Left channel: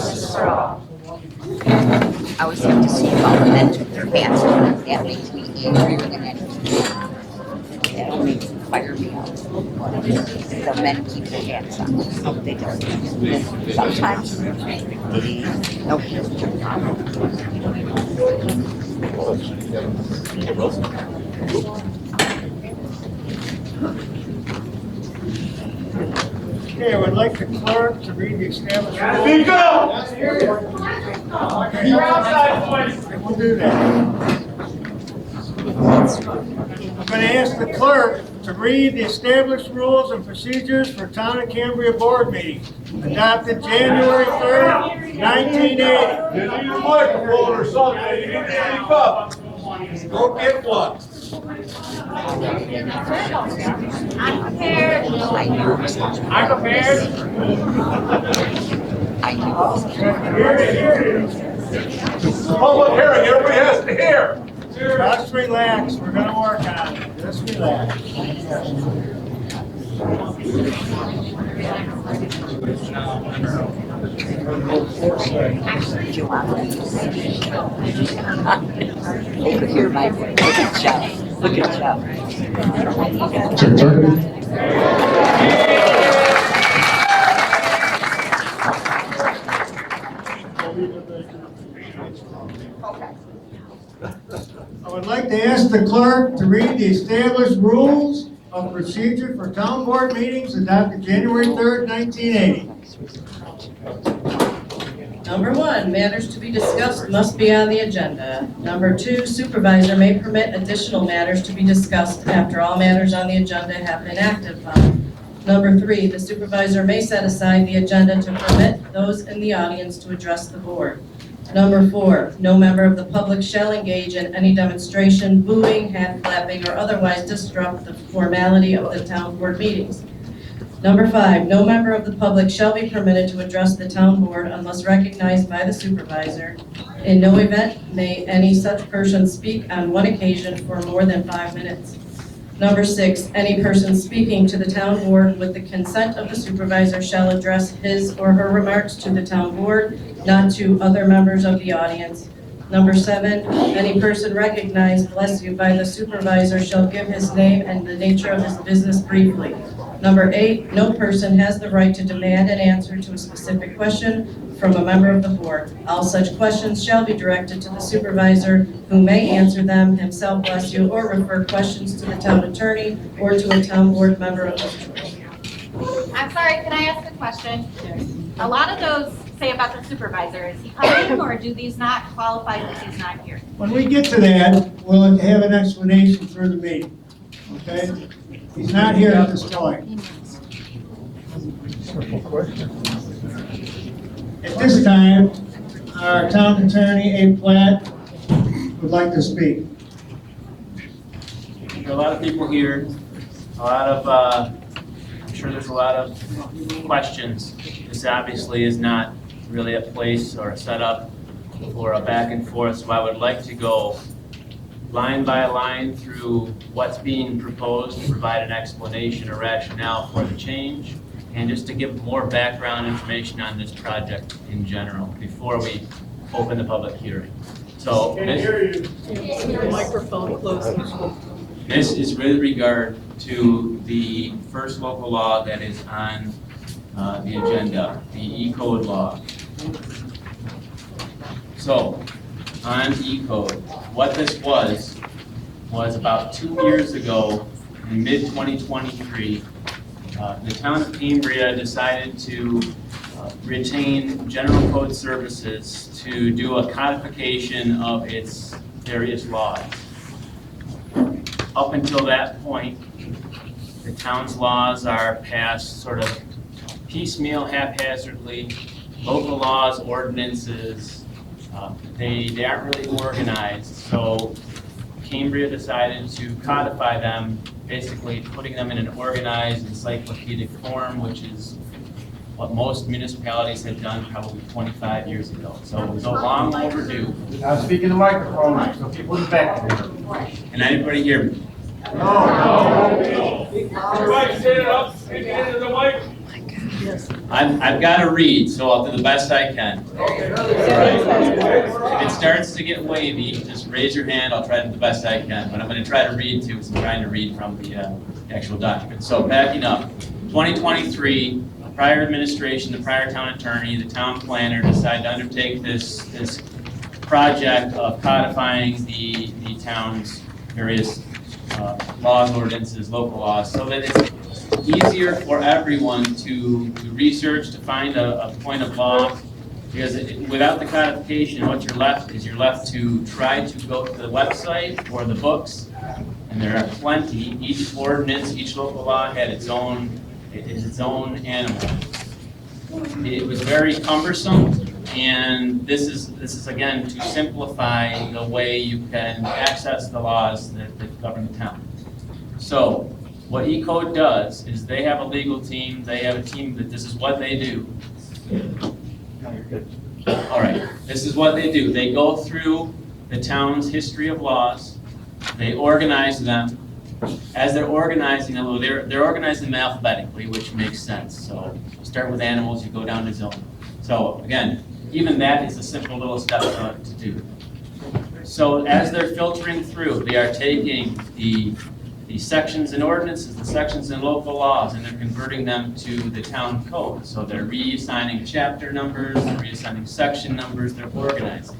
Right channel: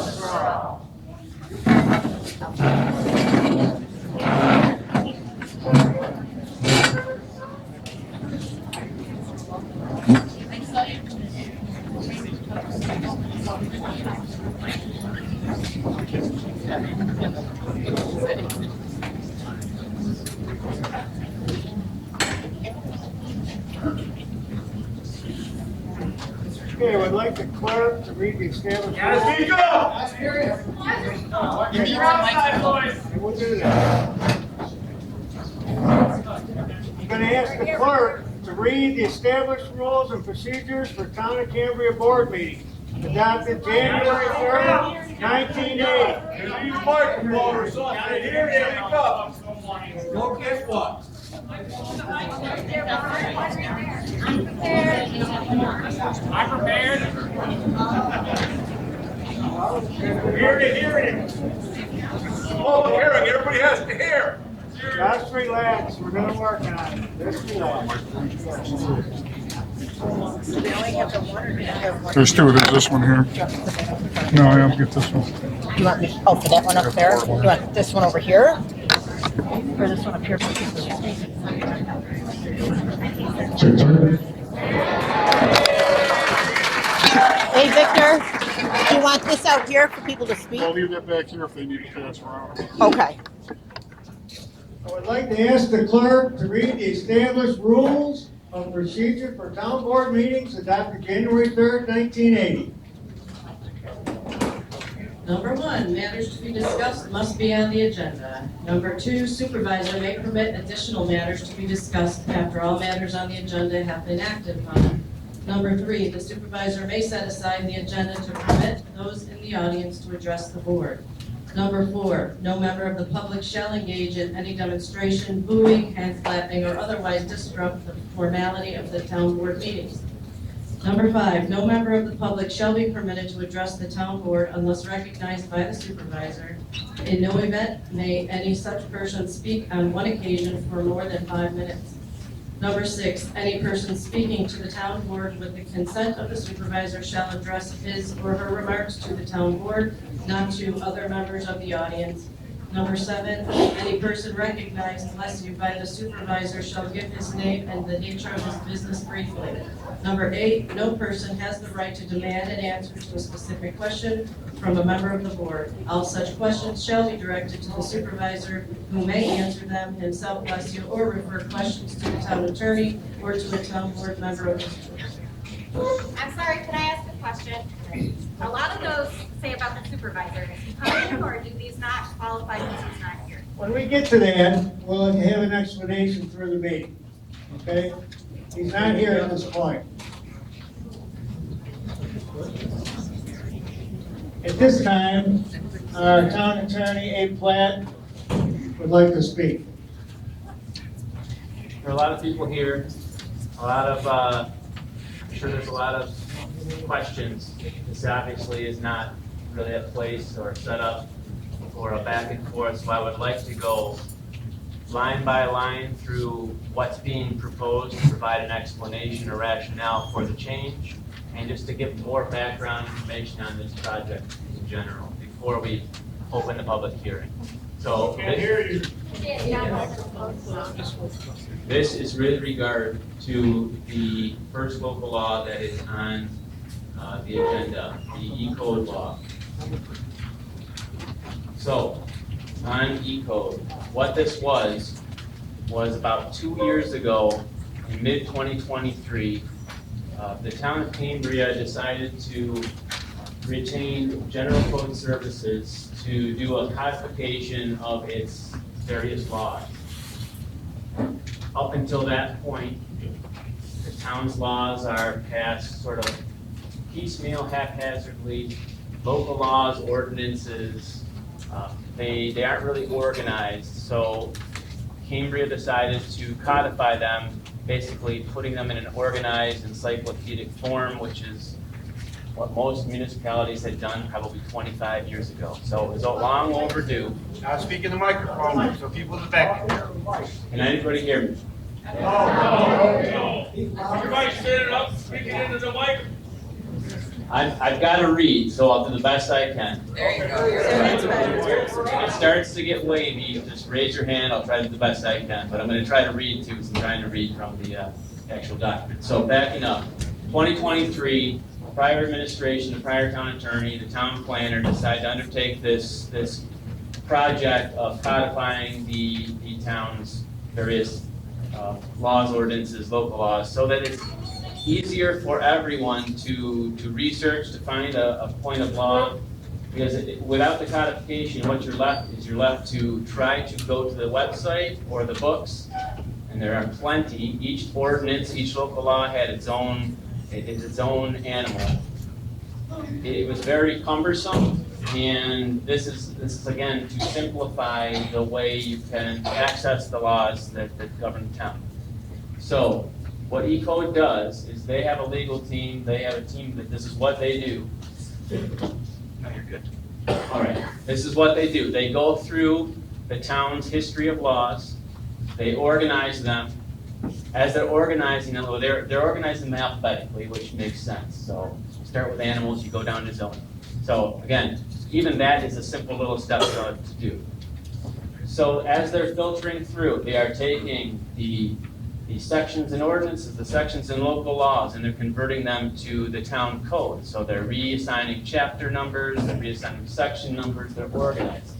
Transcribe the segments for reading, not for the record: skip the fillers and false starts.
I always have to see how the men took their hats off. That makes me angrier than anything. That only fire me out. The men keep their hats on. They do. Sometimes. Okay. Okay, I would like the clerk to read the establishment. Speak up! You're outside, boys. We'll do that. I'm going to ask the clerk to read the established rules and procedures for Town of Cambria board meetings adopted January 3rd, 1980. Give me the microphone or something. You need to speak up. Go get one. I'm prepared. I'm prepared. I know. Hear it. Public hearing, everybody has to hear. Just relax. We're going to work on it. Just relax. There's two. There's this one here. No, I don't get this one. Oh, for that one up there? You want this one over here? Over here, Mike. Look at you. Look at you. Hey, Victor, do you want this out here for people to speak? I'll leave that back here if they need to transfer out. Okay. I would like to ask the clerk to read the established rules of procedure for town board meetings adopted January 3rd, 1980. Number 1, matters to be discussed must be on the agenda. Number 2, supervisor may permit additional matters to be discussed after all matters on the agenda have been acted upon. Number 3, the supervisor may set aside the agenda to permit those in the audience to address the board. Number 4, no member of the public shall engage in any demonstration, booing, hand clapping, or otherwise disrupt the formality of the town board meetings. Number 5, no member of the public shall be permitted to address the town board unless recognized by the supervisor. In no event may any such person speak on one occasion for more than 5 minutes. Number 6, any person speaking to the town board with the consent of the supervisor shall address his or her remarks to the town board, not to other members of the audience. Number 7, any person recognized, bless you, by the supervisor shall give his name and the nature of his business briefly. Number 8, no person has the right to demand an answer to a specific question from a member of the board. All such questions shall be directed to the supervisor, who may answer them himself, bless you, or refer questions to the town attorney or to a town board member of his choice. I'm sorry, can I ask a question? A lot of those say about the supervisor, is he coming or do these not qualify because he's not here? When we get to that, we'll have an explanation through the meeting, okay? He's not here at this point. At this time, our town attorney, Abe Platt, would like to speak. There are a lot of people here, I'm sure there's a lot of questions. This obviously is not really a place or a setup for a back and forth, so I would like to go line by line through what's being proposed, to provide an explanation or rationale for the change, and just to give more background information on this project in general before we open the public hearing. So this is with regard to the first local law that is on the agenda, the E-code law. So, on E-code, what this was about 2 years ago, in mid-2023, the town of Cambria decided to retain general code services to do a codification of its various laws. Up until that point, the town's laws are passed sort of piecemeal, haphazardly. Local laws, ordinances, they aren't really organized. So Cambria decided to codify them, basically putting them in an organized encyclopedic form, which is what most municipalities had done probably 25 years ago. So it was a long overdue. Now speak in the microphone so people in the back can hear. Can anybody hear me? No. Everybody stand up, speak into the mic. I've got to read, so I'll do the best I can. If it starts to get wavy, just raise your hand, I'll try to do the best I can, but I'm gonna try to read too, because I'm trying to read from the actual document. So backing up, 2023, prior administration, the prior town attorney, the town planner decided to undertake this project of codifying the town's various laws, ordinances, local laws, so that it's easier for everyone to research, to find a point of law. Because without the codification, what you're left to try to go to the website or the books, and there are plenty. Each ordinance, each local law had its own animal. It was very cumbersome, and this is again to simplify the way you can access the laws that govern the town. So what E-Code does is they have a legal team, they have a team that this is what they do. No, you're good. All right, this is what they do. They go through the town's history of laws, they organize them. As they're organizing them, they're organizing them alphabetically, which makes sense. So you start with animals, you go down to zone. So again, even that is a simple little step to do. So as they're filtering through, they are taking the sections and ordinances, the sections and local laws, and they're converting them to the town code. So they're reassigning chapter numbers, they're reassigning section numbers, they're organizing.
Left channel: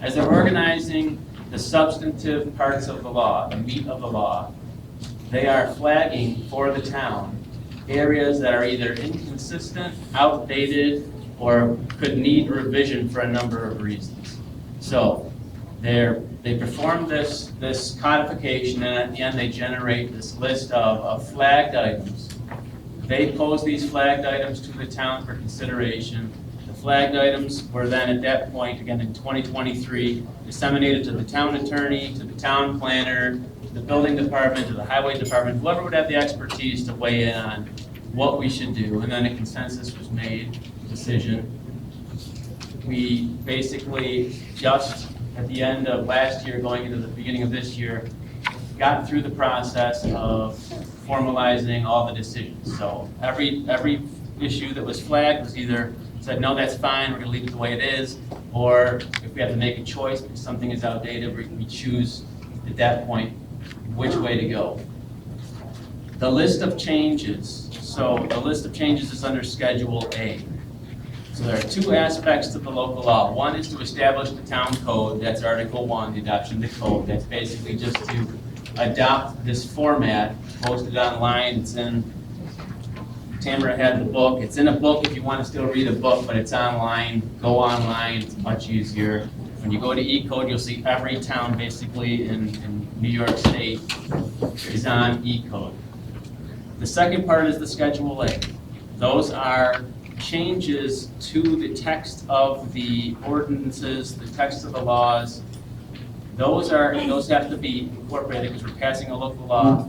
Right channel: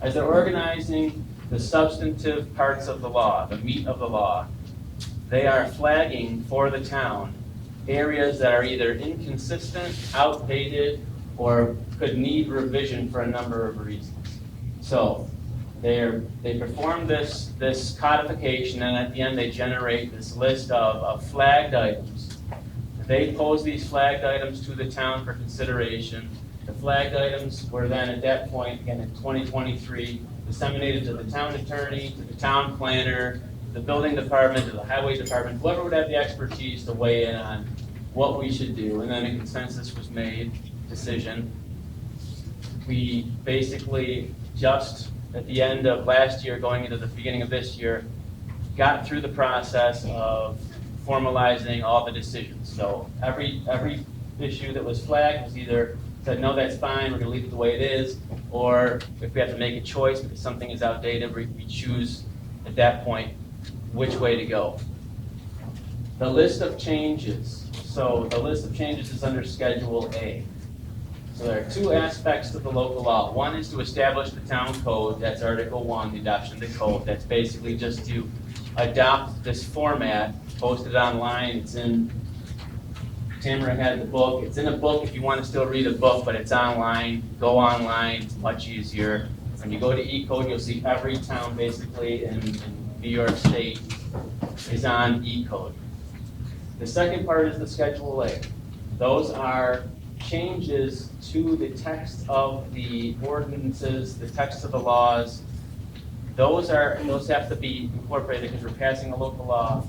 As they're organizing the substantive parts of the law, the meat of the law, they are flagging for the town areas that are either inconsistent, outdated, or could need revision for a number of reasons. So they perform this codification, and at the end they generate this list of flagged items. They pose these flagged items to the town for consideration. The flagged items were then at that point, again in 2023, disseminated to the town attorney, to the town planner, to the building department, to the highway department, whoever would have the expertise to weigh in on what we should do. And then a consensus was made, decision. We basically just at the end of last year, going into the beginning of this year, got through the process of formalizing all the decisions. So every issue that was flagged was either said, no, that's fine, we're gonna leave it the way it is, or if we have to make a choice because something is outdated, we choose at that point which way to go. The list of changes. So the list of changes is under Schedule A. So there are two aspects to the local law. One is to establish the town code, that's Article 1, the adoption of the code. That's basically just to adopt this format, post it online. It's in, Tamara had the book. It's in a book if you want to still read a book, but it's online. Go online, it's much easier. When you go to E-Code, you'll see every town basically in New York State is on E-Code. The second part is the Schedule A. Those are changes to the text of the ordinances, the text of the laws. Those have to be incorporated because we're passing a local law.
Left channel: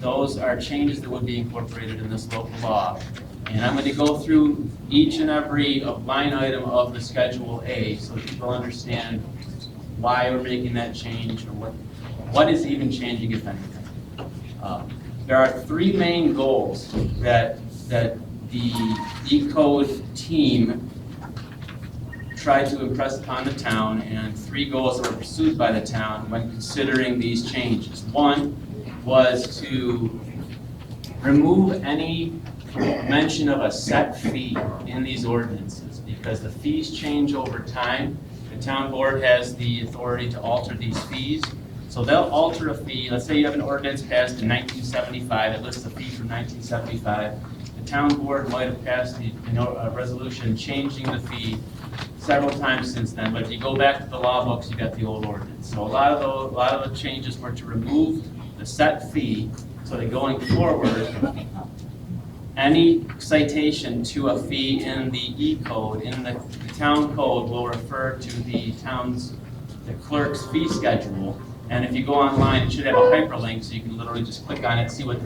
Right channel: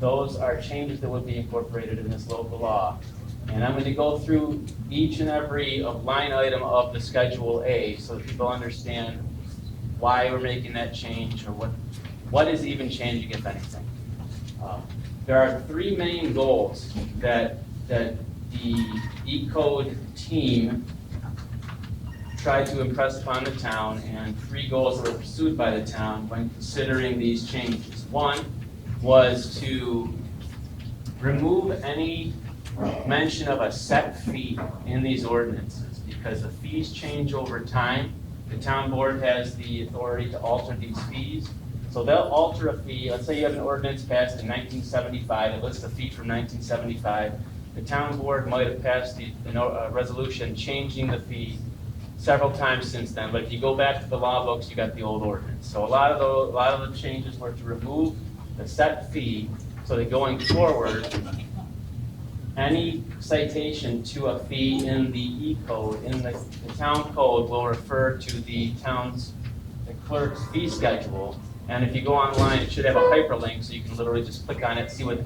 Those are changes that would be incorporated in this local law. And I'm going to go through each and every line item of the Schedule A so that people understand why we're making that change or what is even changing, if anything. There are three main goals that the E-Code team tried to impress upon the town, and three goals that were pursued by the town when considering these changes. One was to remove any mention of a set fee in these ordinances, because the fees change over time. The town board has the authority to alter these fees. So they'll alter a fee. Let's say you have an ordinance passed in 1975 that lists a fee from 1975. The town board might have passed a resolution changing the fee several times since then, but if you go back to the law books, you got the old ordinance. So a lot of the changes were to remove the set fee, so that going forward, any citation to a fee in the E-Code, in the town code, will refer to the clerk's fee schedule. And if you go online, it should have a hyperlink, so you can literally just click on it, see what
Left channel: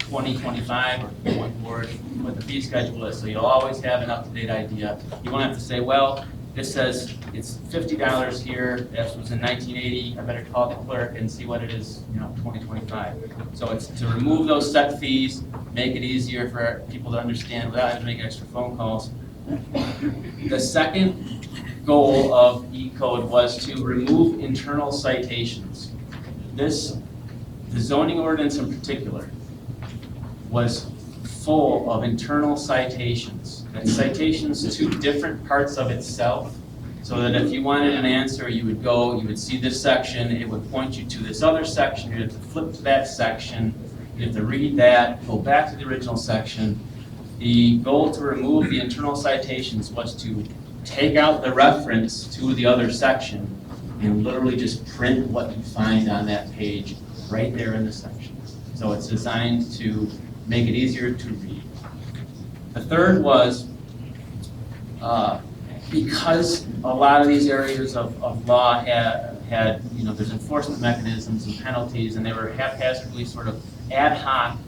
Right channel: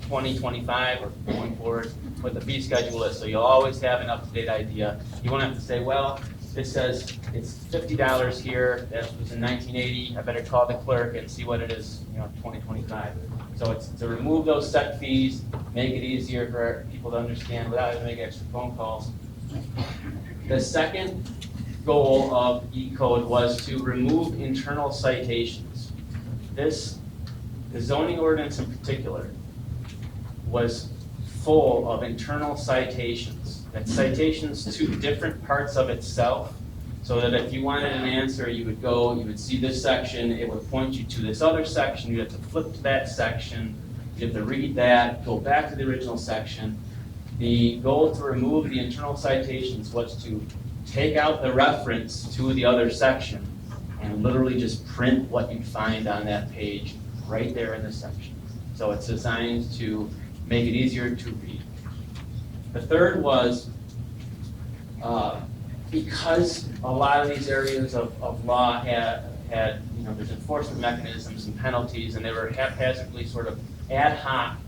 2025 or going forward what the fee schedule is. So you'll always have an up-to-date idea. You won't have to say, well, this says it's $50 here, that was in 1980, I better call the clerk and see what it is, 2025. So it's to remove those set fees, make it easier for people to understand without having to make extra phone calls. The second goal of E-code was to remove internal citations. The zoning ordinance in particular was full of internal citations, and citations to different parts of itself, so that if you wanted an answer, you would see this section, it would point you to this other section, you'd have to flip to that section, you'd have to read that, go back to the original section. The goal to remove the internal citations was to take out the reference to the other section and literally just print what you find on that page right there in the section. So it's designed to make it easier to read. The third was, because a lot of these areas of law had there's enforcement mechanisms and penalties, and they were haphazardly sort of ad hoc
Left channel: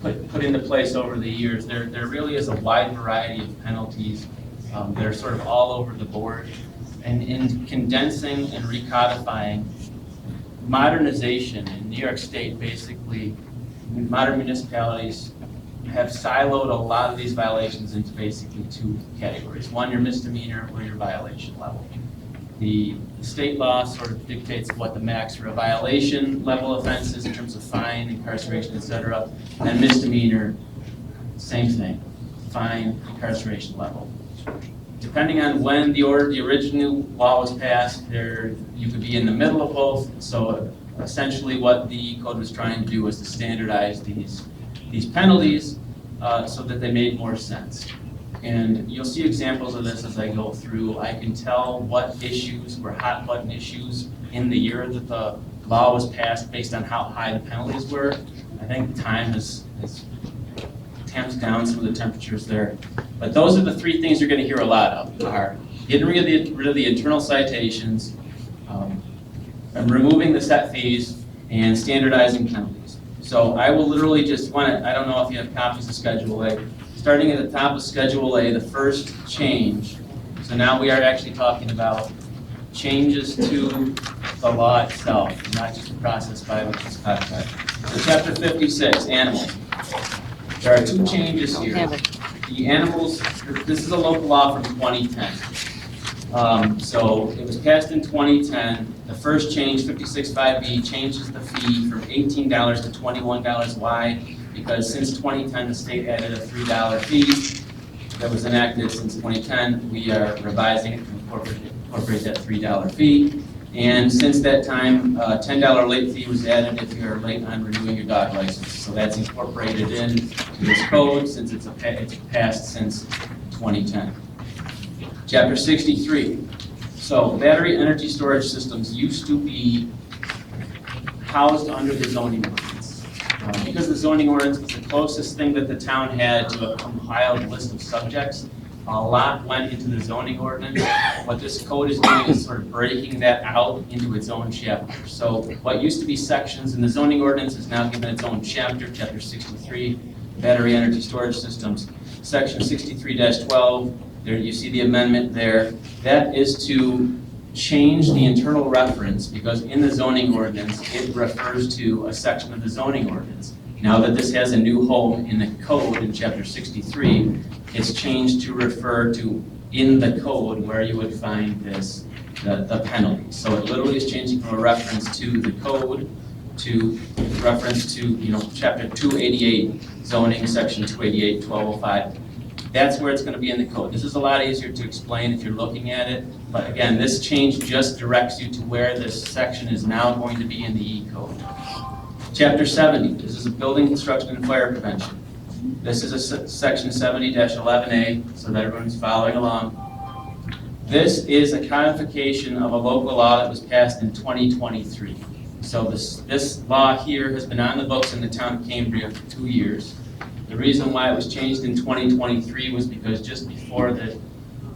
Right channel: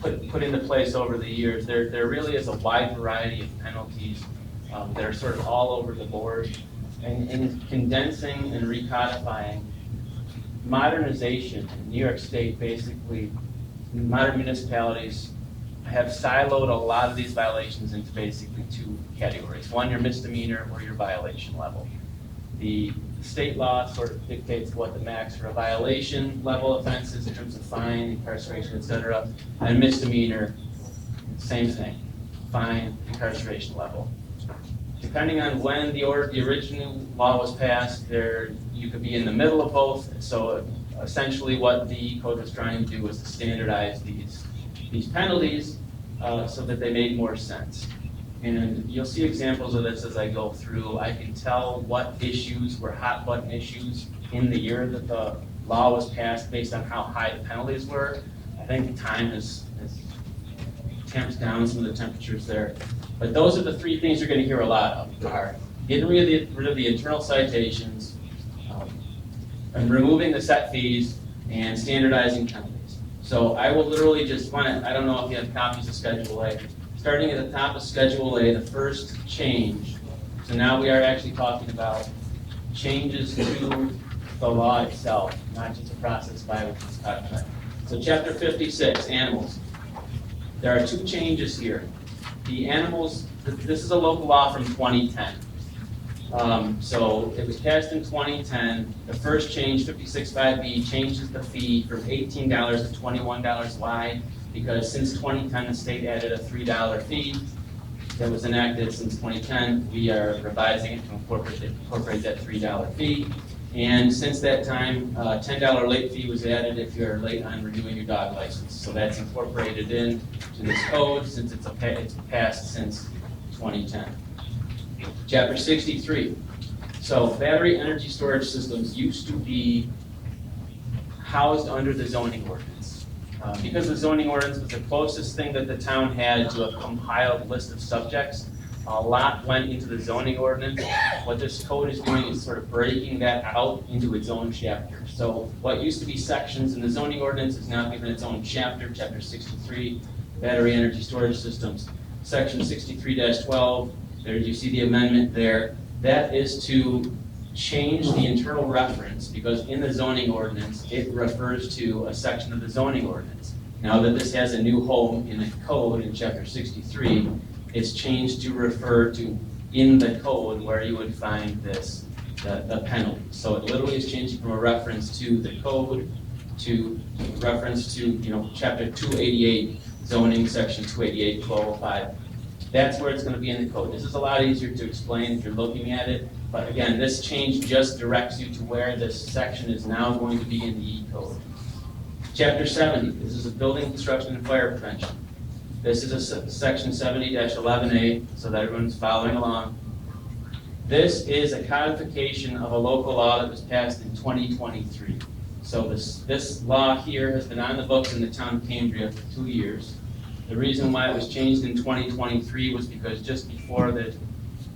put into place over the years. There really is a wide variety of penalties that are sort of all over the board. And in condensing and recodifying, modernization in New York State, basically, modern municipalities have siloed a lot of these violations into basically two categories. One, your misdemeanor or your violation level. The state law sort of dictates what the max for a violation level offense is in terms of fine, incarceration, etc. And misdemeanor, same thing, fine, incarceration level. Depending on when the original law was passed, you could be in the middle of both. So essentially what the code was trying to do was to standardize these penalties so that they made more sense. And you'll see examples of this as I go through. I can tell what issues were hot button issues in the year that the law was passed based on how high the penalties were. I think time has tamped down some of the temperatures there. But those are the three things you're going to hear a lot of, are getting rid of the internal citations, and removing the set fees, and standardizing penalties. So I will literally just I don't know if you have copies of Schedule A. Starting at the top of Schedule A, the first change. So now we are actually talking about changes to the law itself, not just the process by which it's codified. So Chapter 56, Animals. There are two changes here. The animals, this is a local law from 2010. So it was passed in 2010. The first change, 56.5B, changes the fee from $18 to $21. Why? Because since 2010, the state added a $3 fee that was enacted since 2010. We are revising it to incorporate that $3 fee. And since that time, $10 late fee was added if you're late on renewing your dog license. So that's incorporated into this code since it's passed since 2010. Chapter 63. So battery energy storage systems used to be housed under the zoning ordinance. Because the zoning ordinance was the closest thing that the town had to a compiled list of subjects, a lot went into the zoning ordinance. What this code is doing is sort of breaking that out into its own chapter. So what used to be sections in the zoning ordinance is now given its own chapter, Chapter 63, battery energy storage systems. Section 63-12, there you see the amendment there. That is to change the internal reference, because in the zoning ordinance, it refers to a section of the zoning ordinance. Now that this has a new home in the code in Chapter 63, it's changed to refer to in the code where you would find this, the penalty. So it literally is changing from a reference to the code to reference to, Chapter 288, zoning, Section 288, 1205. That's where it's going to be in the code. This is a lot easier to explain if you're looking at it, but again, this change just directs you to where this section is now going to be in the E-code. Chapter 70, this is a building construction and fire prevention. This is a section 70-11A, so that everyone's following along. This is a codification of a local law that was passed in 2023. So this law here has been on the books in the town of Cambria for 2 years. The reason why it was changed in 2023 was because just before the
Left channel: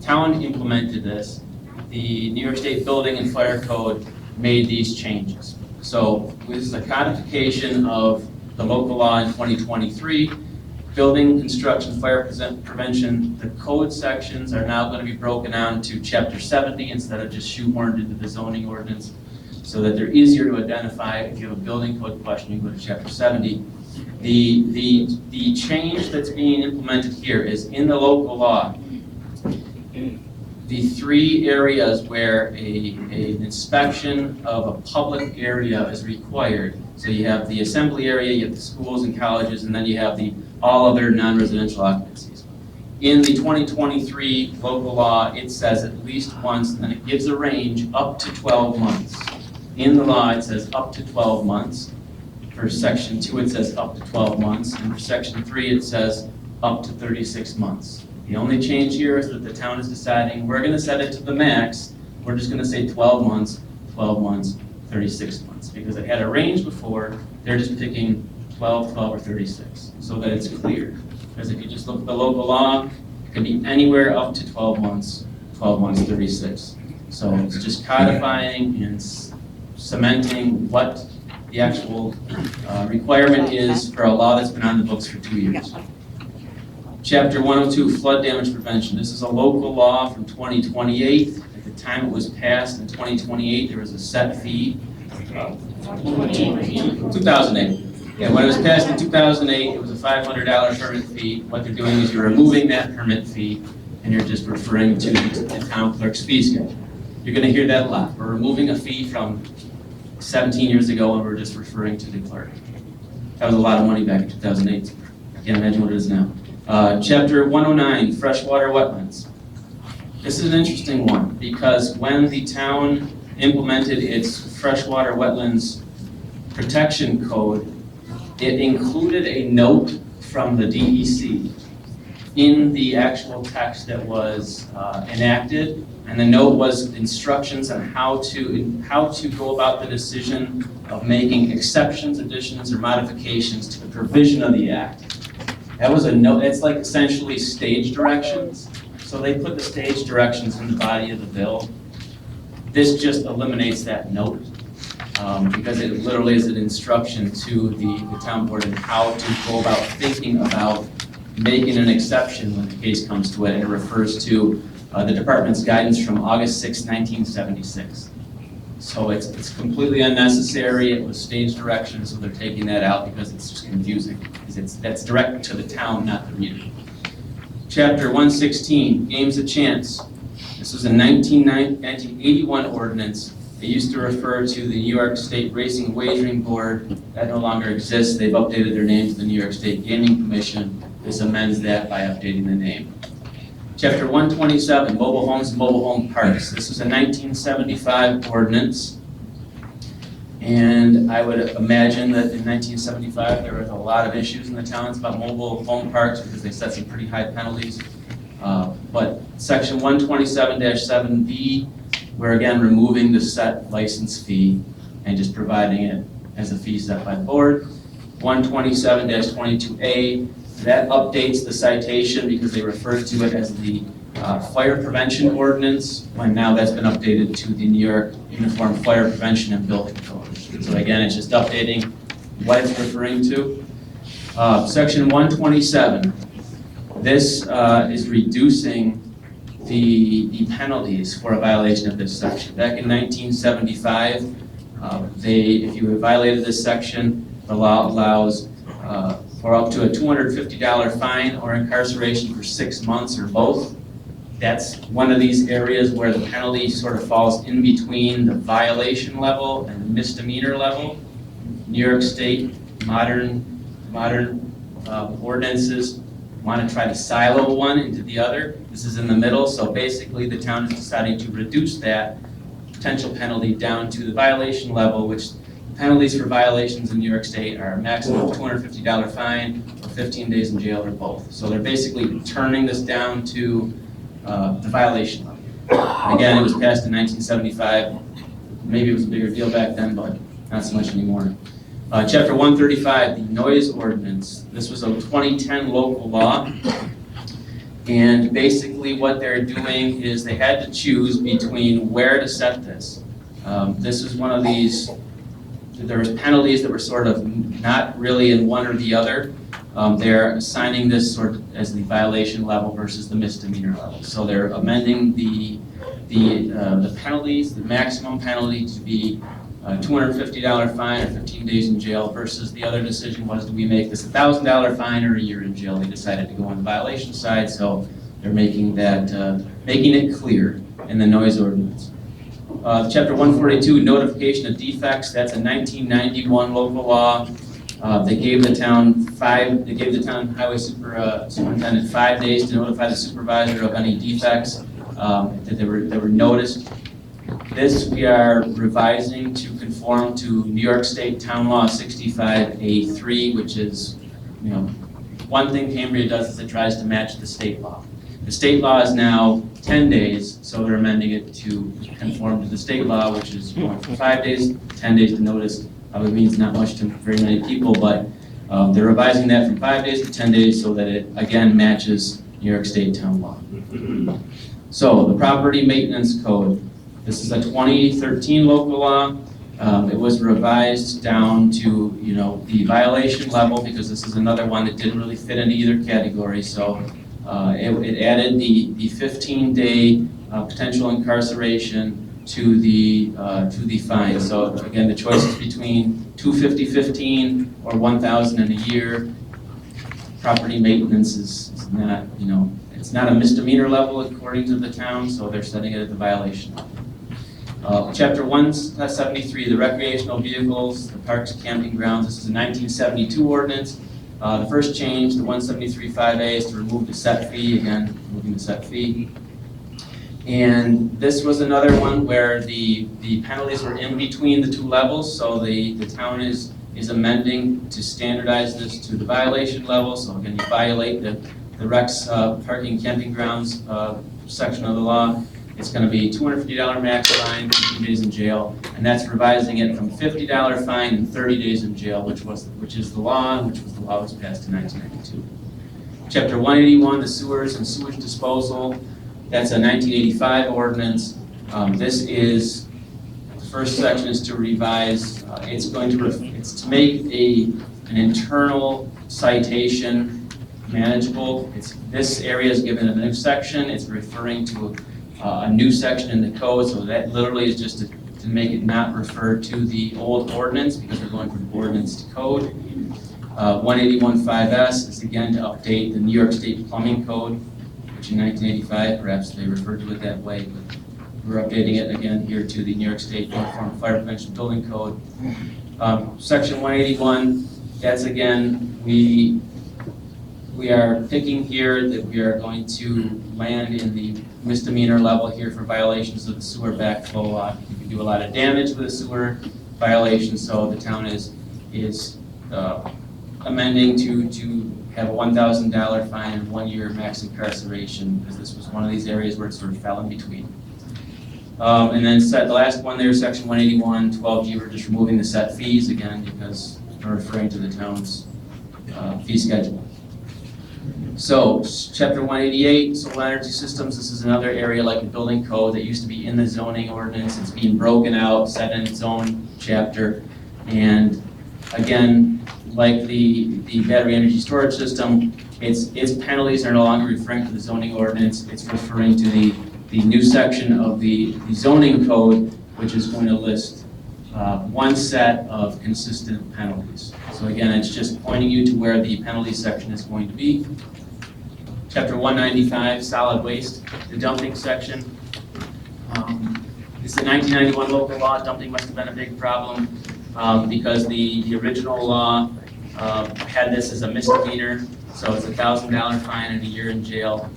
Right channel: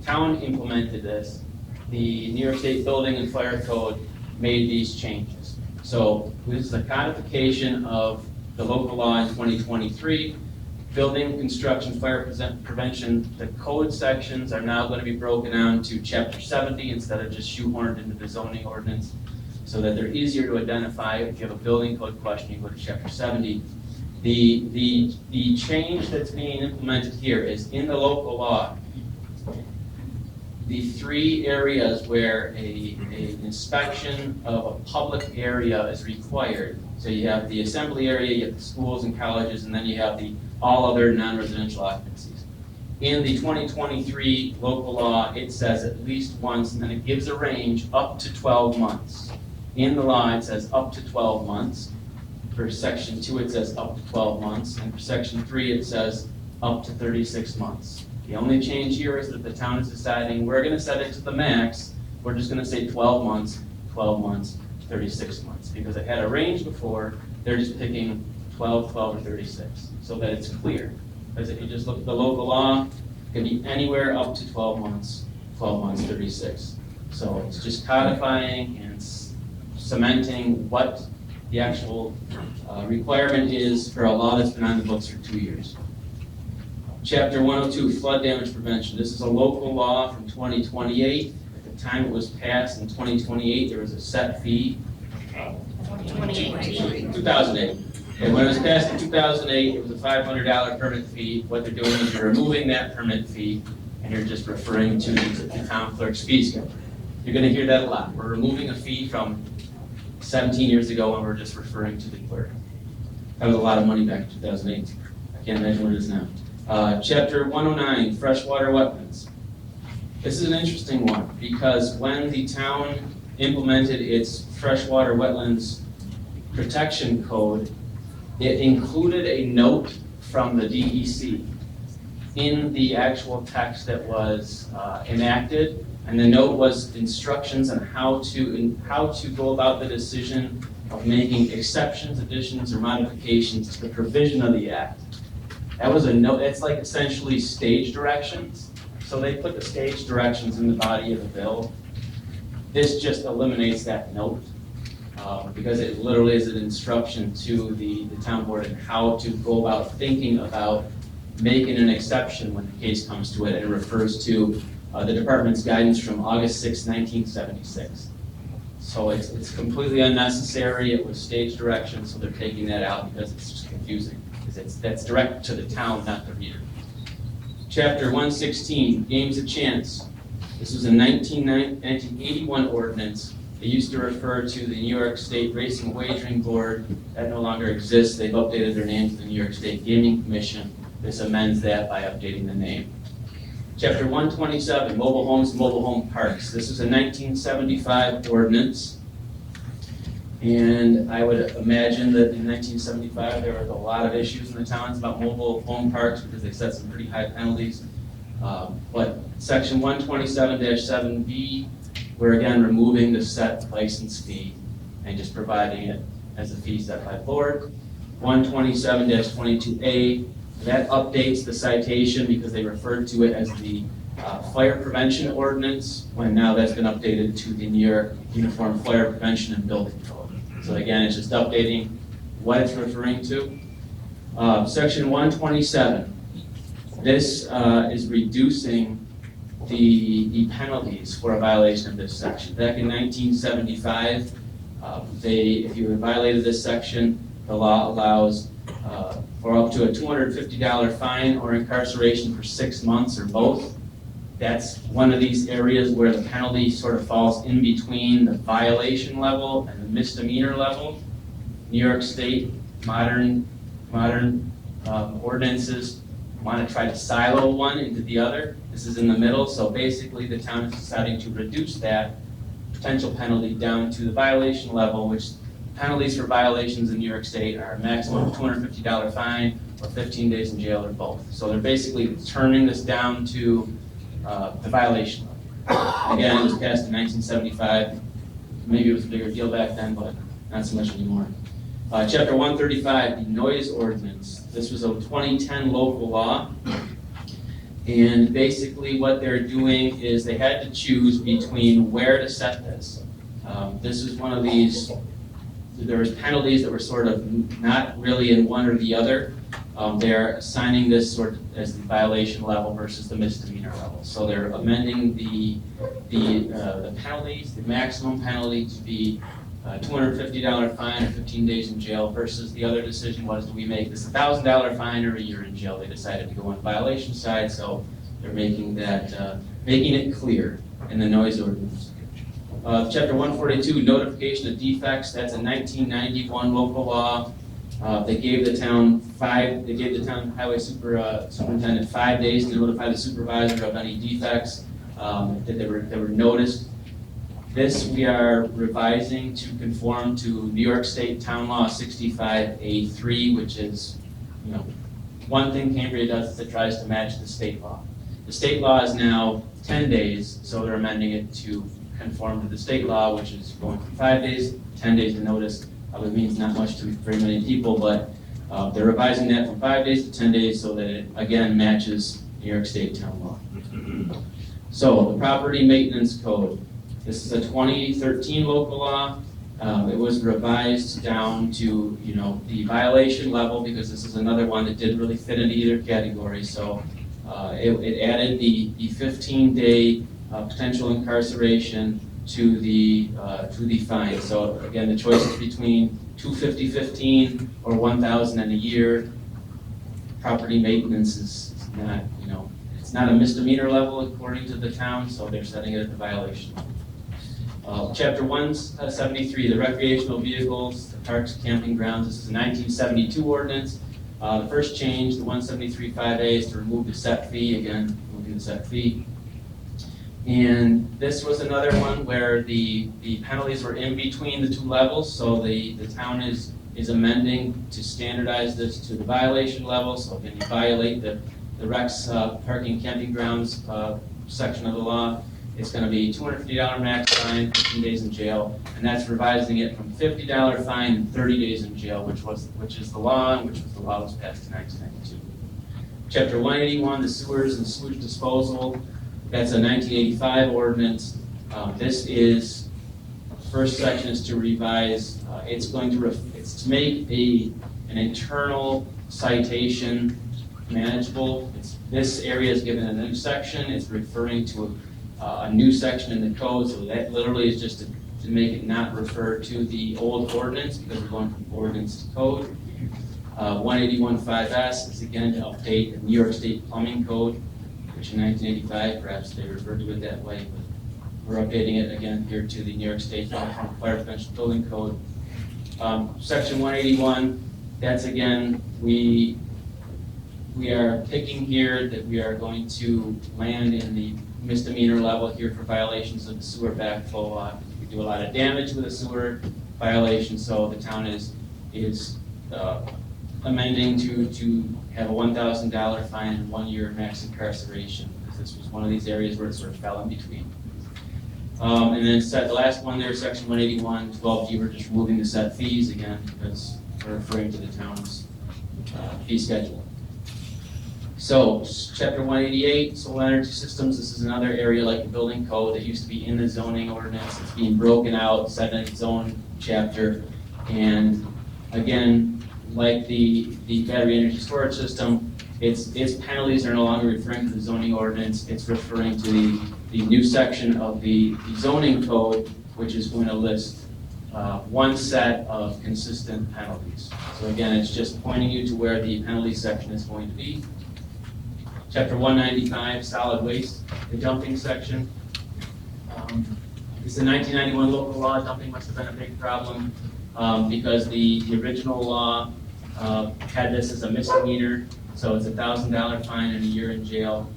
town implemented this, the New York State Building and Fire Code made these changes. So this is a codification of the local law in 2023. building, construction, fire prevention, the code sections are now going to be broken down to chapter 70 instead of just shoehorned into the zoning ordinance, so that they're easier to identify. If you have a building code question, you go to chapter 70. The change that's being implemented here is in the local law. The 3 areas where an inspection of a public area is required. So you have the assembly area, you have the schools and colleges, and then you have the all other non-residential occupancies. In the 2023 local law, it says at least once, and then it gives a range up to 12 months. In the law, it says up to 12 months. For section 2, it says up to 12 months, and for section 3, it says up to 36 months. The only change here is that the town is deciding we're going to set it to the max. We're just going to say 12 months, 36 months, because it had a range before. They're just picking 12, 12, or 36, so that it's clear. Because if you just look at the local law, it can be anywhere up to 12 months, 36. So it's just codifying and cementing what the actual requirement is for a law that's been on the books for 2 years. Chapter 102, flood damage prevention. This is a local law from 2028. At the time it was passed in 2028, there was a set fee. 2008. And when it was passed in 2008, it was a $500 permit fee. What they're doing is you're removing that permit fee and you're just referring to the town clerk's fee schedule. You're going to hear that a lot. We're removing a fee from 17 years ago and we're just referring to the clerk. That was a lot of money back in 2008. I can't imagine what it is now. Chapter 109, freshwater wetlands. This is an interesting one because when the town implemented its freshwater wetlands protection code, it included a note from the DEC in the actual text that was enacted, and the note was instructions on how to go about the decision of making exceptions, additions, or modifications to the provision of the act. That was a note. It's like essentially stage directions. So they put the stage directions in the body of the bill. This just eliminates that note because it literally is an instruction to the town board on how to go about thinking about making an exception when the case comes to it, and it refers to the department's guidance from August 6, 1976. So it's completely unnecessary. It was stage direction, so they're taking that out because it's just confusing. That's direct to the town, not the reader. Chapter 116, games of chance. This was a 1981 ordinance. It used to refer to the New York State Racing Wagering Board. That no longer exists. They've updated their name to the New York State Gaming Commission. This amends that by updating the name. Chapter 127, mobile homes and mobile home parks. This is a 1975 ordinance. And I would imagine that in 1975 there was a lot of issues in the towns about mobile home parks because they set some pretty high penalties. But section 127-7B, we're again removing the set license fee and just providing it as a fee set by the board. 127-22A, that updates the citation because they refer to it as the fire prevention ordinance, when now that's been updated to the New York Uniform Fire Prevention and Building Code. So again, it's just updating what it's referring to. Section 127, this is reducing the penalties for a violation of this section. Back in 1975, if you violated this section, the law allows for up to a $250 fine or incarceration for 6 months or both. That's one of these areas where the penalty sort of falls in between the violation level and the misdemeanor level. New York State modern ordinances want to try to silo one into the other. This is in the middle, so basically the town is deciding to reduce that potential penalty down to the violation level, which penalties for violations in New York State are a maximum of $250 fine or 15 days in jail or both. So they're basically turning this down to the violation level. Again, it was passed in 1975. Maybe it was a bigger deal back then, but not so much anymore. Chapter 135, the noise ordinance. This was a 2010 local law. And basically what they're doing is they had to choose between where to set this. This is one of these there was penalties that were sort of not really in one or the other. They're assigning this sort of as the violation level versus the misdemeanor level. So they're amending the penalties, the maximum penalty to be $250 fine or 15 days in jail versus the other decision was, do we make this $1,000 fine or a year in jail? They decided to go on the violation side, so they're making that, making it clear in the noise ordinance. Chapter 142, notification of defects, that's a 1991 local law. They gave the town highway superintendent 5 days to notify the supervisor of any defects that they were noticed. This we are revising to conform to New York State Town Law 65A3, which is, one thing Cambria does is it tries to match the state law. The state law is now 10 days, so they're amending it to conform to the state law, which is going from 5 days, 10 days to notice. Probably means not much to very many people, but they're revising that from 5 days to 10 days so that it, again, matches New York State Town Law. So, the Property Maintenance Code. This is a 2013 local law. It was revised down to, the violation level, because this is another one that didn't really fit into either category. So, it added the 15-day potential incarceration to the fine. So again, the choice is between $250.15 or $1,000 in a year. Property maintenance is not, it's not a misdemeanor level according to the town, so they're setting it at the violation level. Chapter 173, the recreational vehicles, the parks, camping grounds. This is a 1972 ordinance. The first change, the 173.5A, is to remove the set fee. Again, removing the set fee. And this was another one where the penalties were in between the two levels, so the town is amending to standardize this to the violation level. So again, you violate the Rex parking camping grounds section of the law, it's going to be $250 max fine, 15 days in jail, and that's revising it from $50 fine and 30 days in jail, which is the law, and which was the law that was passed in 1992. Chapter 181, the sewers and sewage disposal. That's a 1985 ordinance. This is, the first section is to revise, it's to make an internal citation manageable. This area is given a new section. It's referring to a new section in the code, so that literally is just to make it not refer to the old ordinance, because we're going from ordinance to code. 181.5S is again to update the New York State Plumbing Code, which in 1985, perhaps they referred to it that way, but we're updating it again here to the New York State Uniform Fire Prevention Building Code. Section 181, that's again, we are thinking here that we are going to land in the misdemeanor level here for violations of the sewer backflow law. We do a lot of damage with a sewer violation, so the town is amending to have a $1,000 fine and 1 year max incarceration, because this was one of these areas where it sort of fell in between. And then the last one there, section 181, 12G, we're just removing the set fees again, because we're referring to the town's fee schedule. So, chapter 188, solar energy systems. This is another area like the building code that used to be in the zoning ordinance. It's being broken out, set in its own chapter. And again, like the battery energy storage system, its penalties are no longer referring to the zoning ordinance. It's referring to the new section of the zoning code, which is going to list one set of consistent penalties. So again, it's just pointing you to where the penalty section is going to be. Chapter 195, solid waste, the dumping section. This is a 1991 local law. Dumping must have been a big problem because the original law had this as a misdemeanor, so it's a $1,000 fine and a year in jail.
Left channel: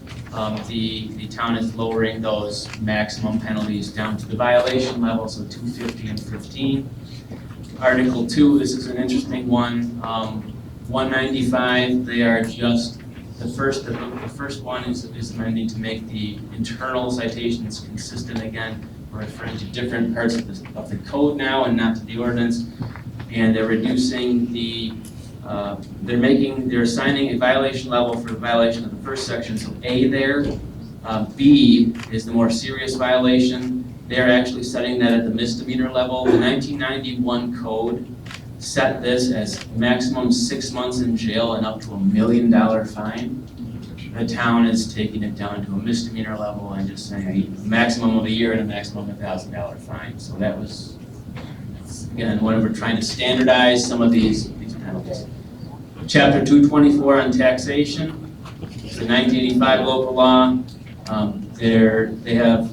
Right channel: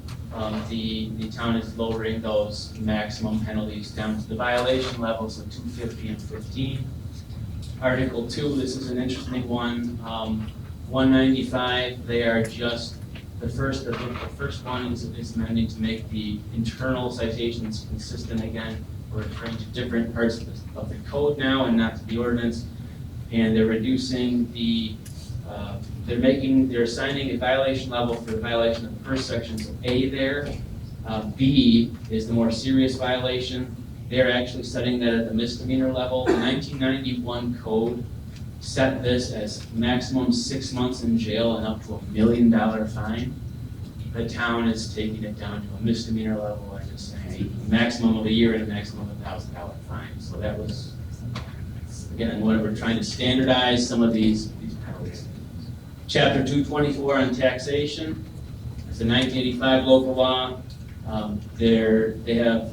The town is lowering those maximum penalties down to the violation level, so $250 and $15. Article 2, this is an interesting one. 195, they are just the first one is amending to make the internal citations consistent again. We're referring to different parts of the code now and not to the ordinance. And they're reducing they're assigning a violation level for the violation of the first section. So A there, B is the more serious violation, they're actually setting that at the misdemeanor level. The 1991 code set this as maximum 6 months in jail and up to $1 million fine. The town is taking it down to a misdemeanor level and just saying a maximum of a year and a maximum of $1,000 fine. So that was, again, when we're trying to standardize some of these penalties. Chapter 224 on taxation, it's the 1985 local law. They have,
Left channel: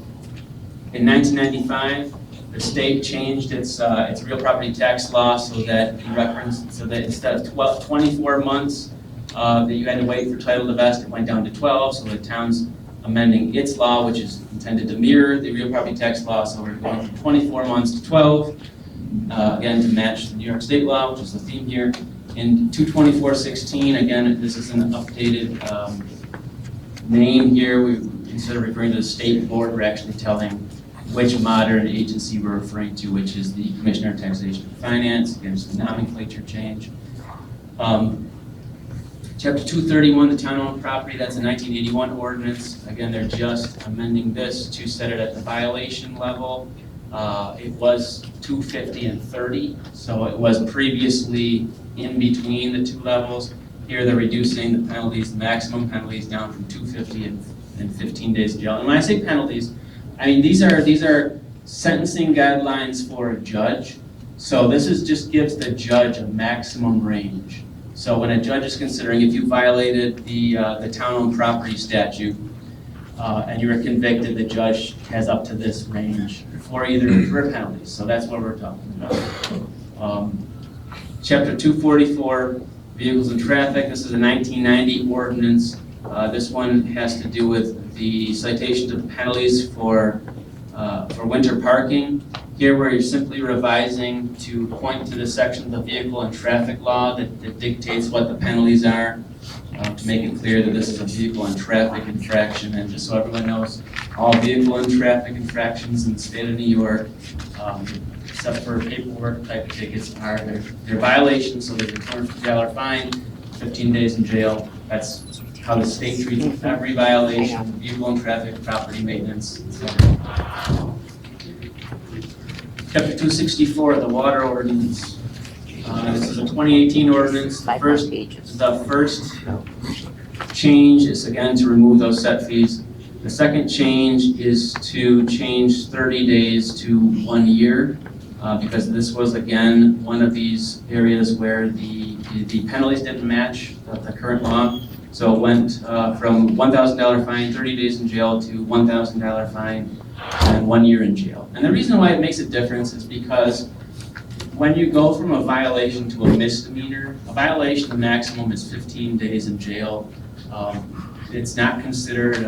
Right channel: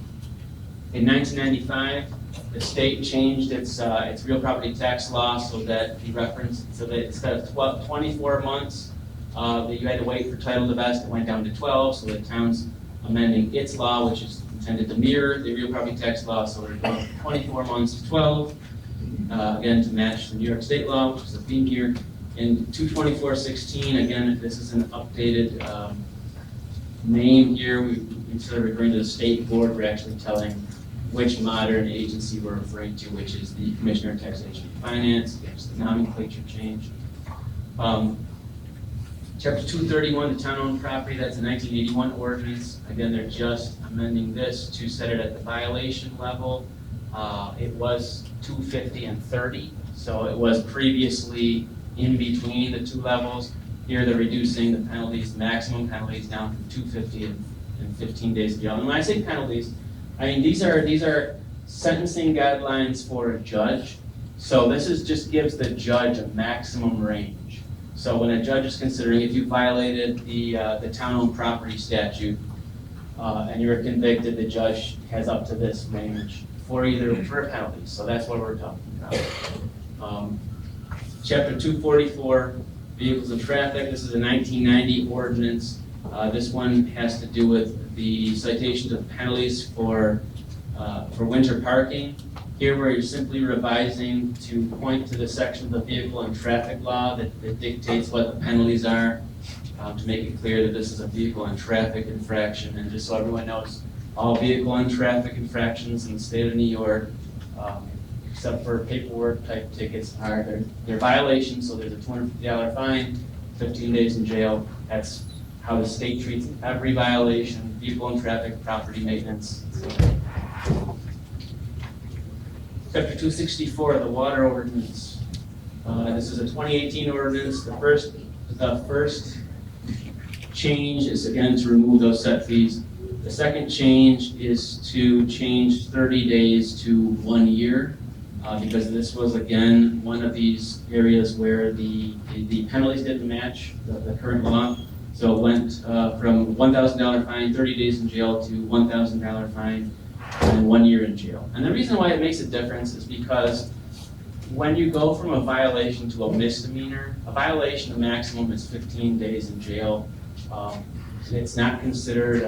in 1995, the state changed its real property tax law so that instead of 24 months that you had to wait for title to vest, it went down to 12. So the town's amending its law, which is intended to mirror the real property tax law. So we're going from 24 months to 12, again to match the New York State law, which is the theme here. In 224.16, again, this is an updated name here. Instead of referring to the state board, we're actually telling which modern agency we're referring to, which is the Commissioner of Taxation and Finance. Again, it's the nomenclature change. Chapter 231, the town-owned property, that's a 1981 ordinance. Again, they're just amending this to set it at the violation level. It was 250 and 30, so it was previously in between the two levels. Here they're reducing the penalties, the maximum penalties down from 250 and 15 days in jail. And when I say penalties, I mean these are sentencing guidelines for a judge. So this just gives the judge a maximum range. So when a judge is considering if you violated the town-owned property statute and you were convicted, the judge has up to this range for penalties. So that's what we're talking about. Chapter 244, vehicles and traffic. This is a 1990 ordinance. This one has to do with the citations of penalties for winter parking. Here we're simply revising to point to the section of the vehicle and traffic law that dictates what the penalties are, to make it clear that this is a vehicle and traffic infraction. And just so everyone knows, all vehicle and traffic infractions in the state of New York, except for paperwork type tickets, they're violations, so there's a $250 fine, 15 days in jail. That's how the state treats every violation, vehicle and traffic, property maintenance. Chapter 264, the water ordinance. This is a 2018 ordinance. The first change is, again, to remove those set fees. The second change is to change 30 days to 1 year, because this was, again, one of these areas where the penalties didn't match the current law. So it went from $1,000 fine, 30 days in jail, to $1,000 fine and 1 year in jail. And the reason why it makes a difference is because when you go from a violation to a misdemeanor, a violation, the maximum is 15 days in jail. It's not considered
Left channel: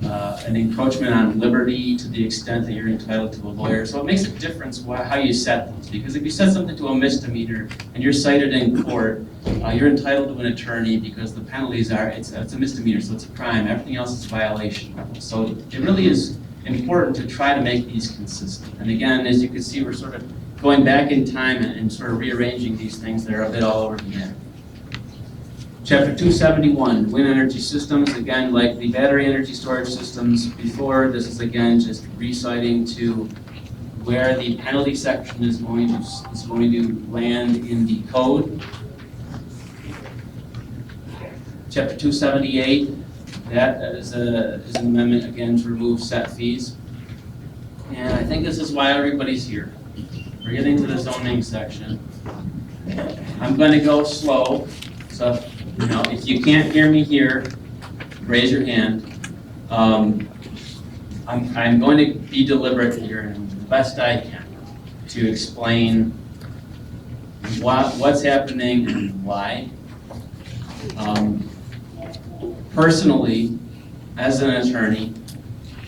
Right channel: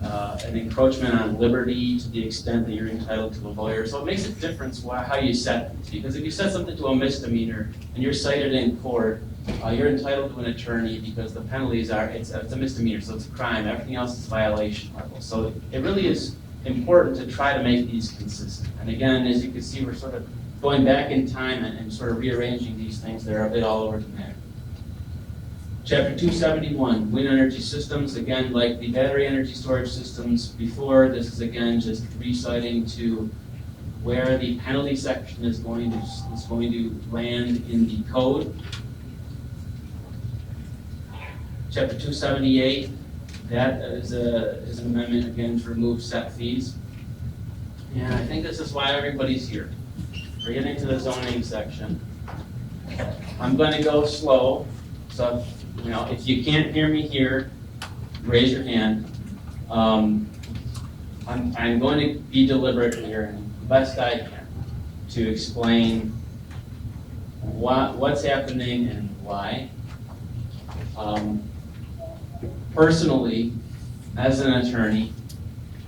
an encroachment on liberty to the extent that you're entitled to a lawyer. So it makes a difference how you set things. Because if you set something to a misdemeanor and you're cited in court, you're entitled to an attorney because the penalties it's a misdemeanor, so it's a crime. Everything else is violation level. So it really is important to try to make these consistent. And again, as you can see, we're sort of going back in time and sort of rearranging these things that are a bit all over the map. Chapter 271, wind energy systems. Again, like the battery energy storage systems before, this is again just reciting to where the penalty section is going to land in the code. Chapter 278, that is an amendment again to remove set fees. And I think this is why everybody's here. We're getting to the zoning section. I'm going to go slow, so if you can't hear me here, raise your hand. I'm going to be deliberate here and the best I can to explain what's happening and why. Personally, as an attorney,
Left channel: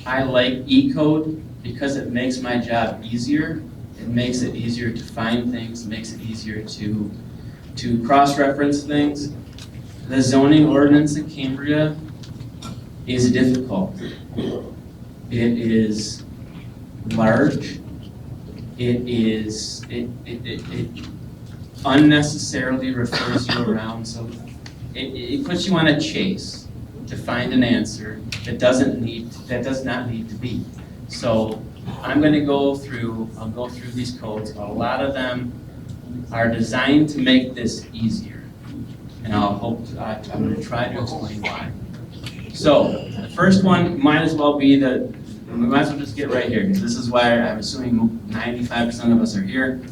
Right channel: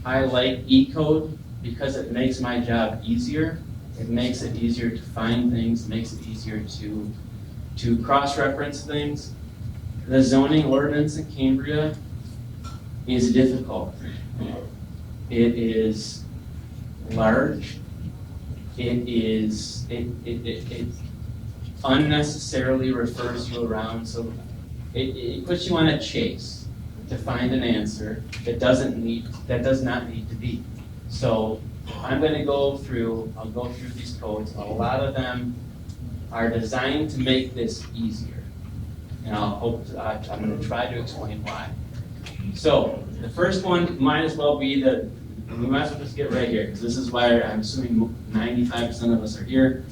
I like E-code because it makes my job easier. It makes it easier to find things, makes it easier to cross-reference things. The zoning ordinance in Cambria is difficult. It is large. It unnecessarily refers you around, so it puts you on a chase to find an answer that does not need to be. So I'm gonna I'll go through these codes. A lot of them are designed to make this easier. And I'm gonna try to explain why. So, the first one might as well be we might as well just get right here, because this is why I'm assuming 95% of us are here.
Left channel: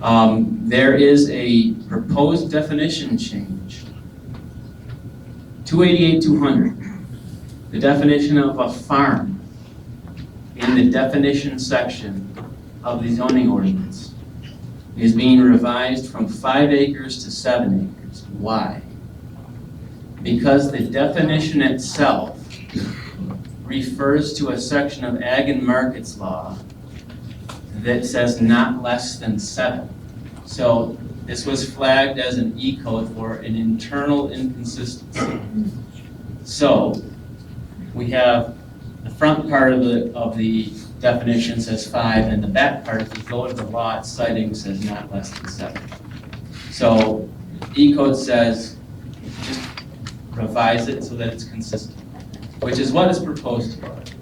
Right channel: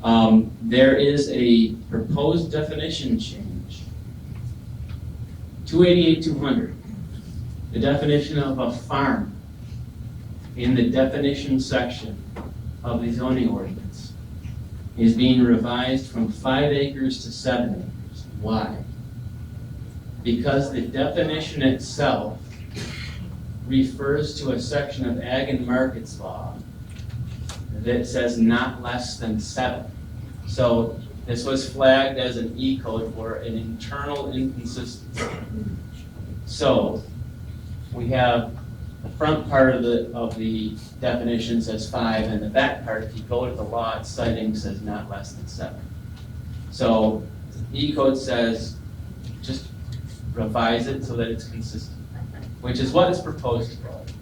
There is a proposed definition change. 288-200, the definition of a farm in the definition section of the zoning ordinance is being revised from 5 acres to 7 acres. Why? Because the definition itself refers to a section of Ag and Markets Law that says not less than 7. So this was flagged as an E-code for an internal inconsistency. So we have the front part of the definition says 5, and the back part, if you go to the law, it's citing says not less than 7. So E-code says just revise it so that it's consistent, which is what is proposed to us.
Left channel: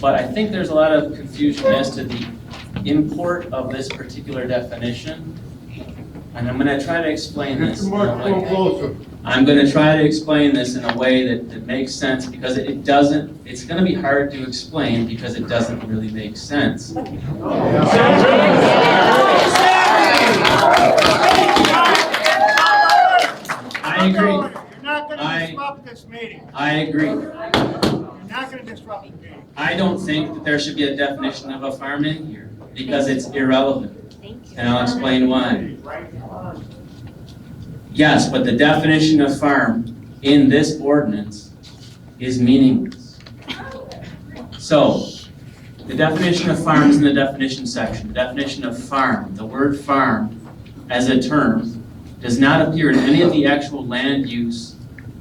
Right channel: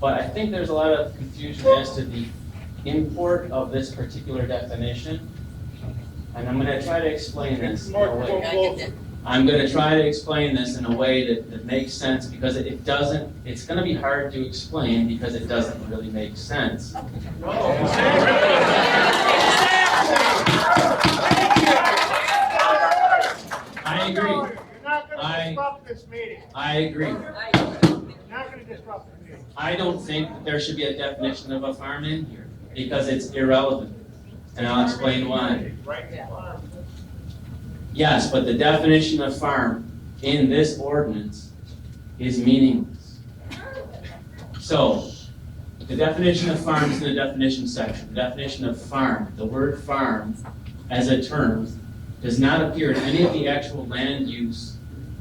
But I think there's a lot of confusion as to the import of this particular definition, and I'm going to try to explain this. I'm going to try to explain this in a way that makes sense, because it's going to be hard to explain because it doesn't really make sense. I agree. You're not gonna disrupt this meeting. I agree. You're not gonna disrupt the meeting. I don't think that there should be a definition of a farm in here, because it's irrelevant. And I'll explain why. Yes, but the definition of farm in this ordinance is meaningless. So, the definition of farm is in the definition section. The definition of farm, the word farm as a term, does not appear in any of the actual land use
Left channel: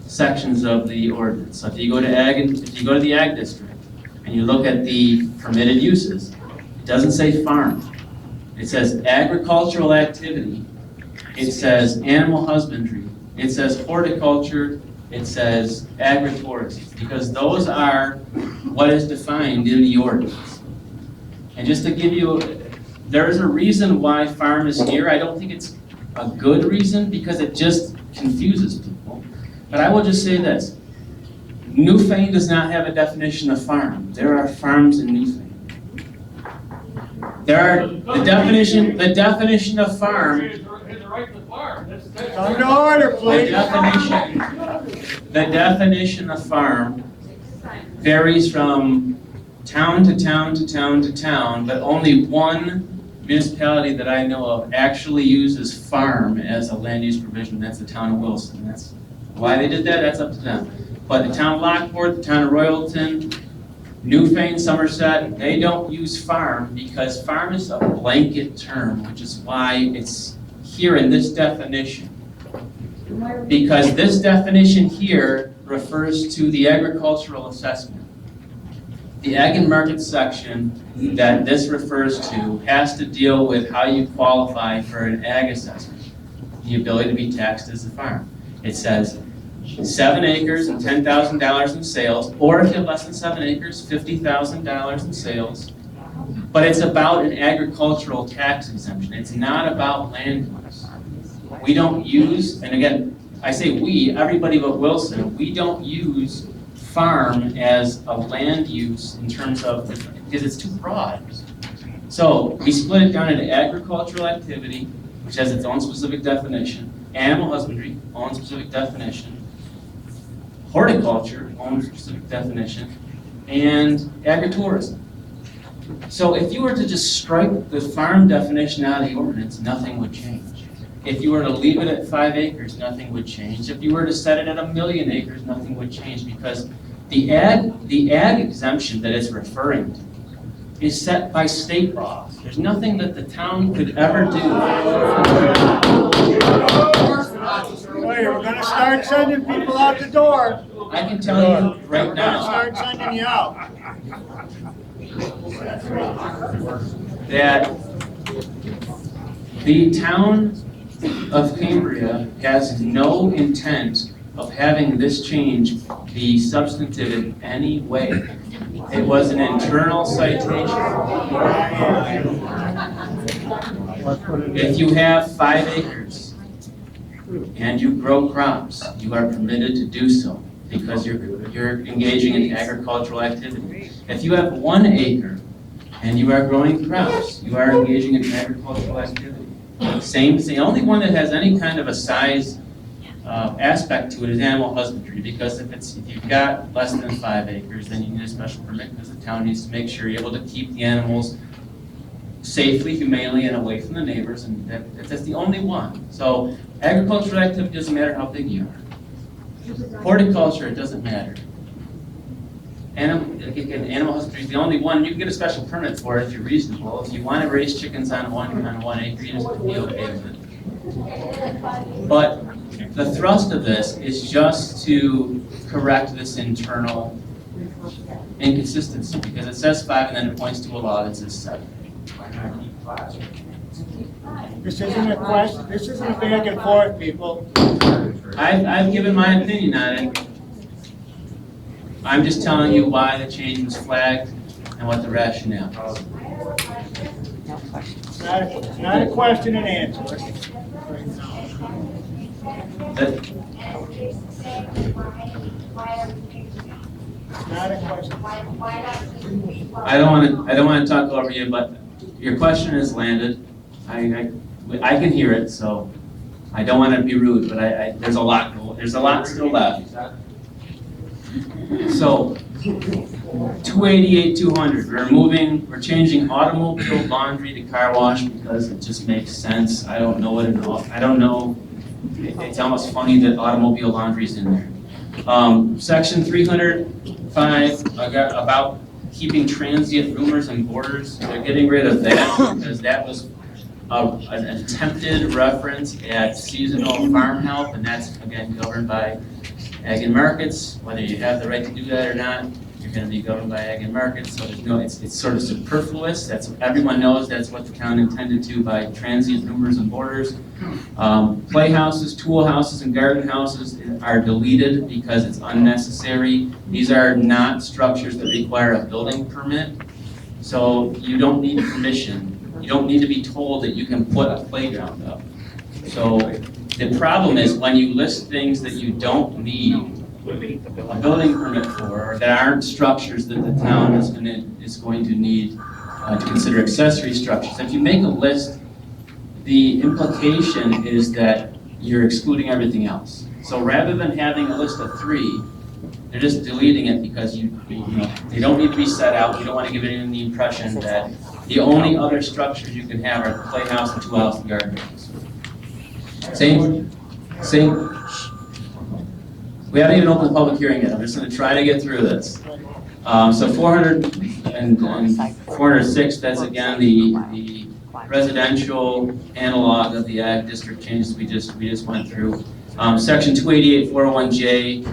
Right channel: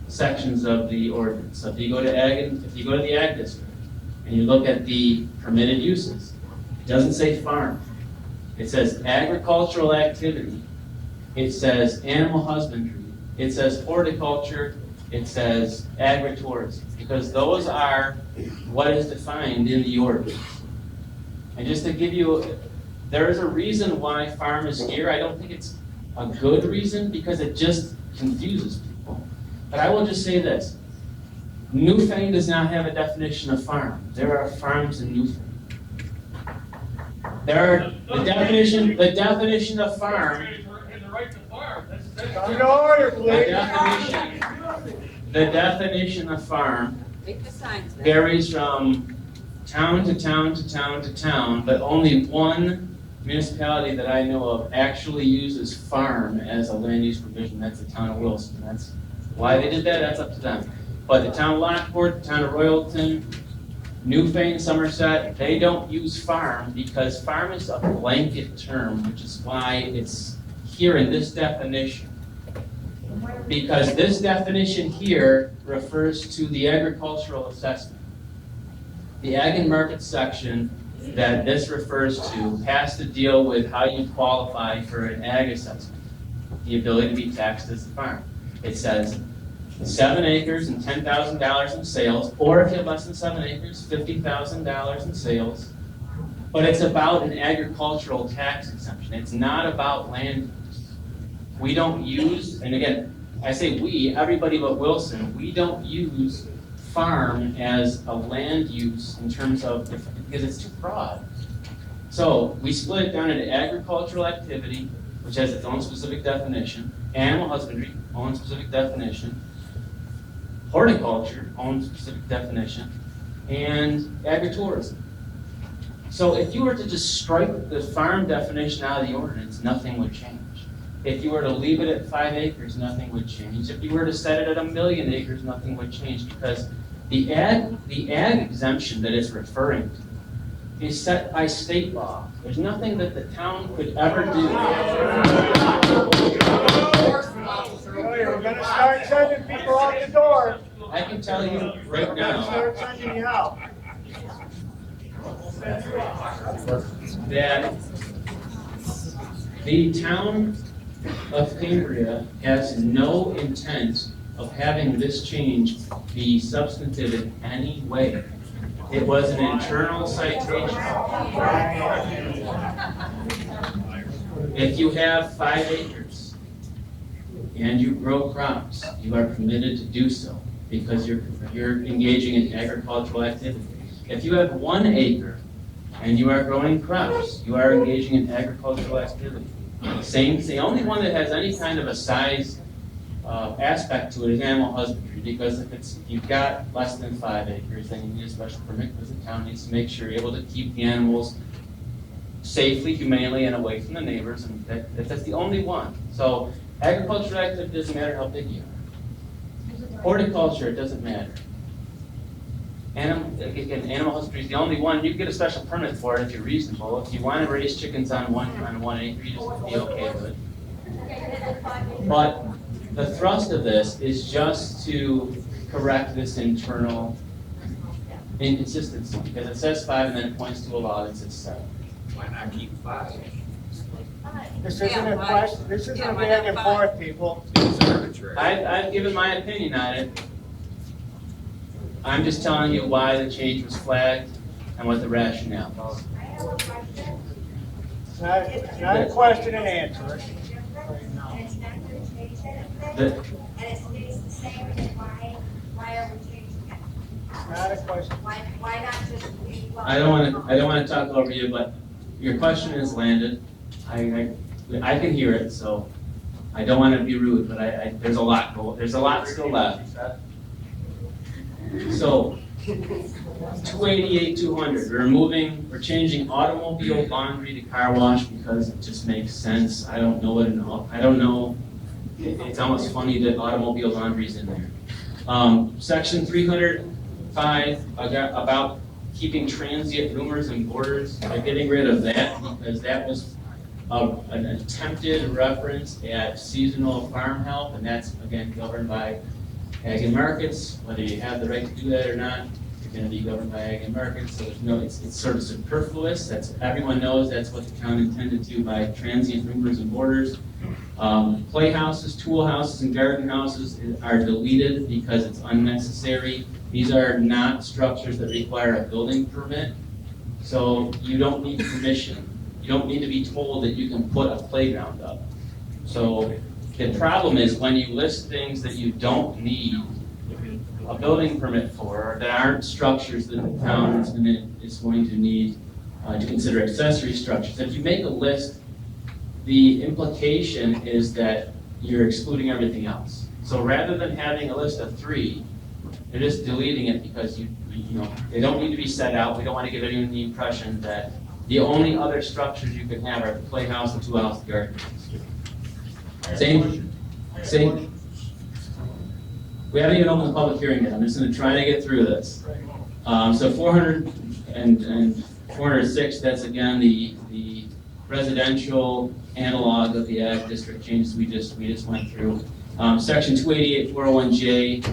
sections of the ordinance. So if you go to the ag district and you look at the permitted uses, it doesn't say farm. It says agricultural activity. It says animal husbandry. It says horticulture. It says agritourism, because those are what is defined in the ordinance. And just to give you, there is a reason why farm is here. I don't think it's a good reason, because it just confuses people. But I will just say this. Newfane does not have a definition of farm. There are farms in Newfane. The definition of farm. Come to order, please. The definition of farm varies from town to town to town to town, but only one municipality that I know of actually uses farm as a land use provision. That's the town of Wilson. That's why they did that. That's up to them. But the town of Lockport, the town of Royalton, Newfane, Somerset, they don't use farm, because farm is a blanket term, which is why it's here in this definition. Because this definition here refers to the agricultural assessment. The ag and market section that this refers to has to deal with how you qualify for an ag assessment, the ability to be taxed as a farm. It says 7 acres and $10,000 in sales, or if you have less than 7 acres, $50,000 in sales. But it's about an agricultural tax exemption. It's not about land use. We don't use, and again, I say we, everybody but Wilson, we don't use farm as a land use in terms of, because it's too broad. So we split it down into agricultural activity, which has its own specific definition, animal husbandry, own specific definition, horticulture, own specific definition, and agritourism. So if you were to just strike the farm definition out of the ordinance, nothing would change. If you were to leave it at 5 acres, nothing would change. If you were to set it at 1,000,000 acres, nothing would change, because the ag exemption that it's referring to is set by state law. There's nothing that the town could ever do. We're gonna start sending people out the door. I can tell you right We're gonna now start sending you out. that the town of Cambria has no intent of having this change be substantive in any way. It was an internal citation. If you have 5 acres and you grow crops, you are permitted to do so because you're engaging in agricultural activity. If you have 1 acre and you are growing crops, you are engaging in agricultural activity. Same thing, the only one that has any kind of a size aspect to it is animal husbandry, because if you've got less than 5 acres, then you need a special permit because the town needs to make sure you're able to keep the animals safely, humanely, and away from the neighbors, and that's the only one. So agricultural activity doesn't matter how big you are. Horticulture, it doesn't matter. Animal husbandry is the only one. You can get a special permit for it if you're reasonable. If you want to raise chickens on 1 acre, you just be okay with it. But the thrust of this is just to correct this internal inconsistency, because it says 5 and then it points to a law that says 7. Why not keep 5? This isn't a question, this isn't a back and forth, people. I've given my opinion on it. I'm just telling you why the change was flagged and what the rationale is. It's not a question and answer. But Not a question. I don't want to talk over you, but your question is landed. I can hear it, so I don't want to be rude, but there's a lot still left. So 288-200, we're changing automobile laundry to car wash because it just makes sense. I don't know it's almost funny that automobile laundry is in there. Section 305 about keeping transient roomers and boarders, they're getting rid of that because that was an attempted reference at seasonal farm help, and that's again governed by ag and markets. Whether you have the right to do that or not, you're going to be governed by ag and markets. So it's sort of superfluous. Everyone knows that's what the town intended to by transient roomers and boarders. Playhouses, tool houses, and garden houses are deleted because it's unnecessary. These are not structures that require a building permit, so you don't need permission. You don't need to be told that you can put a playground up. So the problem is when you list things that you don't need a building permit for, or that aren't structures that the town is going to need to consider accessory structures. If you make a list, the implication is that you're excluding everything else. So rather than having a list of 3, they're just deleting it because they don't need to be set out. We don't want to give anyone the impression that the only other structures you can have are the playhouse, the tool house, and garden house. Same. We haven't even opened the public hearing yet. I'm just going to try to get through this. So 400 and 406, that's again the residential analog of the ag district changes we just went through. Section 288, 401J,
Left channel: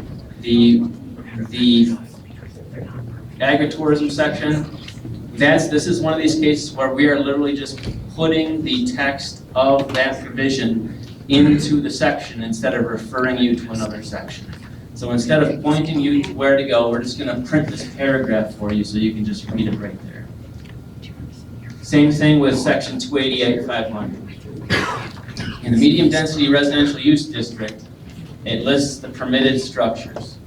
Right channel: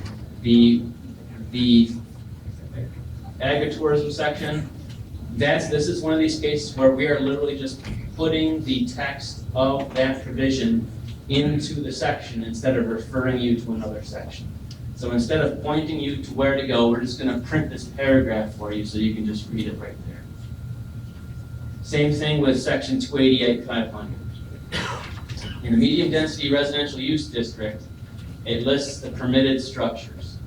the agritourism section. This is one of these cases where we are literally just putting the text of that provision into the section instead of referring you to another section. So instead of pointing you to where to go, we're just going to print this paragraph for you so you can just read it right there. Same thing with section 288-500. In the medium density residential use district, it lists the permitted structures.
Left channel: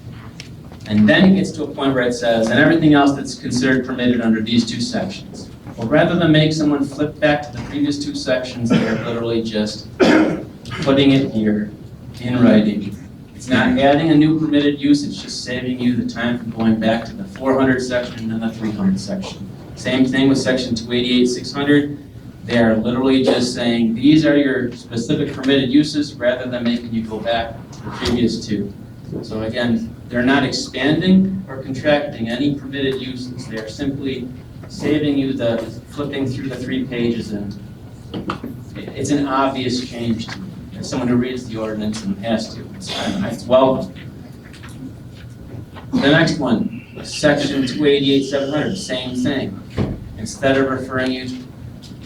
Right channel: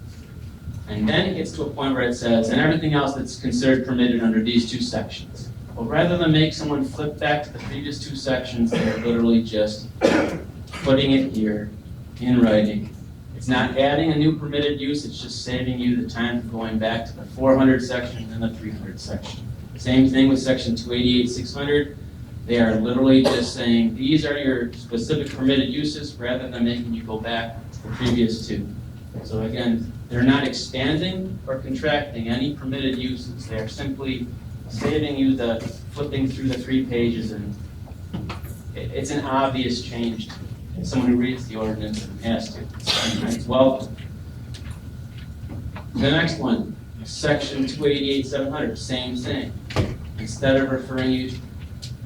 And then it gets to a point where it says, and everything else that's considered permitted under these 2 sections. Well, rather than make someone flip back to the previous 2 sections, they're literally just putting it here in writing. It's not adding a new permitted use, it's just saving you the time from going back to the 400 section and the 300 section. Same thing with section 288-600. They are literally just saying, these are your specific permitted uses, rather than making you go back to the previous 2. So again, they're not expanding or contracting any permitted uses. They're simply saving you the flipping through the 3 pages, and it's an obvious change to me. As someone who reads the ordinance and has to, it's welcome. The next one, section 288-700, same thing. Instead of referring you to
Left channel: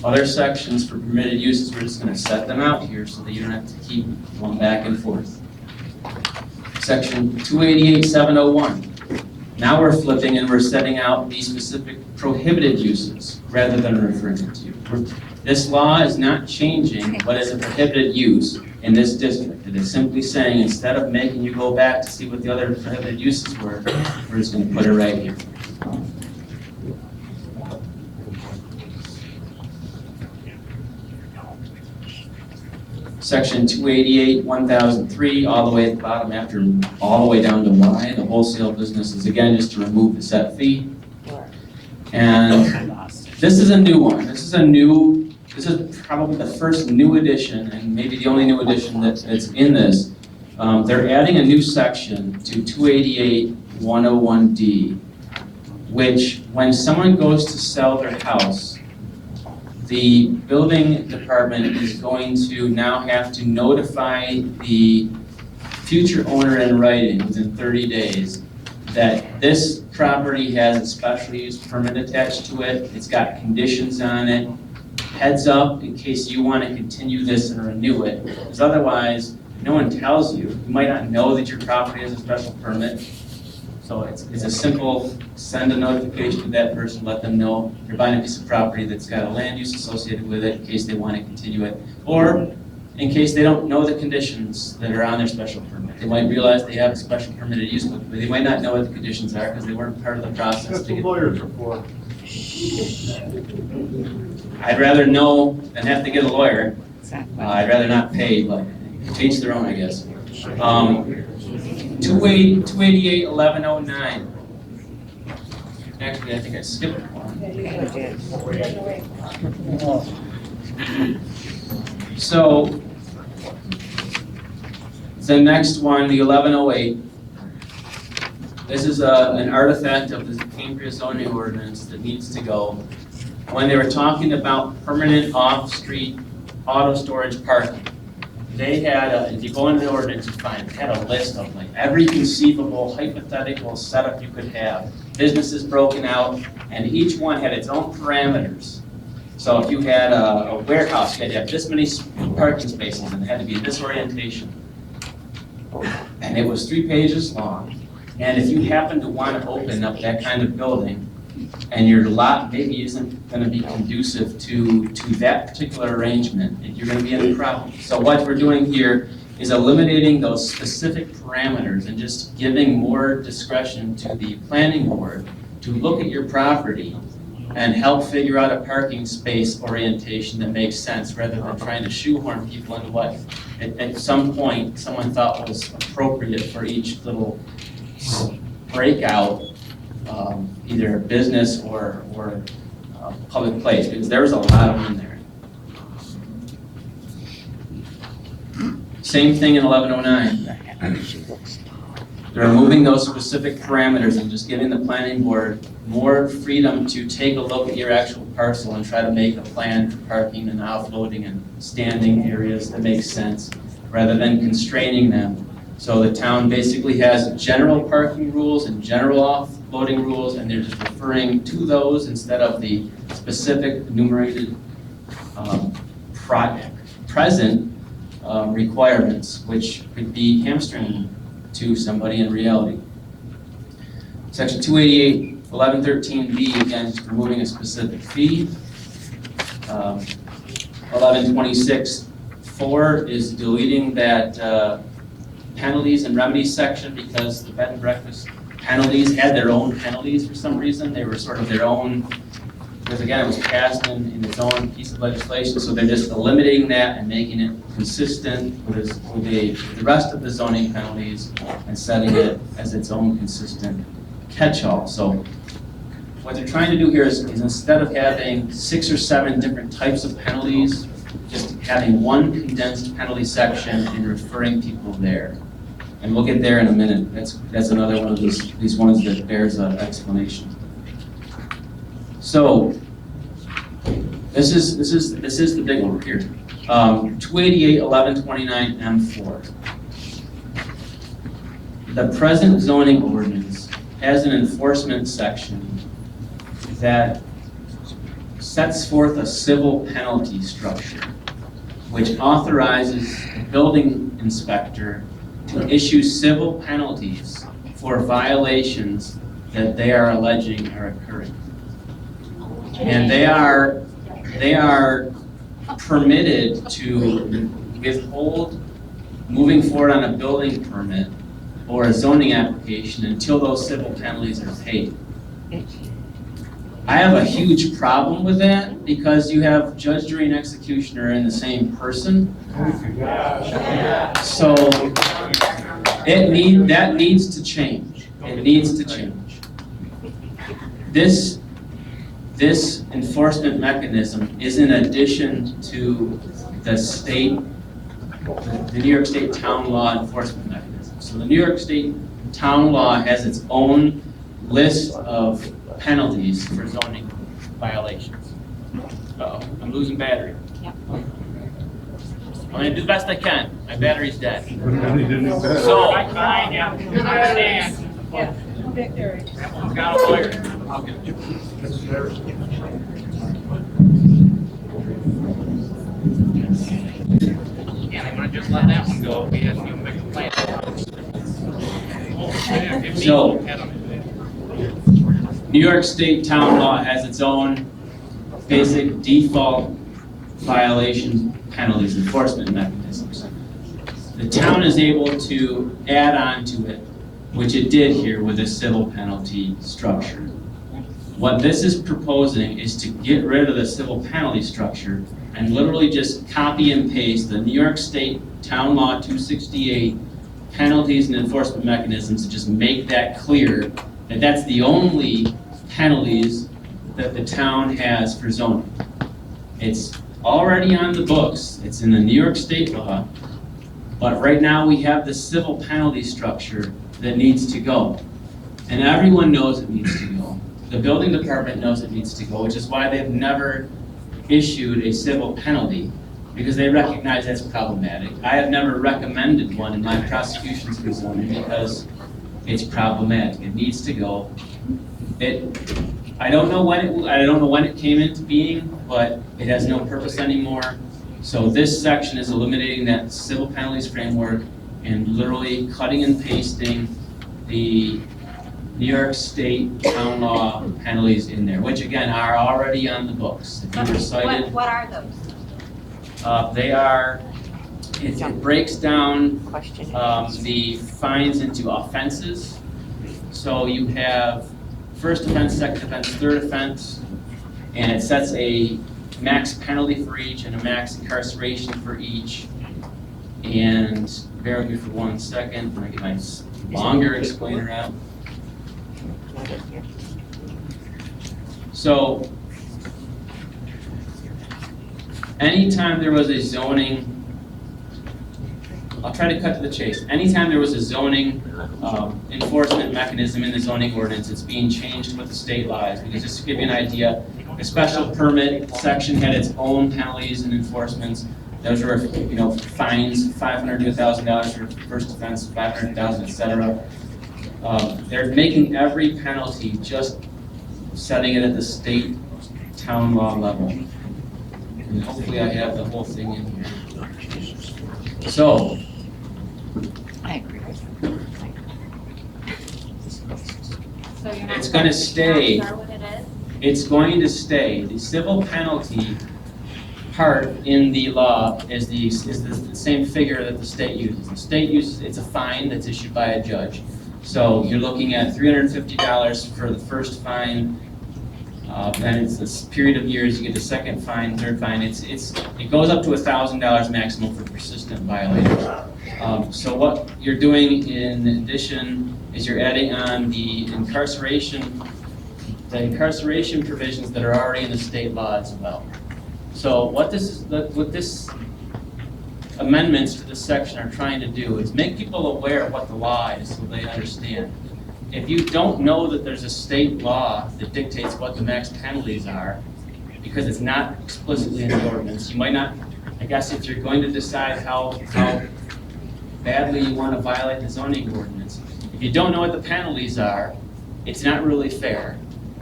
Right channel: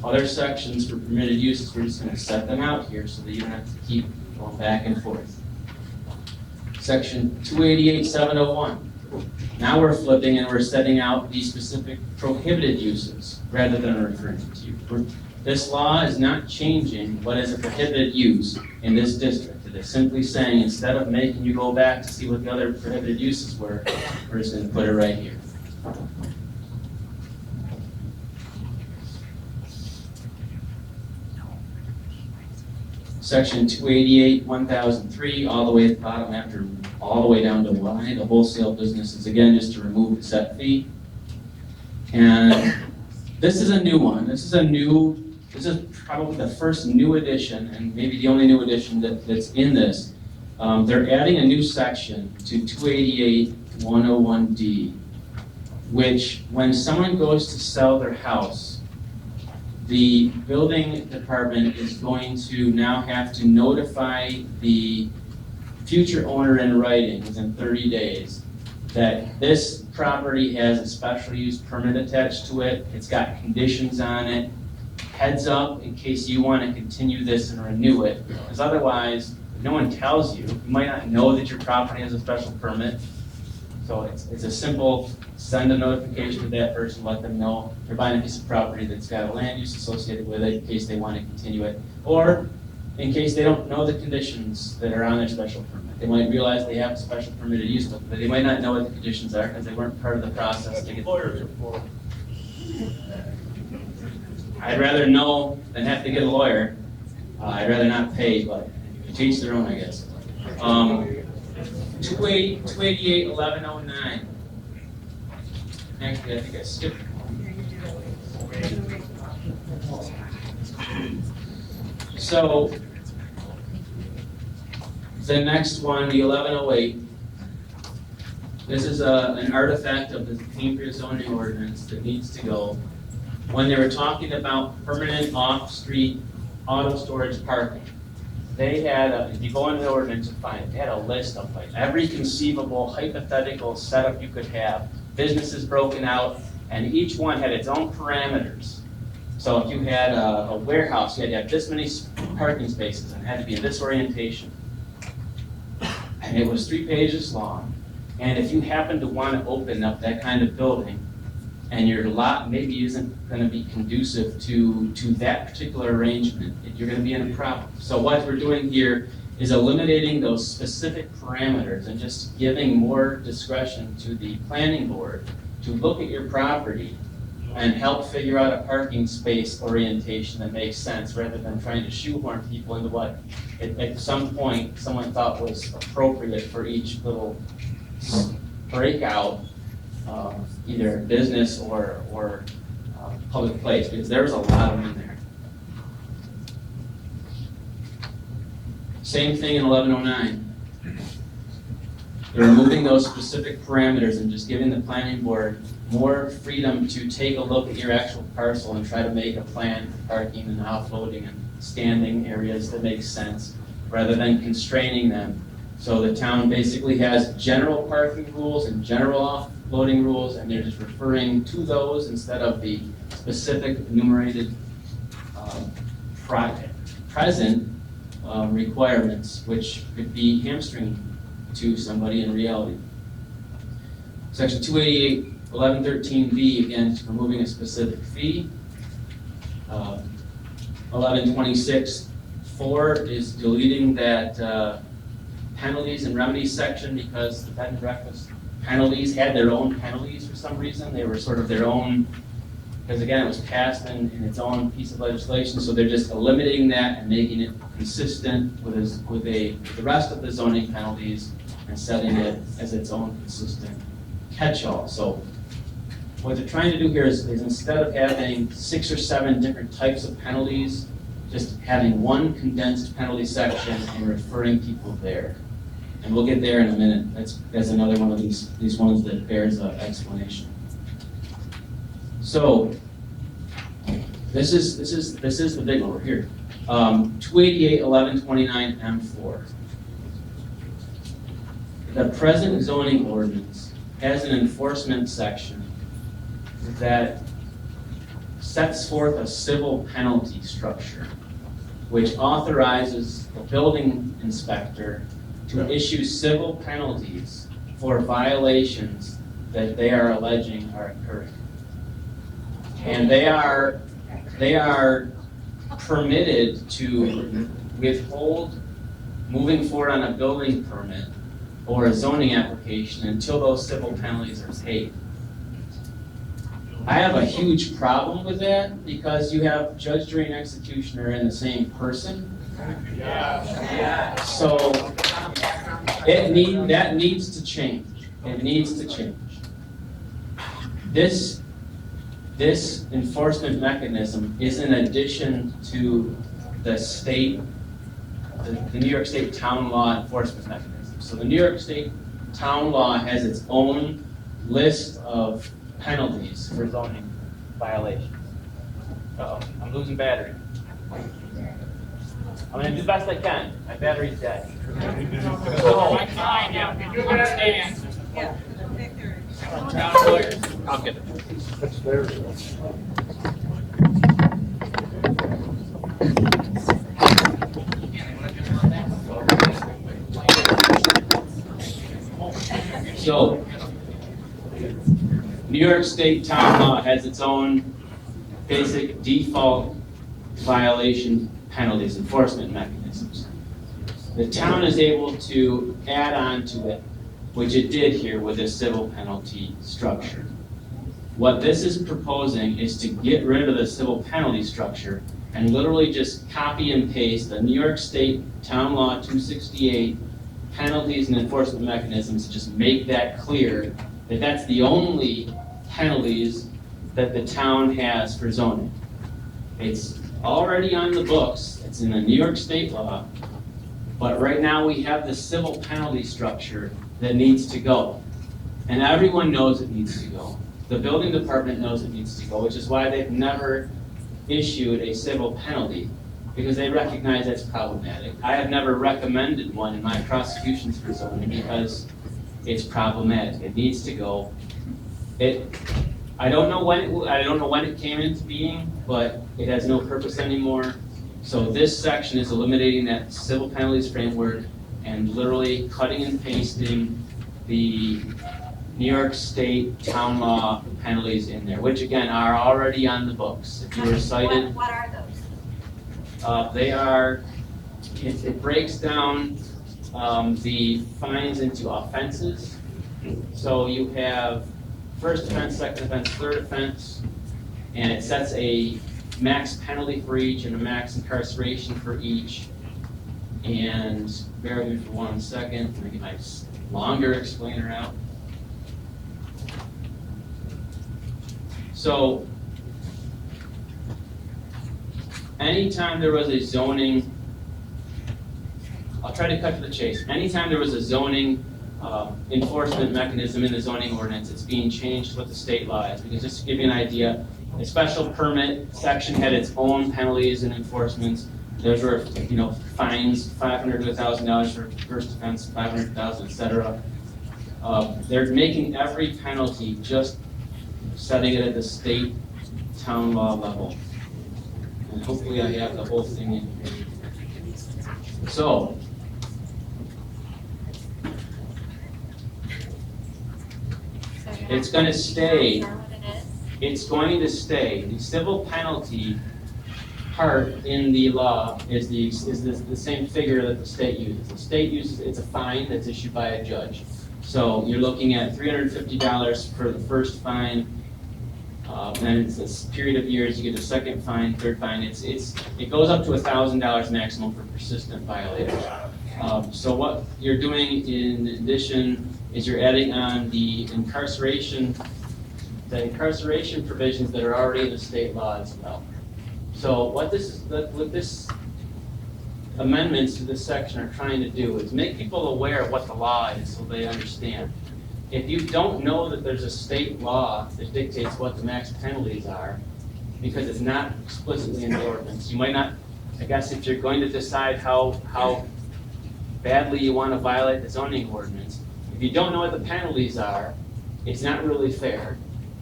other sections for permitted uses, we're just going to set them out here so that you don't have to keep going back and forth. Section 288-701. Now we're flipping and we're setting out the specific prohibited uses rather than referring to you. This law is not changing what is a prohibited use in this district. It is simply saying, instead of making you go back to see what the other prohibited uses were, we're just going to put it right here. Section 288-1003, all the way at the bottom after, all the way down to Y, the wholesale business is again just to remove the set fee. And this is a new one. This is probably the first new addition, and maybe the only new addition that's in this. They're adding a new section to 288-101D, which when someone goes to sell their house, the building department is going to now have to notify the future owner in writing within 30 days that this property has a special use permit attached to it, it's got conditions on it, heads up in case you want to continue this and renew it, because otherwise, no one tells you. You might not know that your property has a special permit. So it's a simple, send a notification to that person, let them know you're buying a piece of property that's got a land use associated with it in case they want to continue it, or in case they don't know the conditions that are on their special permit. They might realize they have a special permitted use, but they might not know what the conditions are because they weren't part of the process. That's to what get lawyers are for. I'd rather know than have to get a lawyer. I'd rather not pay, but teach their own, I guess. 288-1109. Actually, I think I skipped one. So, the next one, the 1108, this is an artifact of the Cambria zoning ordinance that needs to go. When they were talking about permanent off-street auto storage parking, they had if you go into the ordinance, you find they had a list of like every conceivable hypothetical setup you could have, businesses broken out, and each one had its own parameters. So if you had a warehouse, you had to have this many parking spaces and it had to be this orientation. And it was 3 pages long. And if you happen to want to open up that kind of building, and your lot maybe isn't going to be conducive to that particular arrangement, you're going to be in a problem. So what we're doing here is eliminating those specific parameters and just giving more discretion to the planning board to look at your property and help figure out a parking space orientation that makes sense rather than trying to shoehorn people into what at some point someone thought was appropriate for each little breakout, either business or public place, because there's a lot of them in there. Same thing in 1109. They're removing those specific parameters and just giving the planning board more freedom to take a look at your actual parcel and try to make a plan for parking and offloading and standing areas that make sense, rather than constraining them. So the town basically has general parking rules and general offloading rules, and they're just referring to those instead of the specific enumerated present requirements, which could be hamstringing to somebody in reality. Section 288-1113B, again, is removing a specific fee. 1126-4 is deleting that penalties and remedies section because the bed and breakfast penalties had their own penalties for some reason. They were sort of their own, because again, it was passed in its own piece of legislation, so they're just eliminating that and making it consistent with the rest of the zoning penalties and setting it as its own consistent catch-all. So what they're trying to do here is instead of having 6 or 7 different types of penalties, just having one condensed penalty section and referring people there. And we'll get there in a minute. That's another one of these ones that bears an explanation. So this is the big one here. 288-1129-M4. The present zoning ordinance has an enforcement section that sets forth a civil penalty structure, which authorizes the building inspector to issue civil penalties for violations that they are alleging are occurring. And they are permitted to withhold moving forward on a building permit or a zoning application until those civil penalties are paid. I have a huge problem with that because you have judge, jury, and executioner in the same person. So that needs to change. It needs to change. This enforcement mechanism is in addition to the New York State town law enforcement mechanism. So the New York State town law has its own list of penalties for zoning violations. I'm losing battery. I'm gonna do the best I can. My battery's dead. So, fine, yeah, understand. Yeah. Got a lawyer. I'll get it. That's there. And I'm gonna just let that one go. Because you make a plan. So, New York State town law has its own basic default violation penalties enforcement mechanisms. The town is able to add on to it, which it did here with a civil penalty structure. What this is proposing is to get rid of the civil penalty structure and literally just copy and paste the New York State Town Law 268 penalties and enforcement mechanisms, to just make that clear that that's the only penalties that the town has for zoning. It's already on the books, it's in the New York State law, but right now we have the civil penalty structure that needs to go. And everyone knows it needs to go. The building department knows it needs to go, which is why they've never issued a civil penalty, because they recognize that's problematic. I have never recommended one in my prosecutions for zoning because it's problematic. It needs to go. I don't know when it came into being, but it has no purpose anymore. So this section is eliminating that civil penalties framework and literally cutting and pasting the New York State town law penalties in there, which again are already on the books. If you were cited, What are those? it breaks down the fines into offenses. So you have first offense, second offense, third offense, and it sets a max penalty for each and a max incarceration for each. And bear with me for 1 second, I'm gonna get my longer explainer out. So, anytime there was a zoning, I'll try to cut to the chase. Anytime there was a zoning enforcement mechanism in the zoning ordinance, it's being changed with the state laws. Because just to give you an idea, the special permit section had its own penalties and enforcements. Those were, fines, $500 to $1,000 for first offense, $500,000, etc. They're making every penalty just setting it at the state town law level. And hopefully I have the whole thing in here. So, I agree with So you're not It's gonna stay. Sure what it is? it's going to stay. The civil penalty part in the law is the same figure that the state uses. The state uses, it's a fine that's issued by a judge. So you're looking at $350 for the first fine, then it's this period of years, you get the second fine, third fine. It goes up to $1,000 maximum for persistent violators. So what you're doing in addition is you're adding on the incarceration provisions that are already in the state law as well. So what this amendments to this section are trying to do is make people aware of what the law is so they understand. If you don't know that there's a state law that dictates what the max penalties are, because it's not explicitly in the ordinance, you might not, I guess if you're going to decide how badly you want to violate the zoning ordinance, if you don't know what the penalties are, it's not really fair.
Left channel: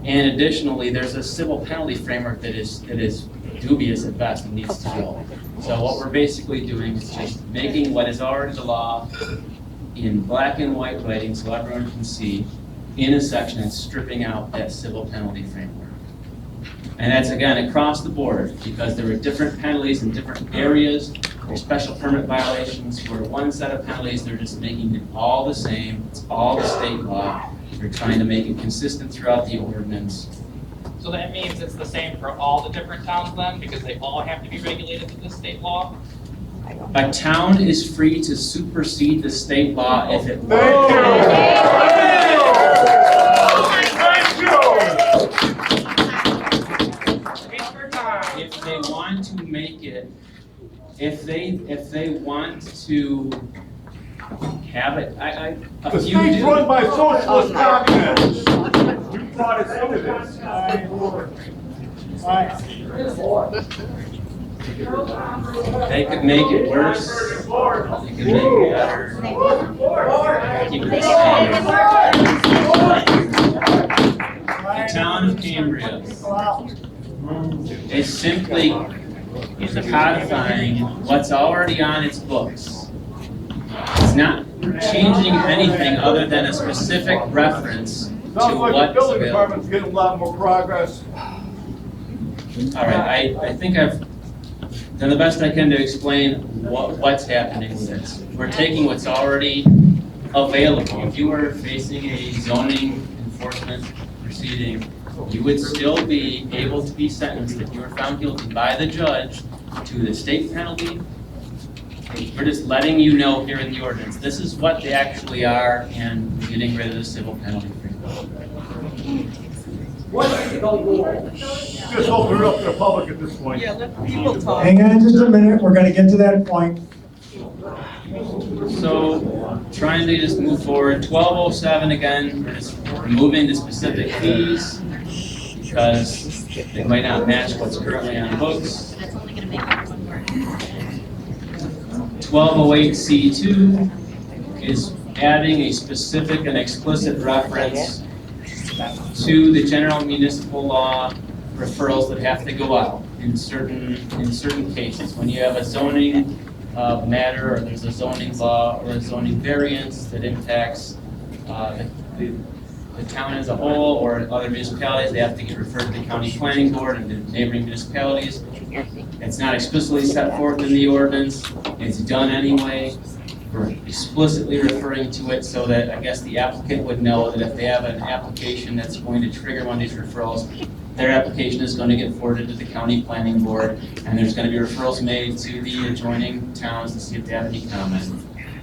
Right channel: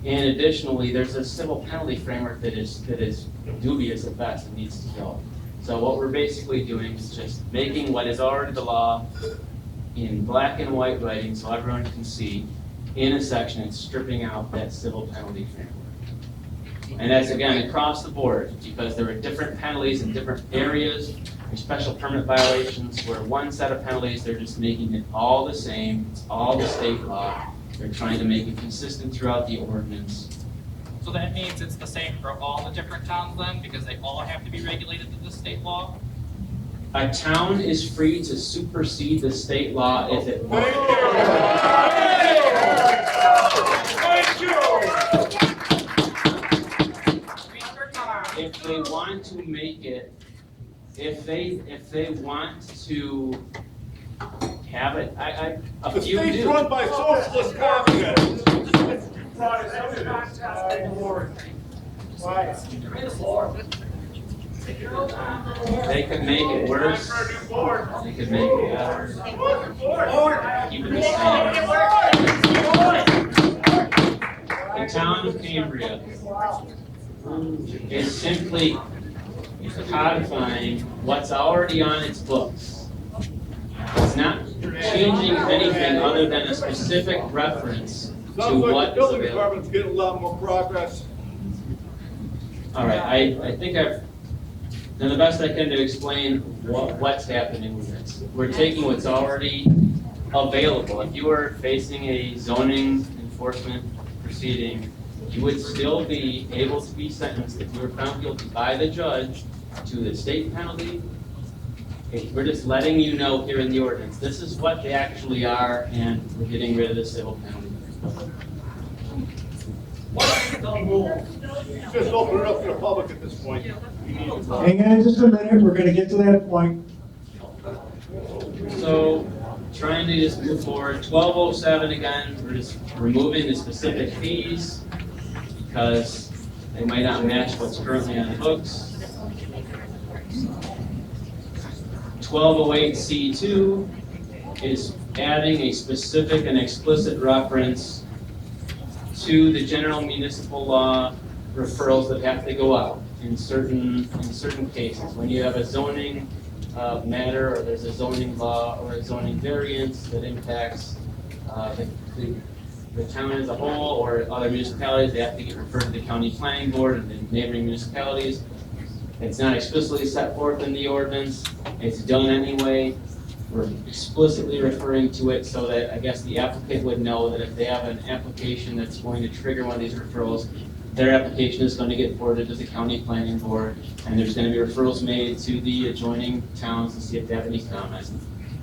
And additionally, there's a civil penalty framework that is dubious at best and needs to go. So what we're basically doing is just making what is already the law in black and white writing so everyone can see in a section and stripping out that civil penalty framework. And that's, again, across the board, because there are different penalties in different areas. There's special permit violations where one set of penalties, they're just making it all the same. It's all the state law. They're trying to make it consistent throughout the ordinance. So that means it's the same for all the different towns then, because they all have to be regulated to the state law? A town is free to supersede the state law if it Thank wants. If they want to make it, if they want to have it, a The few state's do. run by socialist communists. You brought us into this. They could make it worse, they could make it better, keep it the same. The town of Cambria is simply codifying what's already on its books. It's not changing anything other than a specific reference to Sounds like the what's building available. department's getting a lot more progress. All right, I think I've done the best I can to explain what's happening with this. We're taking what's already available. If you were facing a zoning enforcement proceeding, you would still be able to be sentenced if you were found guilty by the judge to the state penalty. We're just letting you know here in the ordinance, this is what they actually are, and we're getting rid of the civil penalty. Just open it up to the public at this point. Hang on just a minute, we're gonna get to that point. So, trying to just move forward, 1207 again, we're just removing the specific fees because they might not match what's currently on the books. 1208C2 is adding a specific and explicit reference to the general municipal law referrals that have to go out in certain cases. When you have a zoning matter, or there's a zoning law or a zoning variance that impacts the town as a whole or other municipalities, they have to get referred to the county planning board and the neighboring municipalities. It's not explicitly set forth in the ordinance, it's done anyway. We're explicitly referring to it so that I guess the applicant would know that if they have an application that's going to trigger one of these referrals, their application is going to get forwarded to the county planning board, and there's going to be referrals made to the adjoining towns to see if they have any comment.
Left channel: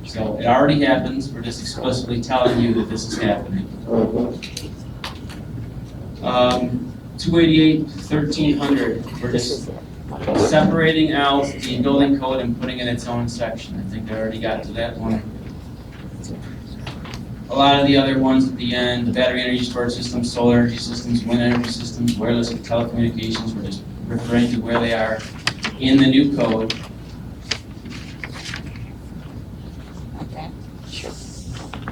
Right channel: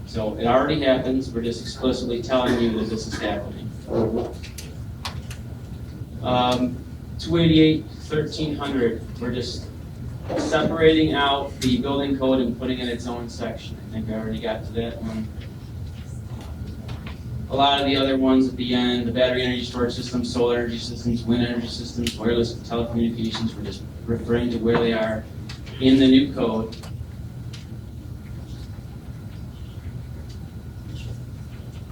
So it already happens, we're just explicitly telling you that this is happening. 288, 1300, we're just separating out the building code and putting it in its own section. I think I already got to that one. A lot of the other ones at the end, the battery energy storage systems, solar energy systems, wind energy systems, wireless and telecommunications, we're just referring to where they are in the new code. Okay, sure.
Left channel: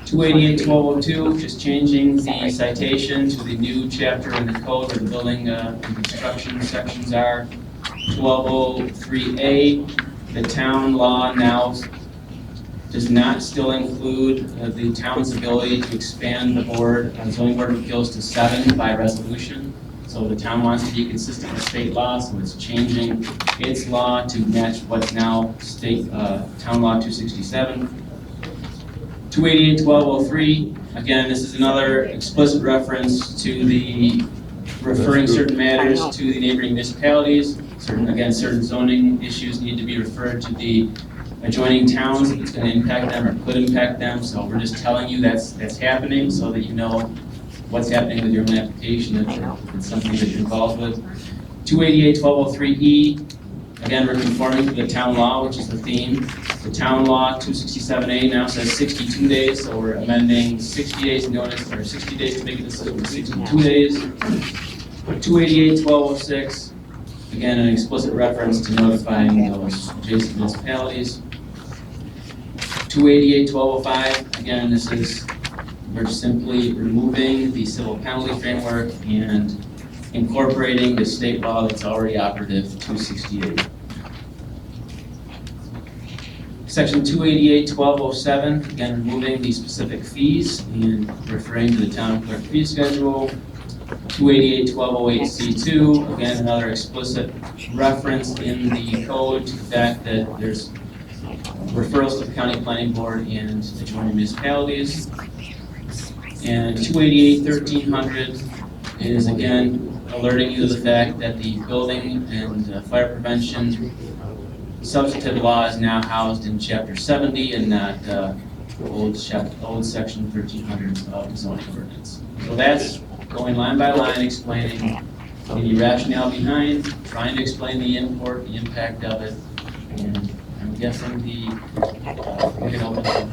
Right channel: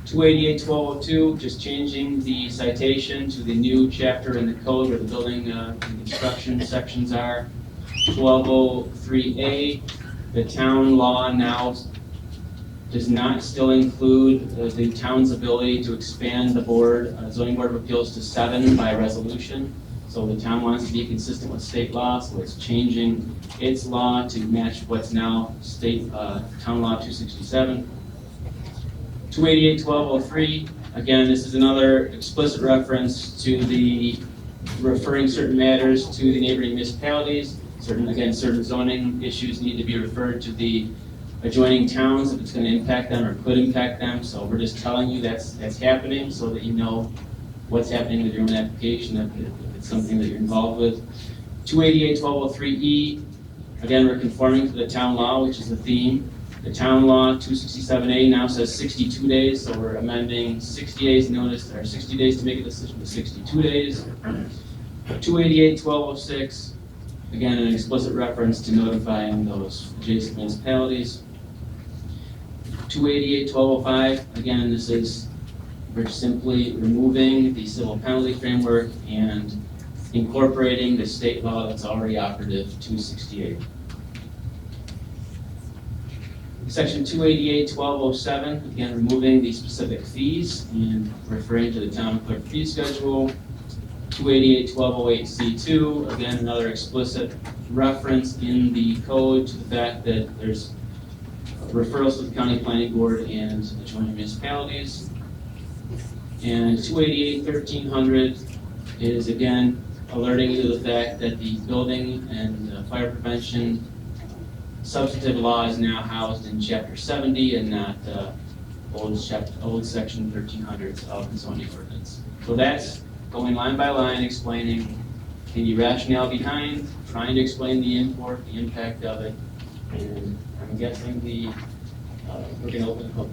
288-1202, just changing the citation to the new chapter in the code where the building and construction sections are. 1203A, the town law now does not still include the town's ability to expand the board, zoning board of appeals to 7 by resolution. So the town wants to be consistent with state law, so it's changing its law to match what's now state, town law 267. 288-1203, again, this is another explicit reference to the referring certain matters to the neighboring municipalities. Certain zoning issues need to be referred to the adjoining towns if it's going to impact them or could impact them. So we're just telling you that's happening so that you know what's happening with your own application if it's something that you're involved with. 288-1203E, again, we're conforming to the town law, which is the theme. The town law 267A now says 62 days, so we're amending 60 days notice, or 60 days to make a decision to 62 days. 288-1206, again, an explicit reference to notifying those adjacent municipalities. 288-1205, again, this is, we're simply removing the civil penalty framework and incorporating the state law that's already operative, 268. Section 288-1207, again, removing the specific fees and referring to the town clerk fee schedule. 288-1208C2, again, another explicit reference in the code to the fact that there's referrals to the county planning board and adjoining municipalities. And 288-1300 is, again, alerting you to the fact that the building and fire prevention substantive law is now housed in Chapter 70 and not old Section 1300 of the zoning ordinance. So that's going line by line, explaining the rationale behind, trying to explain the import, the impact of it, and I'm guessing we can open it.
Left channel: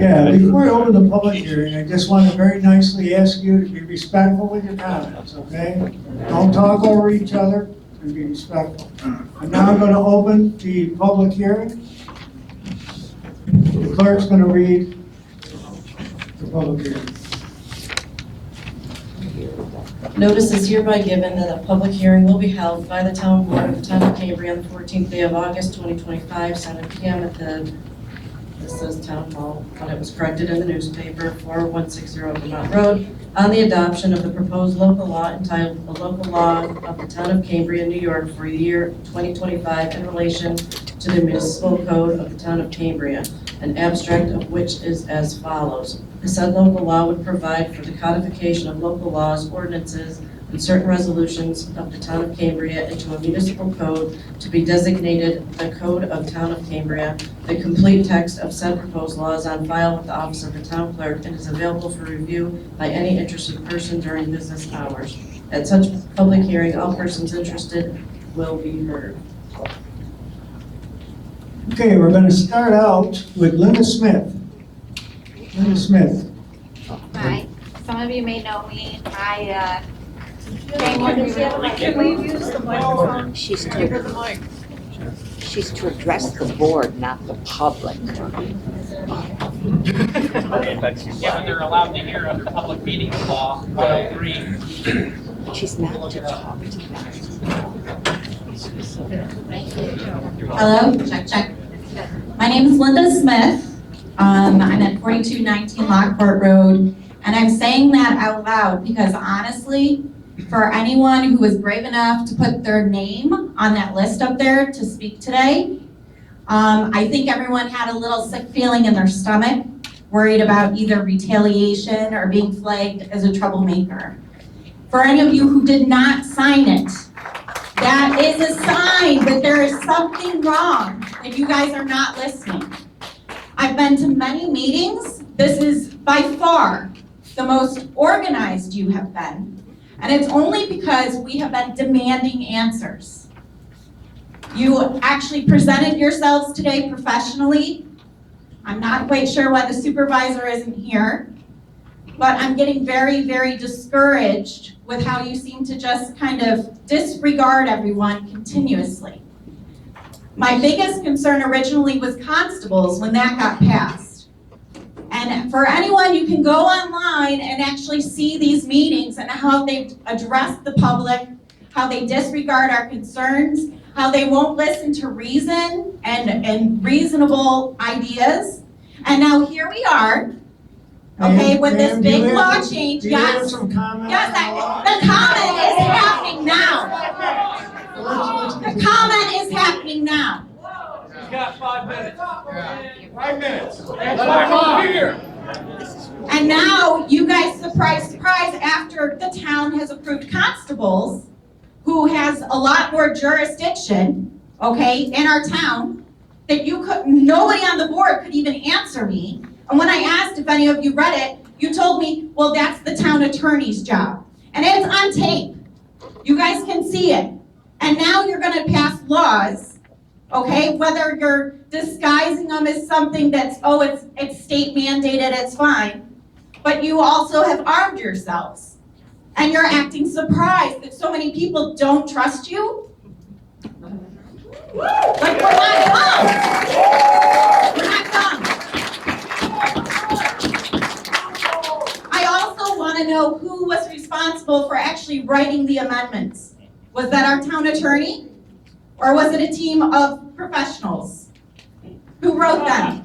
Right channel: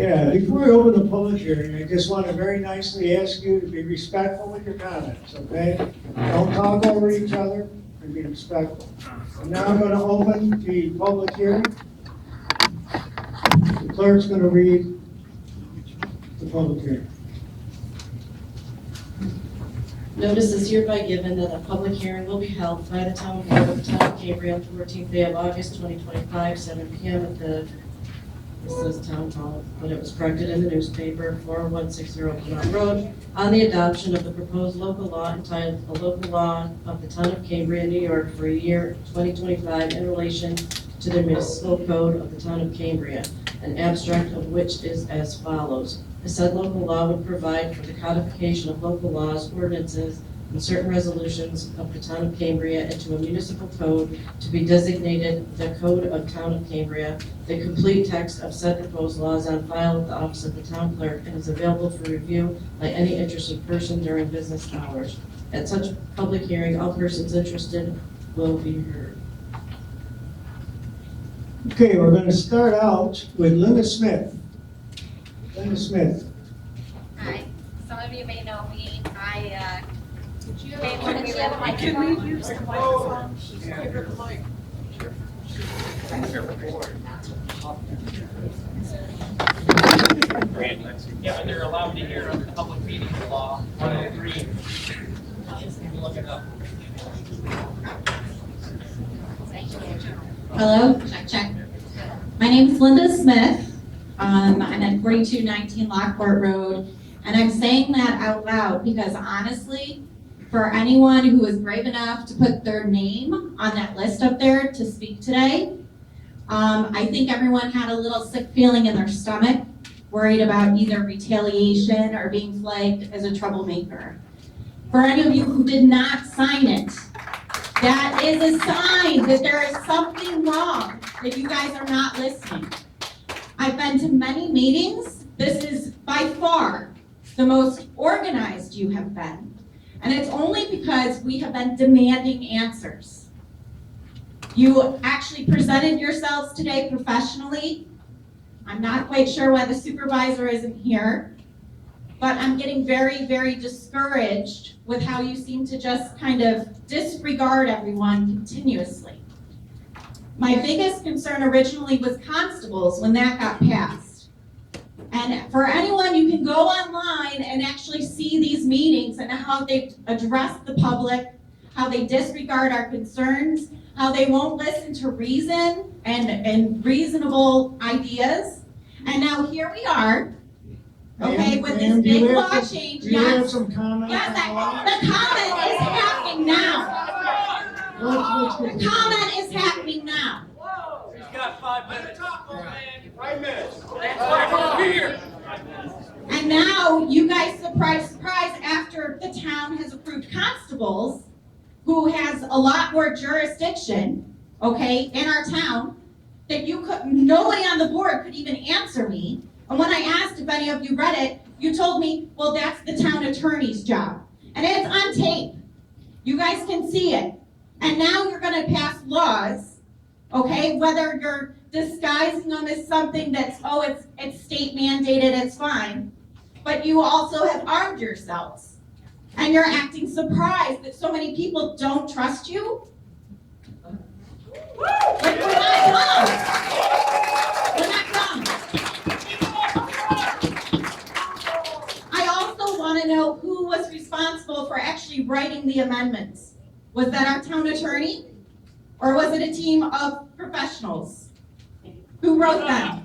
Yeah, before I open the public hearing, I just want to very nicely ask you to be respectful with your comments, okay? Don't talk over each other, and be respectful. And now I'm going to open the public hearing. The clerk's going to read the public hearing. Notice is hereby given that a public hearing will be held by the town board of the town of Cambria on the 14th day of August, 2025, 7 p.m. at the, this says Town Hall, but it was corrected in the newspaper, 4160 Vermont Road, on the adoption of the proposed local law entitled a local law of the town of Cambria, New York for year 2025 in relation to the municipal code of the town of Cambria, an abstract of which is as follows. The said local law would provide for the codification of local laws, ordinances, and certain resolutions of the town of Cambria into a municipal code to be designated the Code of Town of Cambria. The complete text of said proposed law is on file with the Office of the Town Clerk and is available for review by any interested person during business hours. At such public hearing, all persons interested will be heard. Okay, we're going to start out with Linda Smith. Linda Smith. Hi, some of you may know me. I came Can we use the microphone? She's to address the board, not the public. Yeah, but they're allowed to hear under public meetings law, 103. She's not to talk to them. Hello, check. My name is Linda Smith. I'm at 4219 Lockport Road, and I'm saying that out loud because honestly, for anyone who was brave enough to put their name on that list up there to speak today, I think everyone had a little sick feeling in their stomach, worried about either retaliation or being flagged as a troublemaker. For any of you who did not sign it, that is a sign that there is something wrong, that you guys are not listening. I've been to many meetings. This is by far the most organized you have been. And it's only because we have been demanding answers. You actually presented yourselves today professionally. I'm not quite sure why the supervisor isn't here, but I'm getting very, very discouraged with how you seem to just kind of disregard everyone continuously. My biggest concern originally was constables when that got passed. And for anyone, you can go online and actually see these meetings and how they've addressed the public, how they disregard our concerns, how they won't listen to reason and reasonable ideas. And now here we are, okay, with this big law change. Do you have Yes, some comments? yes, the comment is happening now. The comment is happening now. He's got 5 minutes. 5 minutes. That's why we're here. And now, you guys, surprise, surprise, after the town has approved constables, who has a lot more jurisdiction, okay, in our town, that nobody on the board could even answer me. And when I asked if any of you read it, you told me, well, that's the town attorney's job. And it's on tape. You guys can see it. And now you're gonna pass laws, okay, whether you're disguising them as something that's, oh, it's state mandated, it's fine. But you also have armed yourselves. And you're acting surprised that so many people don't trust you? Like, we're not dumb. We're not dumb. I also want to know who was responsible for actually writing the amendments. Was that our town attorney? Or was it a team of professionals? Who wrote them?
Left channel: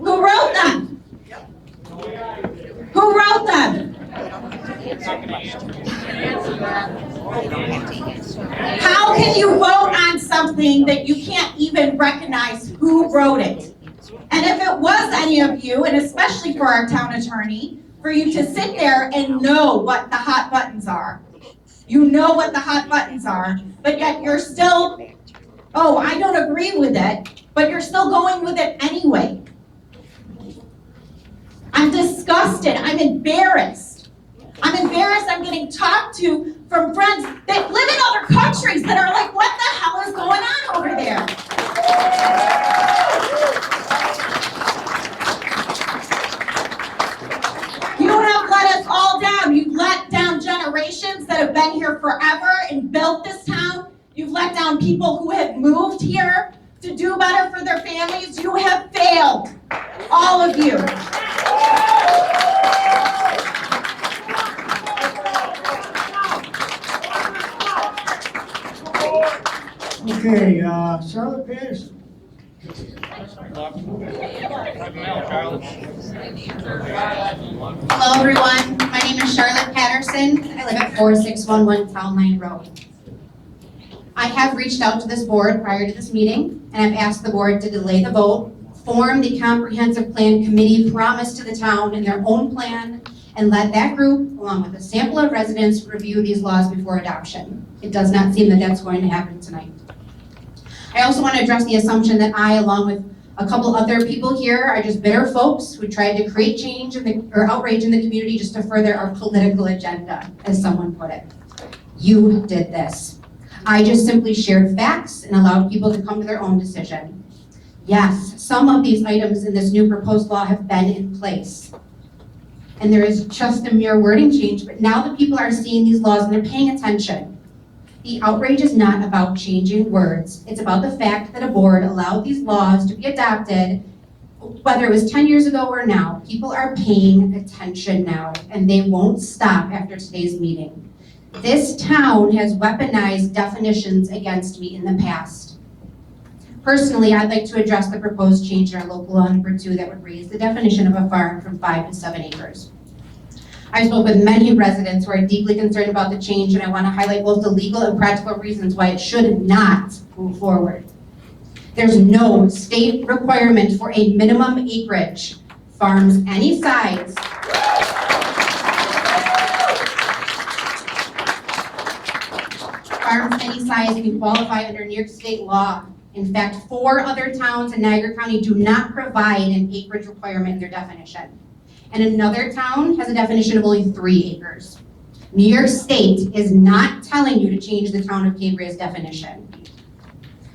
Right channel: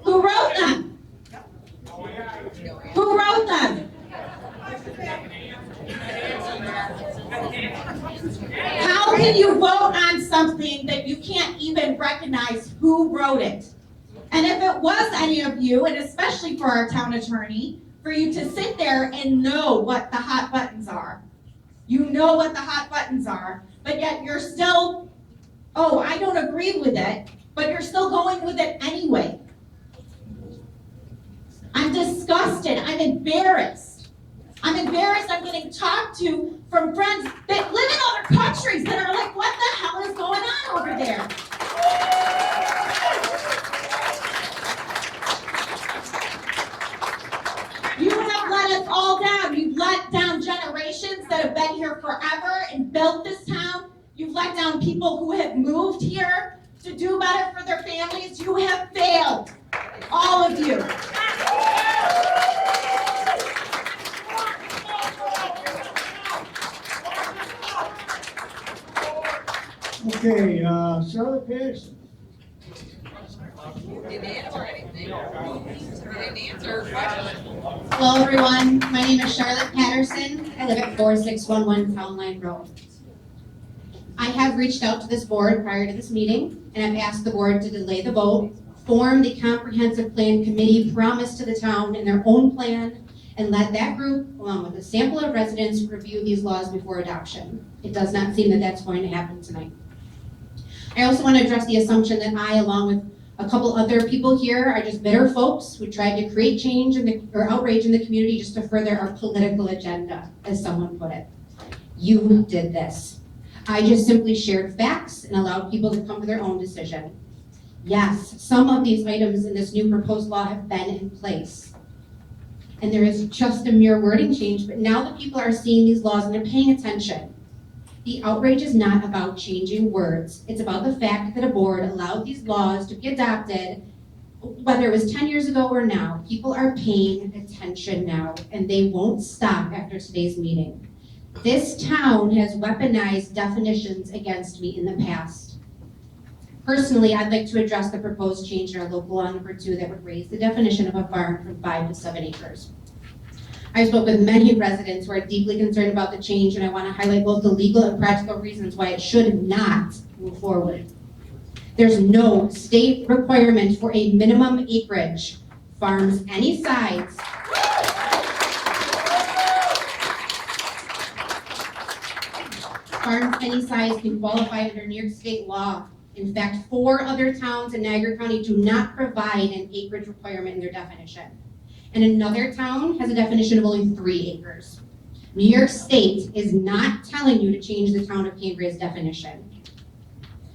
Who wrote them? Who wrote them? How can you vote on something that you can't even recognize who wrote it? And if it was any of you, and especially for our town attorney, for you to sit there and know what the hot buttons are. You know what the hot buttons are, but yet you're still, oh, I don't agree with it, but you're still going with it anyway. I'm disgusted, I'm embarrassed. I'm embarrassed I'm getting talked to from friends that live in other countries that are like, what the hell is going on over there? You have let us all down. You've let down generations that have been here forever and built this town. You've let down people who have moved here to do better for their families. You have failed, all of you. Okay, Charlotte Patterson. Hello, everyone. My name is Charlotte Patterson. I live at 4611 Town Line Road. I have reached out to this board prior to this meeting, and I've asked the board to delay the vote, form the comprehensive plan committee promised to the town in their own plan, and let that group, along with a sample of residents, review these laws before adoption. It does not seem that that's going to happen tonight. I also want to address the assumption that I, along with a couple other people here, are just bitter folks who tried to create change or outrage in the community just to further our political agenda, as someone put it. You did this. I just simply shared facts and allowed people to come to their own decision. Yes, some of these items in this new proposed law have been in place. And there is just a mere wording change, but now the people are seeing these laws and they're paying attention. The outrage is not about changing words. It's about the fact that a board allowed these laws to be adopted, whether it was 10 years ago or now. People are paying attention now, and they won't stop after today's meeting. This town has weaponized definitions against me in the past. Personally, I'd like to address the proposed change in our local law number 2 that would raise the definition of a farm from 5 to 7 acres. I spoke with many residents who are deeply concerned about the change, and I want to highlight both the legal and practical reasons why it should not move forward. There's no state requirement for a minimum acreage. Farms any size can qualify under New York State law. In fact, 4 other towns in Niagara County do not provide an acreage requirement in their definition. And another town has a definition of only 3 acres. New York State is not telling you to change the town of Cambria's definition.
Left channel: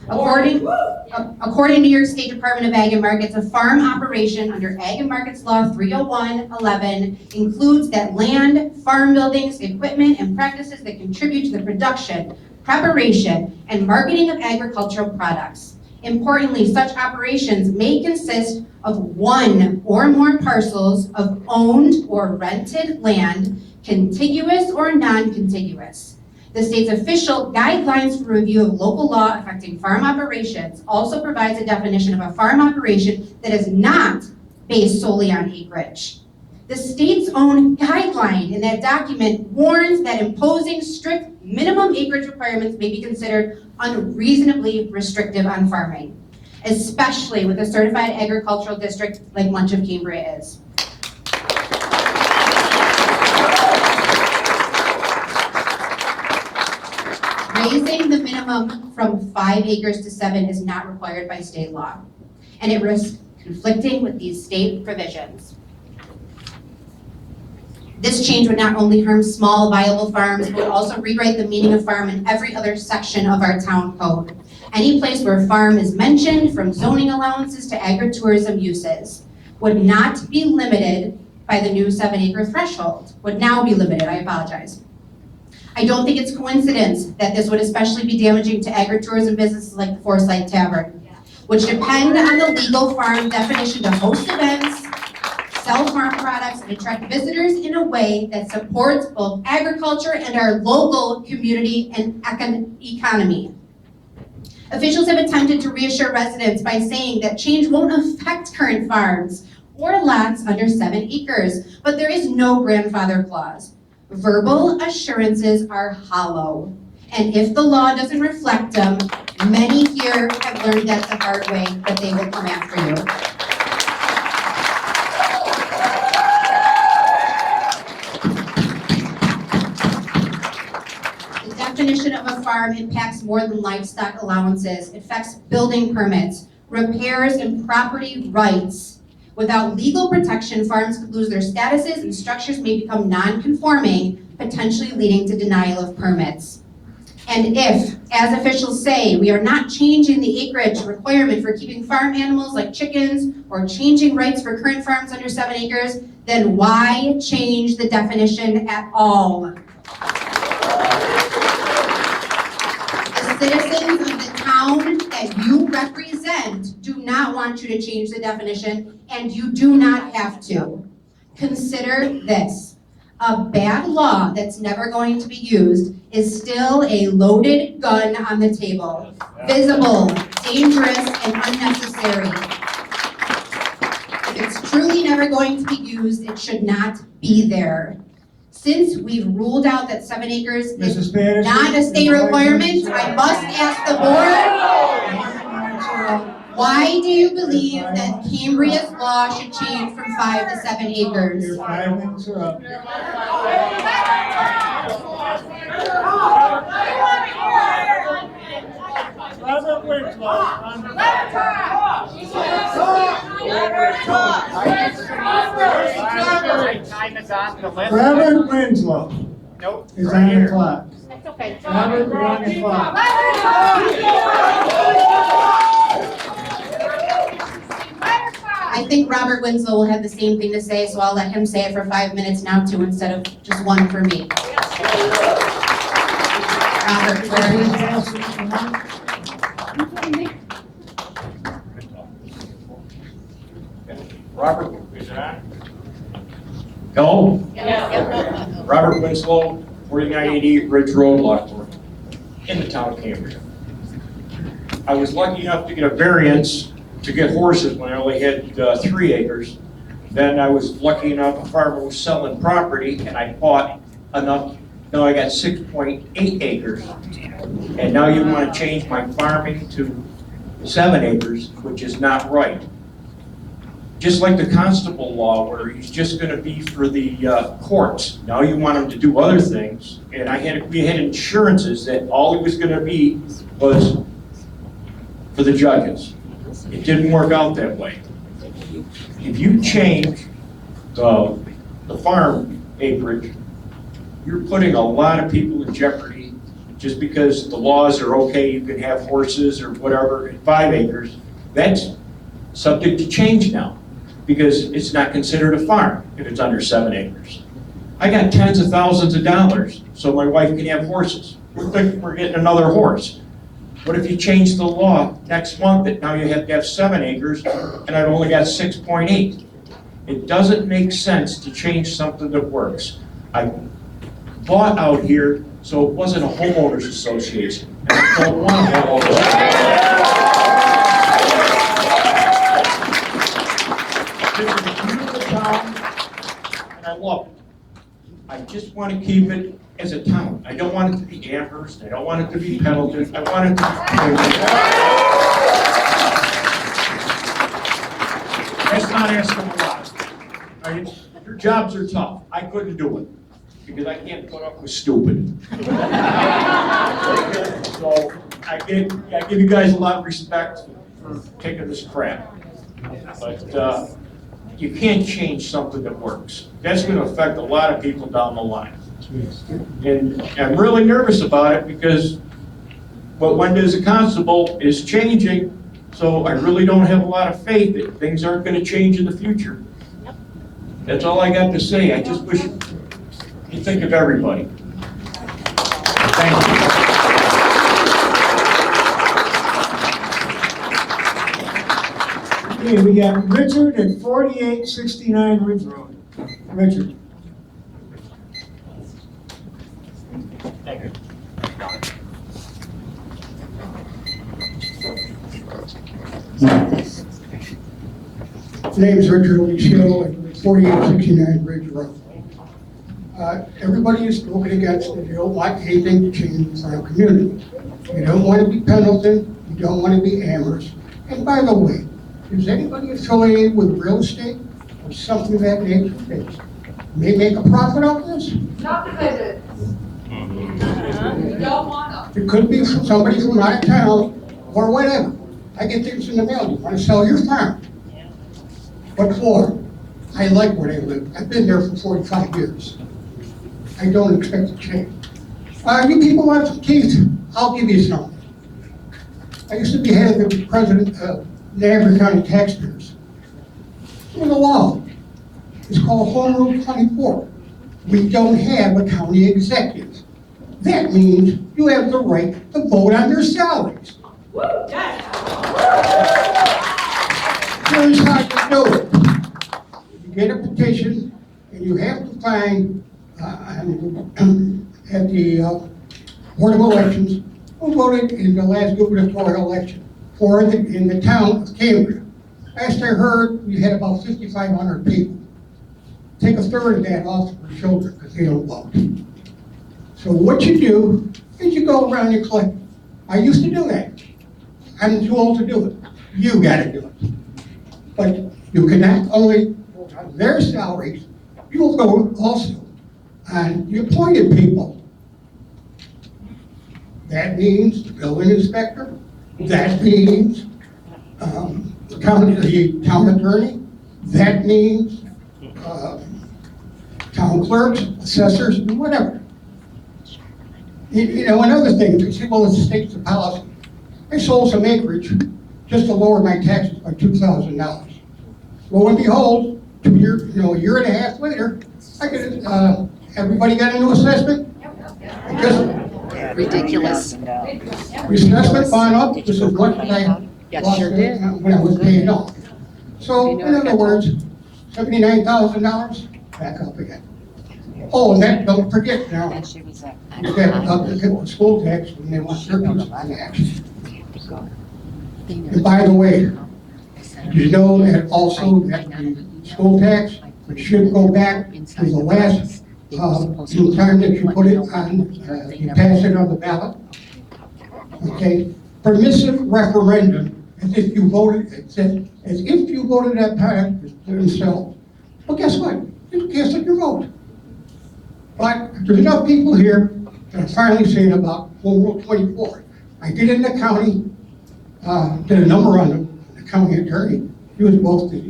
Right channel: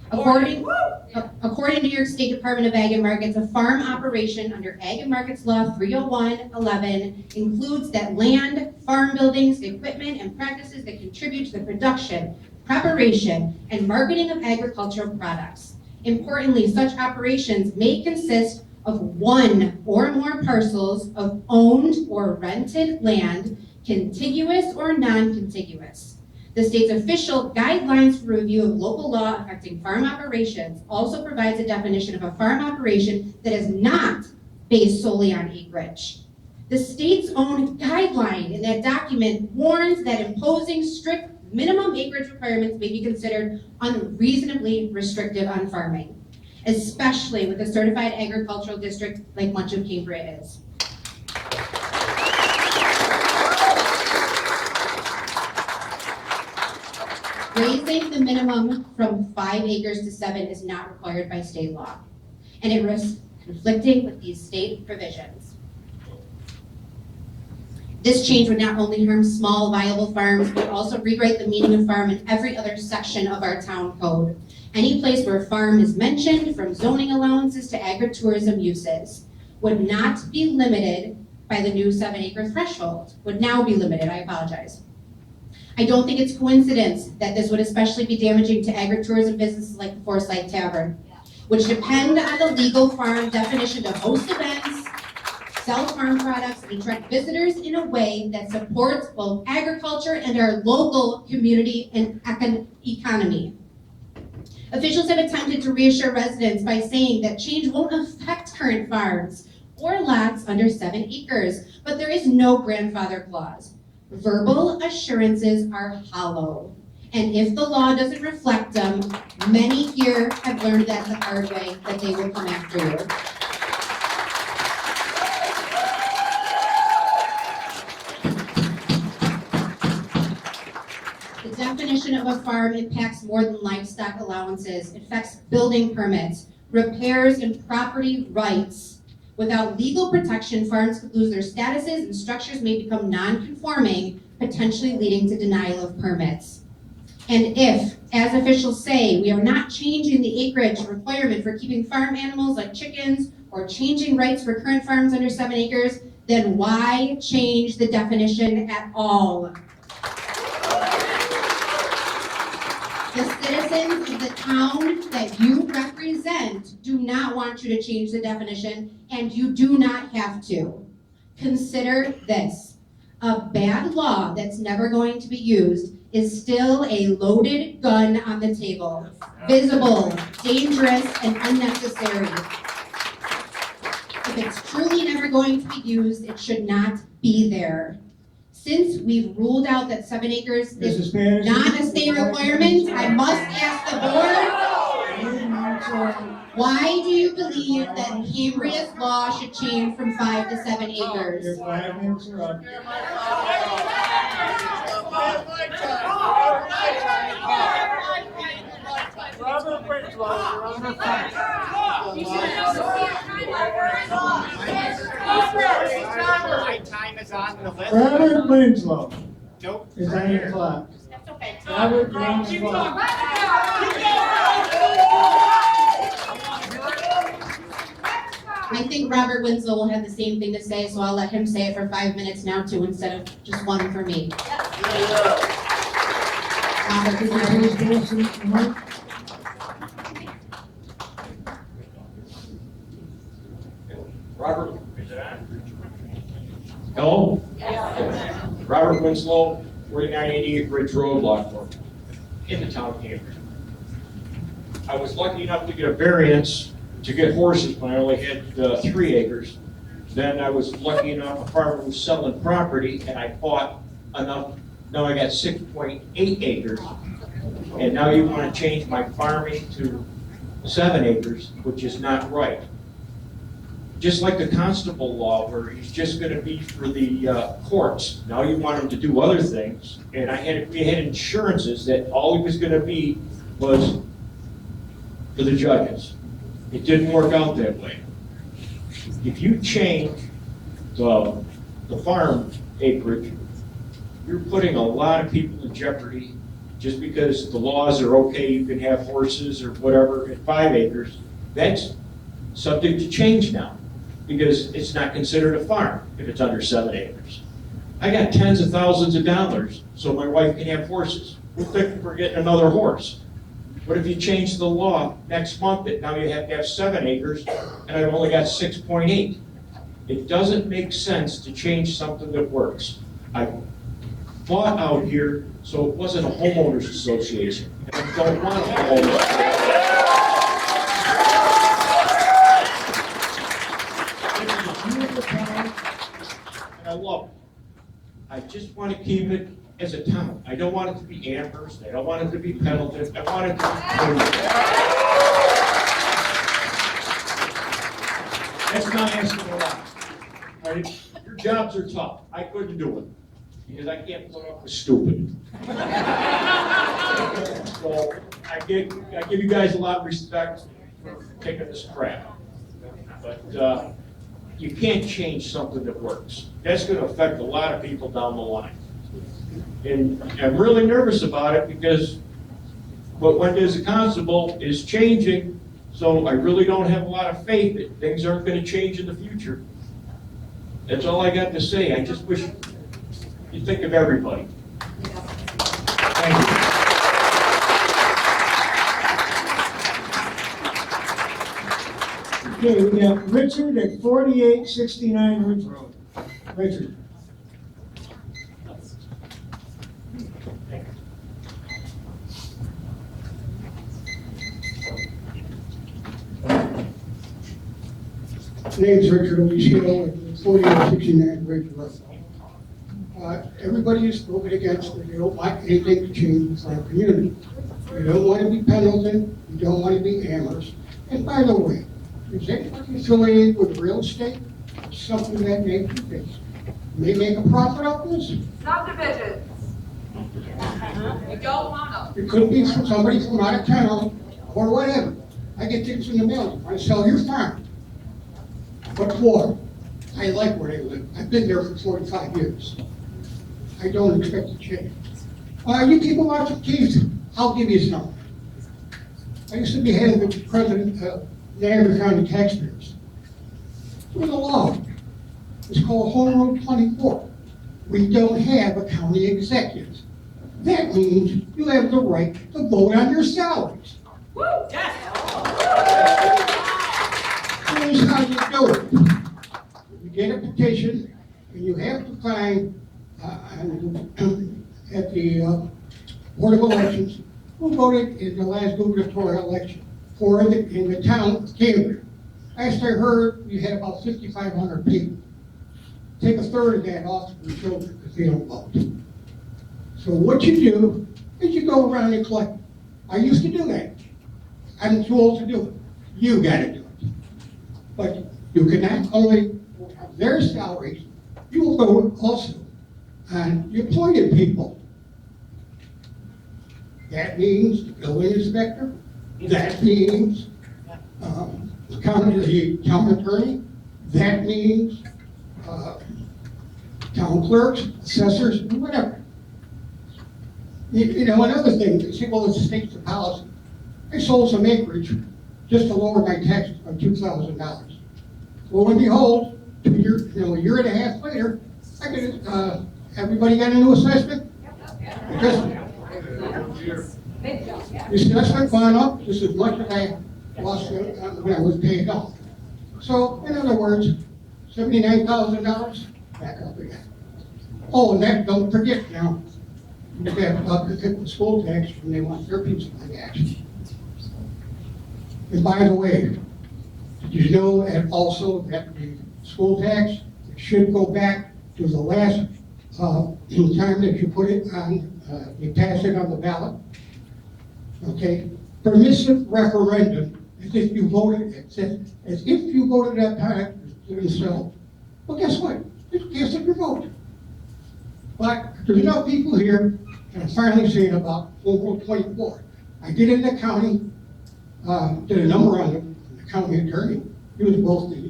According to New York State Department of Ag and Markets, a farm operation under Ag and Markets Law 30111 includes that land, farm buildings, equipment, and practices that contribute to the production, preparation, and marketing of agricultural products. Importantly, such operations may consist of 1 or more parcels of owned or rented land, contiguous or non-contiguous. The state's official guidelines for review of local law affecting farm operations also provides a definition of a farm operation that is not based solely on acreage. The state's own guideline in that document warns that imposing strict minimum acreage requirements may be considered unreasonably restrictive on farming, especially with a certified agricultural district like much of Cambria is. Raising the minimum from 5 acres to 7 is not required by state law, and it risks conflicting with these state provisions. This change would not only harm small, viable farms, but would also rewrite the meaning of farm in every other section of our town code. Any place where farm is mentioned, from zoning allowances to agritourism uses, would not be limited by the new 7-acre threshold. Would now be limited, I apologize. I don't think it's coincidence that this would especially be damaging to agritourism businesses like the Forsyth Tavern, which depend on the legal farm definition to host events, sell farm products, and attract visitors in a way that supports both agriculture and our local community and economy. Officials have attempted to reassure residents by saying that change won't affect current farms or lots under 7 acres, but there is no grandfather clause. Verbal assurances are hollow, and if the law doesn't reflect them, many here have learned that the hard way, that they will come after you. The definition of a farm impacts more than livestock allowances. It affects building permits, repairs, and property rights. Without legal protection, farms could lose their statuses and structures may become non-conforming, potentially leading to denial of permits. And if, as officials say, we are not changing the acreage requirement for keeping farm animals like chickens or changing rights for current farms under 7 acres, then why change the definition at all? The citizens of the town that you represent do not want you to change the definition, and you do not have to. Consider this. A bad law that's never going to be used is still a loaded gun on the table. Visible, dangerous, and unnecessary. If it's truly never going to be used, it should not be there. Since we've ruled out that 7 acres is Mrs. Patterson, not a state requirement, I must ask the board, why do you believe that Cambria's law should change from 5 to 7 acres? Your 5 minutes are up. Robert Winslow, you're under fire. Time is on the list. Robert Winslow Nope. is on the clock. That's okay. Robert, you're on the clock. I think Robert Winslow will have the same thing to say, so I'll let him say it for 5 minutes now too, instead of just 1 for me. Robert, where are you? Robert, is it on? Hello? Robert Winslow, 4988 Ridge Road, Lockport, in the town of Cambria. I was lucky enough to get a variance to get horses when I only had 3 acres. Then I was lucky enough, a farmer was selling property and I bought enough, now I got 6.8 acres. And now you want to change my farming to 7 acres, which is not right. Just like the constable law where he's just going to be for the courts. Now you want him to do other things. And we had insurances that all he was going to be was for the judges. It didn't work out that way. If you change the farm acreage, you're putting a lot of people in jeopardy just because the laws are okay, you can have horses or whatever at 5 acres. That's subject to change now because it's not considered a farm if it's under 7 acres. I got tens of thousands of dollars so my wife can have horses. We're thinking we're getting another horse. What if you change the law next month that now you have to have 7 acres and I've only got 6.8? It doesn't make sense to change something that works. I bought out here so it wasn't a homeowners association. And I don't want a homeowners association. This is a beautiful town and I love it. I just want to keep it as a town. I don't want it to be Amherst. I don't want it to be Pendleton. I want it to be That's not asking a lot, right? Your jobs are tough. I couldn't do it because I can't put up with stupid. So I give you guys a lot of respect for taking this crap. But you can't change something that works. That's going to affect a lot of people down the line. And I'm really nervous about it because what Wendy as a constable is changing, so I really don't have a lot of faith that things aren't going to change in the future. That's all I got to say. I just wish you think of everybody. Thank you. Okay, we got Richard at 4869 Ridge Road. Richard. Name's Richard O'Shea, 4869 Ridge Road. Everybody is spoken against that they don't want anything to change in our community. You don't want to be Pendleton, you don't want to be Amherst. And by the way, is anybody affiliated with real estate or something of that nature that may make a profit off this? Subdivision. We don't want them. It could be from somebody from out of town or whatever. I get things in the mail, you want to sell your farm. What for? I like where I live. I've been there for 45 years. I don't expect to change. You people want some keys? I'll give you some. I used to be head of the president of Niagara County Taxpayers. There's a law. It's called Home Rule 24. We don't have a county executive. That means you have the right to vote on your salaries. Here's how you do it. You get a petition, and you have to find at the Board of Elections who voted in the last gubernatorial election in the town of Cambria. Last I heard, we had about 5,500 people. Take a third of that off for children because they don't vote. So what you do is you go around and collect. I used to do that. I'm too old to do it. You gotta do it. But you can not only vote on their salaries, you will vote also on the appointed people. That means the building inspector, that means the town attorney, that means town clerks, assessors, and whatever. You know, another thing, they say, well, it's the state's policy. I sold some acreage just to lower my taxes by $2,000. Lo and behold, a year and a half later, I get everybody got a new assessment? Ridiculous. The assessment gone up just as much as I lost when I was paying off. So, in other words, $79,000, back up again. Oh, and that, don't forget now, you got school tax, and they want their piece of tax. And by the way, did you know that also that the school tax should go back to the last time that you put it on, you pass it on the ballot? Okay, permissive referendum, as if you voted, as if you voted that time themselves. Well, guess what? You casted your vote. But there's enough people here that are finally saying about Home Rule 24. I did it in the county, did a number on the county attorney. He was both the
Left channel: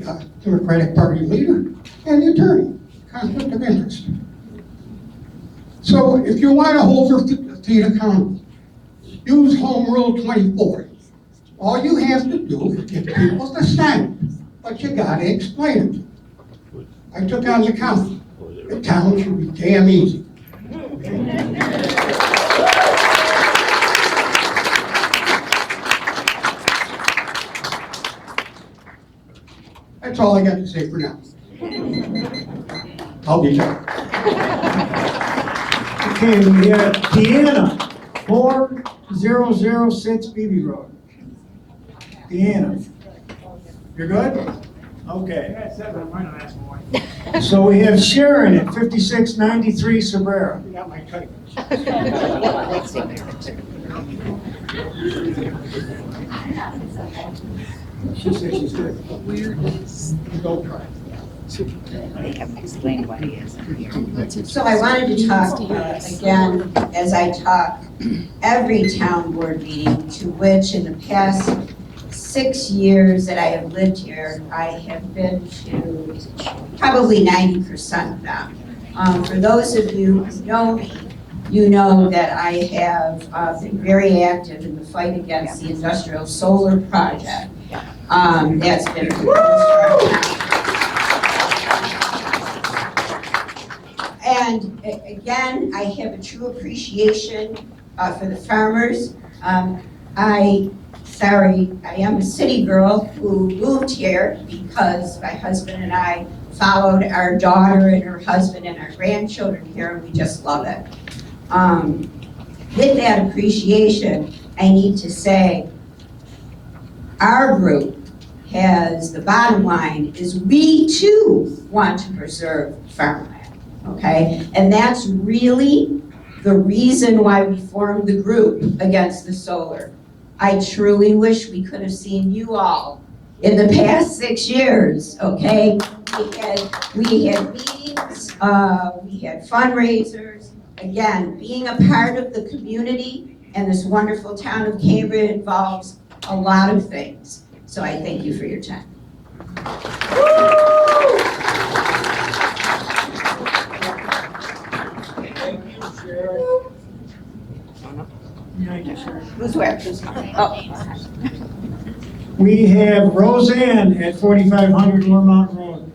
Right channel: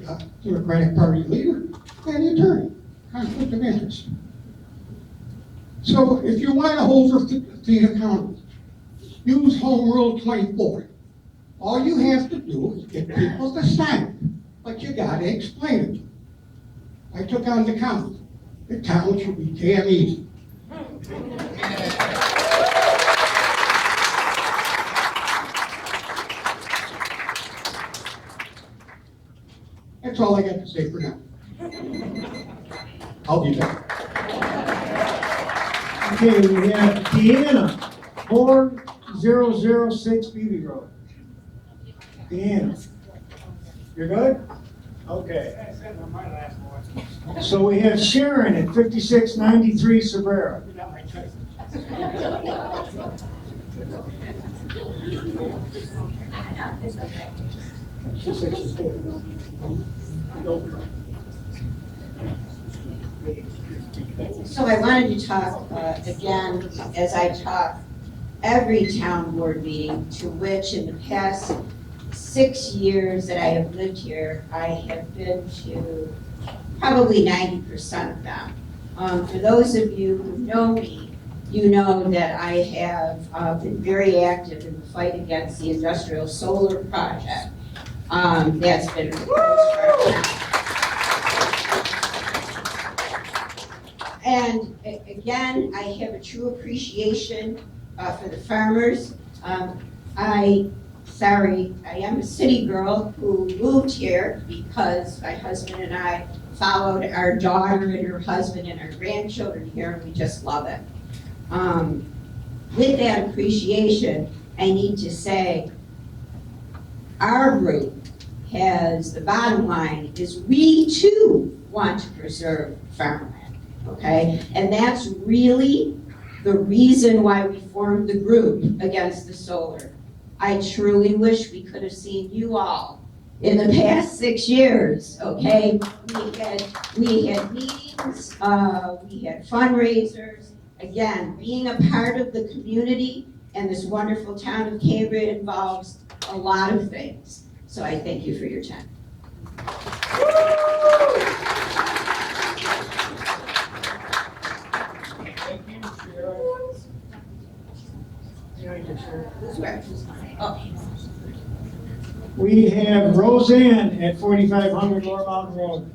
Democratic Party leader and the attorney, conflict of interest. So if you want to hold your feet accountable, use Home Rule 24. All you have to do is get people to sign it, but you got to explain it. I took on the county. The town should be damn easy. That's all I got to say for now. I'll be back. Okay, we have Deanna, 4006 Beebe Road. Deanna, you're good? Okay. So we have Sharon at 5693 Sabrera. Got my type. She said she's good. Don't try. They have explained what it is. So I wanted to talk again, as I talk every town board meeting, to which in the past 6 years that I have lived here, I have been to probably 90% of them. For those of you who know me, you know that I have been very active in the fight against the industrial solar project. That's been proposed. And again, I have a true appreciation for the farmers. I am a city girl who moved here because my husband and I followed our daughter and her husband and our grandchildren here, and we just love it. With that appreciation, I need to say, our group has, the bottom line is we too want to preserve farmland, okay? And that's really the reason why we formed the group against the solar. I truly wish we could have seen you all in the past 6 years, okay? We had meetings, we had fundraisers. Again, being a part of the community and this wonderful town of Cambria involves a lot of things. So I thank you for your time. Who's where? Oh. We have Roseanne at 4500 Lower Mountain Road.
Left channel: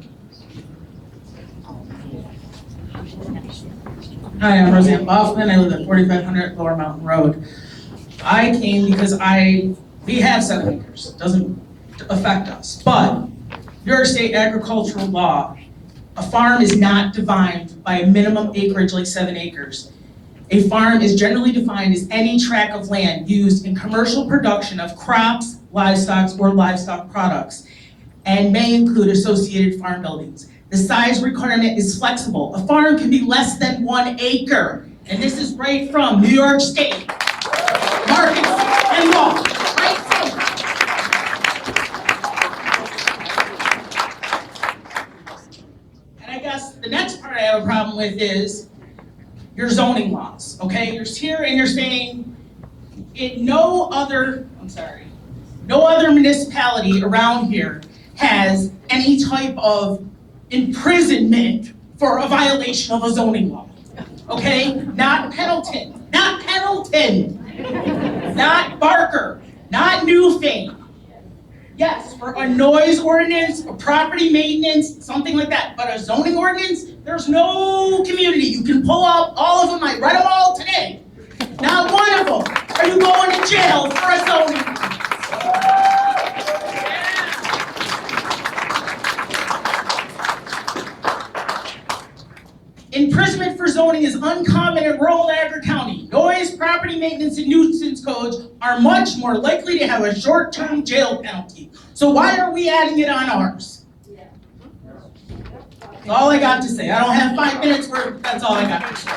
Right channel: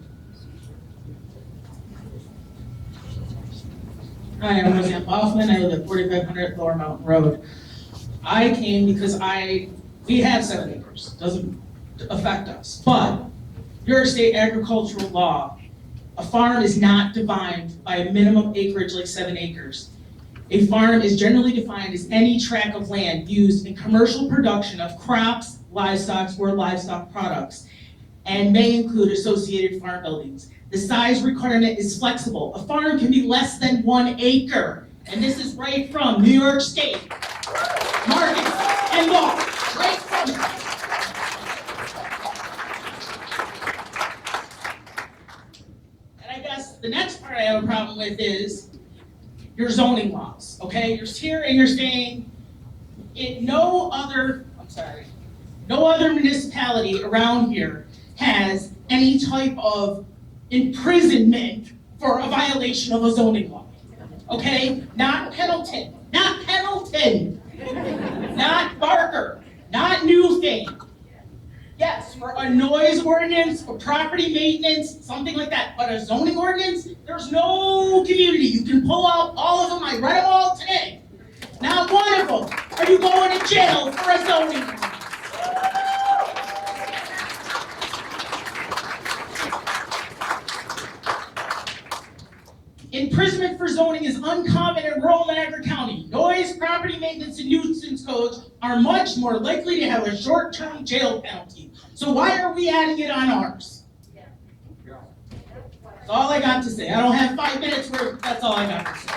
Hi, I'm Roseanne Boffman. I live at 4500 Lower Mountain Road. I came because we have 7 acres. Doesn't affect us. But your state agricultural law, a farm is not defined by a minimum acreage like 7 acres. A farm is generally defined as any tract of land used in commercial production of crops, livestock, or livestock products, and may include associated farm buildings. The size requirement is flexible. A farm can be less than 1 acre. And this is right from New York State. Markets and law. Right from. And I guess the next part I have a problem with is your zoning laws, okay? You're here and you're saying no other municipality around here has any type of imprisonment for a violation of a zoning law, okay? Not Pendleton, not Barker, not Newfane. Yes, for a noise ordinance, a property maintenance, something like that, but a zoning ordinance, there's no community. You can pull out all of them, I read them all today. Not one of them are you going to jail for a zoning. Imprisonment for zoning is uncommon in rural Niagara County. Noise, property maintenance, and nuisance codes are much more likely to have a short-term jail penalty. So why are we adding it on ours? That's all I got to say. I don't have 5 minutes for it. That's all I got to say.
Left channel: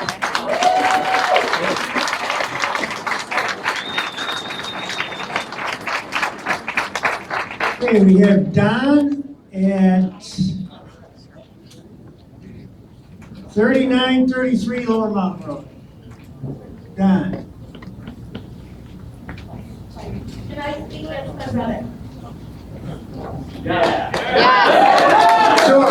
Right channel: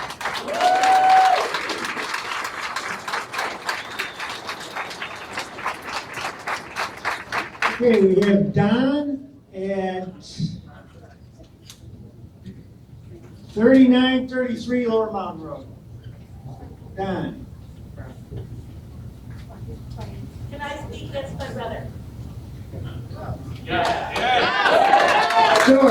Okay, we have Don at 3933 Lower Mountain Road. Don. Can I speak as my brother? Sure.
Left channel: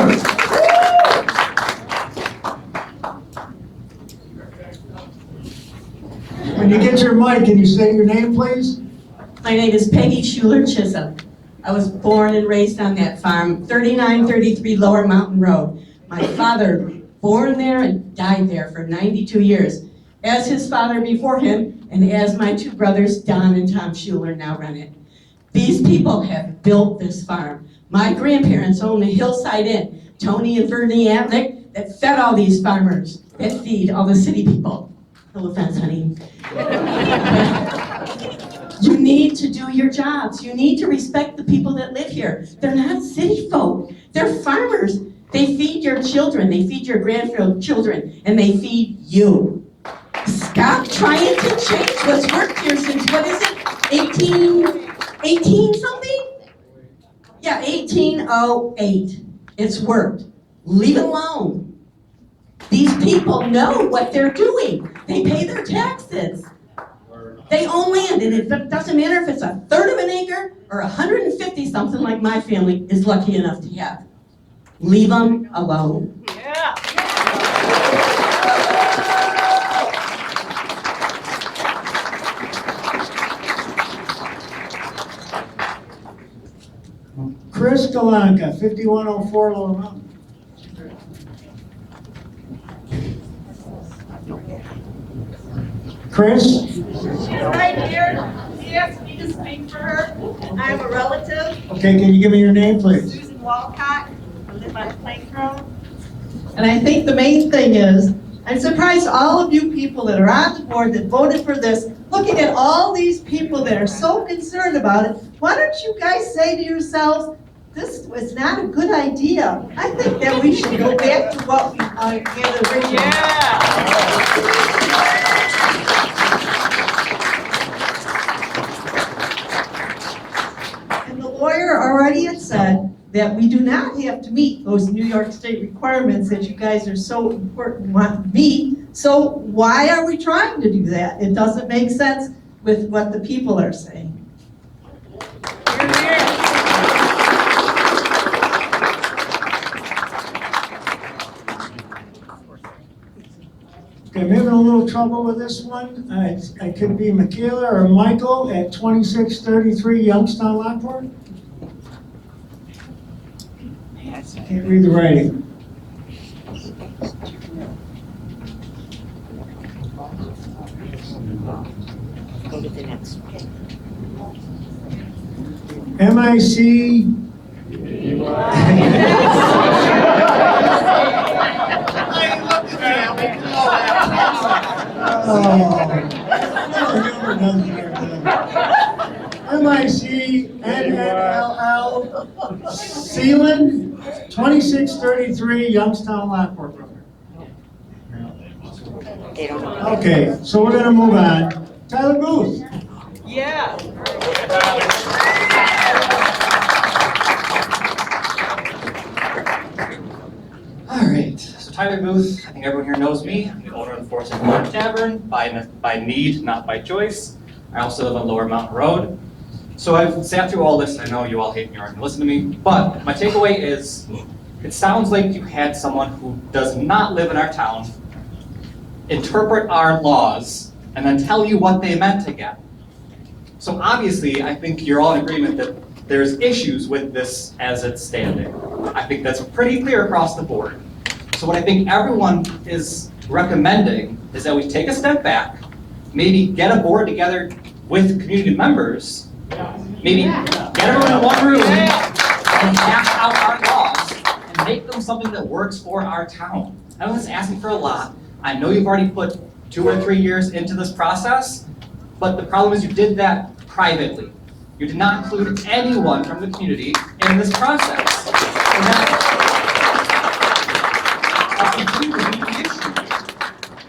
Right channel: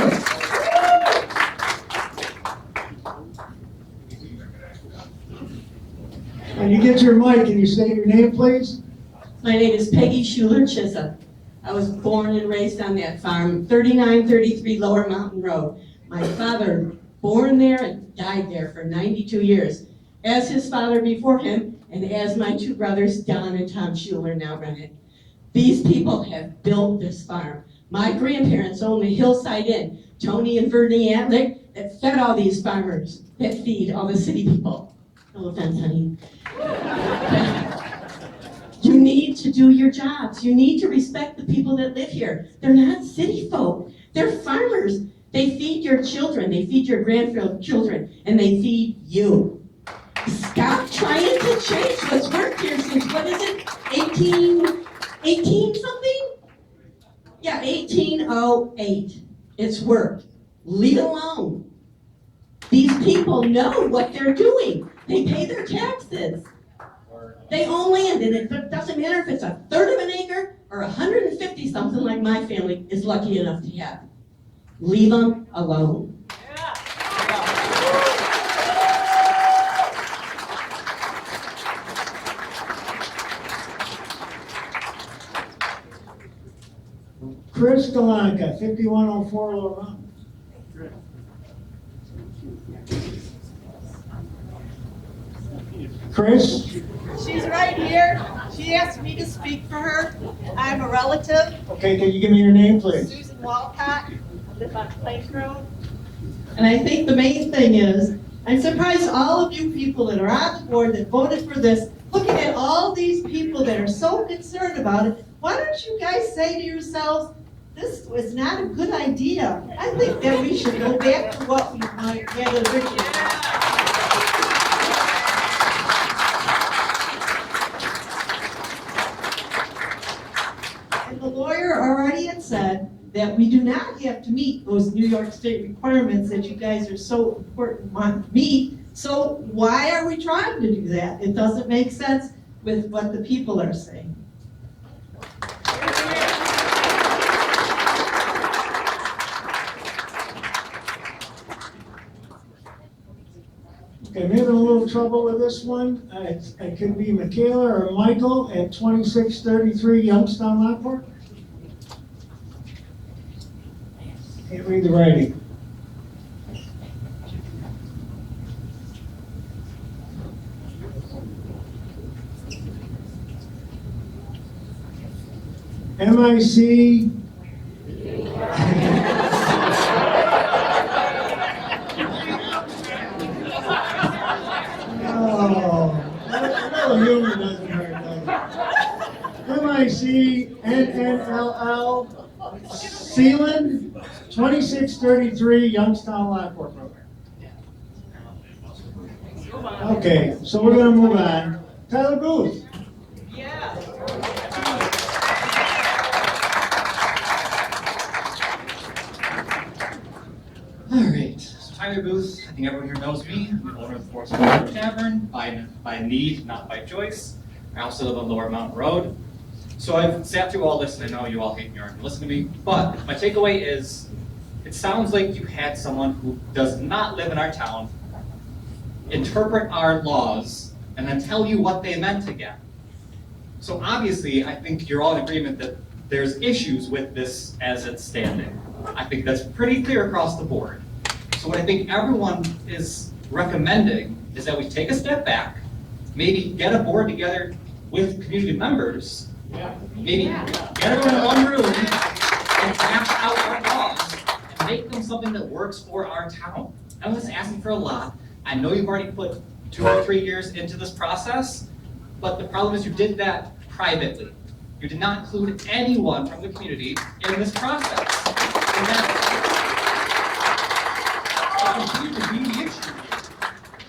When you get your mic, can you say your name, please? My name is Peggy Schuler Chisholm. I was born and raised on that farm, 3933 Lower Mountain Road. My father, born there and died there for 92 years, as his father before him, and as my 2 brothers, Don and Tom Schuler, now run it. These people have built this farm. My grandparents owned the Hillside Inn, Tony and Bernie Antlick, that fed all these farmers, that feed all the city people. No offense, honey. You need to do your jobs. You need to respect the people that live here. They're not city folk. They're farmers. They feed your children. They feed your grandchildren. And they feed you. Stop trying to change what's worked here since, what is it, 18 something? Yeah, 1808. It's worked. Leave it alone. These people know what they're doing. They pay their taxes. They own land, and it doesn't matter if it's 1/3 of an acre or 150 something like my family is lucky enough to have. Leave them alone. Chris Galanka, 5104 Lower Mountain. Chris? She's right here. She asked me to speak for her. I'm a relative. Okay, can you give me your name, please? Susan Walcott. I live on Plank Road. And I think the main thing is, I'm surprised all of you people that are on the board that voted for this, looking at all these people that are so concerned about it, why don't you guys say to yourselves, this is not a good idea. I think that we should go back to what we had originally. And the lawyer already had said that we do not have to meet those New York State requirements that you guys are so important want to meet. So why are we trying to do that? It doesn't make sense with what the people are saying. Okay, I'm having a little trouble with this one. I could be Michaela or Michael at 2633 Youngstown Lockport. Can't read the writing. Go to the next one. MIC. Oh, humor doesn't hurt, does it? MIC NNLL Sealand, 2633 Youngstown Lockport Road. They don't know. Okay, so we're gonna move on. Tyler Booth. Yeah. All right, so Tyler Booth, I think everyone here knows me. I'm the owner of the Forest Tavern by need, not by choice. I also live on Lower Mountain Road. So I've sat through all this. I know you all hate me or aren't gonna listen to me, but my takeaway is it sounds like you had someone who does not live in our town interpret our laws and then tell you what they meant again. So obviously, I think you're all in agreement that there's issues with this as it's standing. I think that's pretty clear across the board. So what I think everyone is recommending is that we take a step back, maybe get a board together with community members, maybe get everyone in one room and hash out our laws and make them something that works for our town. I was asking for a lot. I know you've already put 2 or 3 years into this process, but the problem is you did that privately. You did not include anyone from the community in this process. And that's a completely new issue.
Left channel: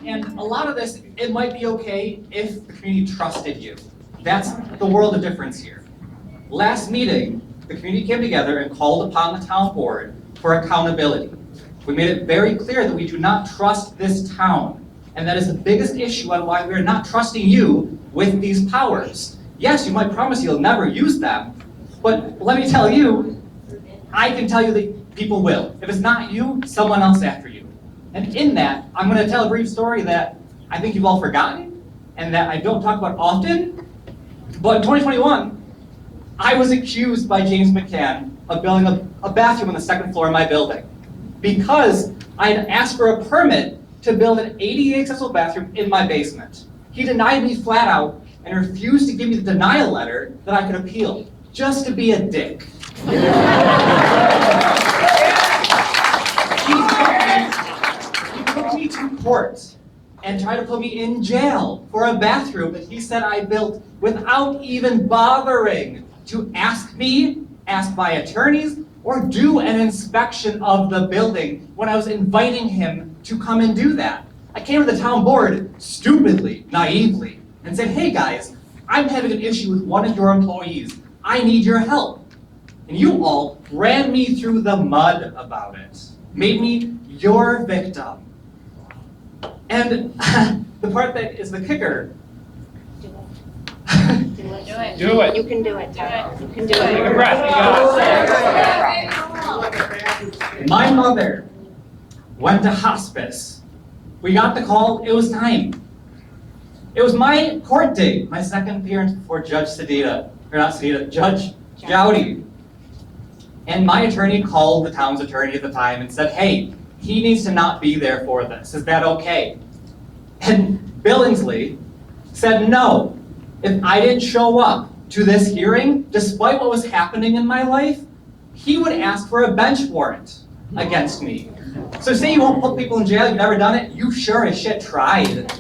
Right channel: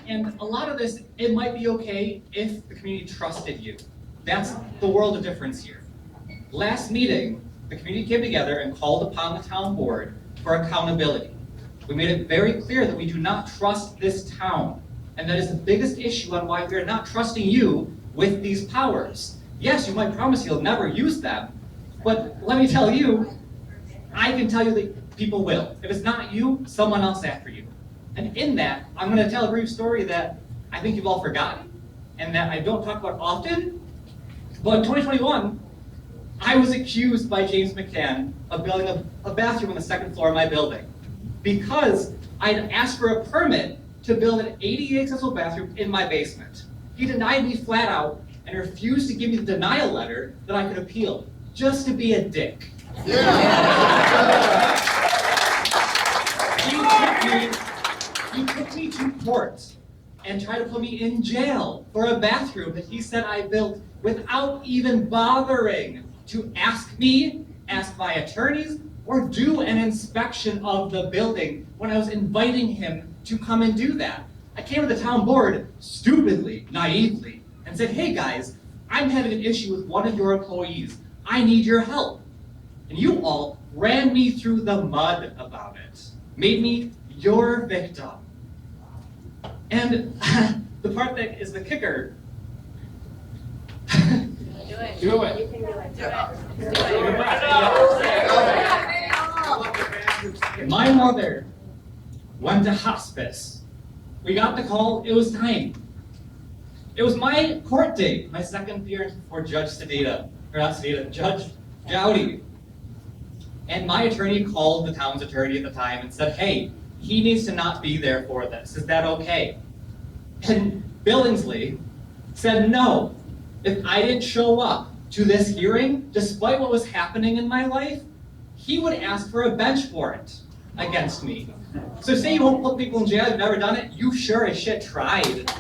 And a lot of this, it might be okay if the community trusted you. That's the world of difference here. Last meeting, the community came together and called upon the town board for accountability. We made it very clear that we do not trust this town. And that is the biggest issue on why we're not trusting you with these powers. Yes, you might promise you'll never use them, but let me tell you, I can tell you that people will. If it's not you, someone else after you. And in that, I'm going to tell a brief story that I think you've all forgotten and that I don't talk about often. But in 2021, I was accused by James McCann of building a bathroom on the second floor of my building because I had asked for a permit to build an ADA accessible bathroom in my basement. He denied me flat out and refused to give me the denial letter that I could appeal, just to be a dick. He took me to court and tried to put me in jail for a bathroom that he said I built without even bothering to ask me, ask my attorneys, or do an inspection of the building when I was inviting him to come and do that. I came to the town board stupidly, naively, and said, hey guys, I'm having an issue with one of your employees. I need your help. And you all ran me through the mud about it, made me your victim. And the part that is the kicker. Do it. You can do it, Tyler. You can do it. Take a breath. My mother went to hospice. We got the call, it was time. It was my court date, my second appearance before Judge Sedita, or not Sedita, Judge Jowdy. And my attorney called the town's attorney at the time and said, hey, he needs to not be there for this. Is that okay? And Billingsley said no. If I didn't show up to this hearing, despite what was happening in my life, he would ask for a bench warrant against me. So say you won't put people in jail, you've never done it, you sure as shit tried.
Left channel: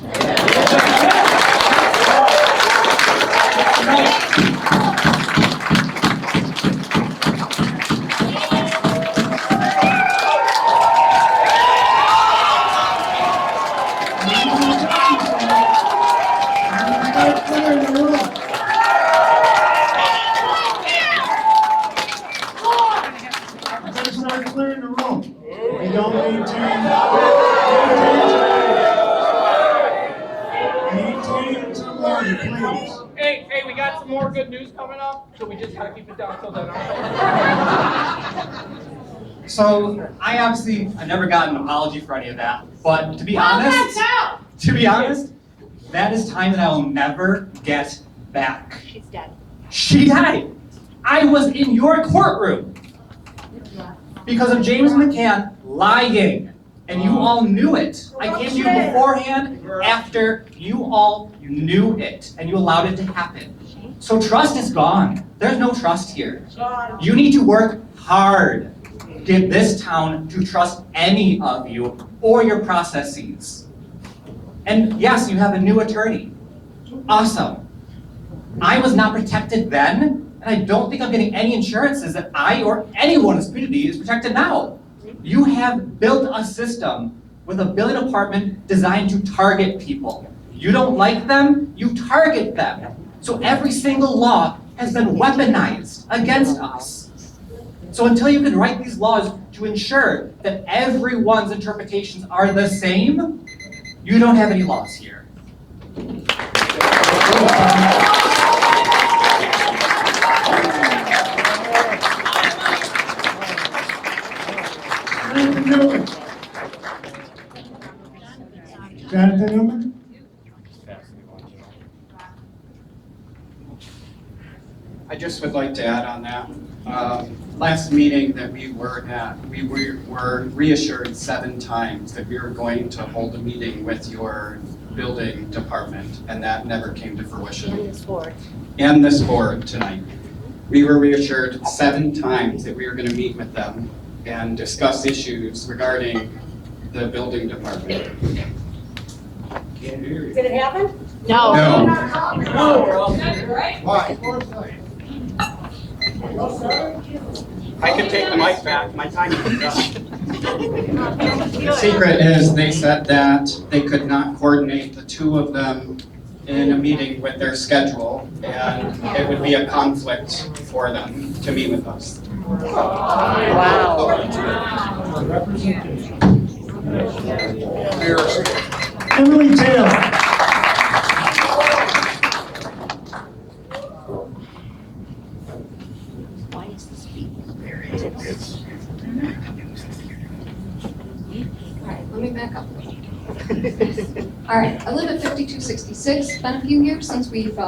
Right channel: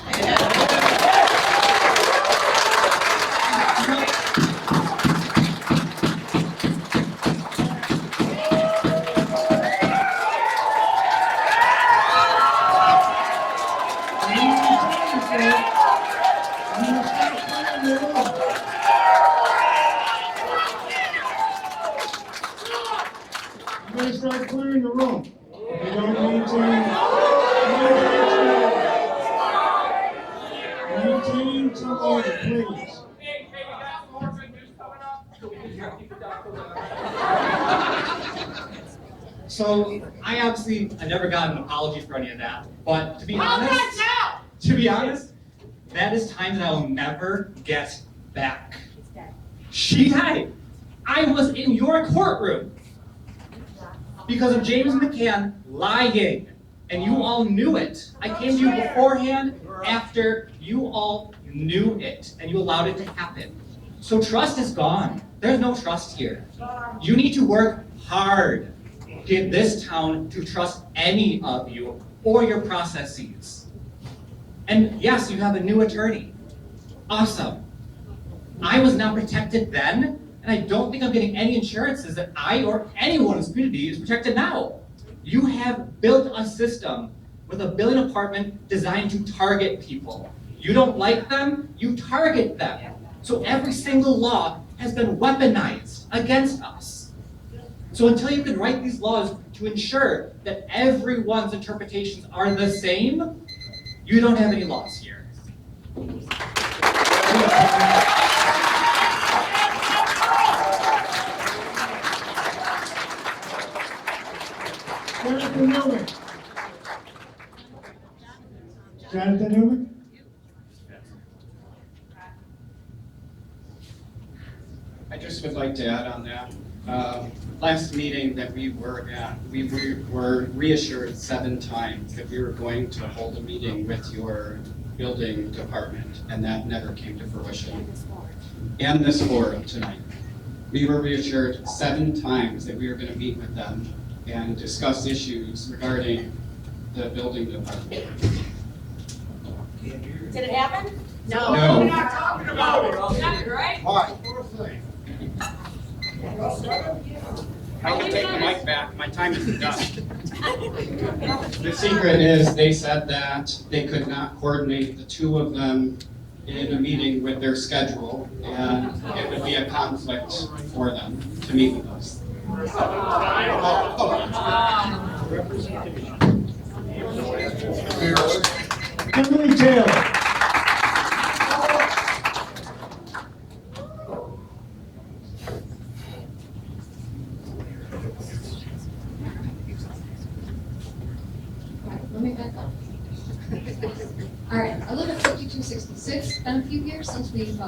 Meeting to order, please. Hey, we got some more good news coming up, so we just gotta keep it down till then. So I never got an apology for any of that, but to be honest, that is time that I will never get back. She's dead. She died. I was in your courtroom because of James McCann lying, and you all knew it. I came to you beforehand, after you all knew it, and you allowed it to happen. So trust is gone. There's no trust here. You need to work hard to get this town to trust any of you or your processes. And yes, you have a new attorney. Awesome. I was not protected then, and I don't think I'm getting any insurances that I or anyone in this community is protected now. You have built a system with a billing department designed to target people. You don't like them, you target them. So every single law has been weaponized against us. So until you can write these laws to ensure that everyone's interpretations are the same, you don't have any laws here. Jonathan Newman? I just would like to add on that. Last meeting that we were at, we were reassured 7 times that we were going to hold a meeting with your building department, and that never came to fruition. And this board. And this board tonight. We were reassured 7 times that we were going to meet with them and discuss issues regarding the building department. Did it happen? No. Why? I can take the mic back. My time is up. The secret is they said that they could not coordinate the 2 of them in a meeting with their schedule, and it would be a conflict for them to meet with us. Emily Taylor. Let me back up. All right, I live at 5266. Been a few years since we've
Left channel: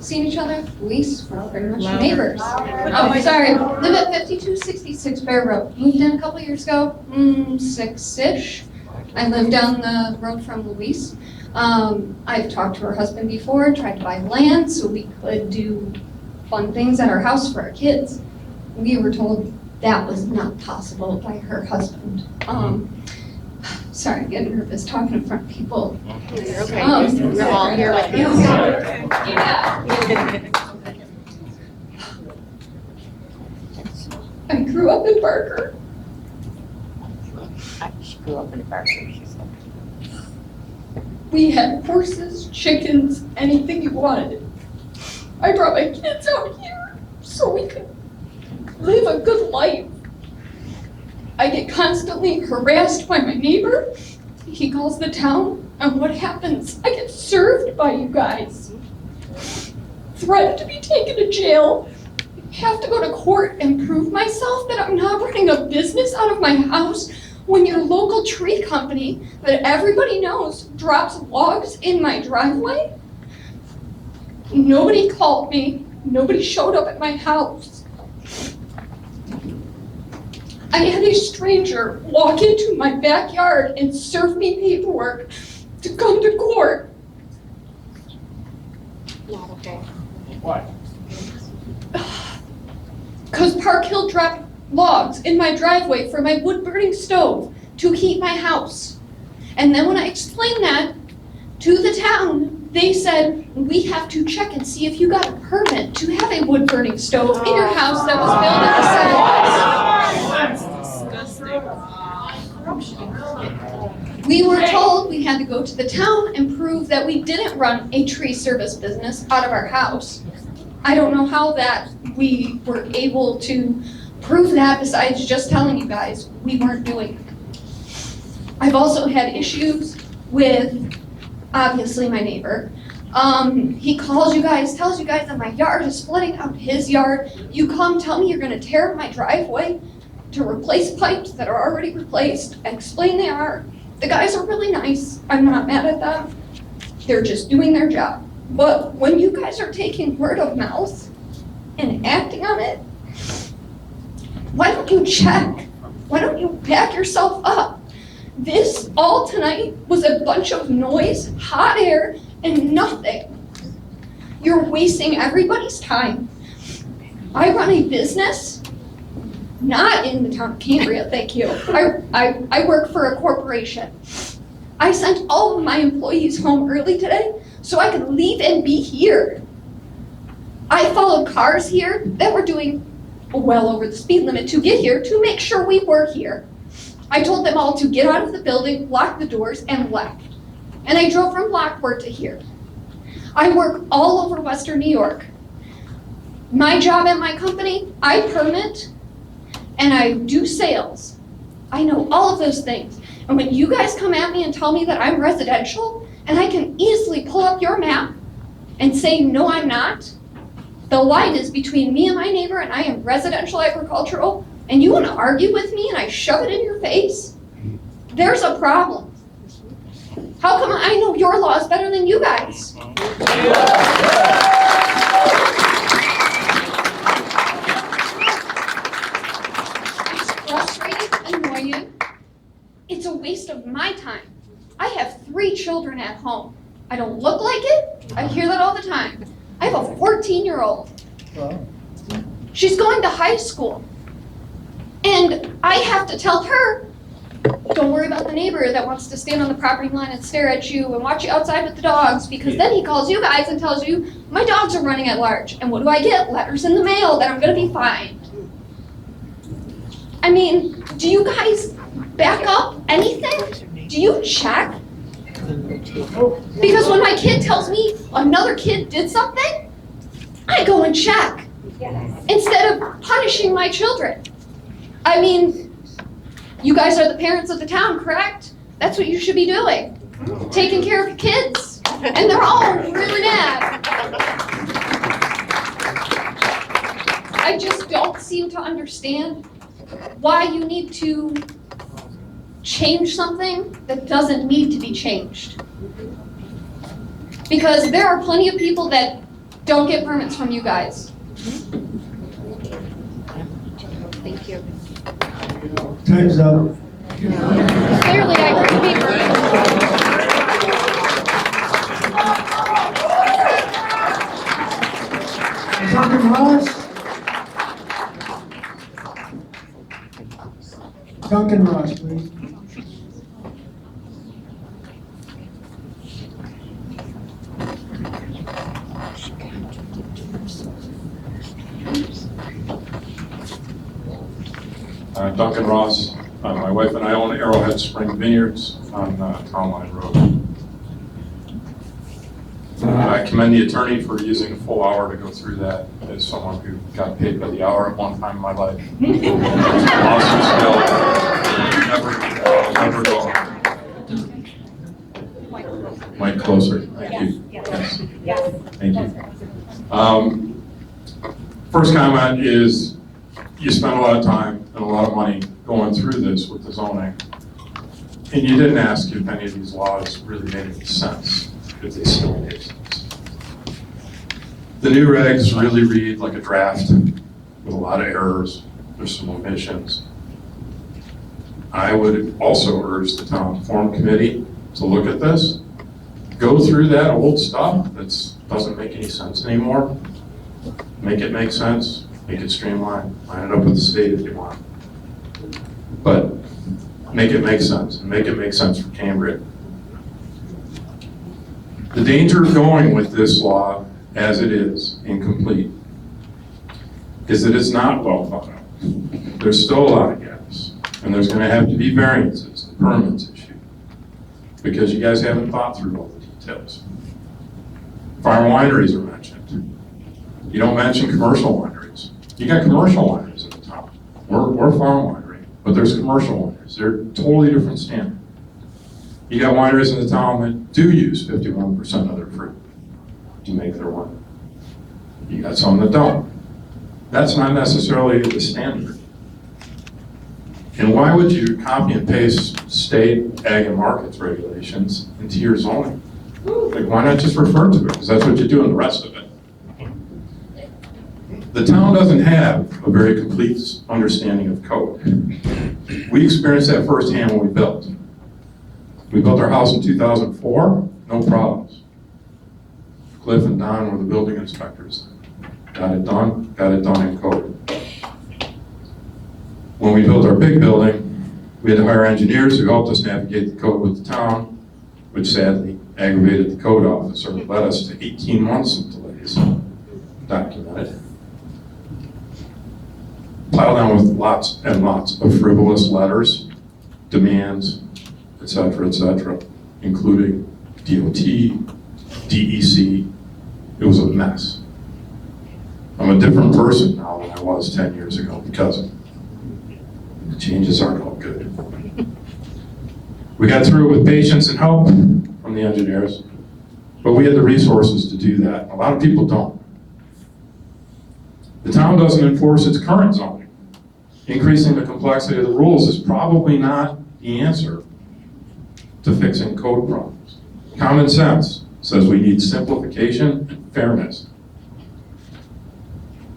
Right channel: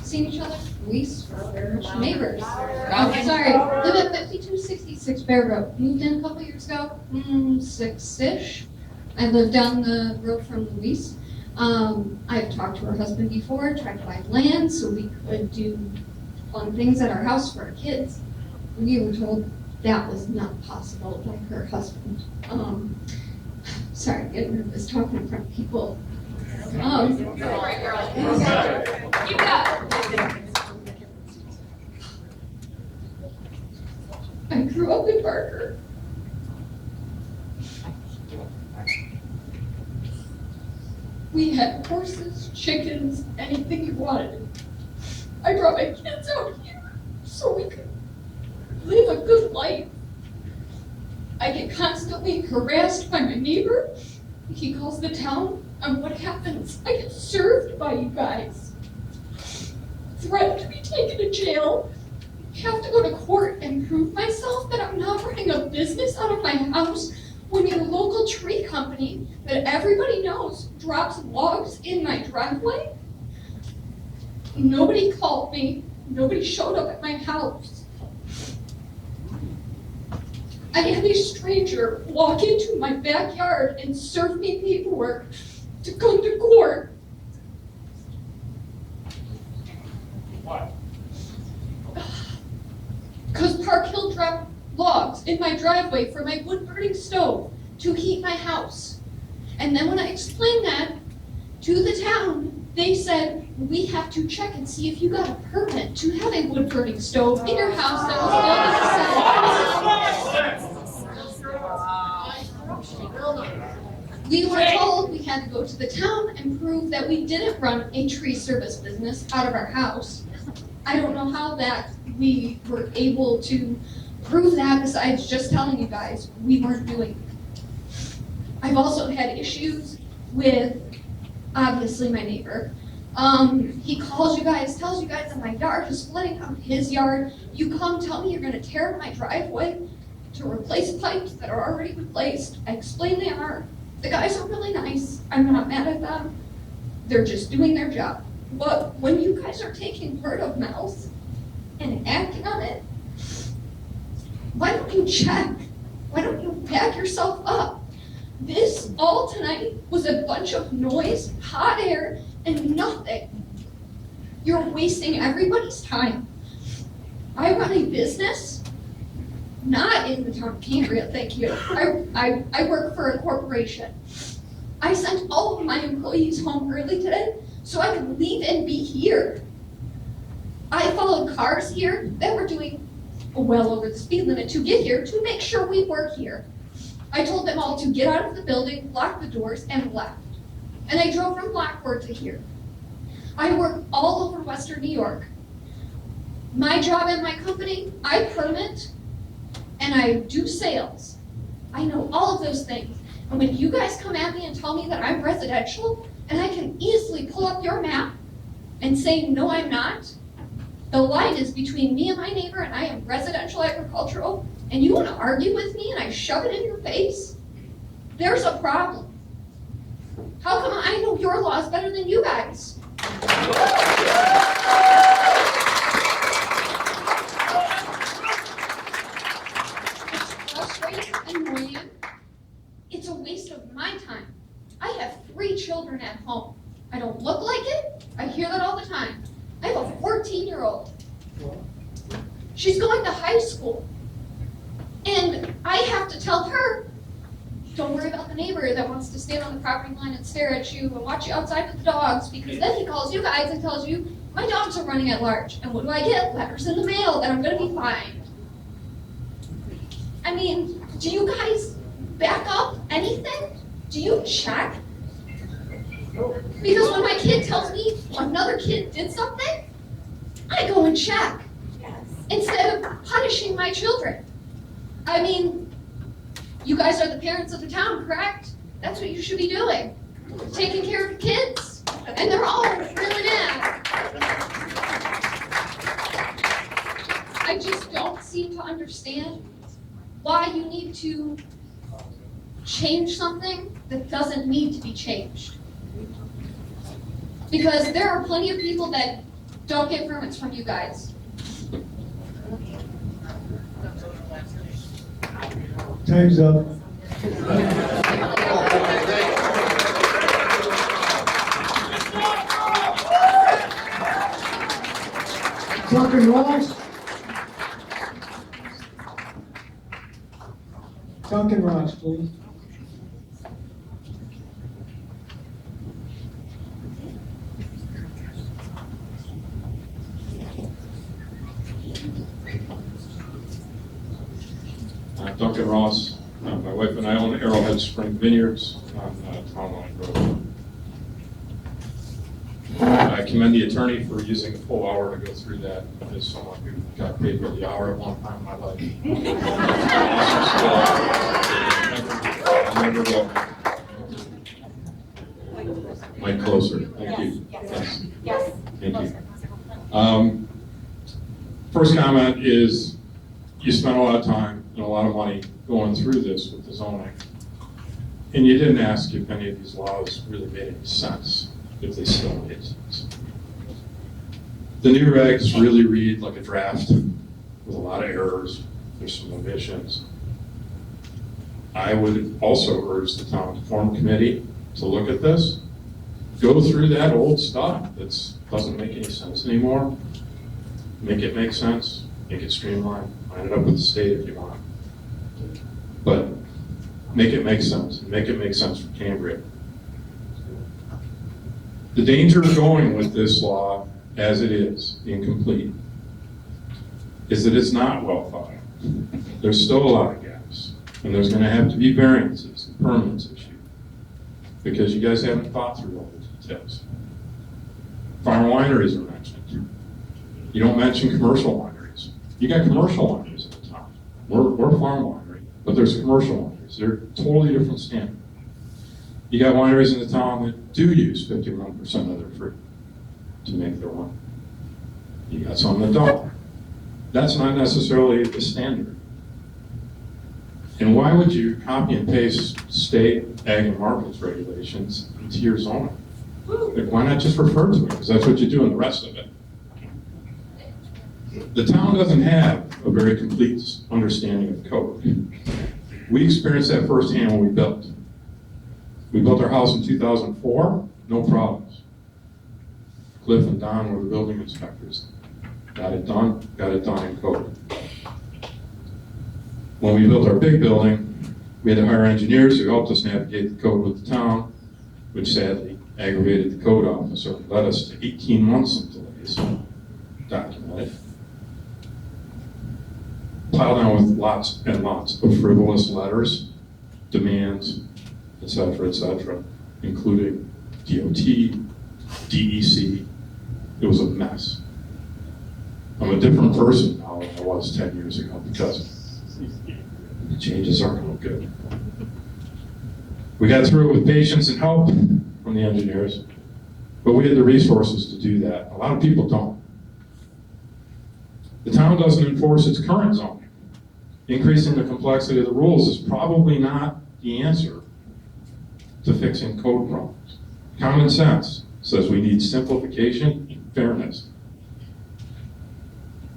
seen each other. Luis, we're very much neighbors. Oh, sorry. Live at 5266 Bear Road. Moved in a couple years ago, 6-ish. I live down the road from Luis. I've talked to her husband before, tried to buy land so we could do fun things at our house for our kids. We were told that was not possible by her husband. Sorry, I'm getting nervous talking in front of people. You're okay. Oh, We're all here with you. Yeah. I grew up in Barker. She grew up in Barker, she said. We had horses, chickens, anything you wanted. I brought my kids out here so we could live a good life. I get constantly harassed by my neighbor. He calls the town, and what happens? I get served by you guys. Threatened to be taken to jail. Have to go to court and prove myself that I'm not running a business out of my house when your local tree company that everybody knows drops logs in my driveway. Nobody called me. Nobody showed up at my house. I had a stranger walk into my backyard and serve me paperwork to come to court. Why? Because Park Hill dropped logs in my driveway for my wood-burning stove to heat my house. And then when I explained that to the town, they said, we have to check and see if you got a permit to have a wood-burning stove in your house that was built at the same. We were told we had to go to the town and prove that we didn't run a tree service business out of our house. I don't know how that we were able to prove that besides just telling you guys we weren't doing it. I've also had issues with, obviously, my neighbor. He calls you guys, tells you guys that my yard is splitting out his yard. You come tell me you're gonna tear up my driveway to replace pipes that are already replaced. I explain they are. The guys are really nice. I'm not mad at them. They're just doing their job. But when you guys are taking word of mouth and acting on it, why don't you check? Why don't you back yourself up? This all tonight was a bunch of noise, hot air, and nothing. You're wasting everybody's time. I run a business, not in the town of Cambria, thank you. I work for a corporation. I sent all of my employees home early today so I could leave and be here. I followed cars here that were doing well over the speed limit to get here to make sure we were here. I told them all to get out of the building, lock the doors, and left. And I drove from Lockport to here. I work all over Western New York. My job at my company, I permit and I do sales. I know all of those things. And when you guys come at me and tell me that I'm residential, and I can easily pull up your map and say, no, I'm not, the line is between me and my neighbor, and I am residential agricultural, and you want to argue with me and I shove it in your face, there's a problem. How come I know your laws better than you guys? It's frustrating, annoying. It's a waste of my time. I have 3 children at home. I don't look like it. I hear that all the time. I have a 14-year-old. She's going to high school. And I have to tell her, don't worry about the neighbor that wants to stand on the property line and stare at you and watch you outside with the dogs, because then he calls you guys and tells you, my dogs are running at large. And what do I get? Letters in the mail that I'm gonna be fined. I mean, do you guys back up anything? Do you check? Because when my kid tells me another kid did something, I go and check instead of punishing my children. I mean, you guys are the parents of the town, correct? That's what you should be doing. Taking care of your kids. And they're all really mad. I just don't seem to understand why you need to change something that doesn't need to be changed. Because there are plenty of people that don't get permits from you guys. Thank you. Time's up. Clearly, I couldn't Duncan Ross? Duncan Ross, please. Duncan Ross. My wife and I own Arrowhead Spring Vineyards on Town Line Road. I commend the attorney for using a full hour to go through that as someone who got paid by the hour at one time in my life. Awesome skill. Never go. Mike closer. Thank you. Yes. Thank you. First comment is you spent a lot of time and a lot of money going through this with the zoning, and you didn't ask if any of these laws really made any sense, if they still make sense. The new regs really read like a draft with a lot of errors. There's some omissions. I would also urge the town form committee to look at this, go through that old stuff that doesn't make any sense anymore, make it make sense, make it streamlined, line it up with the state if you want. But make it make sense, and make it make sense for Cambria. The danger of going with this law as it is, incomplete, is that it's not well thought out. There's still a lot of gaps, and there's gonna have to be variances and permits issued, because you guys haven't thought through all the details. Farm wineries are mentioned. You don't mention commercial wineries. You got commercial wineries in the town. We're farm winery, but there's commercial wineries. They're totally different standard. You got wineries in the town that do use 51% of their fruit. to make their money. You got some that don't. That's not necessarily the standard. And why would you copy and paste state ag and markets regulations into your zoning? Like, why not just refer to it? Because that's what you do in the rest of it. The town doesn't have a very complete understanding of code. We experienced that firsthand when we built. We built our house in 2004, no problems. Cliff and Don were the building inspectors. Got it done in code. When we built our big building, we had to hire engineers who helped us navigate the code with the town, which sadly aggravated the code officer and led us to 18 months of delays, documented. Piled on with lots and lots of frivolous letters, demands, et cetera, including DOT, DEC. It was a mess. I'm a different person now than I was 10 years ago because the changes aren't all good. We got through it with patience and help from the engineers, but we had the resources to do that. A lot of people don't. The town doesn't enforce its current zoning. Increasing the complexity of the rules is probably not the answer to fixing code problems. Common sense says we need simplification and fairness.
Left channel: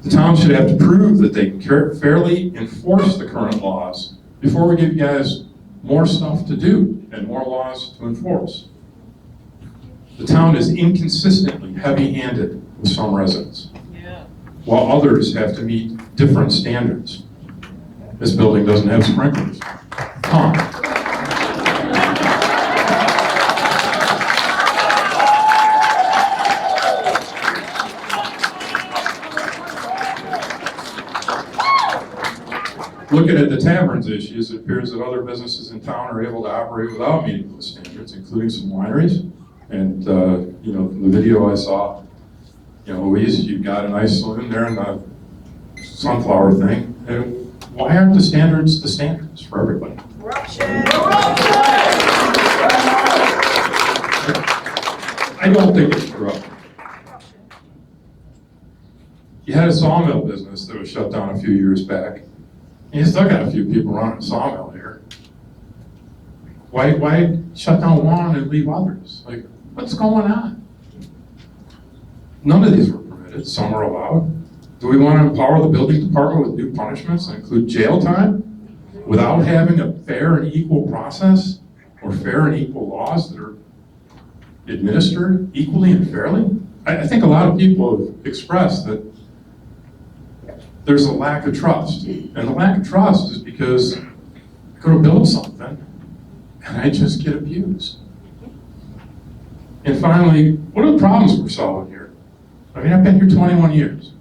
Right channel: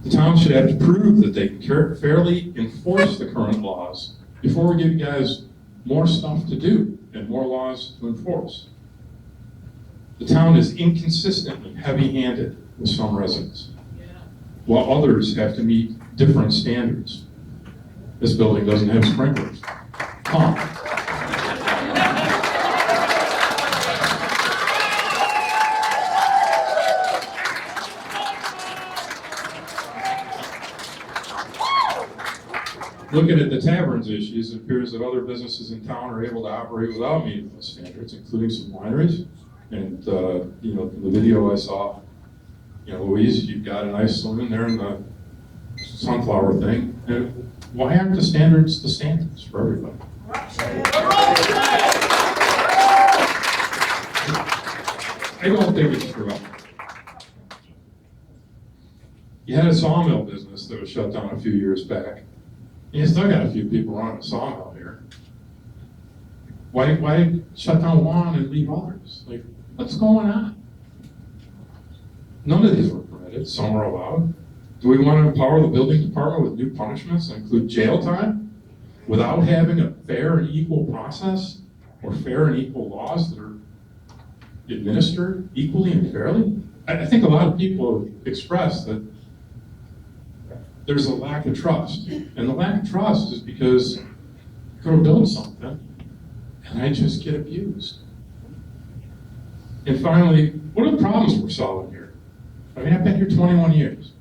The town should have to prove that they can fairly enforce the current laws before we give you guys more stuff to do and more laws to enforce. The town is inconsistently heavy-handed with some residents, while others have to meet different standards. This building doesn't have sprinklers. Come on. Looking at the taverns issues, it appears that other businesses in town are able to operate without meeting those standards, including some wineries. And you know, the video I saw, you know, Louise, you've got a nice saloon there and the sunflower thing. And why aren't the standards for everybody? I don't think it's corrupt. You had a sawmill business that was shut down a few years back. And you still got a few people running a sawmill here. Why shut down one and leave others? Like, what's going on? None of these were permitted, some are allowed. Do we want to empower the building department with new punishments that include jail time without having a fair and equal process or fair and equal laws that are administered equally and fairly? I think a lot of people have expressed that there's a lack of trust. And the lack of trust is because I go to build something and I just get abused. And finally, what are the problems we're solving here? I mean, I've been here 21 years.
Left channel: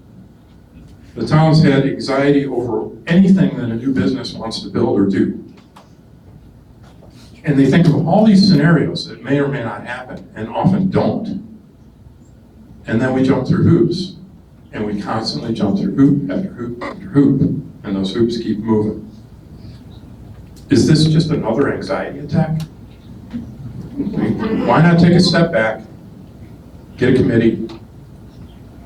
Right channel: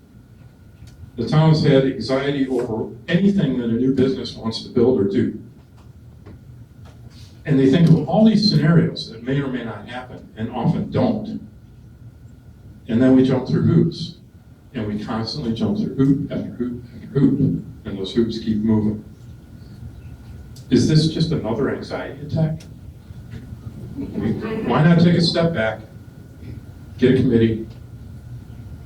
The town's had anxiety over anything that a new business wants to build or do. And they think of all these scenarios that may or may not happen and often don't. And then we jump through hoops. And we constantly jump through hoop after hoop after hoop. And those hoops keep moving. Is this just another anxiety attack? Why not take a step back, get a committee,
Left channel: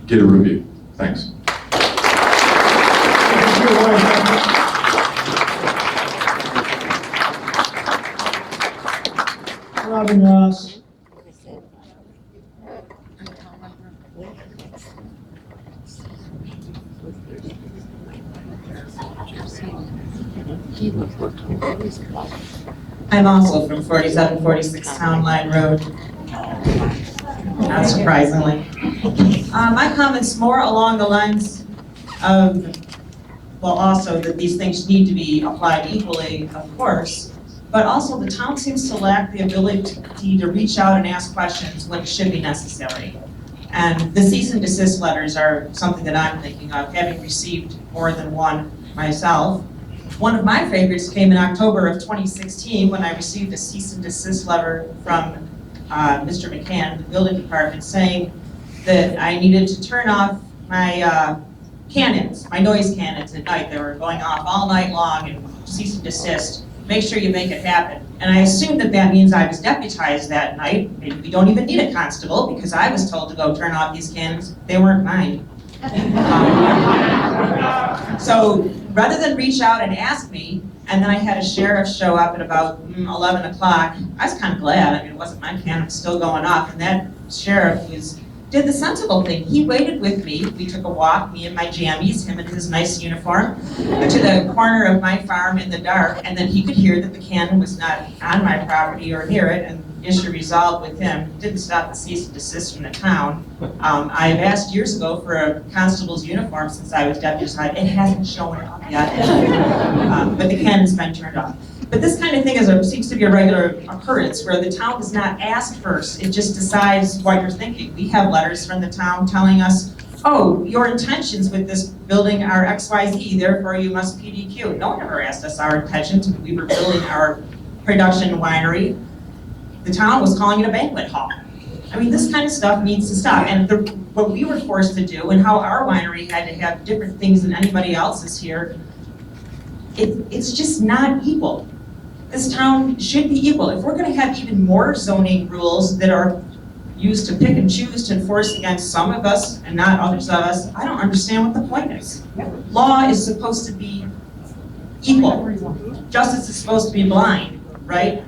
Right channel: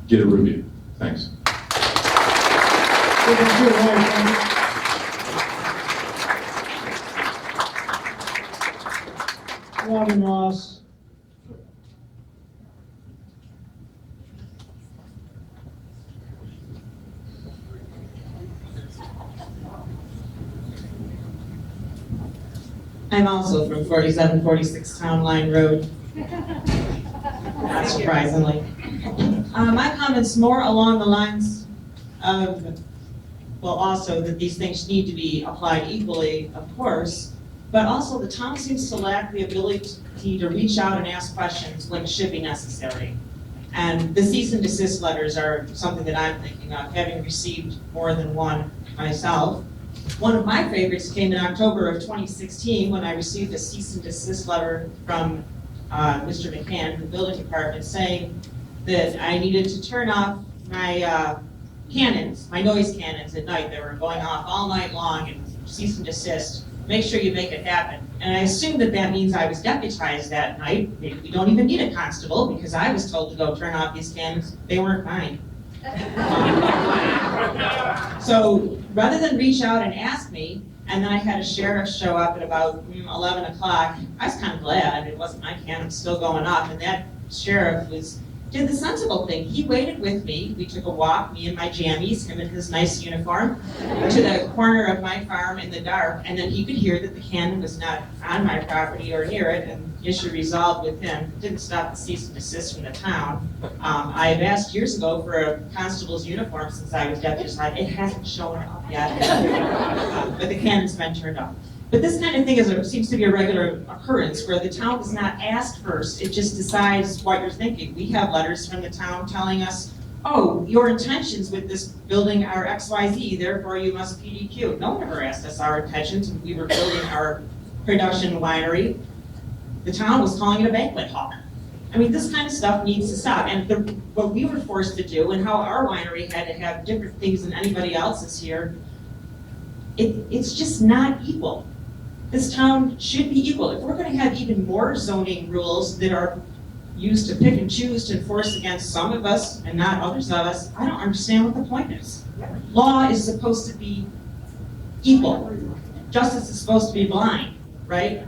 get a review? Thanks. Robin Ross. I'm also from 4746 Town Line Road, not surprisingly. My comment's more along the lines of, well, also that these things need to be applied equally, of course, but also the town seems to lack the ability to reach out and ask questions when it should be necessary. And the cease and desist letters are something that I'm thinking of, having received more than one myself. One of my favorites came in October of 2016 when I received a cease and desist letter from Mr. McCann, the building department, saying that I needed to turn off my cannons, my noise cannons at night. They were going off all night long and cease and desist make sure you make it happen. And I assume that that means I was deputized that night. Maybe we don't even need a constable because I was told to go turn off these cannons. They weren't mine. So rather than reach out and ask me, and then I had a sheriff show up at about 11 o'clock, I was kind of glad. I mean, it wasn't my cannon still going off, and that sheriff did the sensible thing. He waited with me. We took a walk, me and my jammies, him in his nice uniform, to the corner of my farm in the dark, and then he could hear that the cannon was not on my property or near it, and the issue resolved with him. Didn't stop the cease and desist from the town. I have asked years ago for a constable's uniform since I was deputized. It hasn't shown up yet, but the cannon's been turned off. But this kind of thing seems to be a regular occurrence where the town does not ask first. It just decides what you're thinking. We have letters from the town telling us, oh, your intentions with this building are XYZ, therefore you must PDQ. No one ever asked us our intentions when we were building our production winery. The town was calling it a banquet hall. I mean, this kind of stuff needs to stop. And what we were forced to do and how our winery had to have different things than anybody else's here, it's just not equal. This town should be equal. If we're going to have even more zoning rules that are used to pick and choose to enforce against some of us and not others of us, I don't understand what the point is. Law is supposed to be equal. Justice is supposed to be blind, right?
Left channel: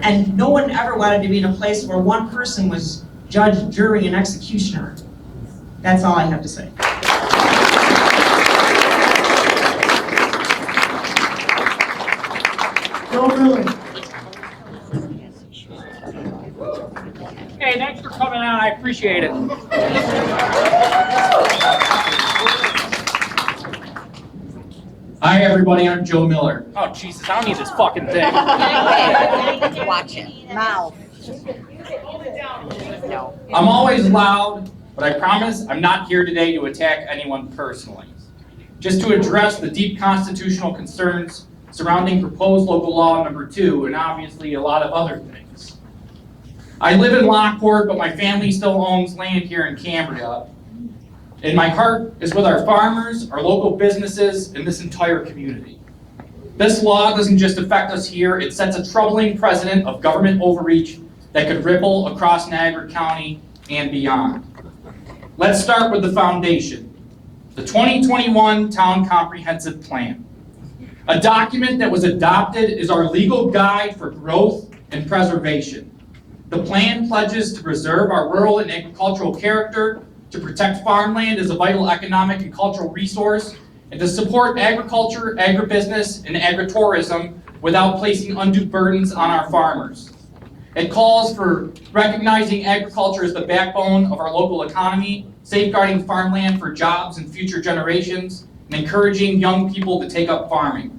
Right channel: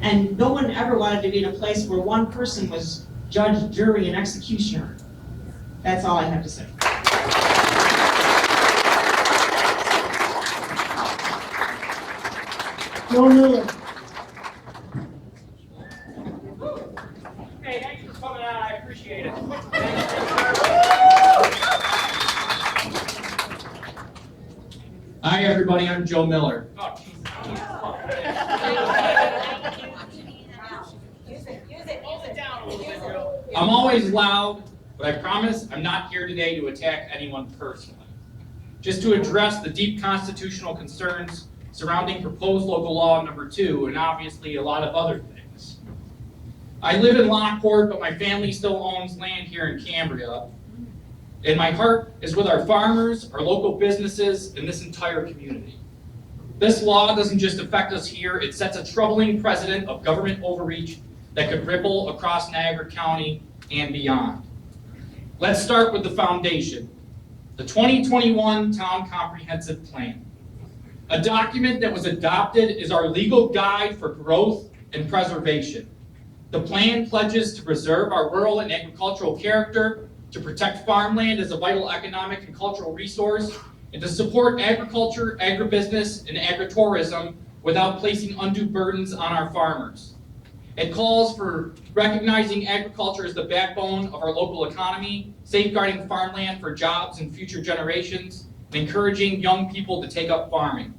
And no one ever wanted to be in a place where one person was judge, jury, and executioner. That's all I have to say. Hey, thanks for coming out. I appreciate it. Hi, everybody. I'm Joe Miller. Oh, Jesus, I don't need this fucking thing. Watch it. Now. I'm always loud, but I promise I'm not here today to attack anyone personally. Just to address the deep constitutional concerns surrounding proposed local law number 2, and obviously a lot of other things. I live in Lockport, but my family still owns land here in Cambria. And my heart is with our farmers, our local businesses, and this entire community. This law doesn't just affect us here, it sets a troubling precedent of government overreach that could ripple across Niagara County and beyond. Let's start with the foundation, the 2021 Town Comprehensive Plan. A document that was adopted is our legal guide for growth and preservation. The plan pledges to preserve our rural and agricultural character, to protect farmland as a vital economic and cultural resource, and to support agriculture, agribusiness, and agritourism without placing undue burdens on our farmers. It calls for recognizing agriculture as the backbone of our local economy, safeguarding farmland for jobs and future generations, and encouraging young people to take up farming.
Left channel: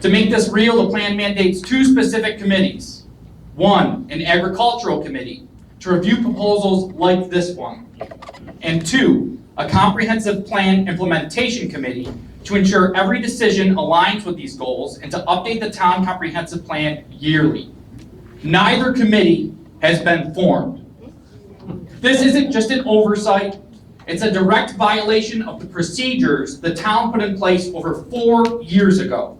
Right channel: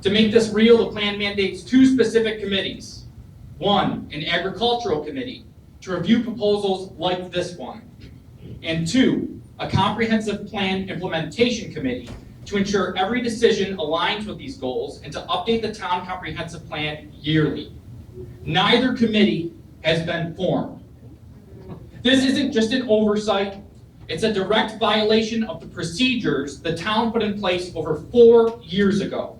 To make this real, the plan mandates 2 specific committees. 1, an agricultural committee to review proposals like this one. And 2, a comprehensive plan implementation committee to ensure every decision aligns with these goals and to update the town comprehensive plan yearly. Neither committee has been formed. This isn't just an oversight, it's a direct violation of the procedures the town put in place over 4 years ago.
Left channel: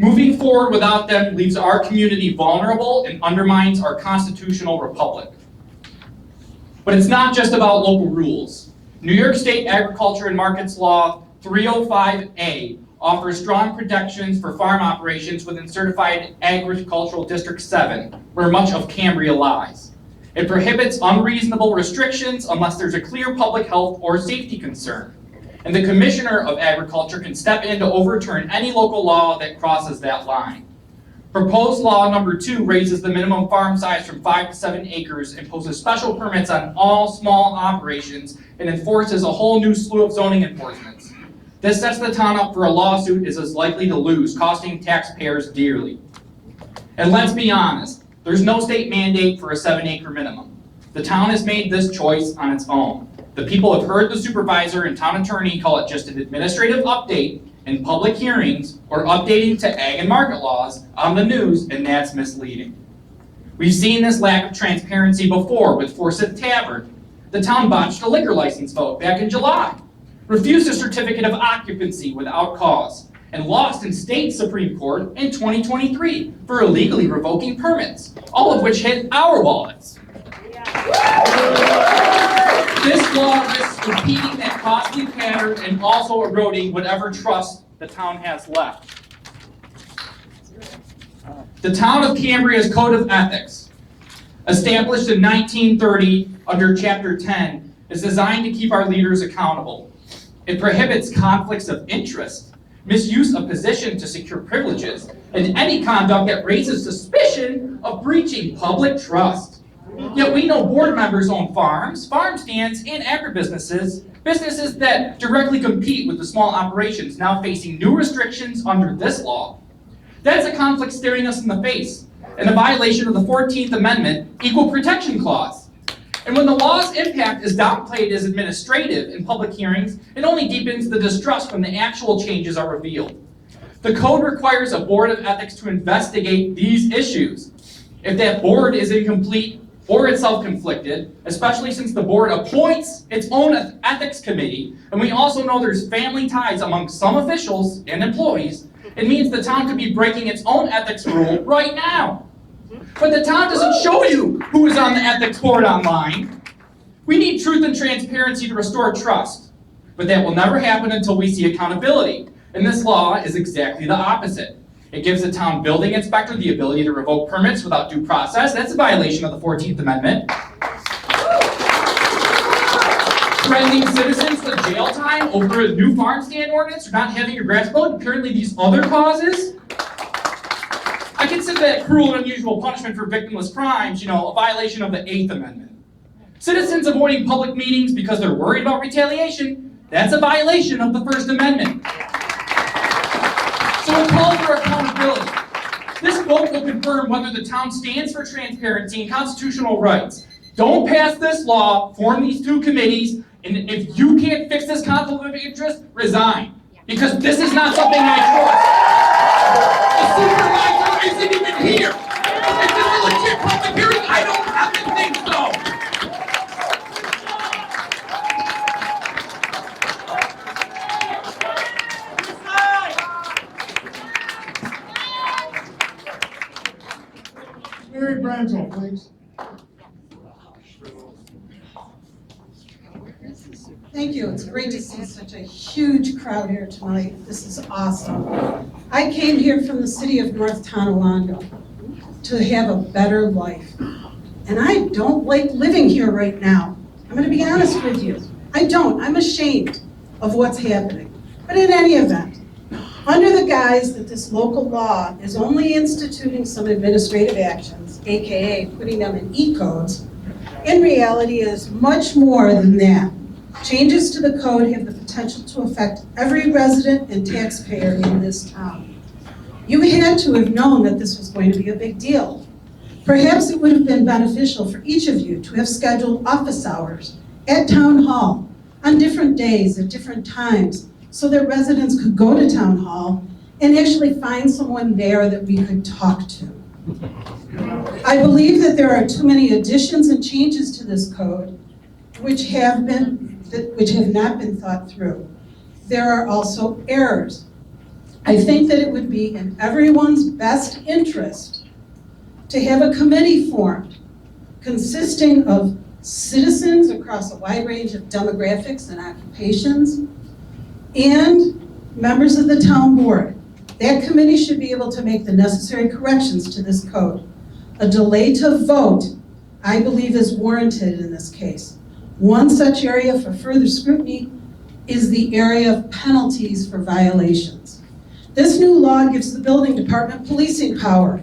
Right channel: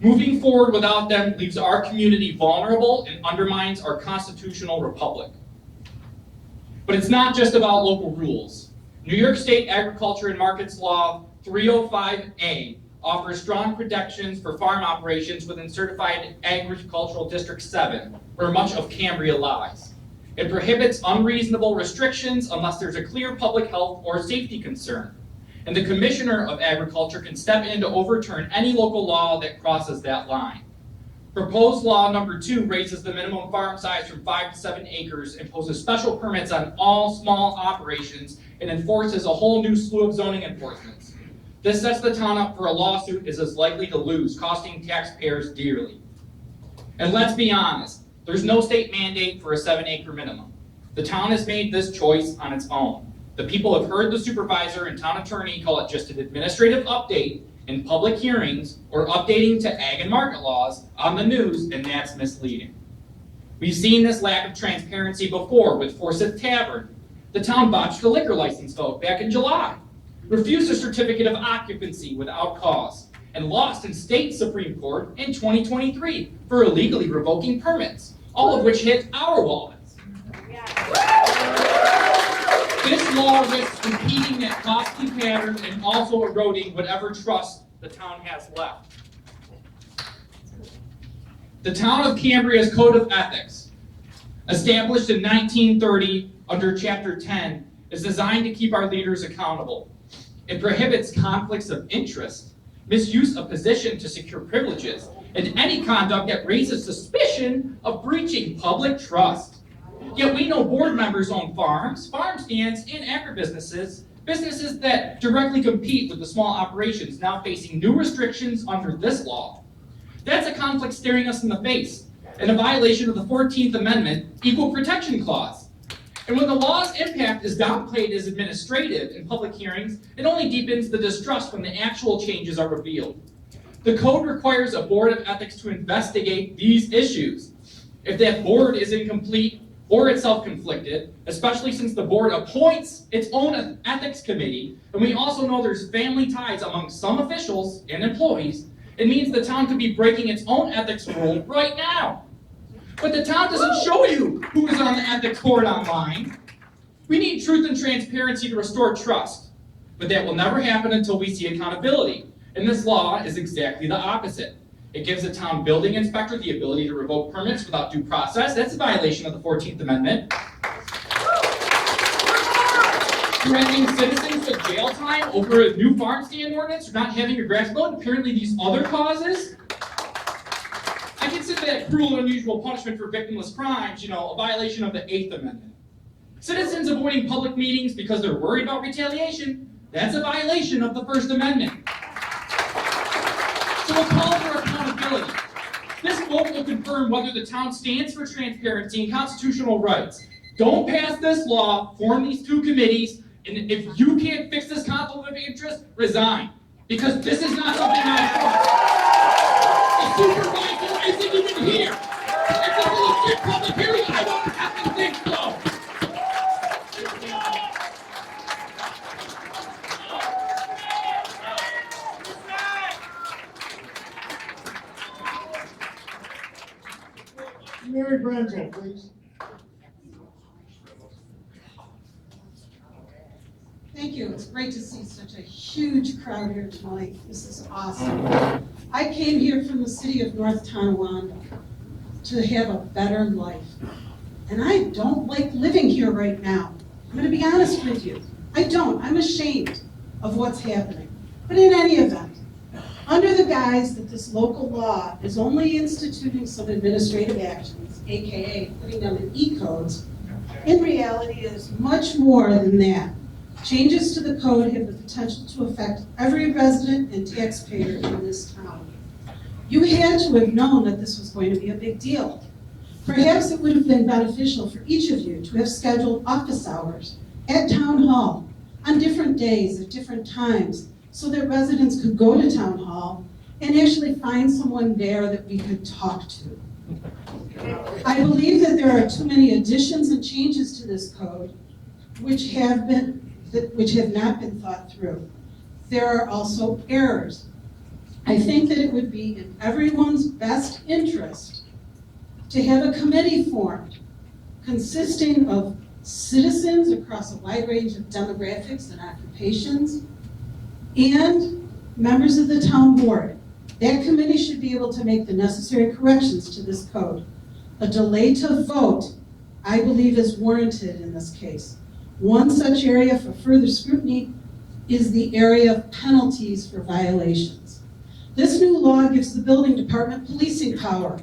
Moving forward without them leaves our community vulnerable and undermines our constitutional republic. But it's not just about local rules. New York State Agriculture and Markets Law 305A offers strong protections for farm operations within Certified Agricultural District 7, where much of Cambria lies. It prohibits unreasonable restrictions unless there's a clear public health or safety concern. And the Commissioner of Agriculture can step in to overturn any local law that crosses that line. Proposed law number 2 raises the minimum farm size from 5 to 7 acres, imposes special permits on all small operations, and enforces a whole new slew of zoning enforcements. This sets the town up for a lawsuit it is likely to lose, costing taxpayers dearly. And let's be honest, there's no state mandate for a 7-acre minimum. The town has made this choice on its own. The people have heard the supervisor and town attorney call it just an administrative update in public hearings or updating to ag and market laws on the news, and that's misleading. We've seen this lack of transparency before with Forsyth Tavern. The town botched a liquor license vote back in July, refused a certificate of occupancy without cause, and lost in state Supreme Court in 2023 for illegally revoking permits, all of which hit our wallets. This law risks repeating that costly pattern and also eroding whatever trust the town has left. The town of Cambria's Code of Ethics, established in 1930 under Chapter 10, is designed to keep our leaders accountable. It prohibits conflicts of interest, misuse of position to secure privileges, and any conduct that raises suspicion of breaching public trust. Yet we know board members own farms, farm stands, and agribusinesses, businesses that directly compete with the small operations now facing new restrictions under this law. That's a conflict staring us in the face, and a violation of the 14th Amendment Equal Protection Clause. And when the law's impact is downplayed as administrative in public hearings, it only deepens the distrust when the actual changes are revealed. The code requires a board of ethics to investigate these issues. If that board is incomplete or it's self-conflicted, especially since the board appoints its own ethics committee, and we also know there's family ties among some officials and employees, it means the town could be breaking its own ethics rule right now. But the town doesn't show you who is on the ethics board online. We need truth and transparency to restore trust, but that will never happen until we see accountability. And this law is exactly the opposite. It gives the town building inspector the ability to revoke permits without due process. That's a violation of the 14th Amendment. Threatening citizens with jail time over a new farm stand ordinance or not having your grass mowed, and apparently these other causes. I consider that cruel and unusual punishment for victimless crimes, a violation of the 8th Amendment. Citizens avoiding public meetings because they're worried about retaliation, that's a violation of the First Amendment. So a call for accountability. This vote will confirm whether the town stands for transparency and constitutional rights. Don't pass this law, form these two committees, and if you can't fix this conflict of interest, resign. Because this is not something I trust. The supervisor isn't even here. Is this a legit public hearing? I don't happen to think so. Mary Brenzel, please. Thank you. It's great to see such a huge crowd here tonight. This is awesome. I came here from the city of North Tonawanda to have a better life. And I don't like living here right now. I'm going to be honest with you. I don't. I'm ashamed of what's happening. But in any event, under the guise that this local law is only instituting some administrative actions, AKA putting them in E-codes, in reality it is much more than that. Changes to the code have the potential to affect every resident and taxpayer in this town. You had to have known that this was going to be a big deal. Perhaps it would have been beneficial for each of you to have scheduled office hours at Town Hall on different days at different times so that residents could go to Town Hall and actually find someone there that we could talk to. I believe that there are too many additions and changes to this code which have not been thought through. There are also errors. I think that it would be in everyone's best interest to have a committee formed consisting of citizens across a wide range of demographics and occupations and members of the town board. That committee should be able to make the necessary corrections to this code. A delay to vote, I believe, is warranted in this case. One such area for further scrutiny is the area of penalties for violations. This new law gives the building department policing power.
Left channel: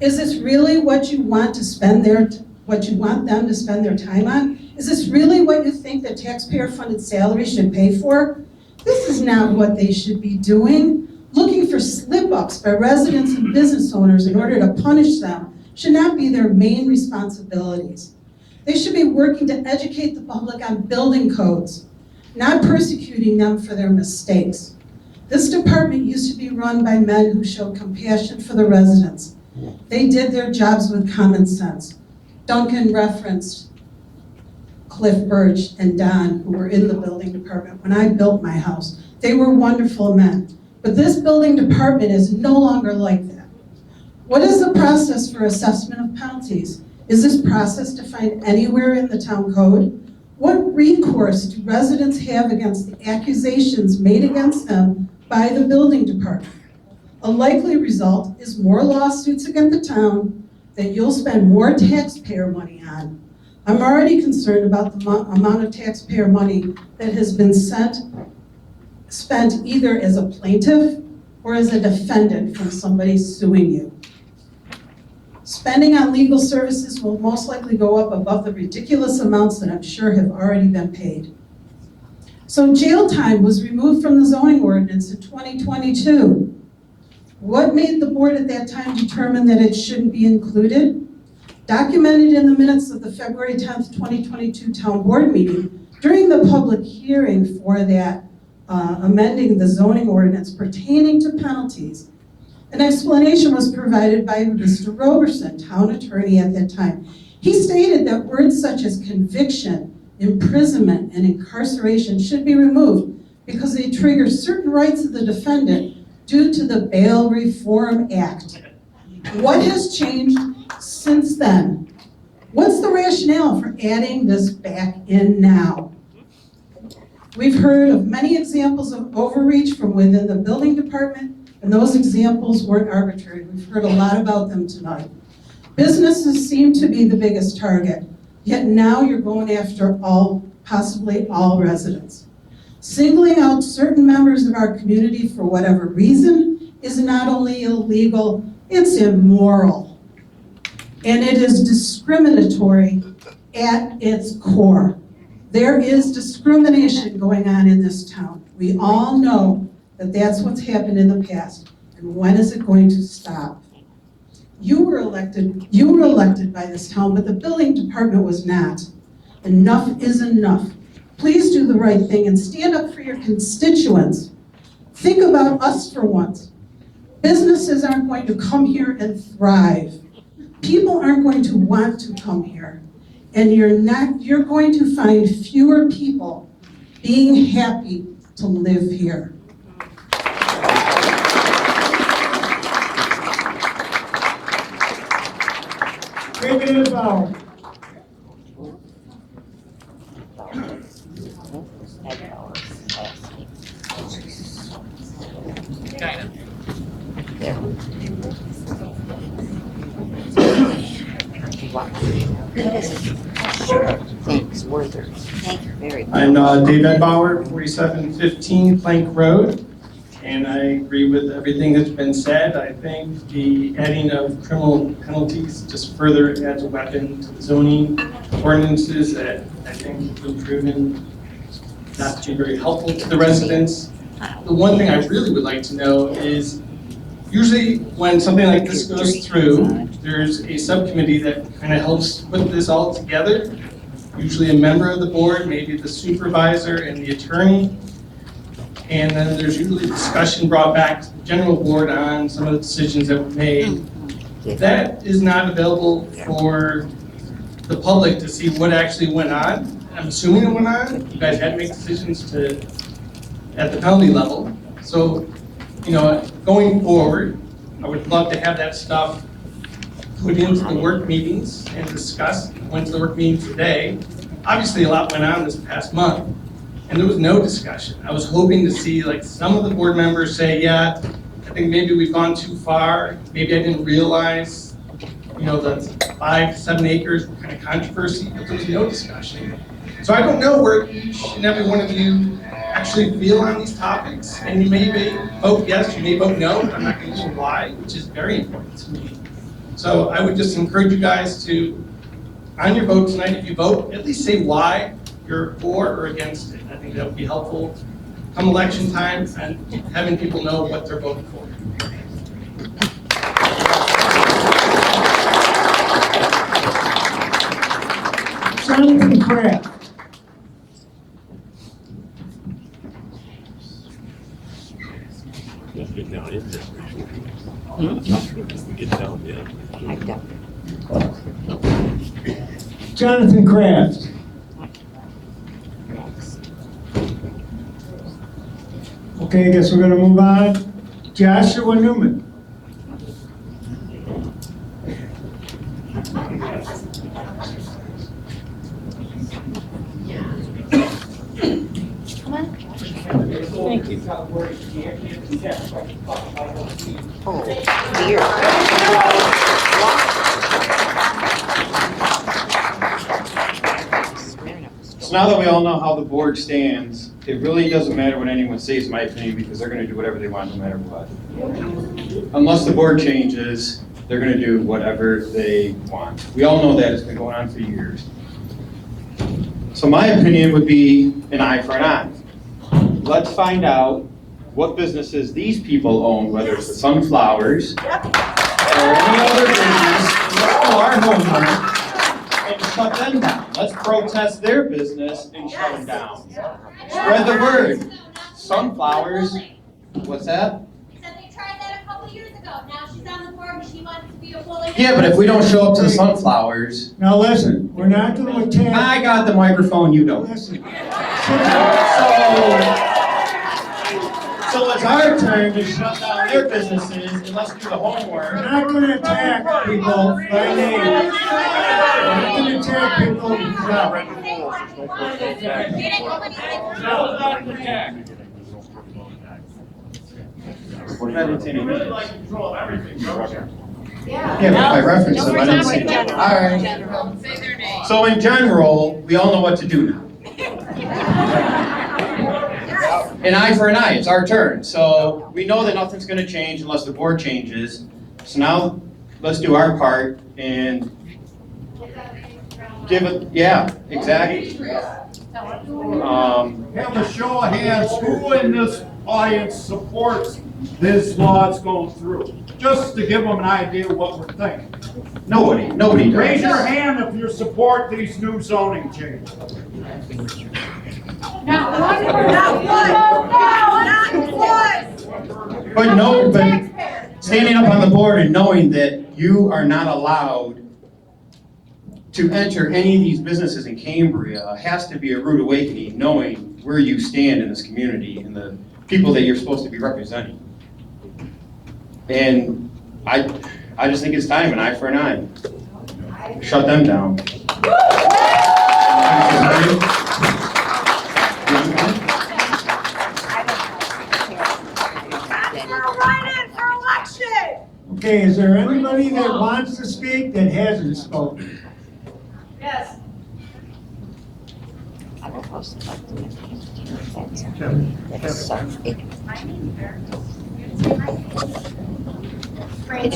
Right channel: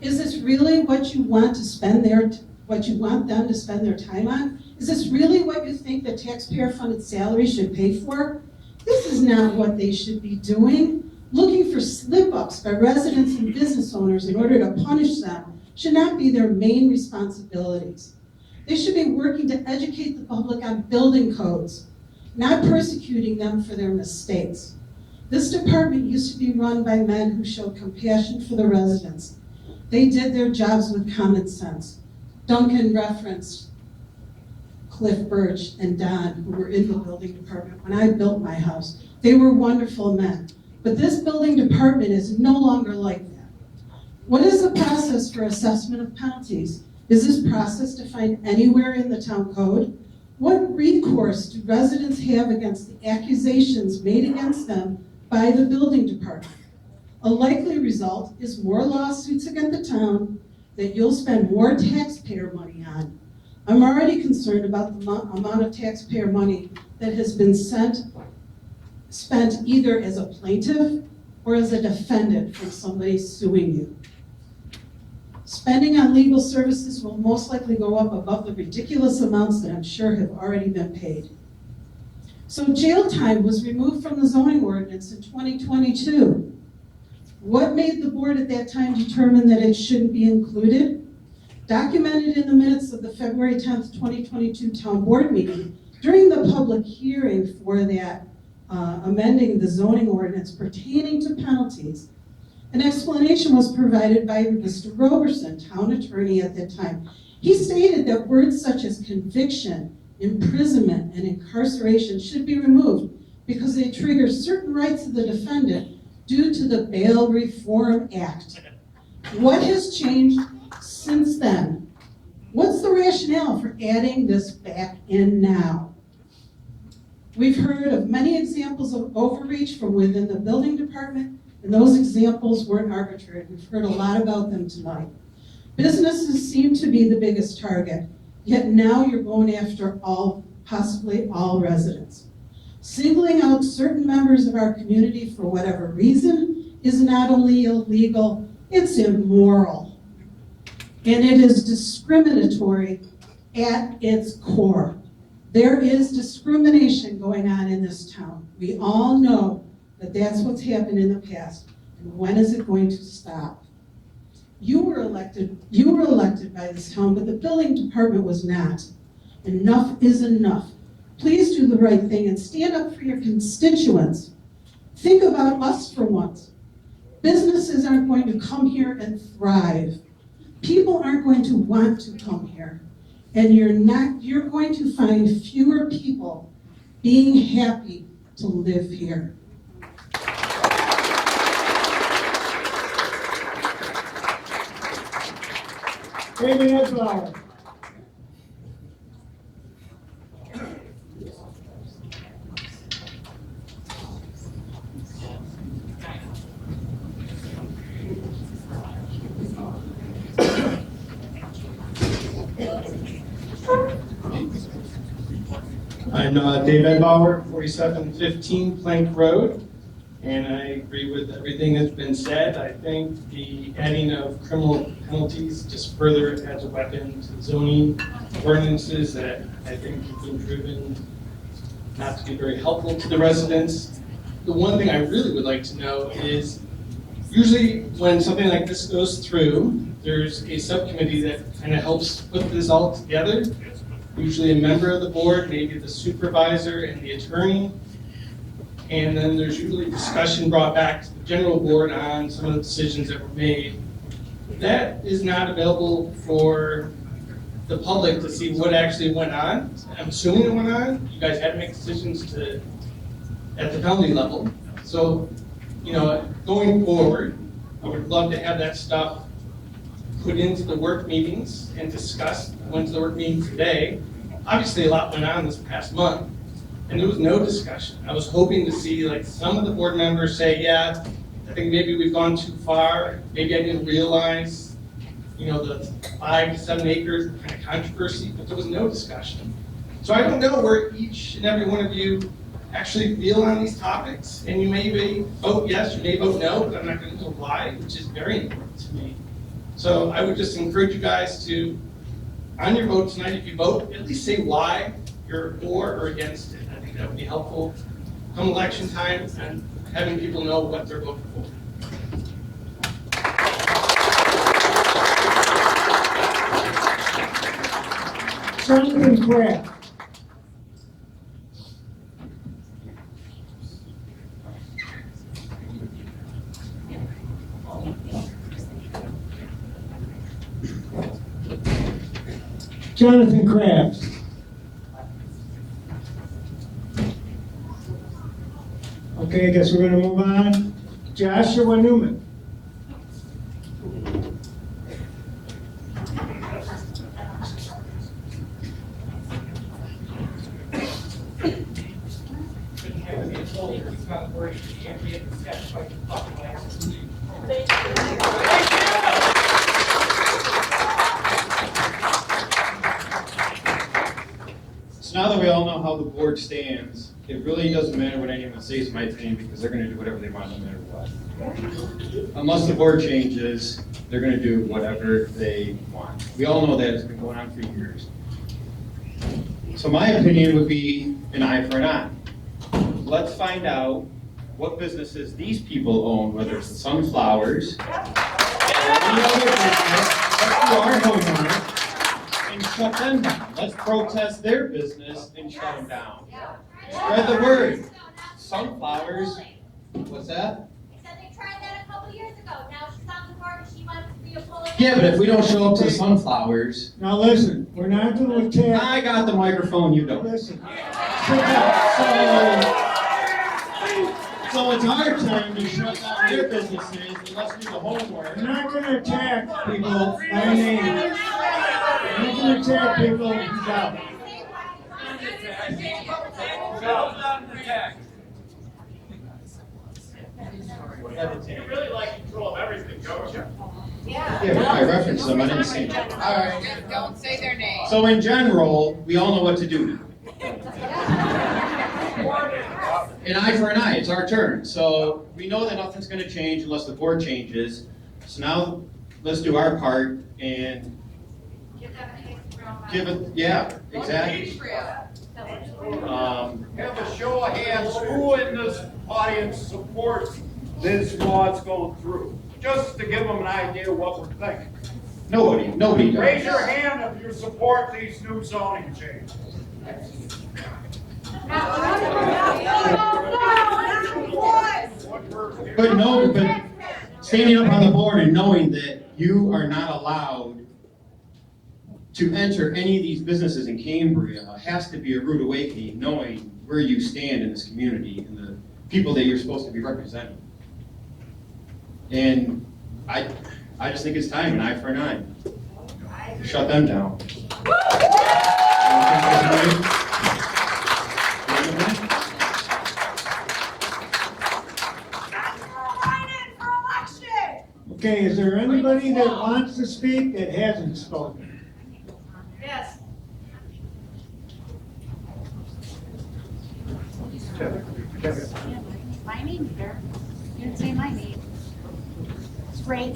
Is this really what you want them to spend their time on? Is this really what you think that taxpayer-funded salary should pay for? This is not what they should be doing. Looking for slip-ups by residents and business owners in order to punish them should not be their main responsibilities. They should be working to educate the public on building codes, not persecuting them for their mistakes. This department used to be run by men who showed compassion for the residents. They did their jobs with common sense. Duncan referenced Cliff Birch and Don, who were in the building department when I built my house. They were wonderful men. But this building department is no longer like that. What is the process for assessment of penalties? Is this process defined anywhere in the town code? What recourse do residents have against the accusations made against them by the building department? A likely result is more lawsuits against the town that you'll spend more taxpayer money on. I'm already concerned about the amount of taxpayer money that has been spent either as a plaintiff or as a defendant from somebody suing you. Spending on legal services will most likely go up above the ridiculous amounts that I'm sure have already been paid. So jail time was removed from the zoning ordinance in 2022. What made the board at that time determine that it shouldn't be included? Documented in the minutes of the February 10th, 2022 town board meeting, during the public hearing for that amending the zoning ordinance pertaining to penalties, an explanation was provided by Mr. Roberson, town attorney at that time. He stated that words such as conviction, imprisonment, and incarceration should be removed because they trigger certain rights of the defendant due to the Bail Reform Act. What has changed since then? What's the rationale for adding this back in now? We've heard of many examples of overreach from within the building department, and those examples weren't arbitrary. We've heard a lot about them tonight. Businesses seem to be the biggest target, yet now you're going after possibly all residents. Singling out certain members of our community for whatever reason is not only illegal, it's immoral. And it is discriminatory at its core. There is discrimination going on in this town. We all know that that's what's happened in the past. And when is it going to stop? You were elected by this town, but the building department was not. Enough is enough. Please do the right thing and stand up for your constituents. Think about us for once. Businesses aren't going to come here and thrive. People aren't going to want to come here. And you're going to find fewer people being happy to live here. David Edbauer. Thanks, Werther. Thank you very much. I'm Dave Edbauer, 4715 Plank Road, and I agree with everything that's been said. I think the adding of criminal penalties just further adds a weapon to the zoning ordinances that I think have been proven not to be very helpful to the residents. The one thing I really would like to know is, usually when something like this goes through, there's a subcommittee that kind of helps put this all together. Usually a member of the board, maybe the supervisor and the attorney. And then there's usually a discussion brought back to the general board on some of the decisions that were made. That is not available for the public to see what actually went on. I'm assuming it went on. You guys had to make decisions at the penalty level. So, going forward, I would love to have that stuff put into the work meetings and discussed. I went to the work meeting today. Obviously, a lot went on this past month, and there was no discussion. I was hoping to see some of the board members say, yeah, I think maybe we've gone too far. Maybe I didn't realize, the 5 to 7 acres kind of controversy, but there was no discussion. So I don't know where each and every one of you actually feel on these topics, and you may vote yes, you may vote no, but I'm not going to say why, which is very important to me. So I would just encourage you guys to, on your vote tonight, if you vote, at least say why you're for or against it. I think that would be helpful come election time and having people know what they're voting for. Jonathan Kraft. Get down in there. Get down, yeah. Jonathan Kraft. Okay, I guess we're gonna move on. Joshua Newman. Thank you. So now that we all know how the board stands, it really doesn't matter what anyone says, in my opinion, because they're gonna do whatever they want no matter what. Unless the board changes, they're gonna do whatever they want. We all know that, it's been going on for years. So my opinion would be an eye for an eye. Let's find out what businesses these people own, whether it's the Sunflowers or any other business, or our homework, and shut them down. Let's protest their business and shut them down. Spread the word. Sunflowers, what's that? Yeah, but if we don't show up to the Sunflowers. Now listen, we're not going to attack. I got the microphone, you don't. Listen. So it's our turn to shut down their businesses and let's do the homework. We're not going to attack people by name. We're not going to attack people who's out. We're not intending. Yeah, but if I reference them, I didn't see them. All right. Don't say their name. So in general, we all know what to do now. An eye for an eye, it's our turn. So we know that nothing's gonna change unless the board changes. So now, let's do our part and give it, yeah, exactly. Have a show of hands, who in this audience supports this law that's going through? Just to give them an idea of what we're thinking. Nobody does. Raise your hand if you support these new zoning changes. But standing up on the board and knowing that you are not allowed to enter any of these businesses in Cambria has to be a rude awakening, knowing where you stand in this community and the people that you're supposed to be representing. And I just think it's time, an eye for an eye. Shut them down. Okay, is there anybody that wants to speak that hasn't spoken? Yes. My name, sir. You didn't say my name. Okay,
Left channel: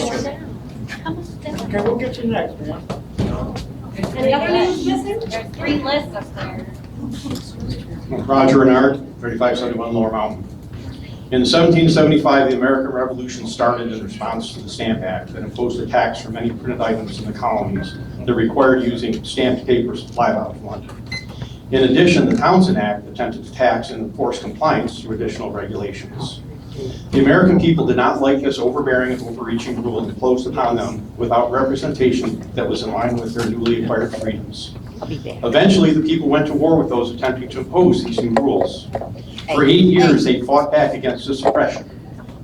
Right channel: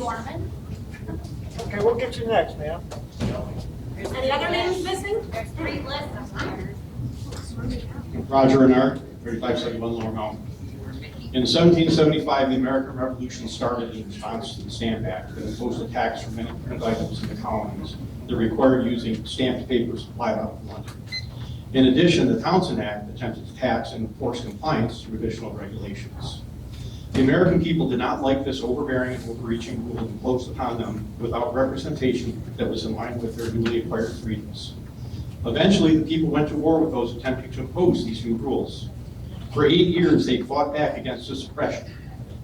we'll get you next, ma'am. Any other names missing? There's 3 lists up there. Roger Renard, 3571 Lower Mountain. In 1775, the American Revolution started in response to the Stamp Act that imposed a tax for many printed items in the colonies that required using stamped paper supplied out of London. In addition, the Townshend Act attempted to tax and enforce compliance through additional regulations. The American people did not like this overbearing and overreaching rule imposed upon them without representation that was in line with their newly acquired freedoms. Eventually, the people went to war with those attempting to impose these new rules. For 8 years, they fought back against this oppression.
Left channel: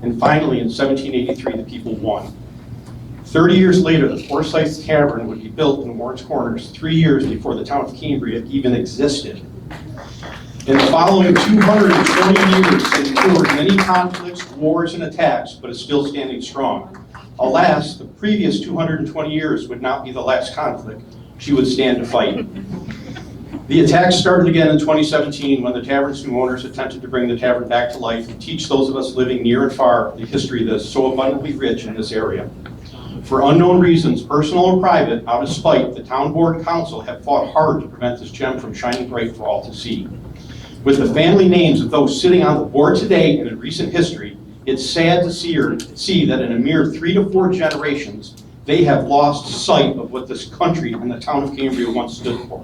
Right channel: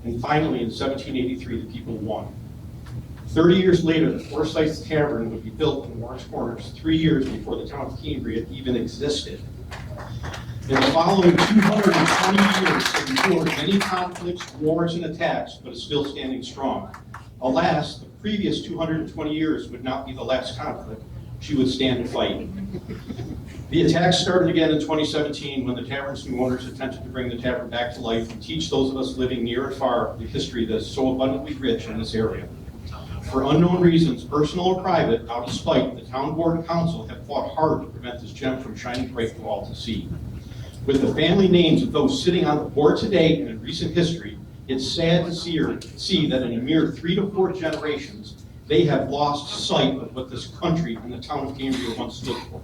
And finally, in 1783, the people won. 30 years later, the Forsyth Tavern would be built in Warren's Corners, 3 years before the town of Cambria even existed. In the following 220 years, it endured many conflicts, wars, and attacks, but is still standing strong. Alas, the previous 220 years would not be the last conflict she would stand to fight. The attacks started again in 2017 when the tavern's new owners attempted to bring the tavern back to life and teach those of us living near and far the history that is so abundantly rich in this area. For unknown reasons, personal or private, out of spite, the town board and council have fought hard to prevent this gem from shining bright for all to see. With the family names of those sitting on the board today and in recent history, it's sad to see that in a mere 3 to 4 generations, they have lost sight of what this country and the town of Cambria once stood for.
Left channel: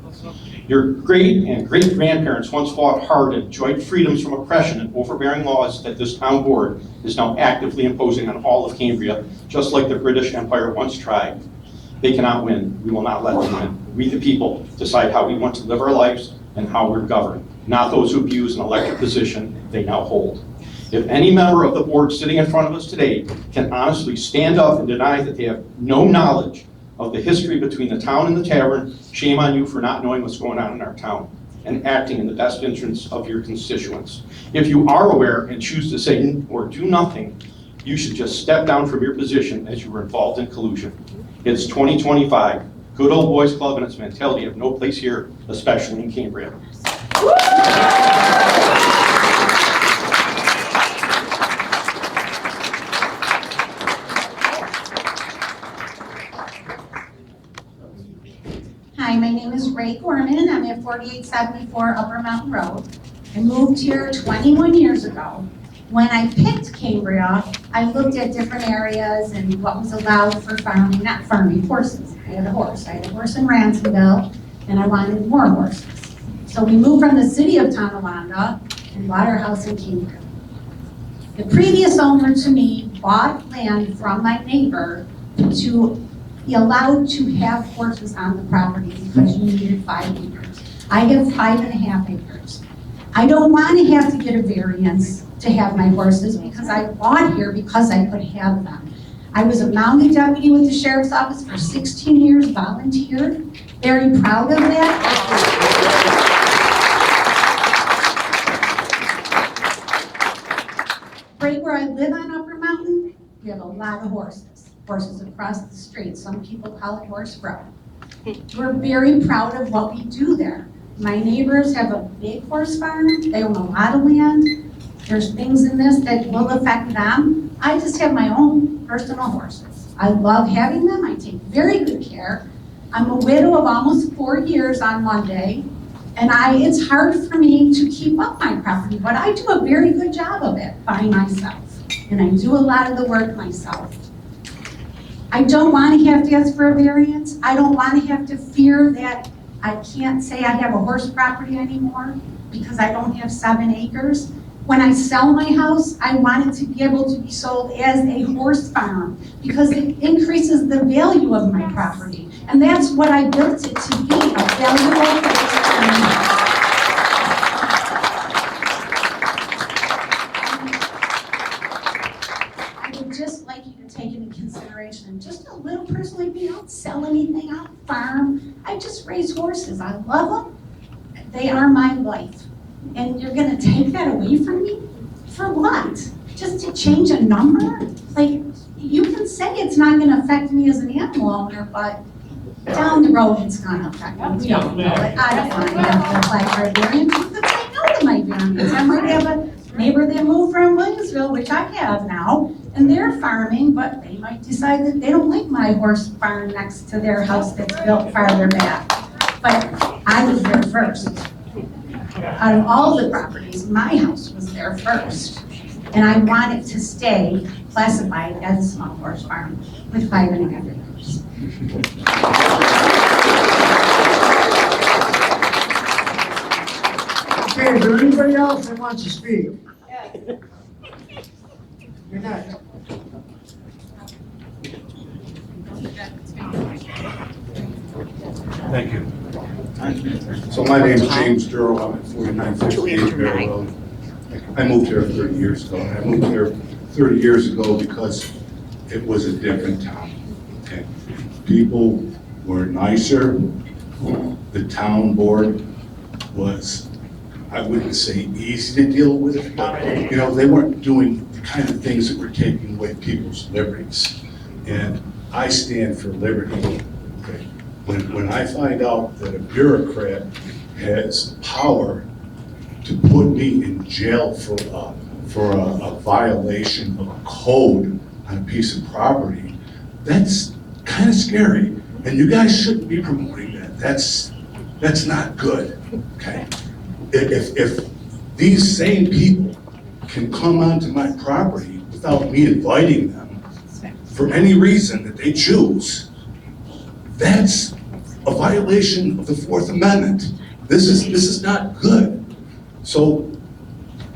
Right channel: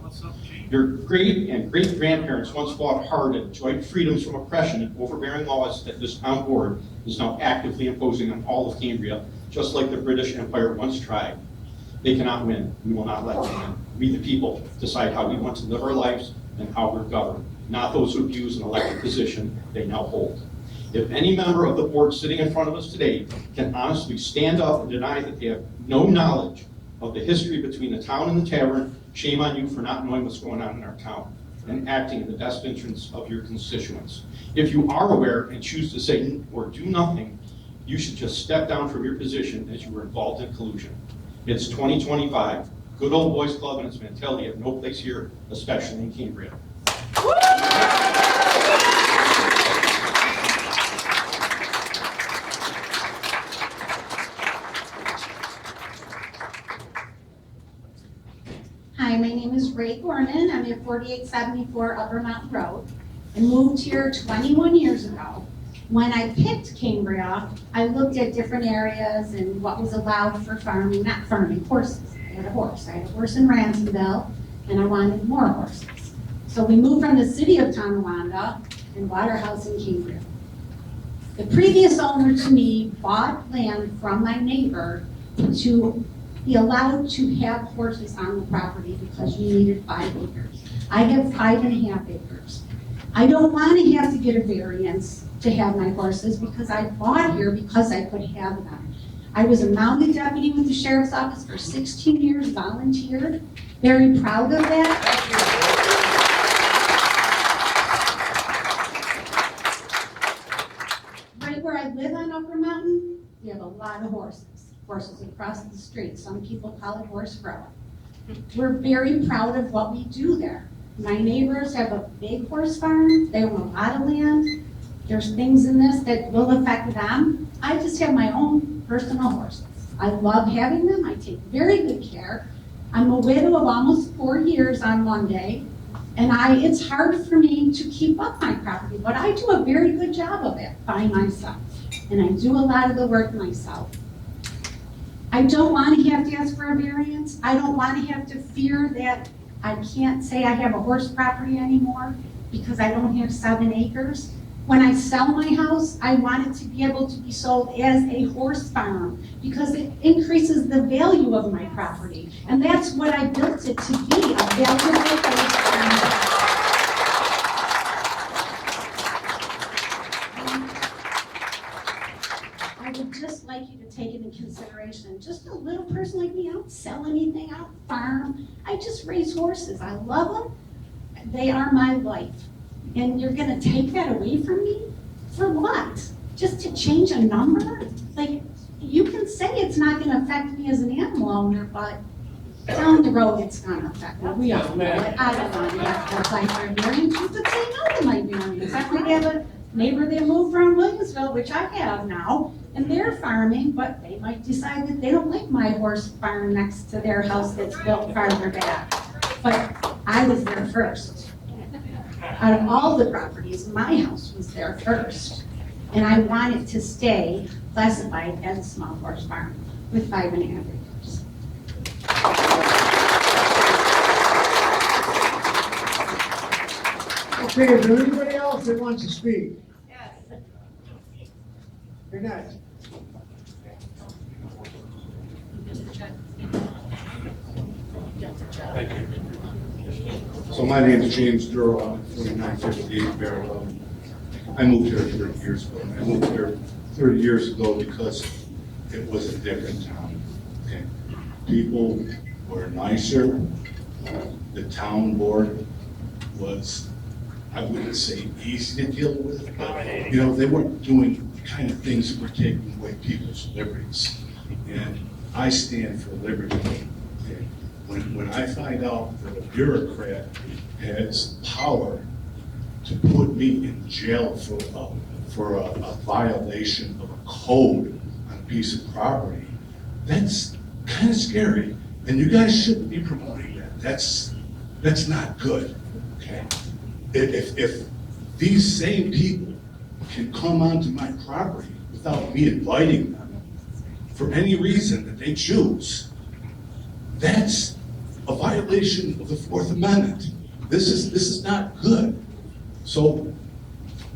Your great and great grandparents once fought hard and enjoyed freedoms from oppression and overbearing laws that this town board is now actively imposing on all of Cambria, just like the British Empire once tried. They cannot win. We will not let them win. We, the people, decide how we want to live our lives and how we're governed, not those who abuse an elected position they now hold. If any member of the board sitting in front of us today can honestly stand up and deny that they have no knowledge of the history between the town and the tavern, shame on you for not knowing what's going on in our town and acting in the best interests of your constituents. If you are aware and choose to say or do nothing, you should just step down from your position as you were involved in collusion. It's 2025. Good old boys club and its mentality have no place here, especially in Cambria. Hi, my name is Ray Gorman. I'm at 4874 Upper Mountain Road. I moved here 21 years ago. When I picked Cambria, I looked at different areas and what was allowed for farming, not farming, horses. I had a horse. I had a horse in Ransomville, and I wanted more horses. So we moved from the city of Tonawanda and bought our house in Cambria. The previous owner to me bought land from my neighbor to be allowed to have horses on the property because you needed 5 acres. I have 5.5 acres. I don't want to have to get a variance to have my horses because I bought here because I could have them. I was a mounted deputy with the sheriff's office for 16 years, volunteered, very proud of that. Right where I live on Upper Mountain, we have a lot of horses. Horses across the street. Some people call it horse row. We're very proud of what we do there. My neighbors have a big horse farm. They own a lot of land. There's things in this that will affect them. I just have my own personal horses. I love having them. I take very good care. I'm a widow of almost 4 years on Monday, and it's hard for me to keep up my property, but I do a very good job of it by myself, and I do a lot of the work myself. I don't want to have to ask for a variance. I don't want to have to fear that I can't say I have a horse property anymore because I don't have 7 acres. When I sell my house, I want it to be able to be sold as a horse farm because it increases the value of my property. And that's what I built it to be, a valuable horse farm. Take into consideration. Just a little person like me, I don't sell anything, I don't farm. I just raise horses. I love them. They are my life. And you're gonna take that away from me? For what? Just to change a number? Like, you can say it's not gonna affect me as an animal owner, but down the road it's gonna affect me. We all know it. I don't want to have to apply for a variance. You could say no to my variance. I might have a neighbor that moved from Williamsville, which I have now, and they're farming, but they might decide that they don't like my horse farm next to their house that's built farther back. But I was there first. Out of all the properties, my house was there first. And I want it to stay classified as a small horse farm with 5.5 acres. Okay, is there anybody else that wants to speak? You're next. Thank you. So my name is James Durrell. I'm at 4958 Bear Road. I moved here 30 years ago. And I moved here 30 years ago because it was a different town. Okay. People were nicer. The town board was, I wouldn't say easy to deal with, but you know, they weren't doing the kind of things that were taking away people's liberties. And I stand for liberty. Okay. When I find out that a bureaucrat has power to put me in jail for a violation of a code on a piece of property, that's kind of scary. And you guys shouldn't be promoting that. That's not good. Okay. If these same people can come onto my property without me inviting them for any reason that they choose, that's a violation of the Fourth Amendment. This is not good. So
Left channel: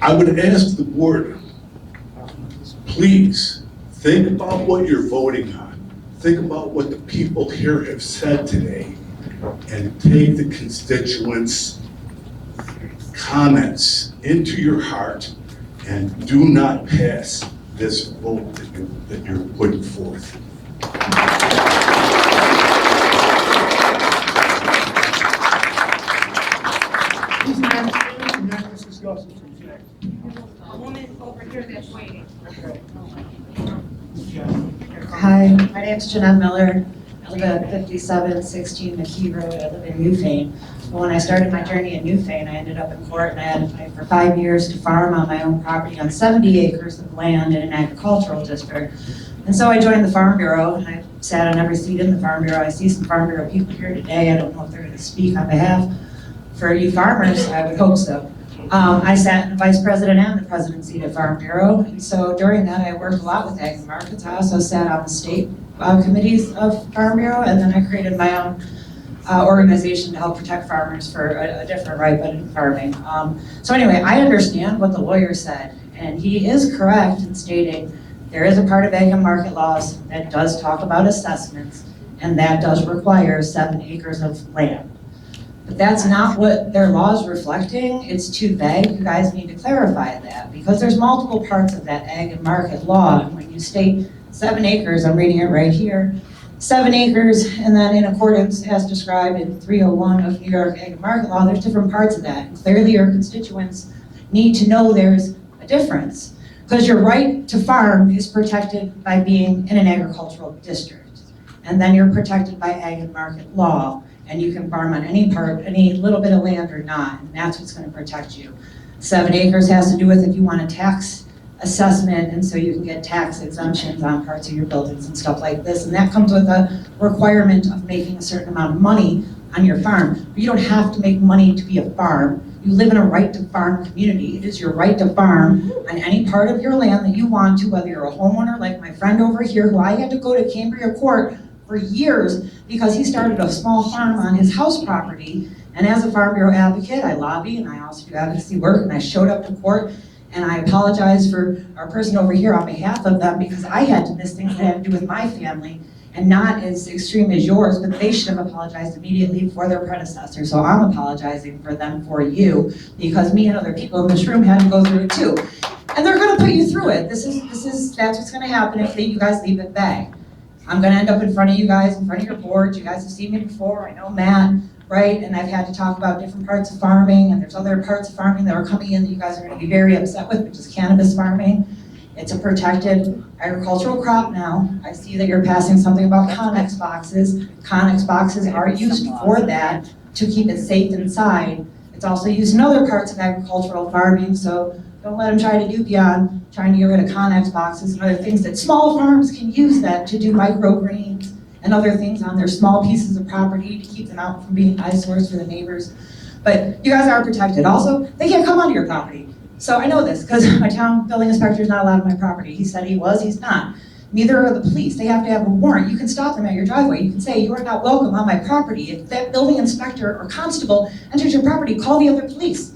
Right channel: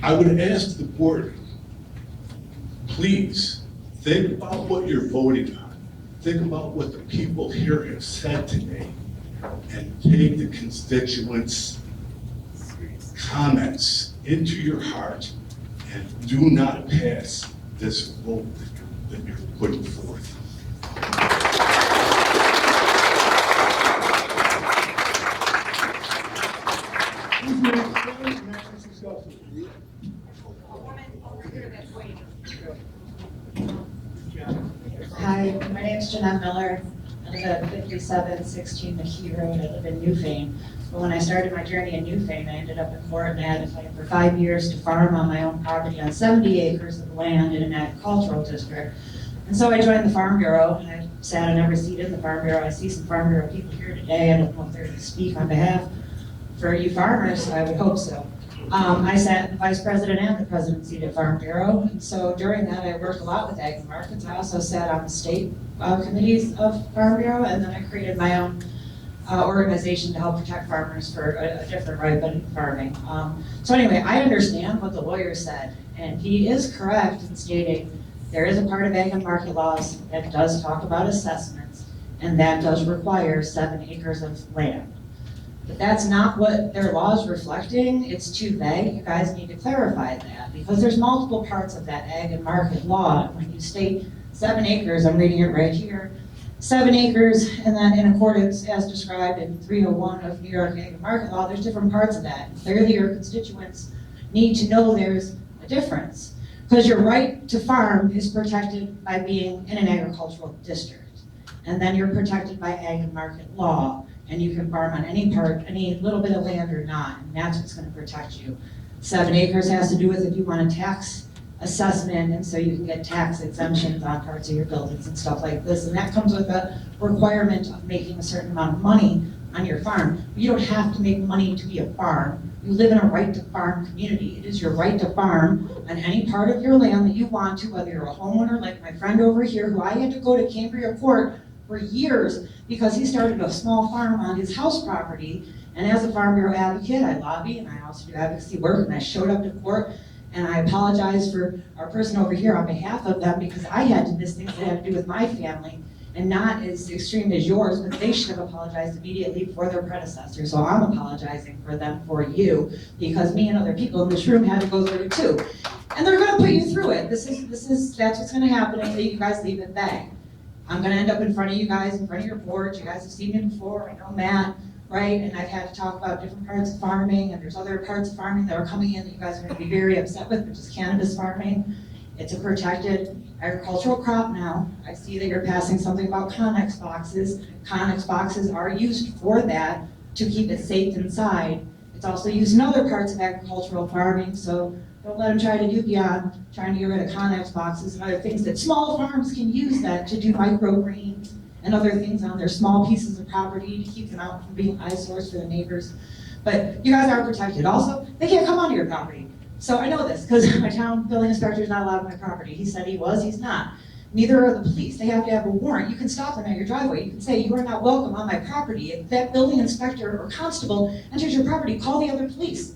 I would ask the board, please think about what you're voting on. Think about what the people here have said today and take the constituents' comments into your heart and do not pass this vote that you're putting forth. Who's next? Let's discuss it. A woman over here that's waiting. Hi, my name's Jeanette Miller. I live at 5716 McKee Road. I live in Newfane. Well, when I started my journey in Newfane, I ended up in court and I had to fight for 5 years to farm on my own property on 70 acres of land in an agricultural district. And so I joined the Farm Bureau and I sat on every seat in the Farm Bureau. I see some Farm Bureau people here today. I don't know if they're going to speak on behalf for you farmers. I would hope so. I sat in the vice president and the president seat at Farm Bureau, and so during that I worked a lot with ag markets. I also sat on the state committees of Farm Bureau, and then I created my own organization to help protect farmers for a different right, but in farming. So anyway, I understand what the lawyer said, and he is correct in stating there is a part of ag and market laws that does talk about assessments, and that does require 7 acres of land. But that's not what their law is reflecting. It's too vague. You guys need to clarify that because there's multiple parts of that ag and market law. And when you state 7 acres, I'm reading it right here, 7 acres, and then in accordance as described in 301 of New York Ag and Market Law, there's different parts of that. And clearly your constituents need to know there's a difference because your right to farm is protected by being in an agricultural district. And then you're protected by ag and market law. And you can farm on any part, any little bit of land or not, and that's what's going to protect you. 7 acres has to do with if you want a tax assessment, and so you can get tax exemptions on parts of your buildings and stuff like this, and that comes with a requirement of making a certain amount of money on your farm. But you don't have to make money to be a farm. You live in a right to farm community. It is your right to farm on any part of your land that you want to, whether you're a homeowner like my friend over here, who I had to go to Cambria court for years because he started a small farm on his house property. And as a Farm Bureau advocate, I lobby and I also do advocacy work, and I showed up to court and I apologize for our person over here on behalf of them because I had to miss things that had to do with my family and not as extreme as yours, but they should have apologized immediately for their predecessor. So I'm apologizing for them for you because me and other people in this room had to go through it too. And they're gonna put you through it. That's what's gonna happen if you guys leave it vague. I'm gonna end up in front of you guys, in front of your boards. You guys have seen me before, I know Matt, right? And I've had to talk about different parts of farming, and there's other parts of farming that are coming in that you guys are gonna be very upset with, which is cannabis farming. It's a protected agricultural crop now. I see that you're passing something about Connex boxes. Connex boxes are used for that, to keep it safe inside. It's also used in other parts of agricultural farming, so don't let them try to do beyond trying to get rid of Connex boxes and other things that small farms can use that to do microgreens and other things on their small pieces of property to keep them out from being eyesores for the neighbors. But you guys are protected. Also, they can't come onto your property. So I know this because my town building inspector is not allowed on my property. He said he was, he's not. Neither are the police. They have to have a warrant. You can stop them at your driveway. You can say, you are not welcome on my property. If that building inspector or constable enters your property, call the other police.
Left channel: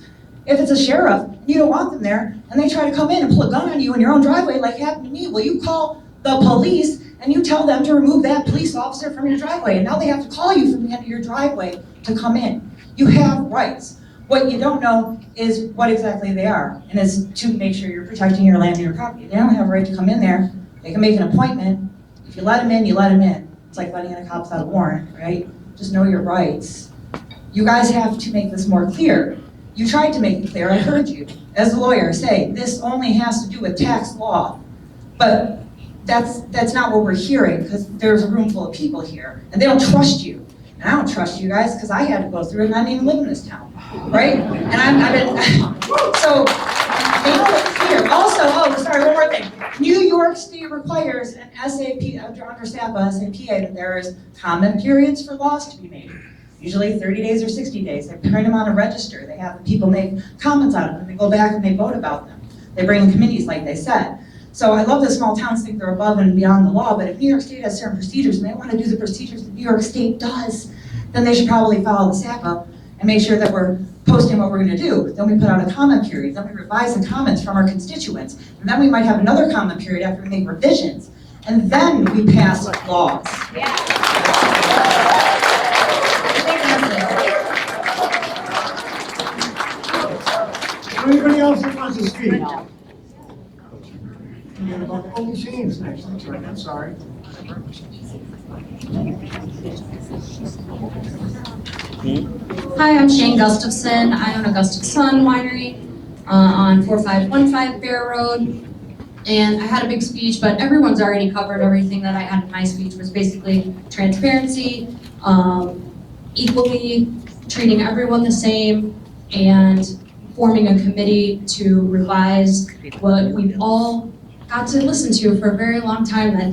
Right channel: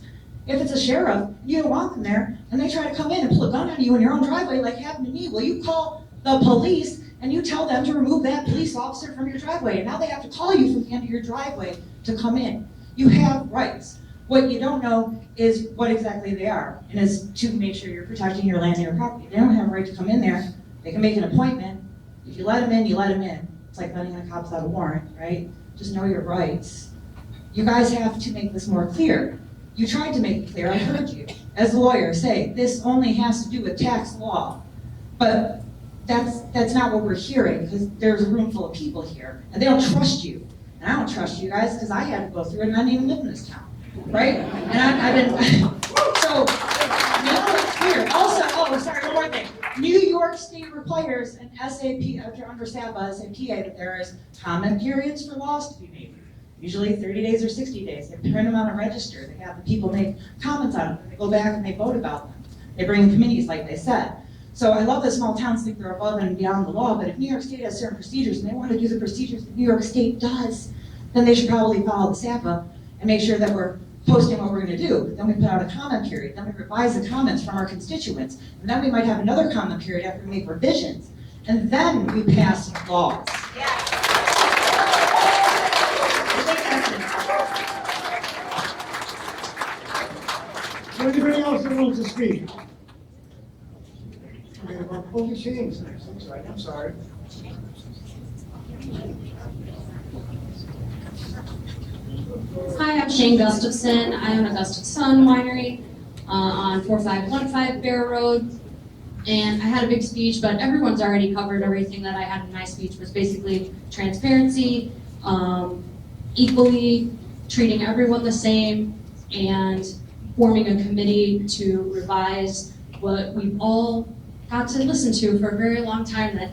If it's a sheriff, and you don't want them there, and they try to come in and pull a gun on you in your own driveway like happened to me, well, you call the police and you tell them to remove that police officer from your driveway. And now they have to call you from the end of your driveway to come in. You have rights. What you don't know is what exactly they are, and it's to make sure you're protecting your land and your property. They don't have a right to come in there. They can make an appointment. If you let them in, you let them in. It's like letting in a cop without a warrant, right? Just know your rights. You guys have to make this more clear. You tried to make it clear, I heard you, as a lawyer, say this only has to do with tax law. But that's not what we're hearing, because there's a room full of people here, and they don't trust you. And I don't trust you guys, because I had to go through it, and I didn't even live in this town, right? And I've been, so make it clear. Also, sorry, one more thing. New York State requires an SAP, under SAPA, SAPA, that there is comment periods for laws to be made. Usually 30 days or 60 days. They print them on a register. They have the people make comments on them, and they go back and they vote about them. They bring in committees, like they said. So I love that small towns think they're above and beyond the law, but if New York State has certain procedures and they want to do the procedures that New York State does, then they should probably follow the SAPA and make sure that we're posting what we're going to do. Then we put out a comment period. Then we revise the comments from our constituents. And then we might have another comment period after we make revisions. And then we pass laws. Anybody else that wants to speak? Oh, Shane's next, that's right, I'm sorry. Hi, I'm Shane Gustafson. I own Augusta Sun Winery on 4515 Bear Road. And I had a big speech, but everyone's already covered everything that I had in my speech, was basically transparency, equally treating everyone the same, and forming a committee to revise what we've all got to listen to for a very long time that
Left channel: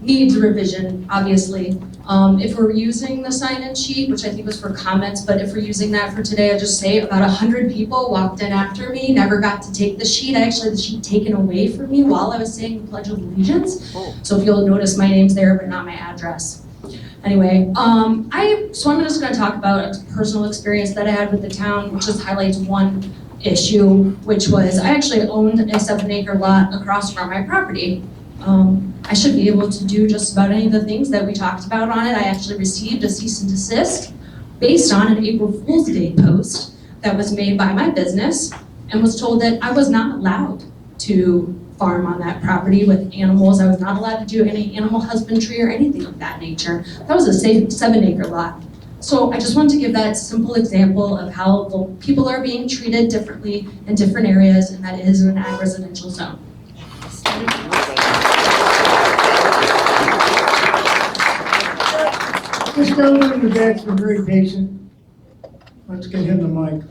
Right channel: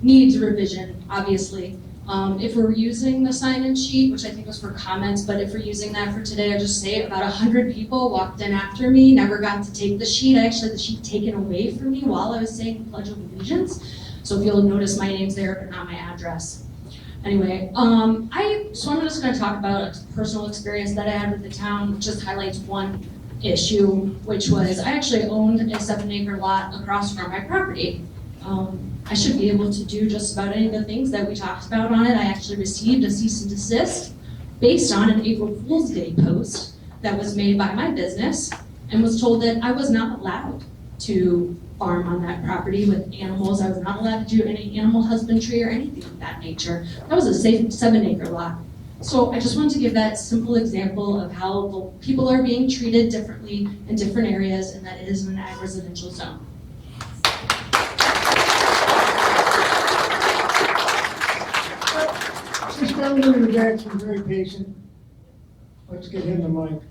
needs revision, obviously. If we're using the sign-in sheet, which I think was for comments, but if we're using that for today, I'll just say about 100 people walked in after me, never got to take the sheet. I actually had the sheet taken away from me while I was saying the Pledge of Allegiance. So if you'll notice, my name's there, but not my address. Anyway, I'm just gonna talk about a personal experience that I had with the town, which just highlights one issue, which was I actually owned a 7-acre lot across from my property. I should be able to do just about any of the things that we talked about on it. I actually received a cease and desist based on an April Fool's Day post that was made by my business, and was told that I was not allowed to farm on that property with animals. I was not allowed to do any animal husbandry or anything of that nature. That was a 7-acre lot. So I just wanted to give that simple example of how the people are being treated differently in different areas, and that is in an ag residential zone. This gentleman in the back's been very patient. Let's give him the mic.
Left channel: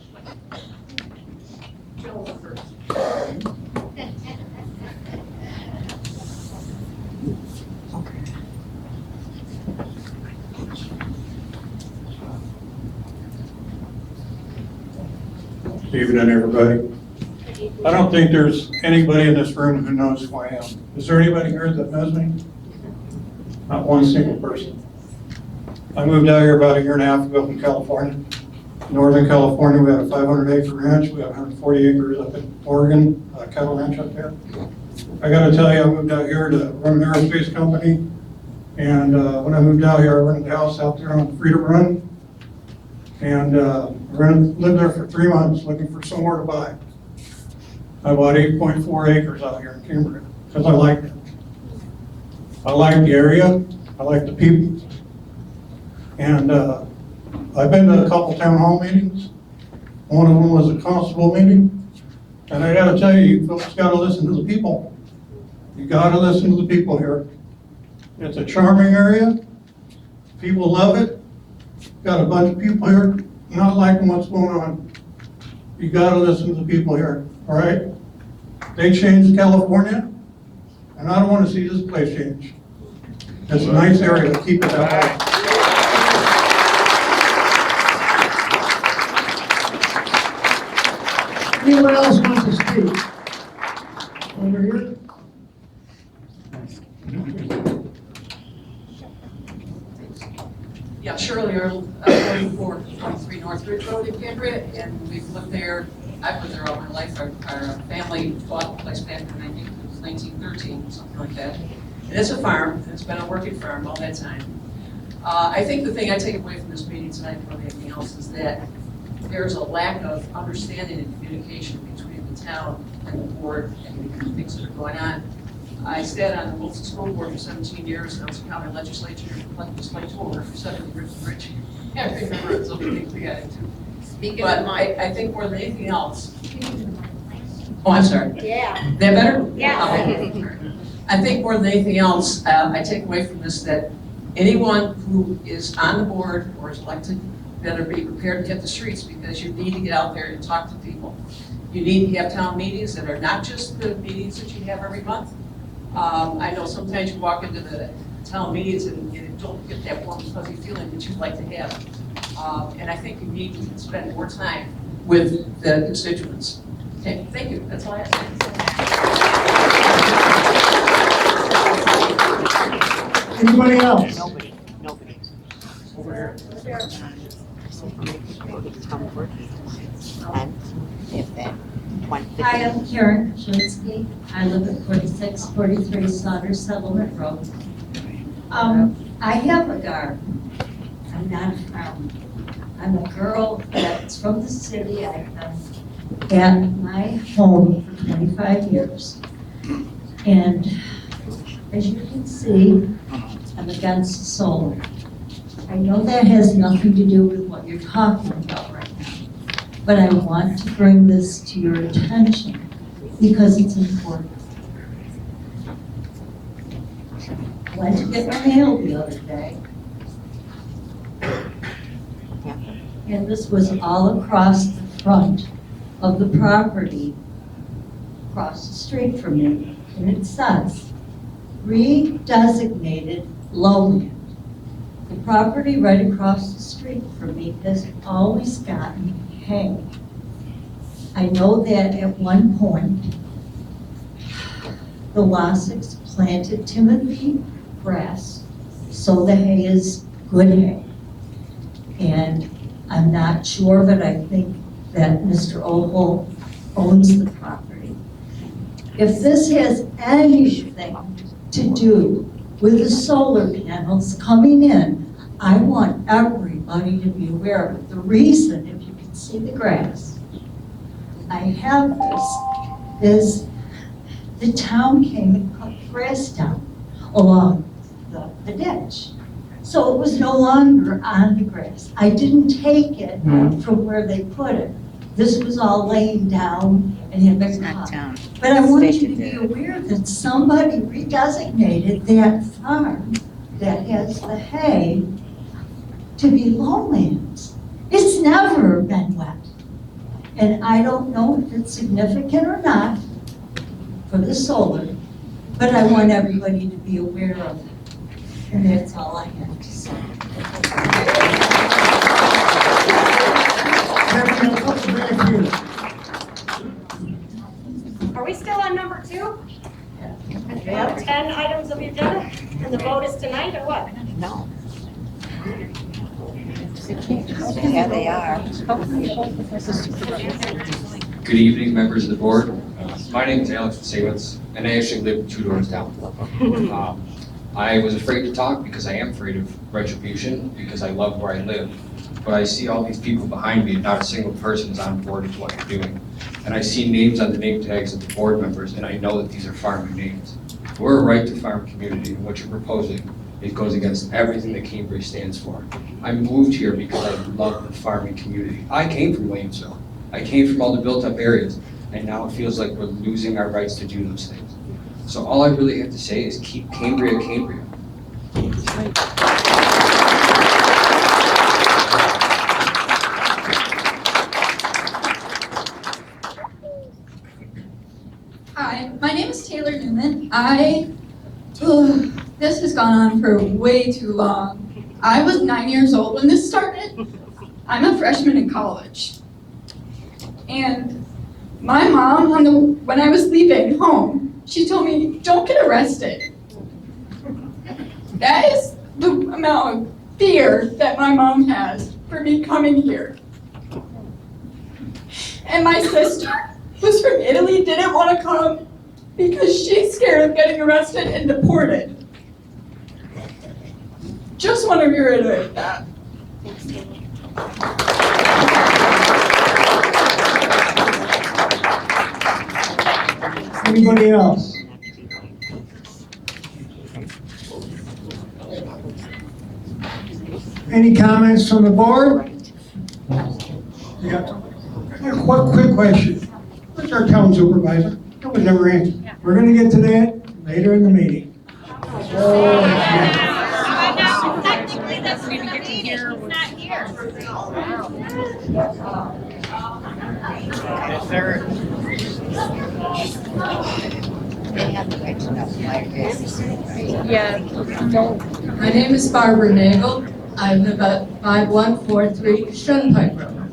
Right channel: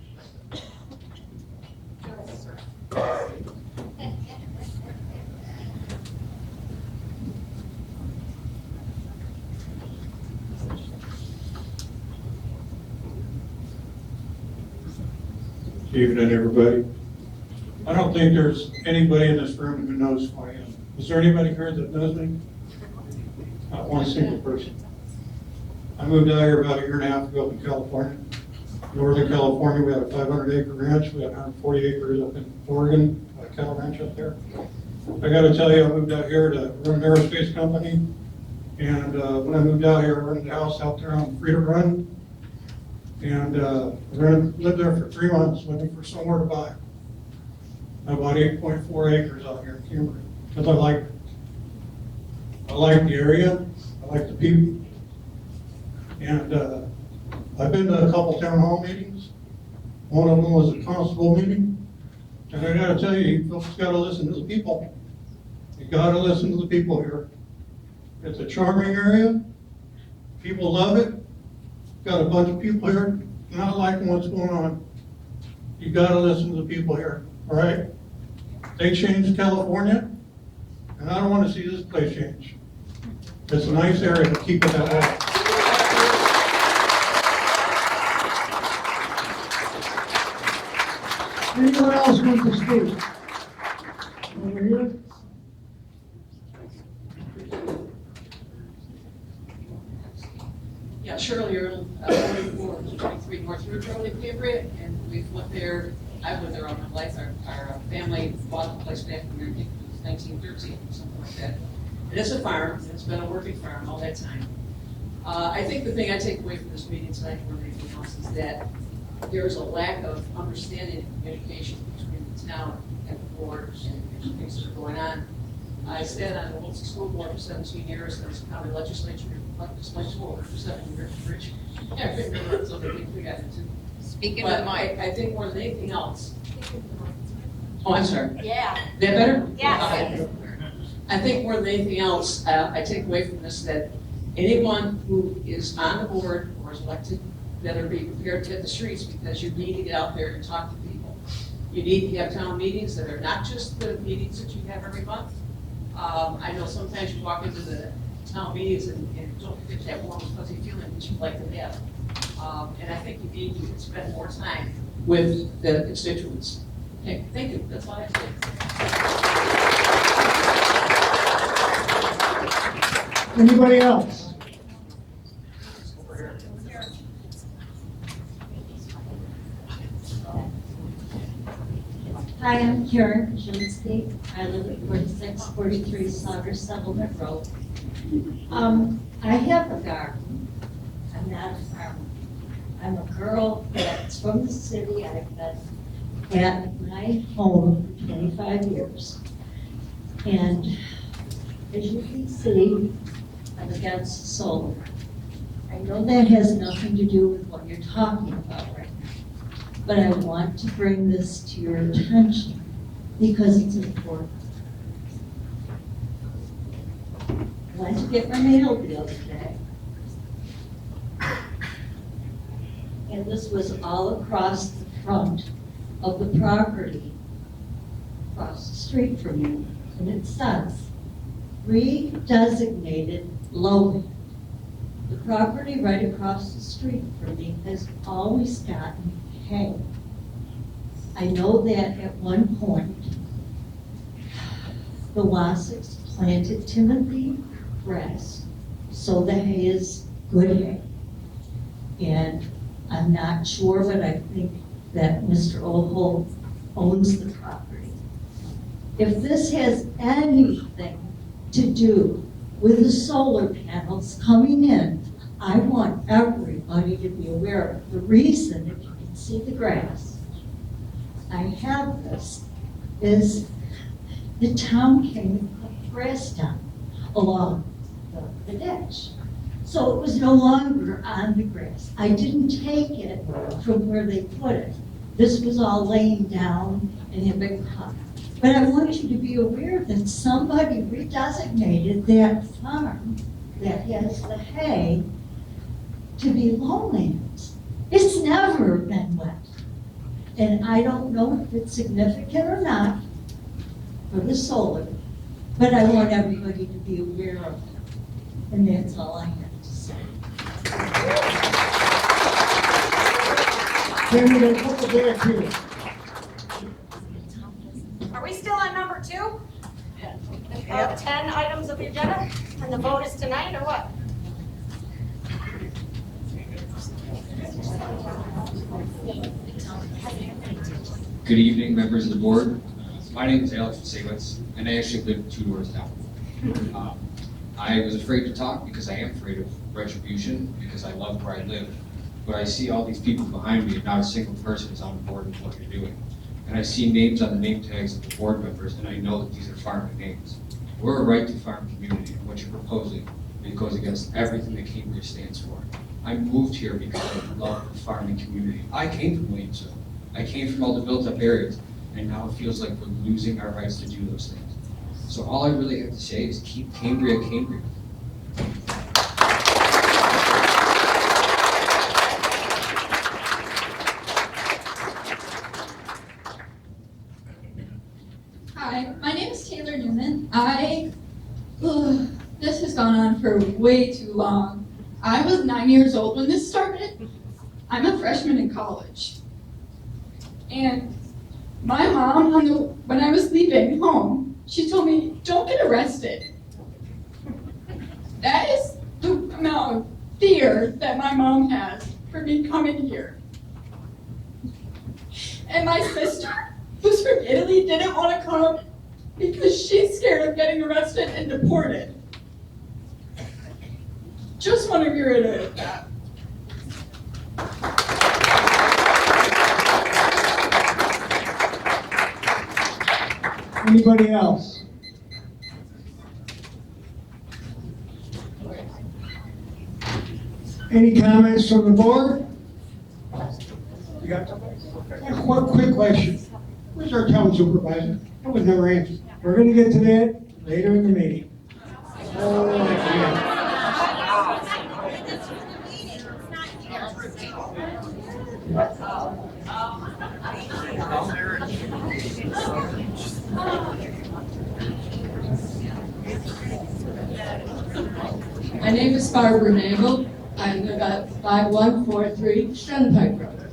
Evening, everybody. I don't think there's anybody in this room who knows who I am. Is there anybody here that knows me? Not one single person. I moved out here about 1.5 years ago from California. Northern California, we have a 500-acre ranch. We have 140 acres up in Oregon, cattle ranch up there. I got to tell you, I moved out here to run an aerospace company. And when I moved out here, I rented a house out there on Freedom Run. And lived there for 3 months looking for somewhere to buy. I bought 8.4 acres out here in Cambria because I liked it. I like the area, I like the people. And I've been to a couple town hall meetings. One of them was a constable meeting. And I gotta tell you, you folks gotta listen to the people. You gotta listen to the people here. It's a charming area. People love it. Got a bunch of people here not liking what's going on. You gotta listen to the people here, all right? They changed California, and I don't wanna see this place change. It's a nice area to keep it that way. Anyone else wants to speak? Over here? Yeah, Shirley Earl, 4423 North Ridge Road in Cambria, and we've lived there. I've lived there all my life. Our family bought the place back in 1913, something like that. And it's a farm, and it's been a working farm all that time. I think the thing I take away from this meeting tonight more than anything else is that there's a lack of understanding and communication between the town and the board and the things that are going on. I sat on the Wilson School Board for 17 years, I was a county legislator for 7 years, Rich. I remember some of the things we got into. But I think more than anything else. Oh, I'm sorry. Yeah. That better? Yeah. Okay. I think more than anything else, I take away from this that anyone who is on the board or is elected better be prepared to hit the streets, because you need to get out there and talk to people. You need to have town meetings that are not just the meetings that you have every month. I know sometimes you walk into the town meetings and you don't get that warm, fuzzy feeling that you'd like to have. And I think you need to spend more time with the constituents. Okay, thank you. That's all I have to say. Anybody else? Nobody. Over here. Hi, I'm Karen Krasinski. I live at 4643 Slaughter Settlement Road. I have a garden. I'm not a farmer. I'm a girl that's from the city. I've been at my home for 25 years. And as you can see, I'm against solar. I know that has nothing to do with what you're talking about right now, but I want to bring this to your attention because it's important. I went to get my mail the other day, and this was all across the front of the property across the street from me, and it says, redesignated lowland. The property right across the street from me has always gotten hay. I know that at one point, the Wassicks planted Timothy grass, so the hay is good hay. And I'm not sure, but I think that Mr. Oval owns the property. If this has anything to do with the solar panels coming in, I want everybody to be aware of it. The reason, if you can see the grass, I have this, is the town came and cut the grass down along the ditch. So it was no longer on the grass. I didn't take it from where they put it. This was all laying down and had been cut. But I want you to be aware that somebody redesignated that farm that has the hay to be lowlands. It's never been wet. And I don't know if it's significant or not for the solar, but I want everybody to be aware of it. And that's all I have to say. Then we're gonna put the back here. Are we still on number 2? Yeah. We have 10 items of the agenda, and the vote is tonight, or what? No. Yeah, they are. Good evening, members of the board. My name is Alex Sawitz, and I actually live 2 doors down. I was afraid to talk because I am afraid of retribution, because I love where I live. But I see all these people behind me, and not a single person is on board with what you're doing. And I see names on the name tags of the board members, and I know that these are farming names. We're a right to farm community, and what you're proposing, it goes against everything that Cambria stands for. I moved here because I love the farming community. I came from Williamsville. I came from all the built-up areas, and now it feels like we're losing our rights to do those things. So all I really have to say is keep Cambria, Cambria. Hi, my name is Taylor Newman. This has gone on for way too long. I was 9 years old when this started. I'm a freshman in college. And my mom, when I was leaving home, she told me, don't get arrested. That is the amount of fear that my mom has for me coming here. And my sister, who's from Italy, didn't want to come because she's scared of getting arrested and deported. Just want to reiterate that. Anybody else? Any comments from the board? Yeah. A quick question. Where's our town supervisor? That was never answered. We're gonna get to that later in the meeting. Yeah. My name is Barbara Nagel. I live at 5143 Shunpike Road.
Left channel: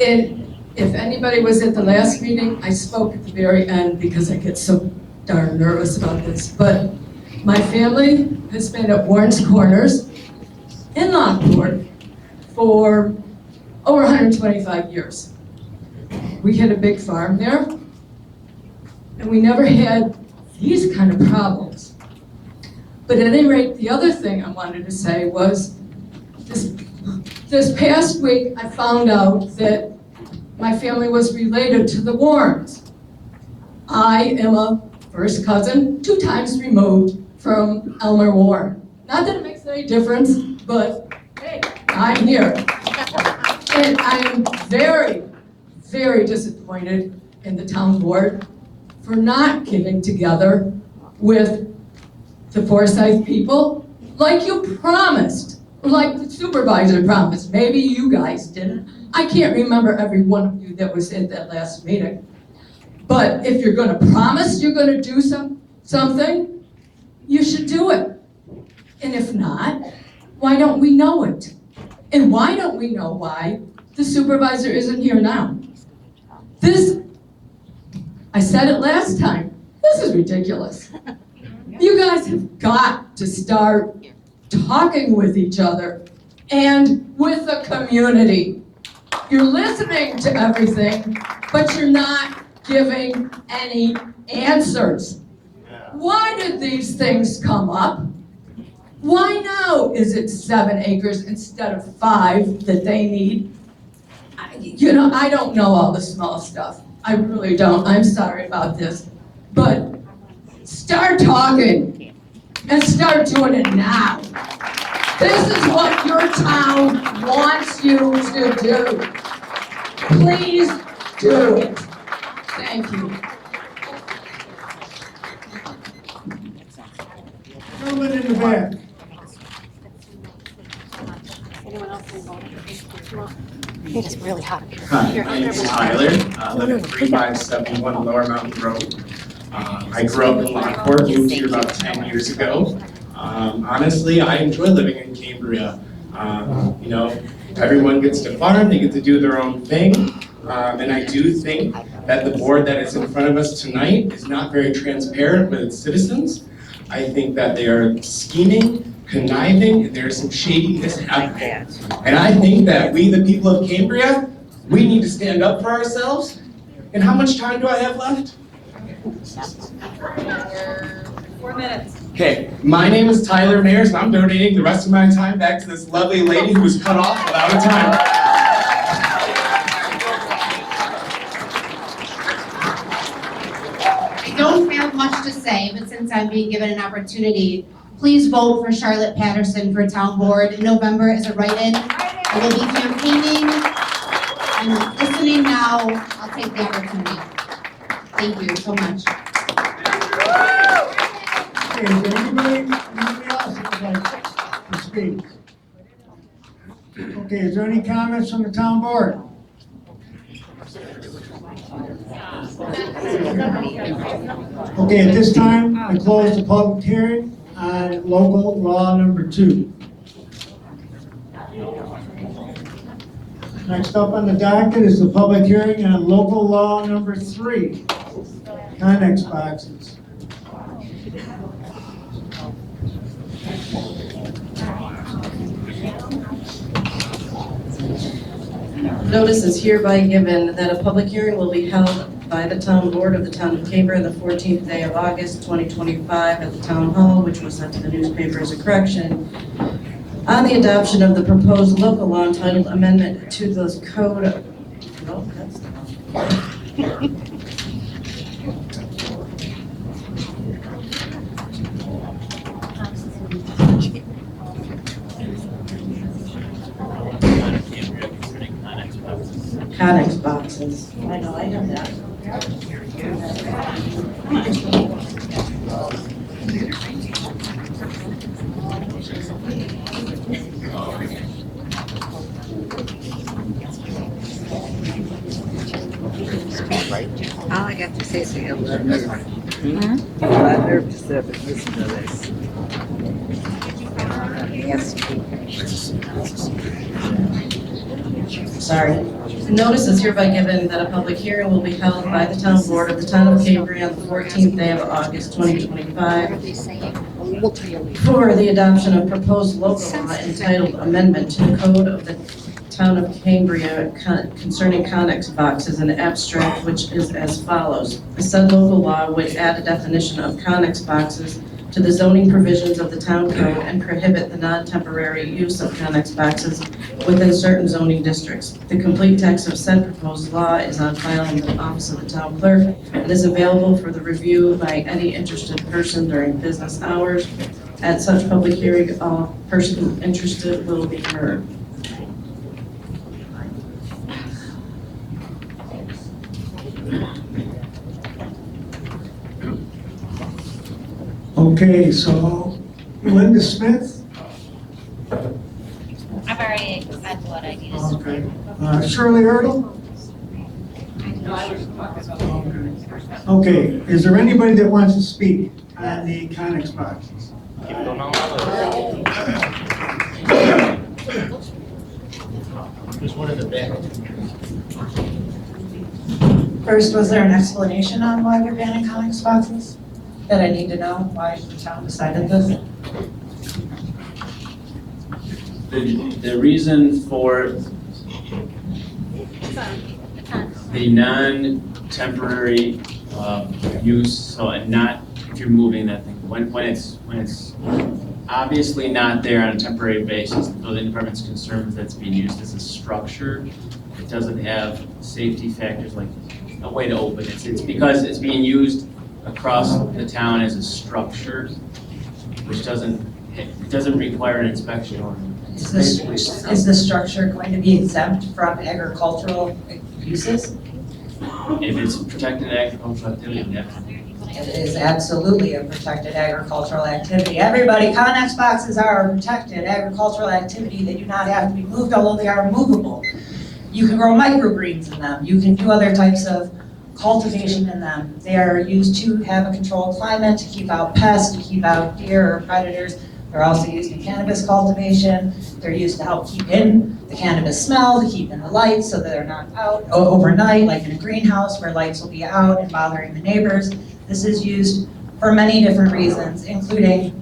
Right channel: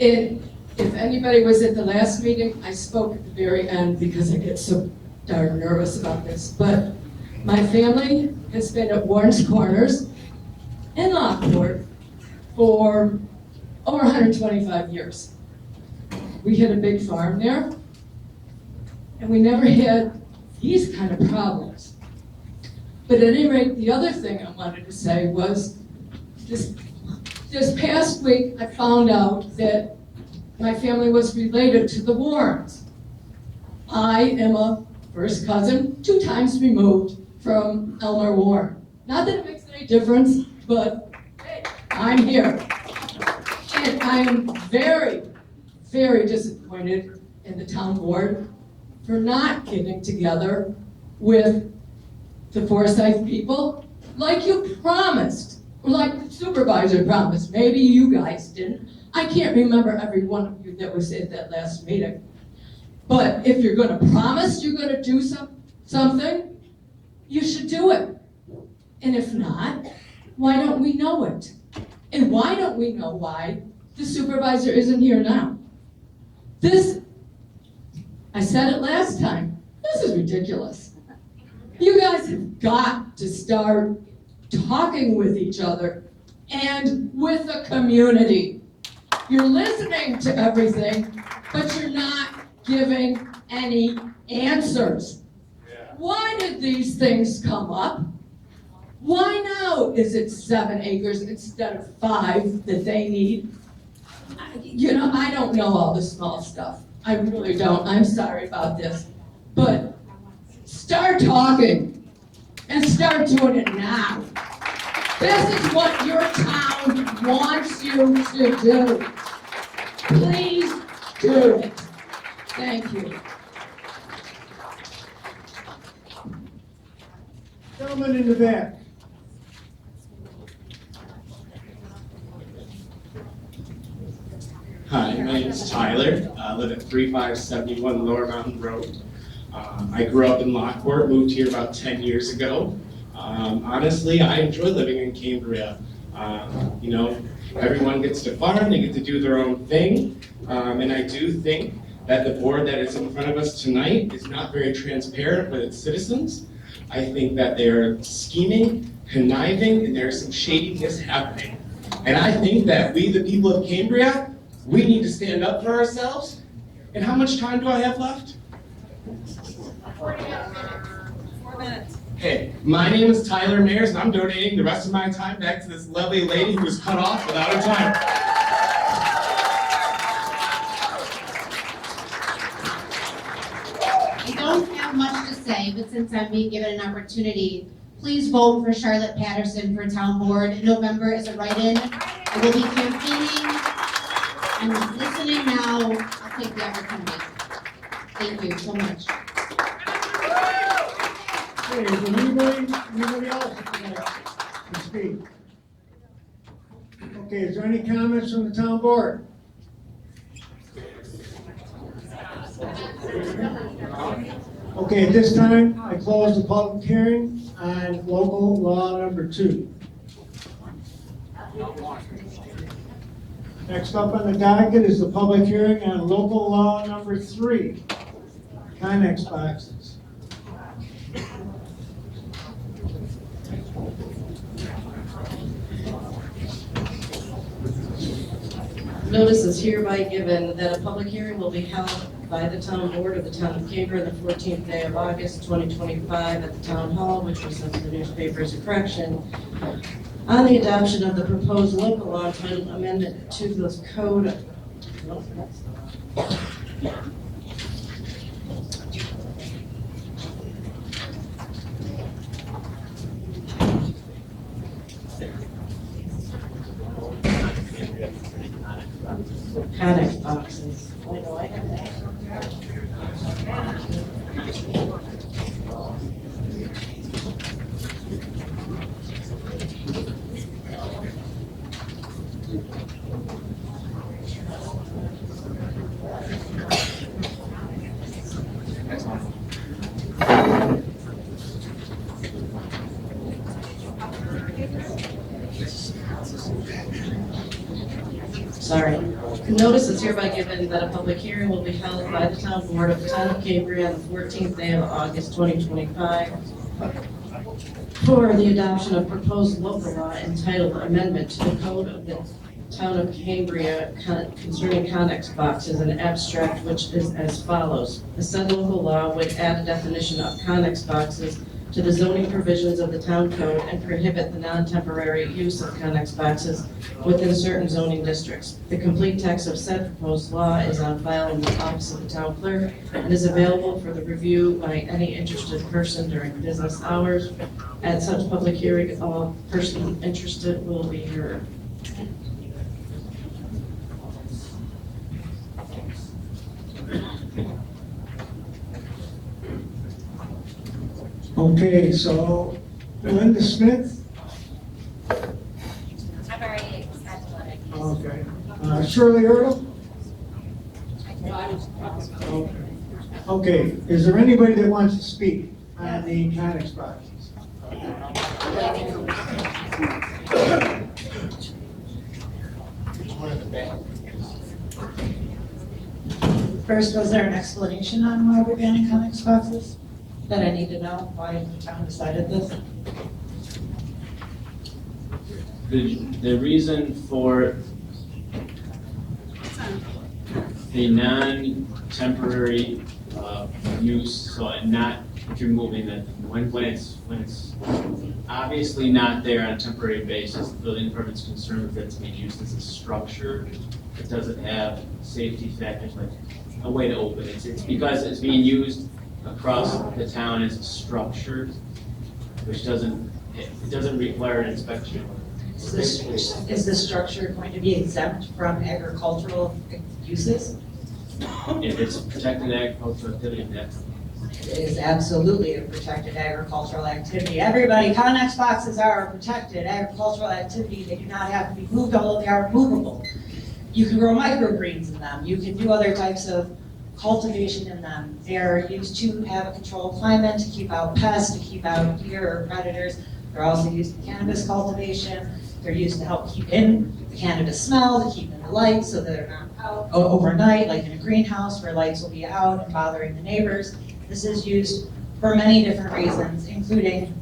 And if anybody was at the last meeting, I spoke at the very end because I get so darn nervous about this. But my family has been at Warren's Corners in Lockport for over 125 years. We had a big farm there, and we never had these kind of problems. But at any rate, the other thing I wanted to say was this past week, I found out that my family was related to the Warrens. I am a first cousin, 2 times removed from Elmer Ward. Not that it makes any difference, but hey, I'm here. And I'm very, very disappointed in the town board for not getting together with the Forsyth people like you promised, like the supervisor promised. Maybe you guys didn't. I can't remember every one of you that was at that last meeting. But if you're gonna promise you're gonna do something, you should do it. And if not, why don't we know it? And why don't we know why the supervisor isn't here now? I said it last time, this is ridiculous. You guys have got to start talking with each other and with the community. You're listening to everything, but you're not giving any answers. Why did these things come up? Why now is it 7 acres instead of 5 that they need? I don't know all the small stuff. I really don't. I'm sorry about this. But start talking and start doing it now. This is what your town wants you to do. Please do it. Thank you. Gentleman in the back. It is really hot. Hi, my name is Tyler. I live at 3571 Lower Mountain Road. I grew up in Lockport, moved here about 10 years ago. Honestly, I enjoy living in Cambria. Everyone gets to farm, they get to do their own thing. And I do think that the board that is in front of us tonight is not very transparent with its citizens. I think that they are scheming, conniving, and there's some shadiness happening. And I think that we, the people of Cambria, we need to stand up for ourselves. And how much time do I have left? 4 minutes. Okay, my name is Tyler Mayers, and I'm donating the rest of my time back to this lovely lady who was cut off without a timer. I don't have much to say, but since I'm being given an opportunity, please vote for Charlotte Patterson for town board in November as a write-in. I will be campaigning. I'm listening now. I'll take the opportunity. Thank you so much. Okay, is there anybody else that would like to speak? Okay, is there any comments from the town board? Okay, at this time, I close the public hearing on local law number 2. Next up on the docket is the public hearing on local law number 3, Connex boxes. Notice is hereby given that a public hearing will be held by the town board of the town of Cambria the 14th day of August 2025 at the town hall, which was sent to the newspaper as a correction, on the adoption of the proposed local law entitled Amendment to the Code. No, that's Connex boxes. I know, I have that. All I got to say is I'm nervous. I'm nervous to listen to this. Yes. Sorry. Notice is hereby given that a public hearing will be held by the town board of the town of Cambria on the 14th day of August 2025 for the adoption of proposed local law entitled Amendment to the Code of the Town of Cambria concerning Connex boxes in abstract, which is as follows. The said local law would add a definition of Connex boxes to the zoning provisions of the town code and prohibit the non-temporary use of Connex boxes within certain zoning districts. The complete text of said proposed law is on file in the office of the town clerk and is available for the review by any interested person during business hours. At such public hearing, all persons interested will be heard. Okay, so Linda Smith, I've already said what I need to say. okay. Shirley Erdl, No, I was talking about. okay. Is there anybody that wants to speak on the Connex boxes? There's one in the back. First, was there an explanation on why we're banning Connex boxes? That I need to know why the town decided this? The reason for the non-temporary use, so not if you're moving that thing, when it's obviously not there on a temporary basis, the building department's concerned that it's being used as a structure. It doesn't have safety factors like a way to open it. It's because it's being used across the town as a structure, which doesn't require an inspection or Is the structure going to be exempt from agricultural uses? if it's a protected agricultural activity, yes. It is absolutely a protected agricultural activity. Everybody, Connex boxes are a protected agricultural activity. They do not have to be moved, although they are movable. You can grow microgreens in them. You can do other types of cultivation in them. They are used to have a controlled climate, to keep out pests, to keep out deer or predators. They're also used in cannabis cultivation. They're used to help keep in the cannabis smell, to keep in the light so that they're not out overnight, like in a greenhouse where lights will be out and bothering the neighbors. This is used for many different reasons, including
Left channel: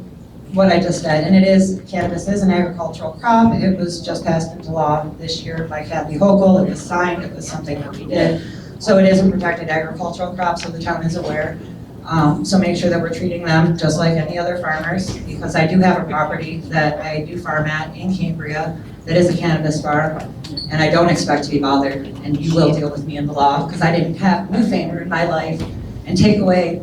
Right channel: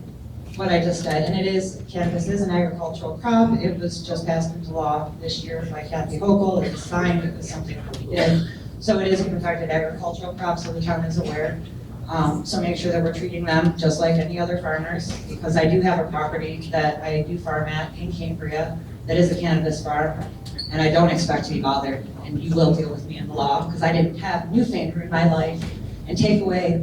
what I just said. And cannabis is an agricultural crop. It was just passed into law this year by Kathy Hochul. It was signed. It was something that we did. So it is a protected agricultural crop, so the town is aware. So make sure that we're treating them just like any other farmers, because I do have a property that I do farm at in Cambria that is a cannabis farm, and I don't expect to be bothered, and you will deal with me in the law, because I didn't have Newfamer in my life, and take away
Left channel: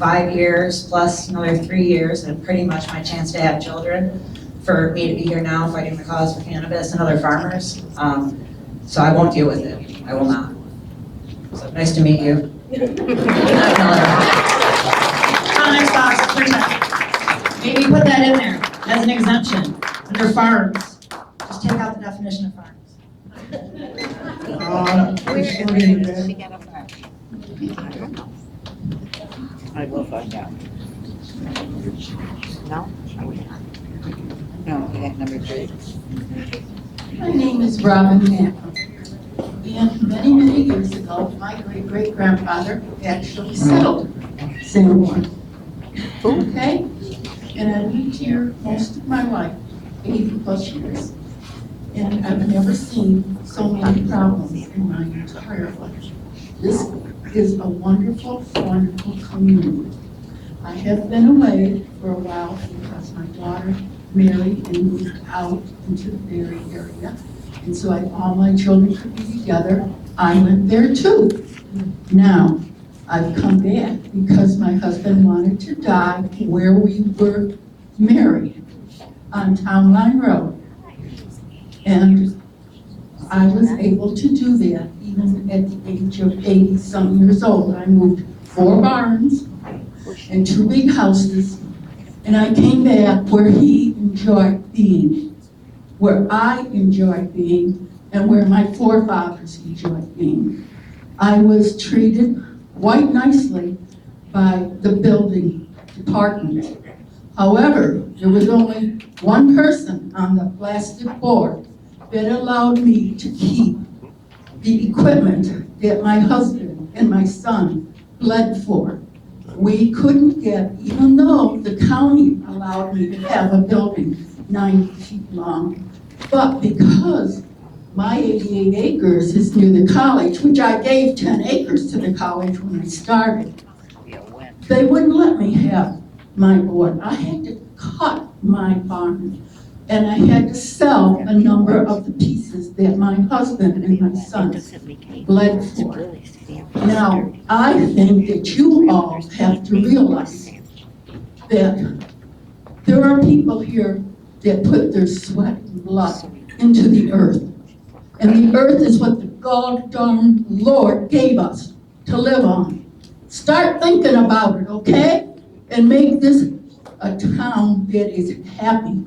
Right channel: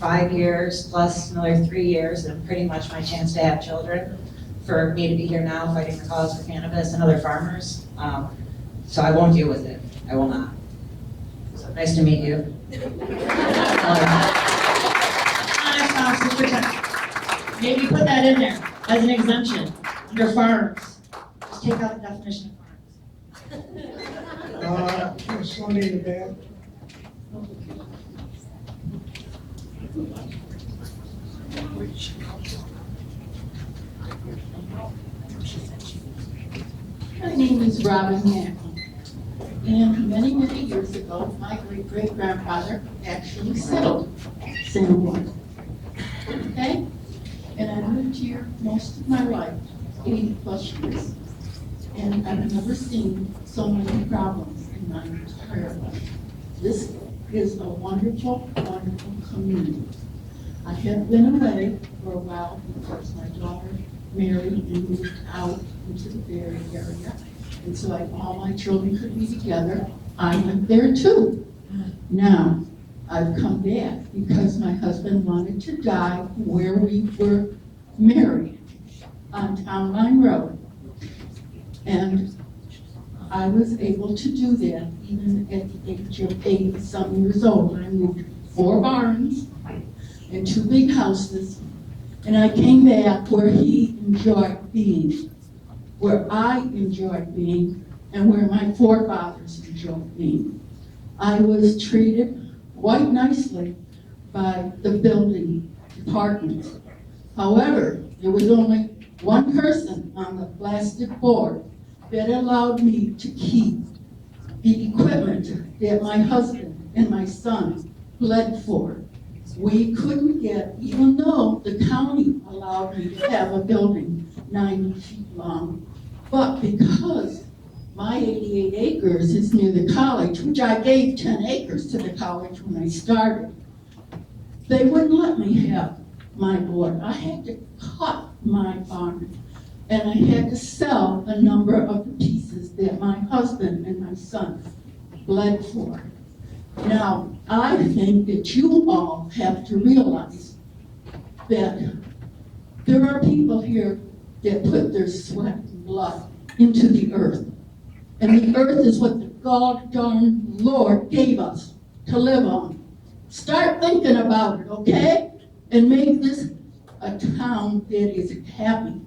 5 years plus another 3 years and pretty much my chance to have children for me to be here now fighting the cause for cannabis and other farmers. So I won't deal with it. I will not. So nice to meet you. Connex boxes protect. Maybe put that in there as an exemption under farms. Just take out the definition of farms. I will find out. No? No, we got number 3. My name is Robin Knapp. And many, many years ago, my great-great-grandfather actually settled San Juan. Okay? And I lived here most of my life, 80-plus years. And I've never seen so many problems in my entire life. This is a wonderful, wonderful community. I have been away for a while because my daughter married and moved out into the Barry area. And so all my children could be together. I lived there too. Now, I've come back because my husband wanted to die where we were married, on Town Line Road. And I was able to do that even at the age of 80-some years old. I moved 4 barns and 2 big houses, and I came back where he enjoyed being, where I enjoyed being, and where my forefathers enjoyed being. I was treated quite nicely by the building department. However, there was only one person on the plastic board that allowed me to keep the equipment that my husband and my son bled for. We couldn't get, even though the county allowed me to have a building 90 feet long, but because my 88 acres is near the college, which I gave 10 acres to the college when I started, they wouldn't let me have my board. I had to cut my farm, and I had to sell a number of the pieces that my husband and my sons bled for. Now, I think that you all have to realize that there are people here that put their sweat and blood into the earth. And the earth is what the God darn Lord gave us to live on. Start thinking about it, okay? And make this a town that is happy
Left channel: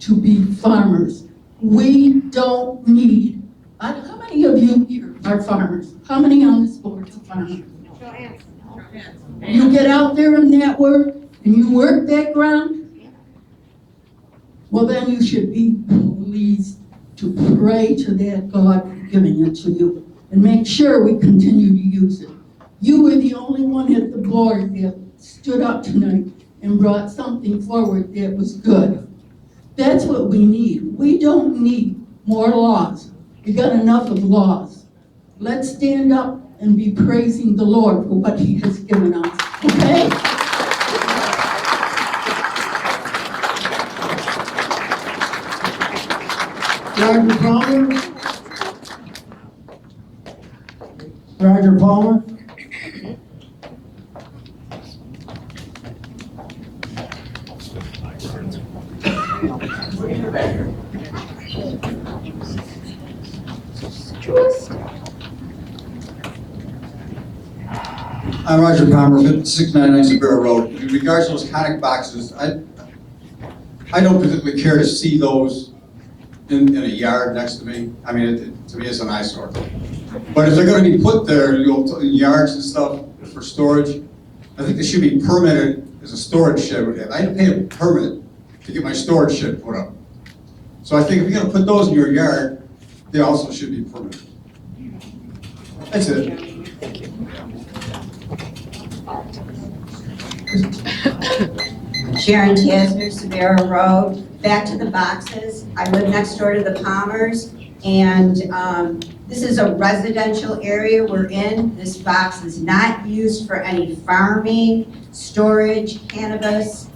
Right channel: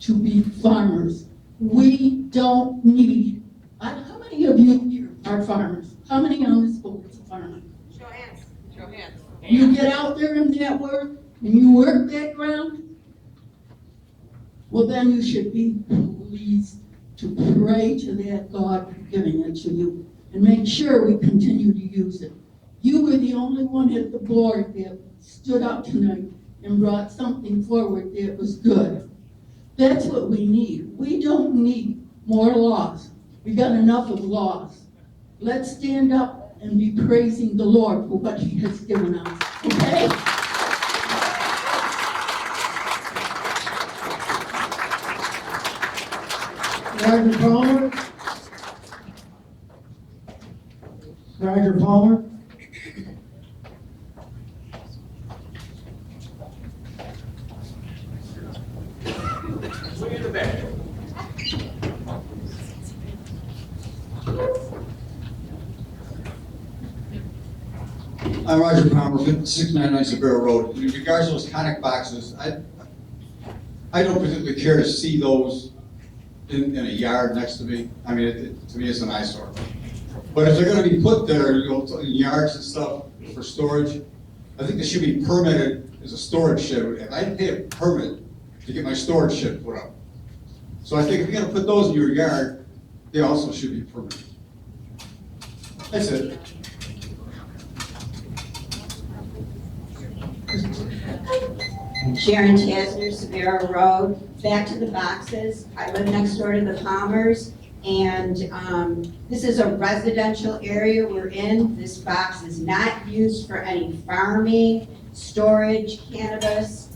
to be farmers. We don't need, how many of you here are farmers? How many on this board are farmers? Show hands. Show hands. You get out there in that work and you work that ground, well then you should be pleased to pray to that God for giving it to you and make sure we continue to use it. You were the only one at the board that stood up tonight and brought something forward that was good. That's what we need. We don't need more laws. We got enough of laws. Let's stand up and be praising the Lord for what He has given us, okay? Roger Palmer? Roger Palmer? I'm Roger Palmer, 699 Sabera Road. In regards to those conic boxes, I don't particularly care to see those in a yard next to me. I mean, to me, it's an eyesore. But if they're going to be put there, in yards and stuff for storage, I think they should be permitted as a storage shed. I didn't pay a permit to get my storage shed put up. So I think if you're going to put those in your yard, they also should be permitted. That's it. Sharon Tasner, Severa Road. Back to the boxes. I live next door to the Palmers, and this is a residential area we're in. This box is not used for any farming, storage, cannabis.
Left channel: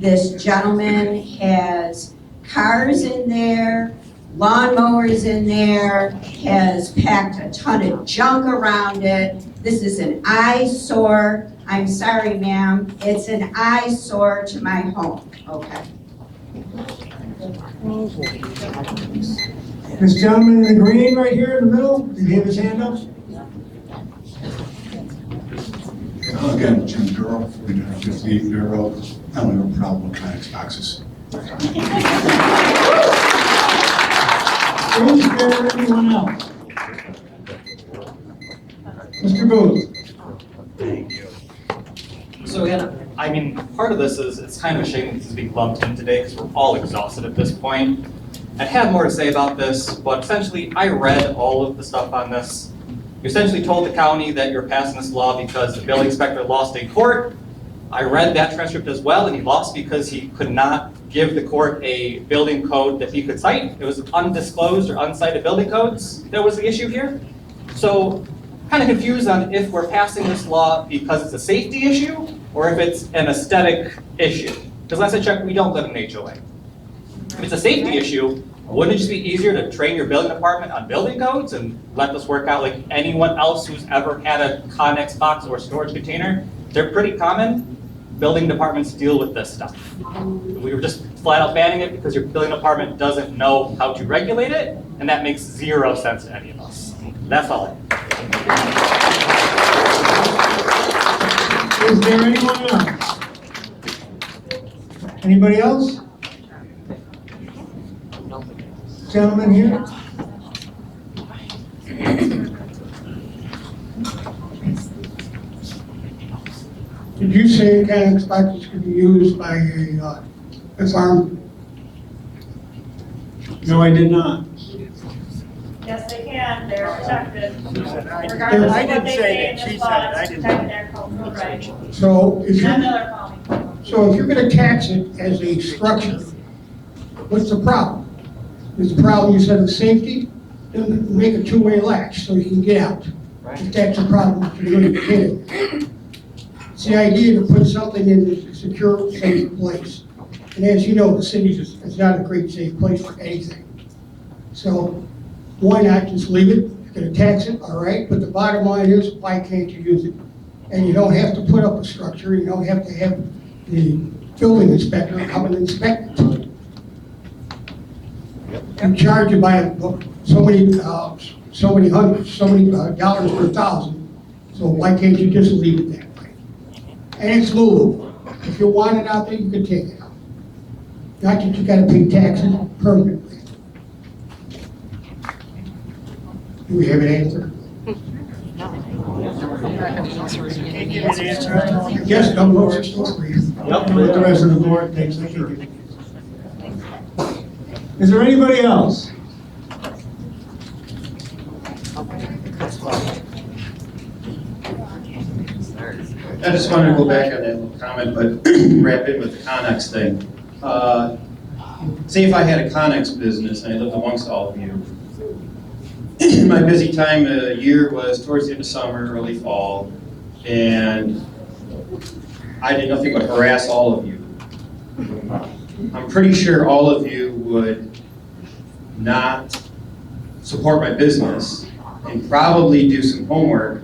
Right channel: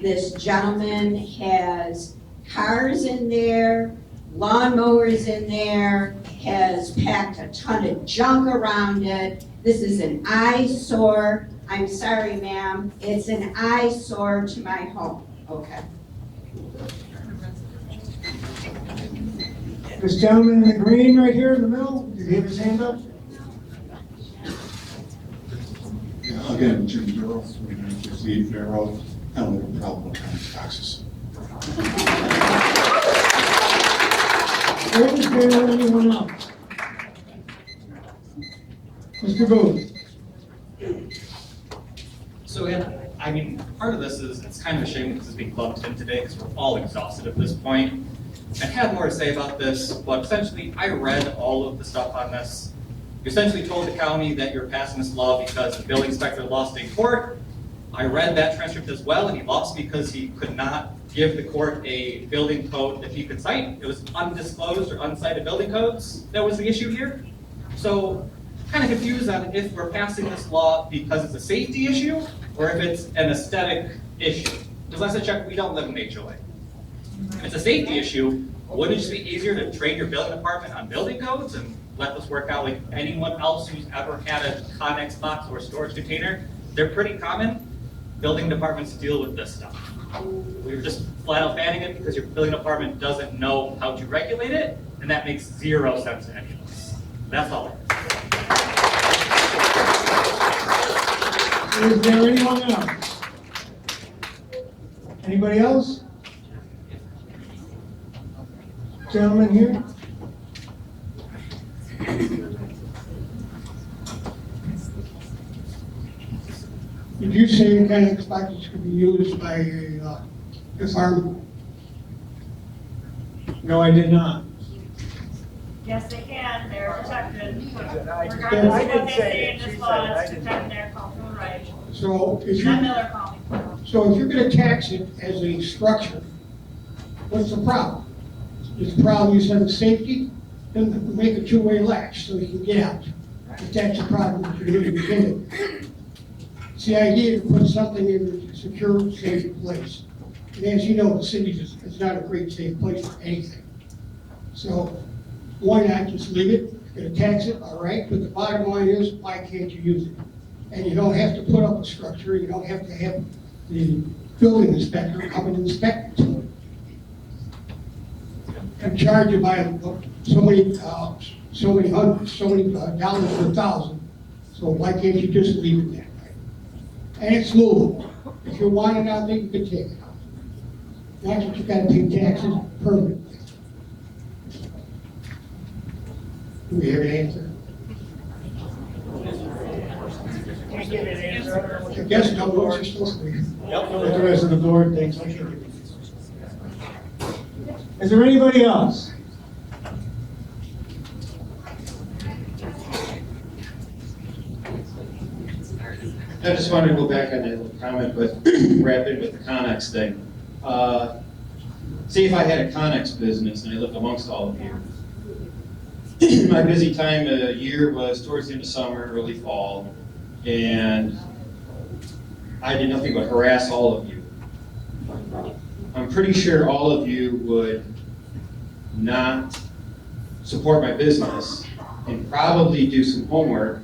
This gentleman has cars in there, lawnmowers in there, has packed a ton of junk around it. This is an eyesore. I'm sorry, ma'am, it's an eyesore to my home, okay? This gentleman in the green right here in the middle, did he have his hand up? Again, Jim Durrell, 358 Bear Road. I don't have a problem with conic boxes. Is there anyone else? Mr. Booth. So again, I mean, part of this is, it's kind of a shame this is being lumped in today because we're all exhausted at this point. I had more to say about this, but essentially I read all of the stuff on this. You essentially told the county that you're passing this law because the building inspector lost in court. I read that transcript as well, and he lost because he could not give the court a building code that he could cite. It was undisclosed or uncited building codes that was the issue here. So kind of confused on if we're passing this law because it's a safety issue or if it's an aesthetic issue. Because last I checked, we don't live in an HOA. If it's a safety issue, wouldn't it just be easier to train your building department on building codes and let this work out like anyone else who's ever had a Connex box or storage container? They're pretty common. Building departments deal with this stuff. We were just flat out banning it because your building department doesn't know how to regulate it, and that makes zero sense to any of us. That's all. Is there anyone else? Anybody else? Gentleman here? Did you say Connex boxes could be used by a farm? No, I did not. Yes, they can, they're protected. I Regardless of didn't what they say say that. in She this said law, it. I it's didn't. protected their cultural rights. So if Matt you, Miller called me. so if you're gonna tax it as a structure, what's the problem? Is the problem you said the safety? Then make a two-way latch so you can get out. If that's a problem for you to get in. It's the idea to put something in a secure, safe place. And as you know, the city is not a great safe place for anything. So why not just leave it? You're gonna tax it, all right, but the bottom line is, why can't you use it? And you don't have to put up a structure, you don't have to have the building inspector come and inspect it. And charge you by so many dollars per thousand. So why can't you just leave it that way? And it's movable. If you want it out there, you can take it out. Not that you gotta pay taxes permanently. Do we have an answer? Yes, no, no, it's still free. Yep, the rest of the board thinks I should give it. Is there anybody else? I just wanted to go back on that little comment, but wrap it with the Connex thing. Say if I had a Connex business and I lived amongst all of you, my busy time of year was towards the end of summer, early fall, and I did nothing but harass all of you. I'm pretty sure all of you would not support my business and probably do some homework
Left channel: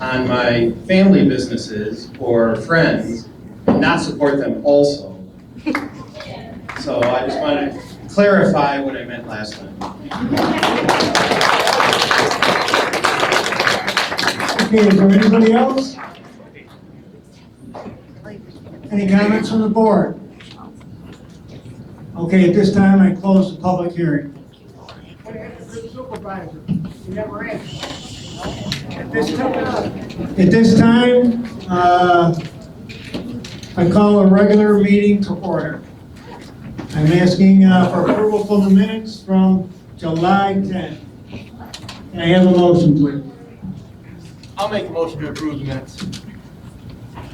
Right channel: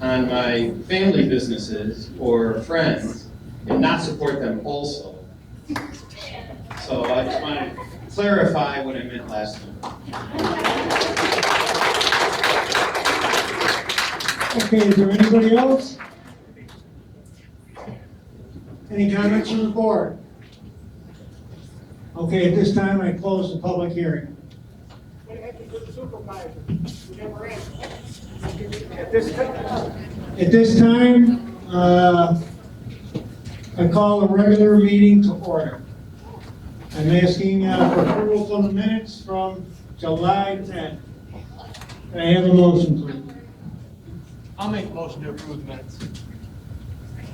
on my family businesses or friends and not support them also. So I just want to clarify what I meant last time. Okay, is there anybody else? Any comments from the board? Okay, at this time, I close the public hearing. At this time, I call a regular meeting to order. I'm asking for approval for the minutes from July 10th. Can I have a motion, please? I'll make a motion to approve the minutes.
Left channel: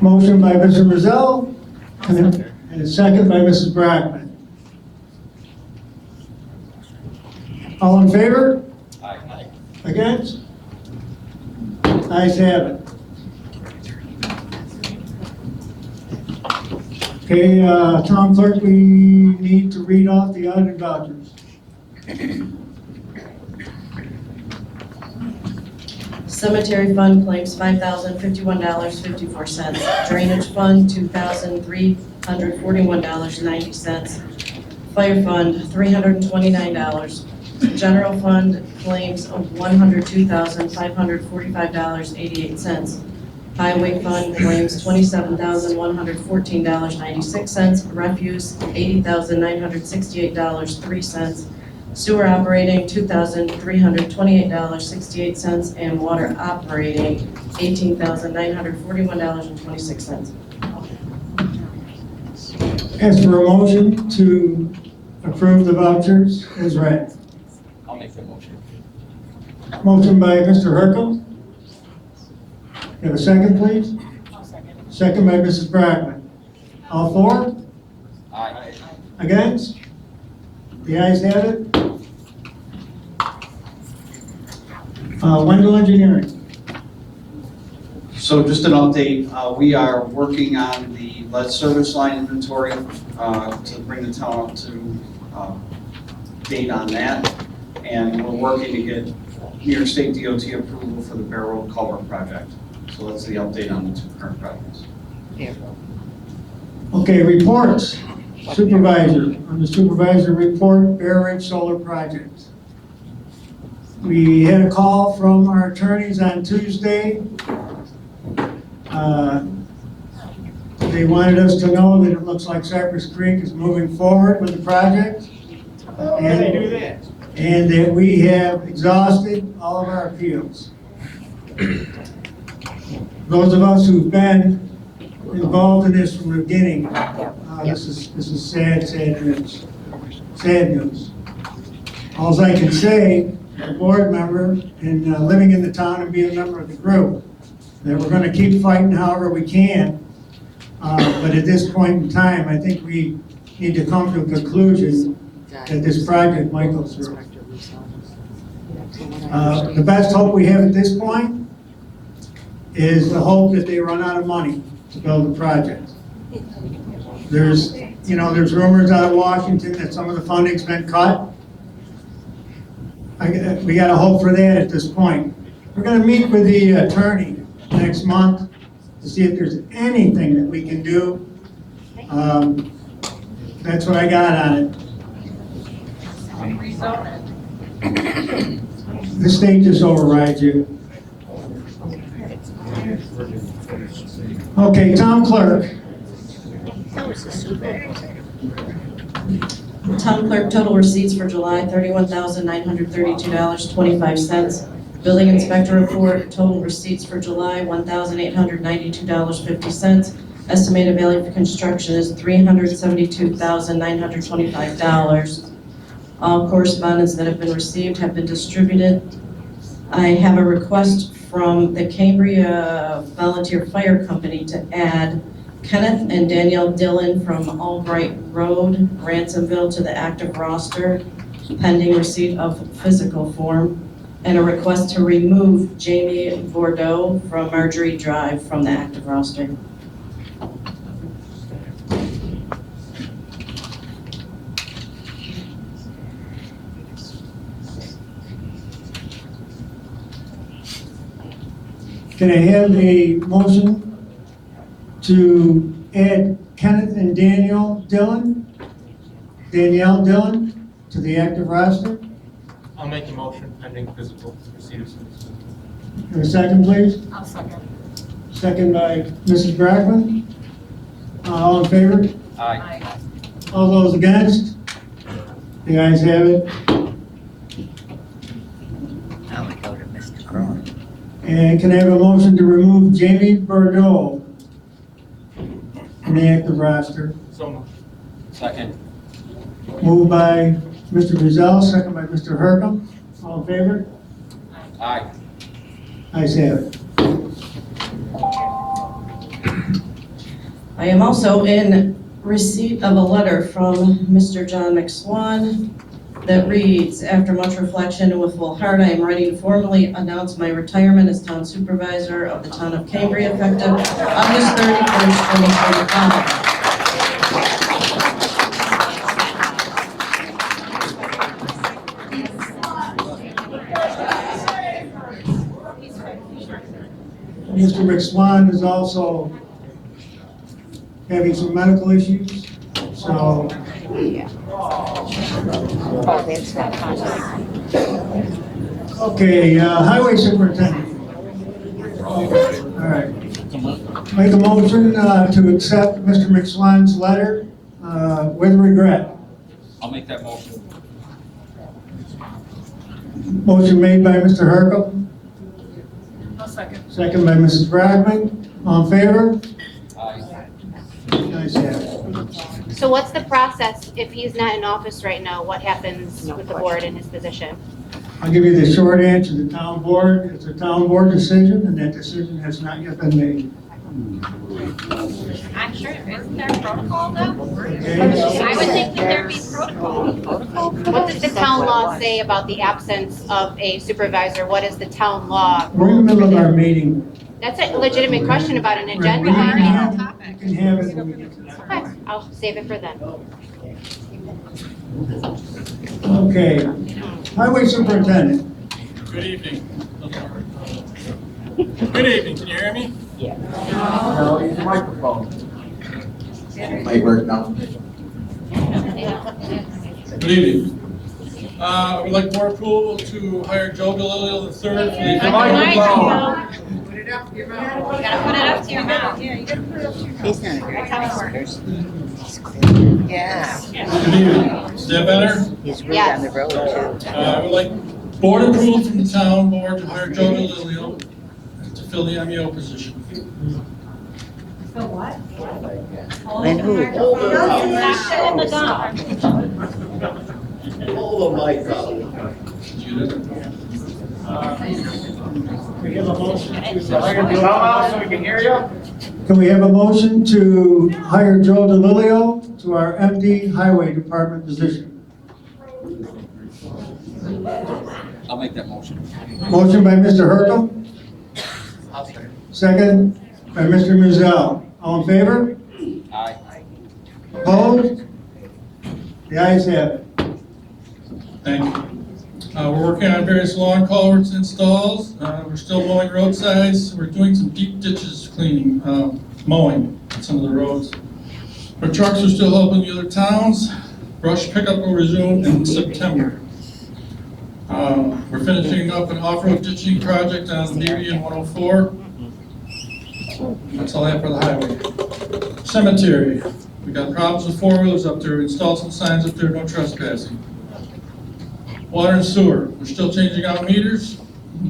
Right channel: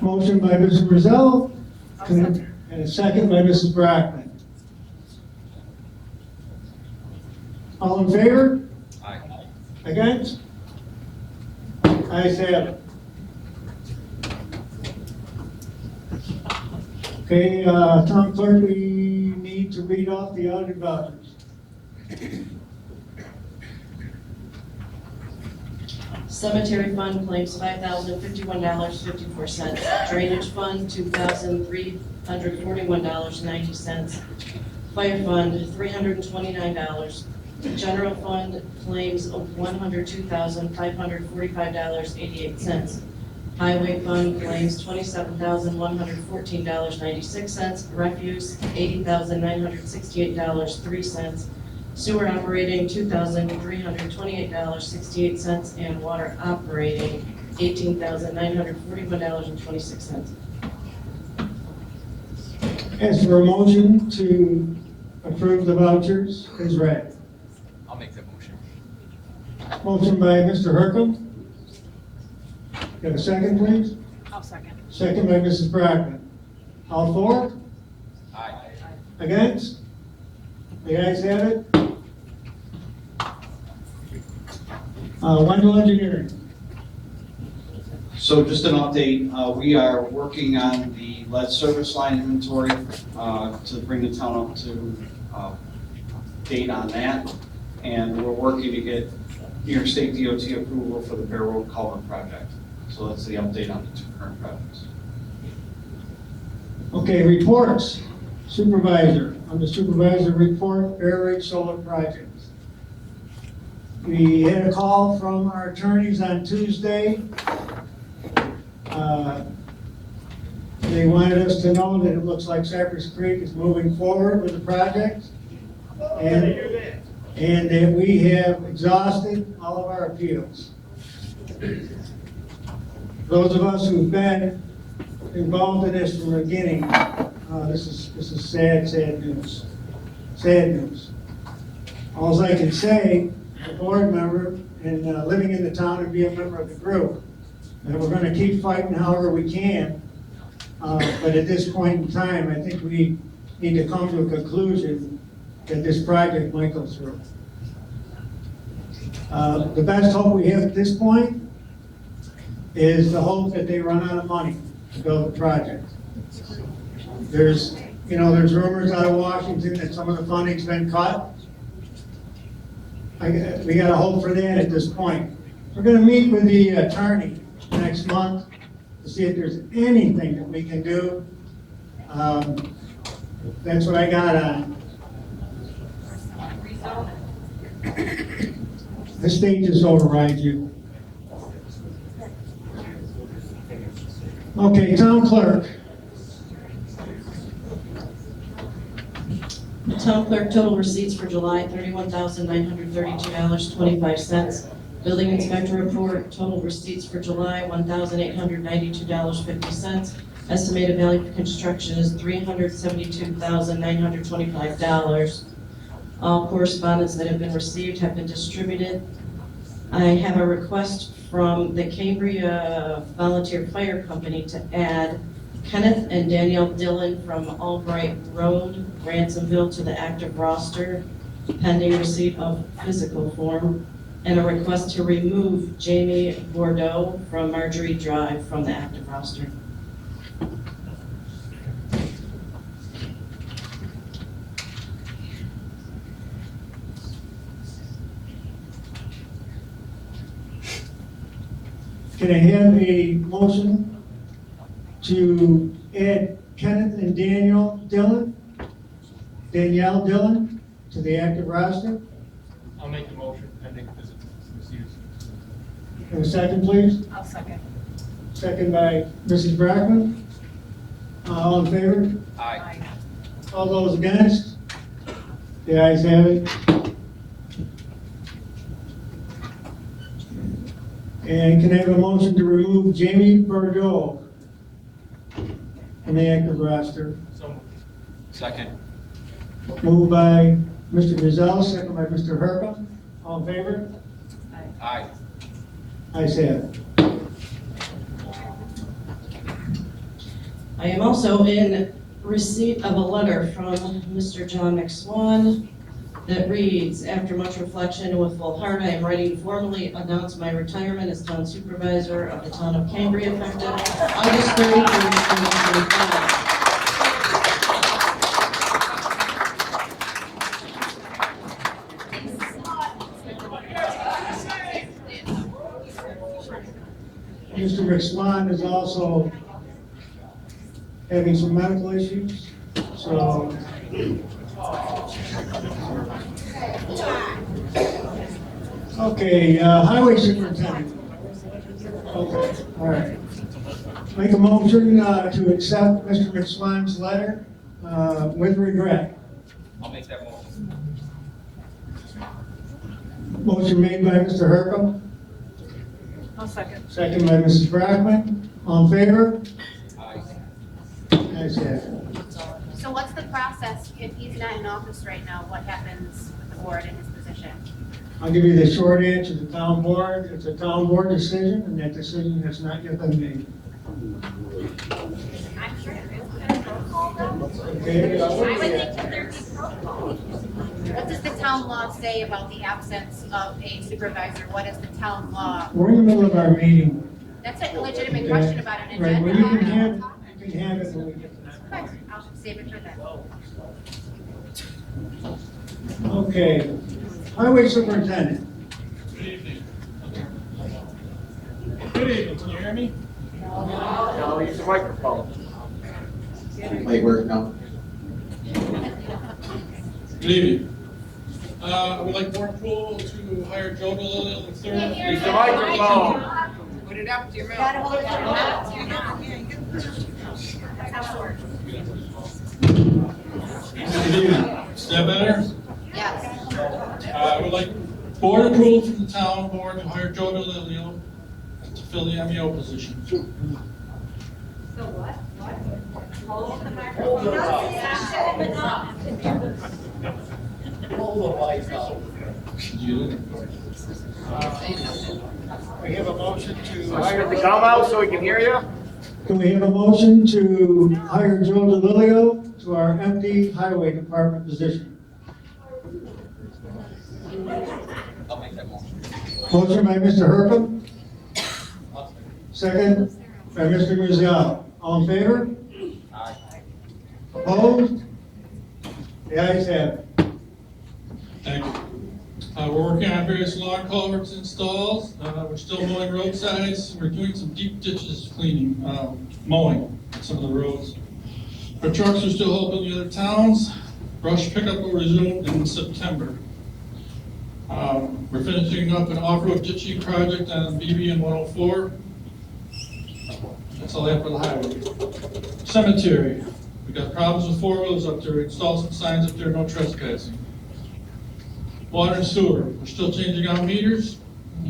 Motion by Mr. Brazell, and a second by Mrs. Brockman. All in favor? Aye. Against? Ayes have it. Okay, Tom Clerk, we need to read off the audited vouchers. Cemetery fund claims $5,051.54. Drainage fund, $2,341.90. Fire fund, $329. General fund claims of $102,545.88. Highway fund claims $27,114.96. Refuse, $80,968.03. Sewer operating, $2,328.68, and water operating, $18,941.26. Ask for a motion to approve the vouchers as read. I'll make that motion. Motion by Mr. Hercom. You have a second, please? I'll second. Second by Mrs. Brockman. All for? Aye. Against? The ayes have it. Wendell Engineering. So just an update, we are working on the lead service line inventory to bring the town up to date on that. And we're working to get New York State DOT approval for the Bear Road Culvert project. So that's the update on the two current projects. Okay, reports. Supervisor, on the supervisor report, Bear Ridge Solar Project. We had a call from our attorneys on Tuesday. They wanted us to know that it looks like Cypress Creek is moving forward with the project. And they do that. And that we have exhausted all of our appeals. Those of us who've been involved in this from the beginning, this is sad news. Sad news. All I can say, as a board member and living in the town and being a member of the group, that we're going to keep fighting however we can. But at this point in time, I think we need to come to a conclusion that this project might go through. The best hope we have at this point is the hope that they run out of money to build the project. There's rumors out of Washington that some of the funding's been cut. We gotta hope for that at this point. We're gonna meet with the attorney next month to see if there's anything that we can do. That's what I got on it. The state just overrides you. Okay, town clerk. Town clerk, total receipts for July, $31,932.25. Building inspector report, total receipts for July, $1,892.50. Estimated value for construction is $372,925. All correspondence that have been received have been distributed. I have a request from the Cambria Volunteer Fire Company to add Kenneth and Danielle Dillon from Albright Road, Ransomville, to the active roster, pending receipt of physical form, and a request to remove Jamie Bordeaux from Marjorie Drive from the active roster. Can I have a motion to add Kenneth and Danielle Dillon to the active roster? I'll make a motion pending physical receipt of suits. For a second, please? I'll second. Second by Mrs. Brackman. All in favor? Aye. All those against? The ayes have it. Now we go to Mr. Crone. And can I have a motion to remove Jamie Bordeaux from the active roster? So moved. Second. Moved by Mr. Rizal, second by Mr. Hercom. All in favor? Aye. Ayes have it. I am also in receipt of a letter from Mr. John McSwan that reads, after much reflection and with full heart, I am ready to formally announce my retirement as town supervisor of the town of Cambria effective August 31st, 2025. Mr. McSwan is also having some medical issues, so. Oh, that's not contract. Okay, highway superintendent. All right. Make a motion to accept Mr. McSwan's letter with regret. I'll make that motion. Motion made by Mr. Hercom, I'll second. second by Mrs. Brackman. All in favor? Aye. Ayes have it. So what's the process if he's not in office right now? What happens with the board in his position? I'll give you the short answer. The town board, it's a town board decision, and that decision has not yet been made. I'm sure, isn't there a protocol though? Okay. I would think that there'd be protocol. What does the town law say about the absence of a supervisor? What is the town law? We're in the middle of our meeting. That's a legitimate question about an Right, agenda. we can item. have- we can have it when we get to that. Okay, I'll save it for then. Okay, highway superintendent. Good evening. Good evening, can you hear me? No, use the microphone. Might work now. Good evening. I would like board approval to hire Joe DeLillo III for the. Use the microphone. Put it up to your mouth. You gotta put it up to your mouth. Yeah, you gotta put it up to your mouth. He's not That's how it works. Yeah. Good evening. Is that better? He's right on the road too. I would like board approval from the town board to hire Joe DeLillo to fill the MEO position. So what? And who? Stop the gun. Hold the mic out. We have a motion to. Come out so we can hear you. Can we have a motion to hire Joe DeLillo to our empty highway department position? I'll make that motion. Motion by Mr. Hercom, I'll second. second by Mr. Muzell. All in favor? Aye. Opposed? The ayes have it. Thank you. We're working on various lawn culverts installs. We're still mowing roadsides. We're doing some deep ditches cleaning, mowing on some of the roads. Our trucks are still helping the other towns. Brush pickup will resume in September. We're finishing up an off-road ditching project on Devian 104. That's all I have for the highway. Cemetery. We got problems with four-wheelers up there. We installed some signs up there, no trespassing. Water and sewer. We're still changing out meters.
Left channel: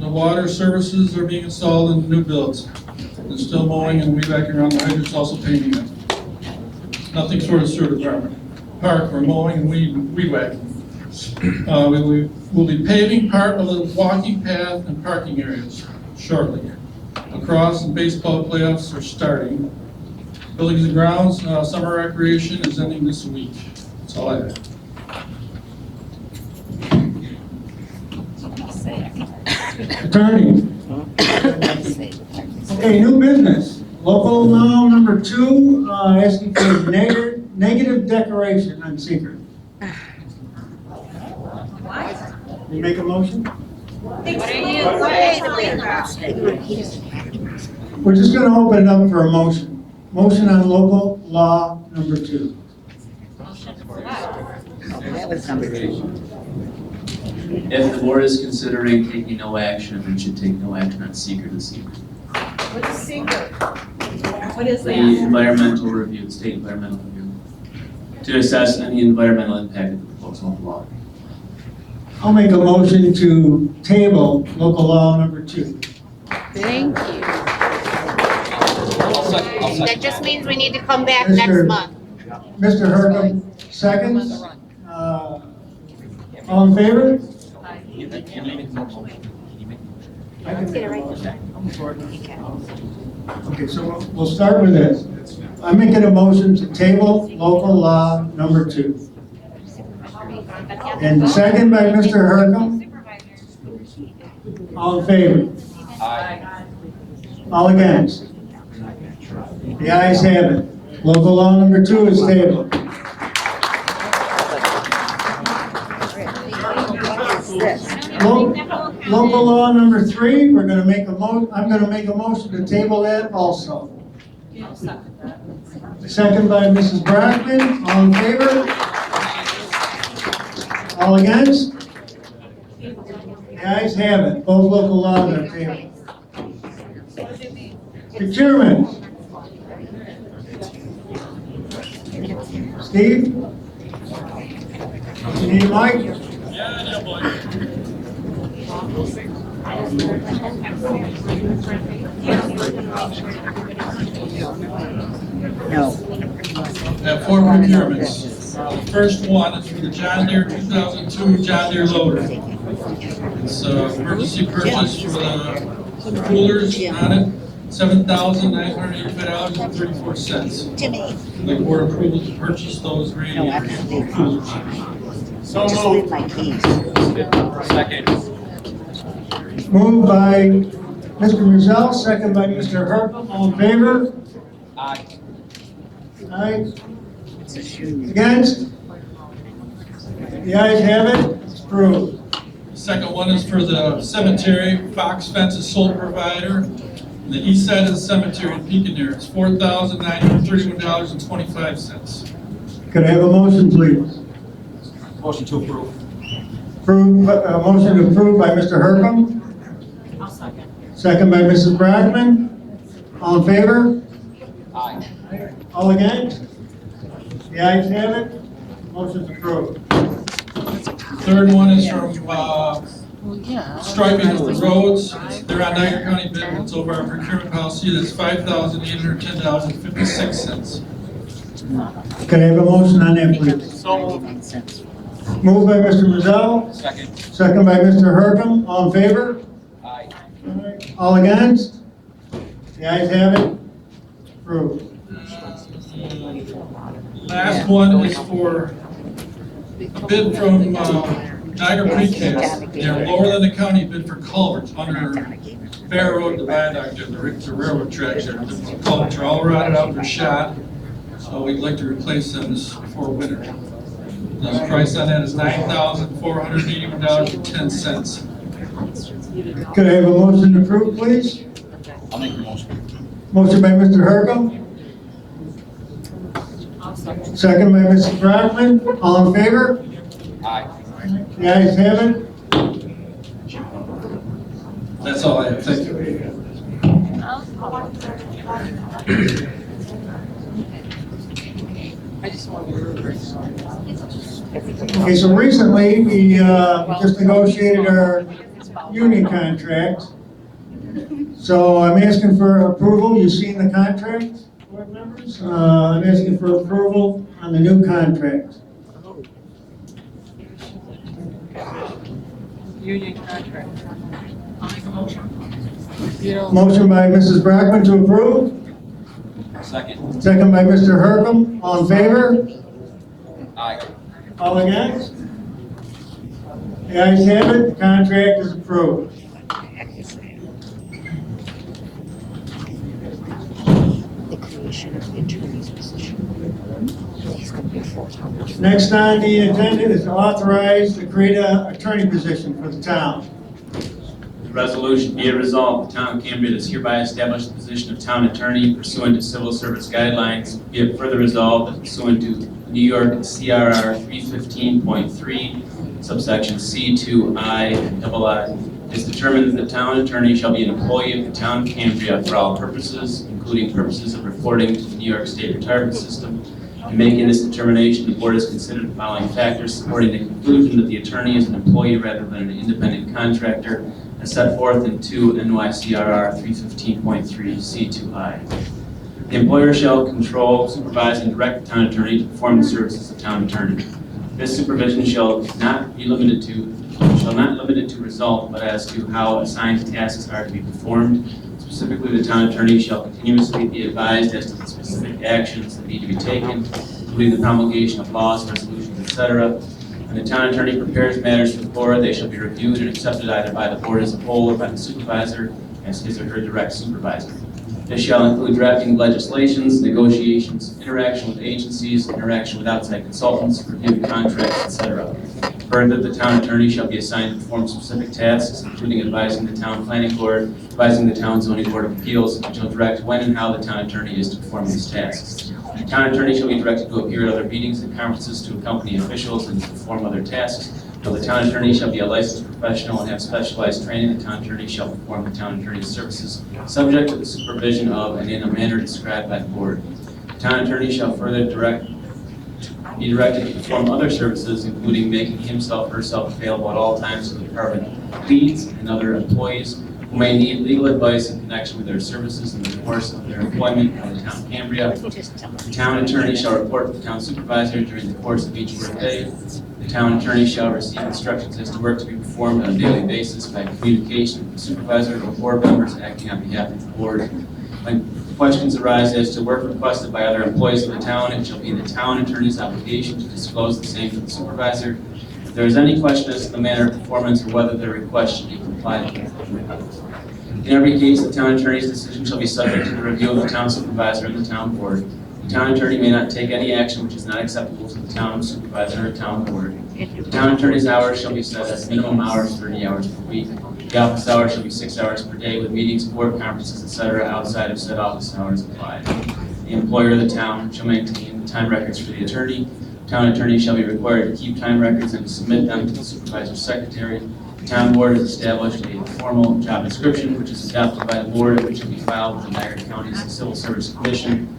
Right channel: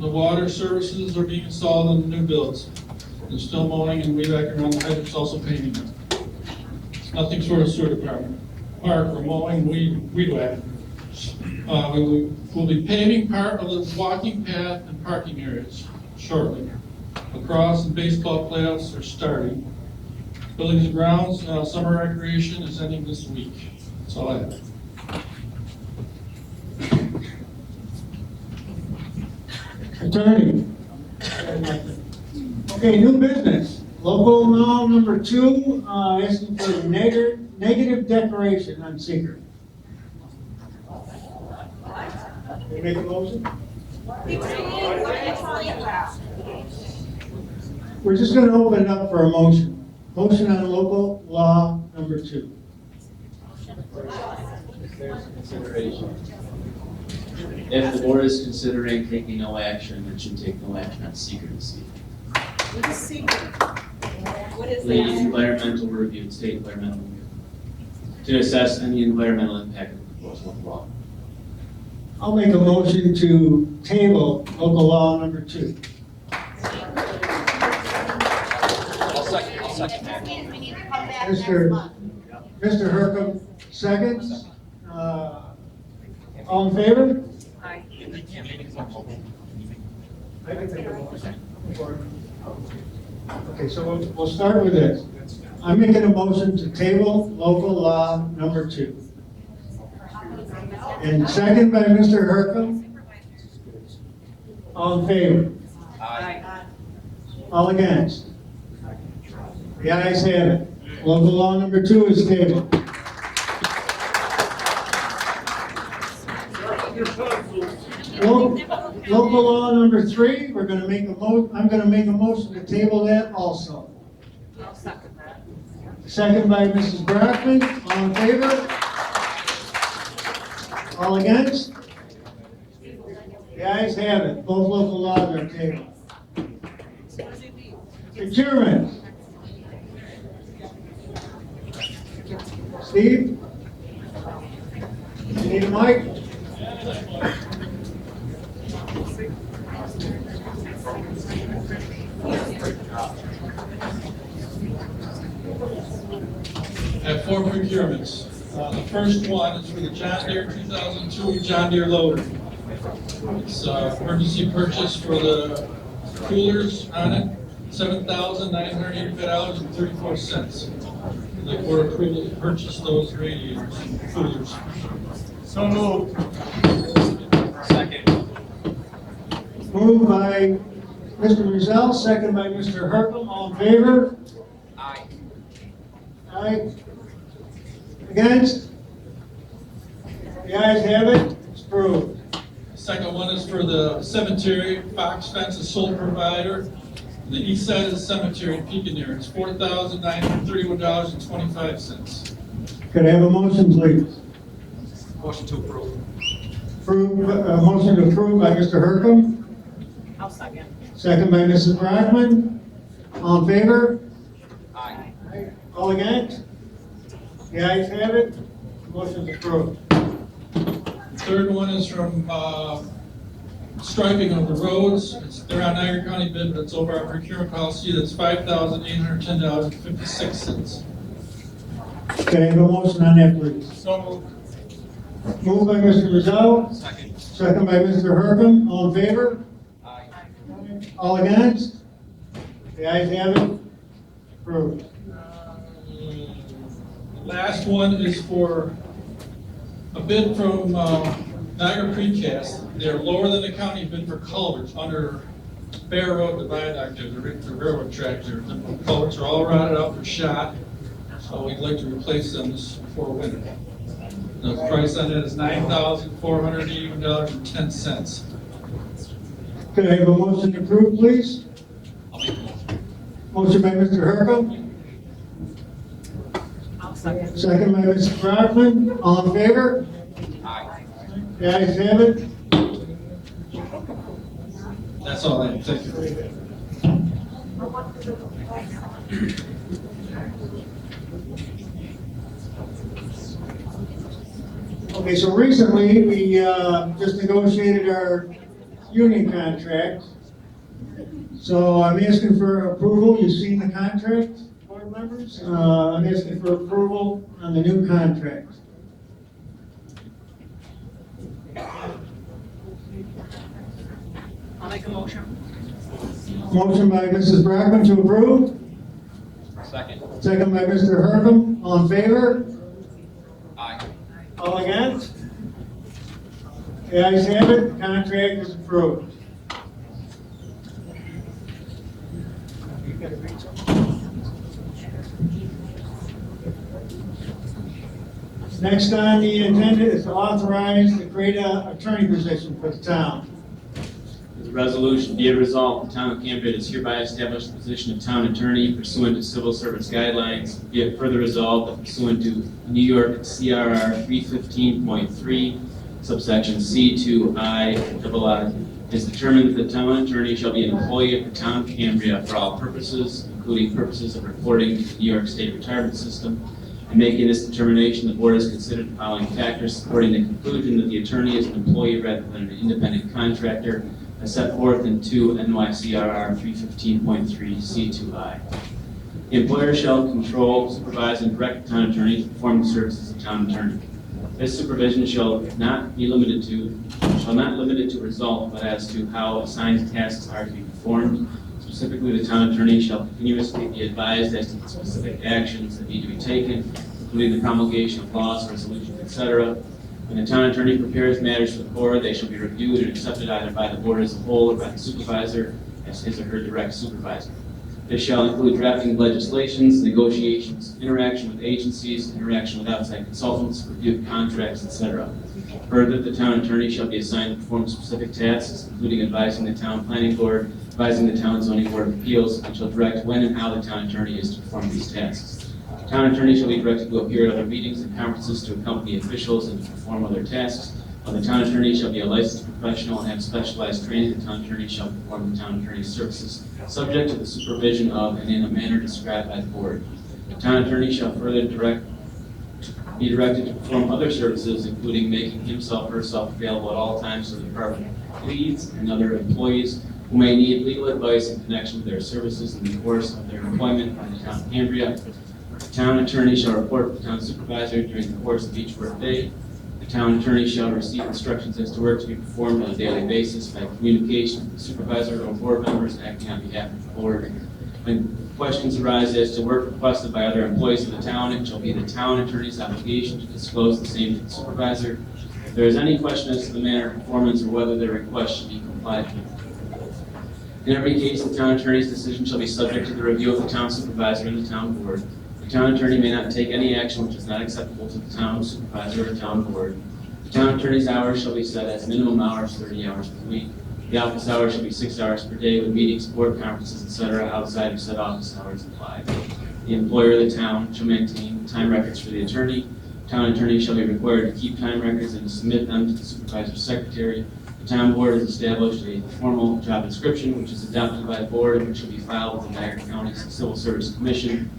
The water services are being installed in the new builds. We're still mowing and weed whacking around the hydrants, also painting them. Nothing for the sewer department. Park, we're mowing and weed whacking. We'll be paving part of the walking path and parking areas shortly. Lacrosse and baseball playoffs are starting. Buildings and grounds, summer recreation is ending this week. That's all I have. Attorney. Okay, new business. Local law number 2, asking for negative declaration on secret. You make a motion? We're just gonna open it up for a motion. Motion on local law number 2. That was number 2. If the board is considering taking no action, then should take no action on secret and secret. What is secret? What is The that? environmental review, state environmental review, to assess any environmental impact of the proposed local law. I'll make a motion to table local law number 2. Thank you. That just means we need to come back next Mr. month. Mr. Hercom, seconds. All in favor? Okay, so we'll start with this. I'm making a motion to table local law number 2. And second by Mr. Hercom. All in favor? Aye. All against? The ayes have it. Local law number 2 is tabled. Local law number 3, we're gonna make I'm gonna make a motion to table that also. Second by Mrs. Brackman, all in favor? All against? The ayes have it, both local laws are tabled. Procurement. Steve? You need a mic? No. I have 4 procurements. The first one is for the John Deere 2002 John Deere loader. It's emergency purchase for the coolers on it, $7,985.34. The board approval to purchase those radiator coolers. So moved. Second. Moved by Mr. Mazel, second by Mr. Hercom, all in favor? Aye. Aye. Against? The ayes have it, it's approved. Second one is for the cemetery, Fox Fence is sole provider. On the east side of the cemetery in Pekin, it's $4,931.25. Could I have a motion, please? Motion to approve. Motion approved by Mr. Hercom, I'll second. second by Mrs. Brackman. All in favor? Aye. All against? The ayes have it, motion's approved. Third one is from striping of the roads. They're on Niagara County bid, that's over our procurement policy, that's $5,810.56. Could I have a motion on that, please? So moved. Moved by Mr. Mazel, Second. second by Mr. Hercom. All in favor? Aye. All against? The ayes have it, approved. Last one is for a bid from Niagara Precast. They're lower than the county bid for culverts, under Bear Road, the viaduct, and the railroad tracks there, the culverts are all rotted out, they're shot. So we'd like to replace them this before winter. The price on that is $9,481.10. Could I have a motion to approve, please? I'll make the motion. Motion by Mr. Hercom, second by Mrs. Brockman. All in favor? Aye. The ayes have it. That's all I have, thank you. Okay, so recently, we just negotiated our union contract. So I'm asking for approval. You've seen the contract, board members? I'm asking for approval on the new contract. Union contract. I'll make a motion. Motion by Mrs. Brockman to approve. Second. Second by Mr. Hercom. All in favor? Aye. All against? The ayes have it. The contract is approved. Next on the agenda is to authorize to create an attorney position for the town. The resolution be it resolved, the town of Cambria does hereby establish the position of town attorney pursuant to civil service guidelines. Be it further resolved that pursuant to New York CRR 315.3, subsection C2I, it is determined that the town attorney shall be an employee of the town of Cambria for all purposes, including purposes of reporting to the New York State Retirement System. In making this determination, the board has considered the following factors supporting the conclusion that the attorney is an employee rather than an independent contractor, as set forth in 2 NYCRR 315.3 C2I. The employer shall control, supervise, and direct the town attorney to perform the services of town attorney. This supervision shall not limit it to result, but as to how assigned tasks are to be performed. Specifically, the town attorney shall continuously be advised as to the specific actions that need to be taken, including the promulgation of laws, resolutions, etc. When the town attorney prepares matters for the board, they shall be reviewed and accepted either by the board as a whole or by the supervisor as his or her direct supervisor. This shall include drafting legislations, negotiations, interaction with agencies, interaction with outside consultants, review contracts, etc. Further, the town attorney shall be assigned to perform specific tasks, including advising the town planning board, advising the town zoning board of appeals, and shall direct when and how the town attorney is to perform these tasks. The town attorney shall be directed to appear at other meetings and conferences to accompany officials and to perform other tasks. Now, the town attorney shall be a licensed professional and have specialized training. The town attorney shall perform the town attorney's services, subject to the supervision of and in a manner described by the board. The town attorney shall further be directed to perform other services, including making himself or herself available at all times to the department leads and other employees who may need legal advice in connection with their services in the course of their employment by the town of Cambria. The town attorney shall report to the town supervisor during the course of each workday. The town attorney shall receive instructions as to work to be performed on a daily basis by communication with the supervisor or board members acting on behalf of the board. When questions arise as to work requested by other employees of the town, it shall be the town attorney's obligation to disclose the same to the supervisor. If there is any question as to the manner of performance or whether the request should be complied with. In every case, the town attorney's decision shall be subject to the review of the town supervisor and the town board. The town attorney may not take any action which is not acceptable to the town supervisor or town board. The town attorney's hours shall be set as minimum hours, 30 hours per week. The office hours shall be 6 hours per day with meetings, board conferences, etc. outside of said office hours applied. The employer of the town shall maintain the time records for the attorney. The town attorney shall be required to keep time records and to submit them to the supervisor's secretary. The town board has established a formal job description which is adopted by the board, which will be filed with the Niagara County Civil Service Commission.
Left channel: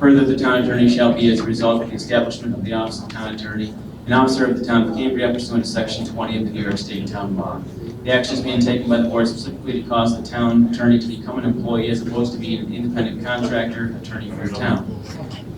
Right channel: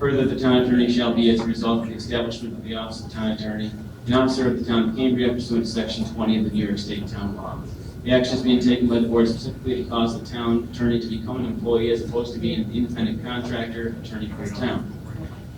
Further, the town attorney shall be, as a result of the establishment of the office of town attorney, an officer of the town of Cambria pursuant to section 20 of the New York State Town Law. The action is being taken by the board specifically to cause the town attorney to become an employee as opposed to being an independent contractor attorney for the town.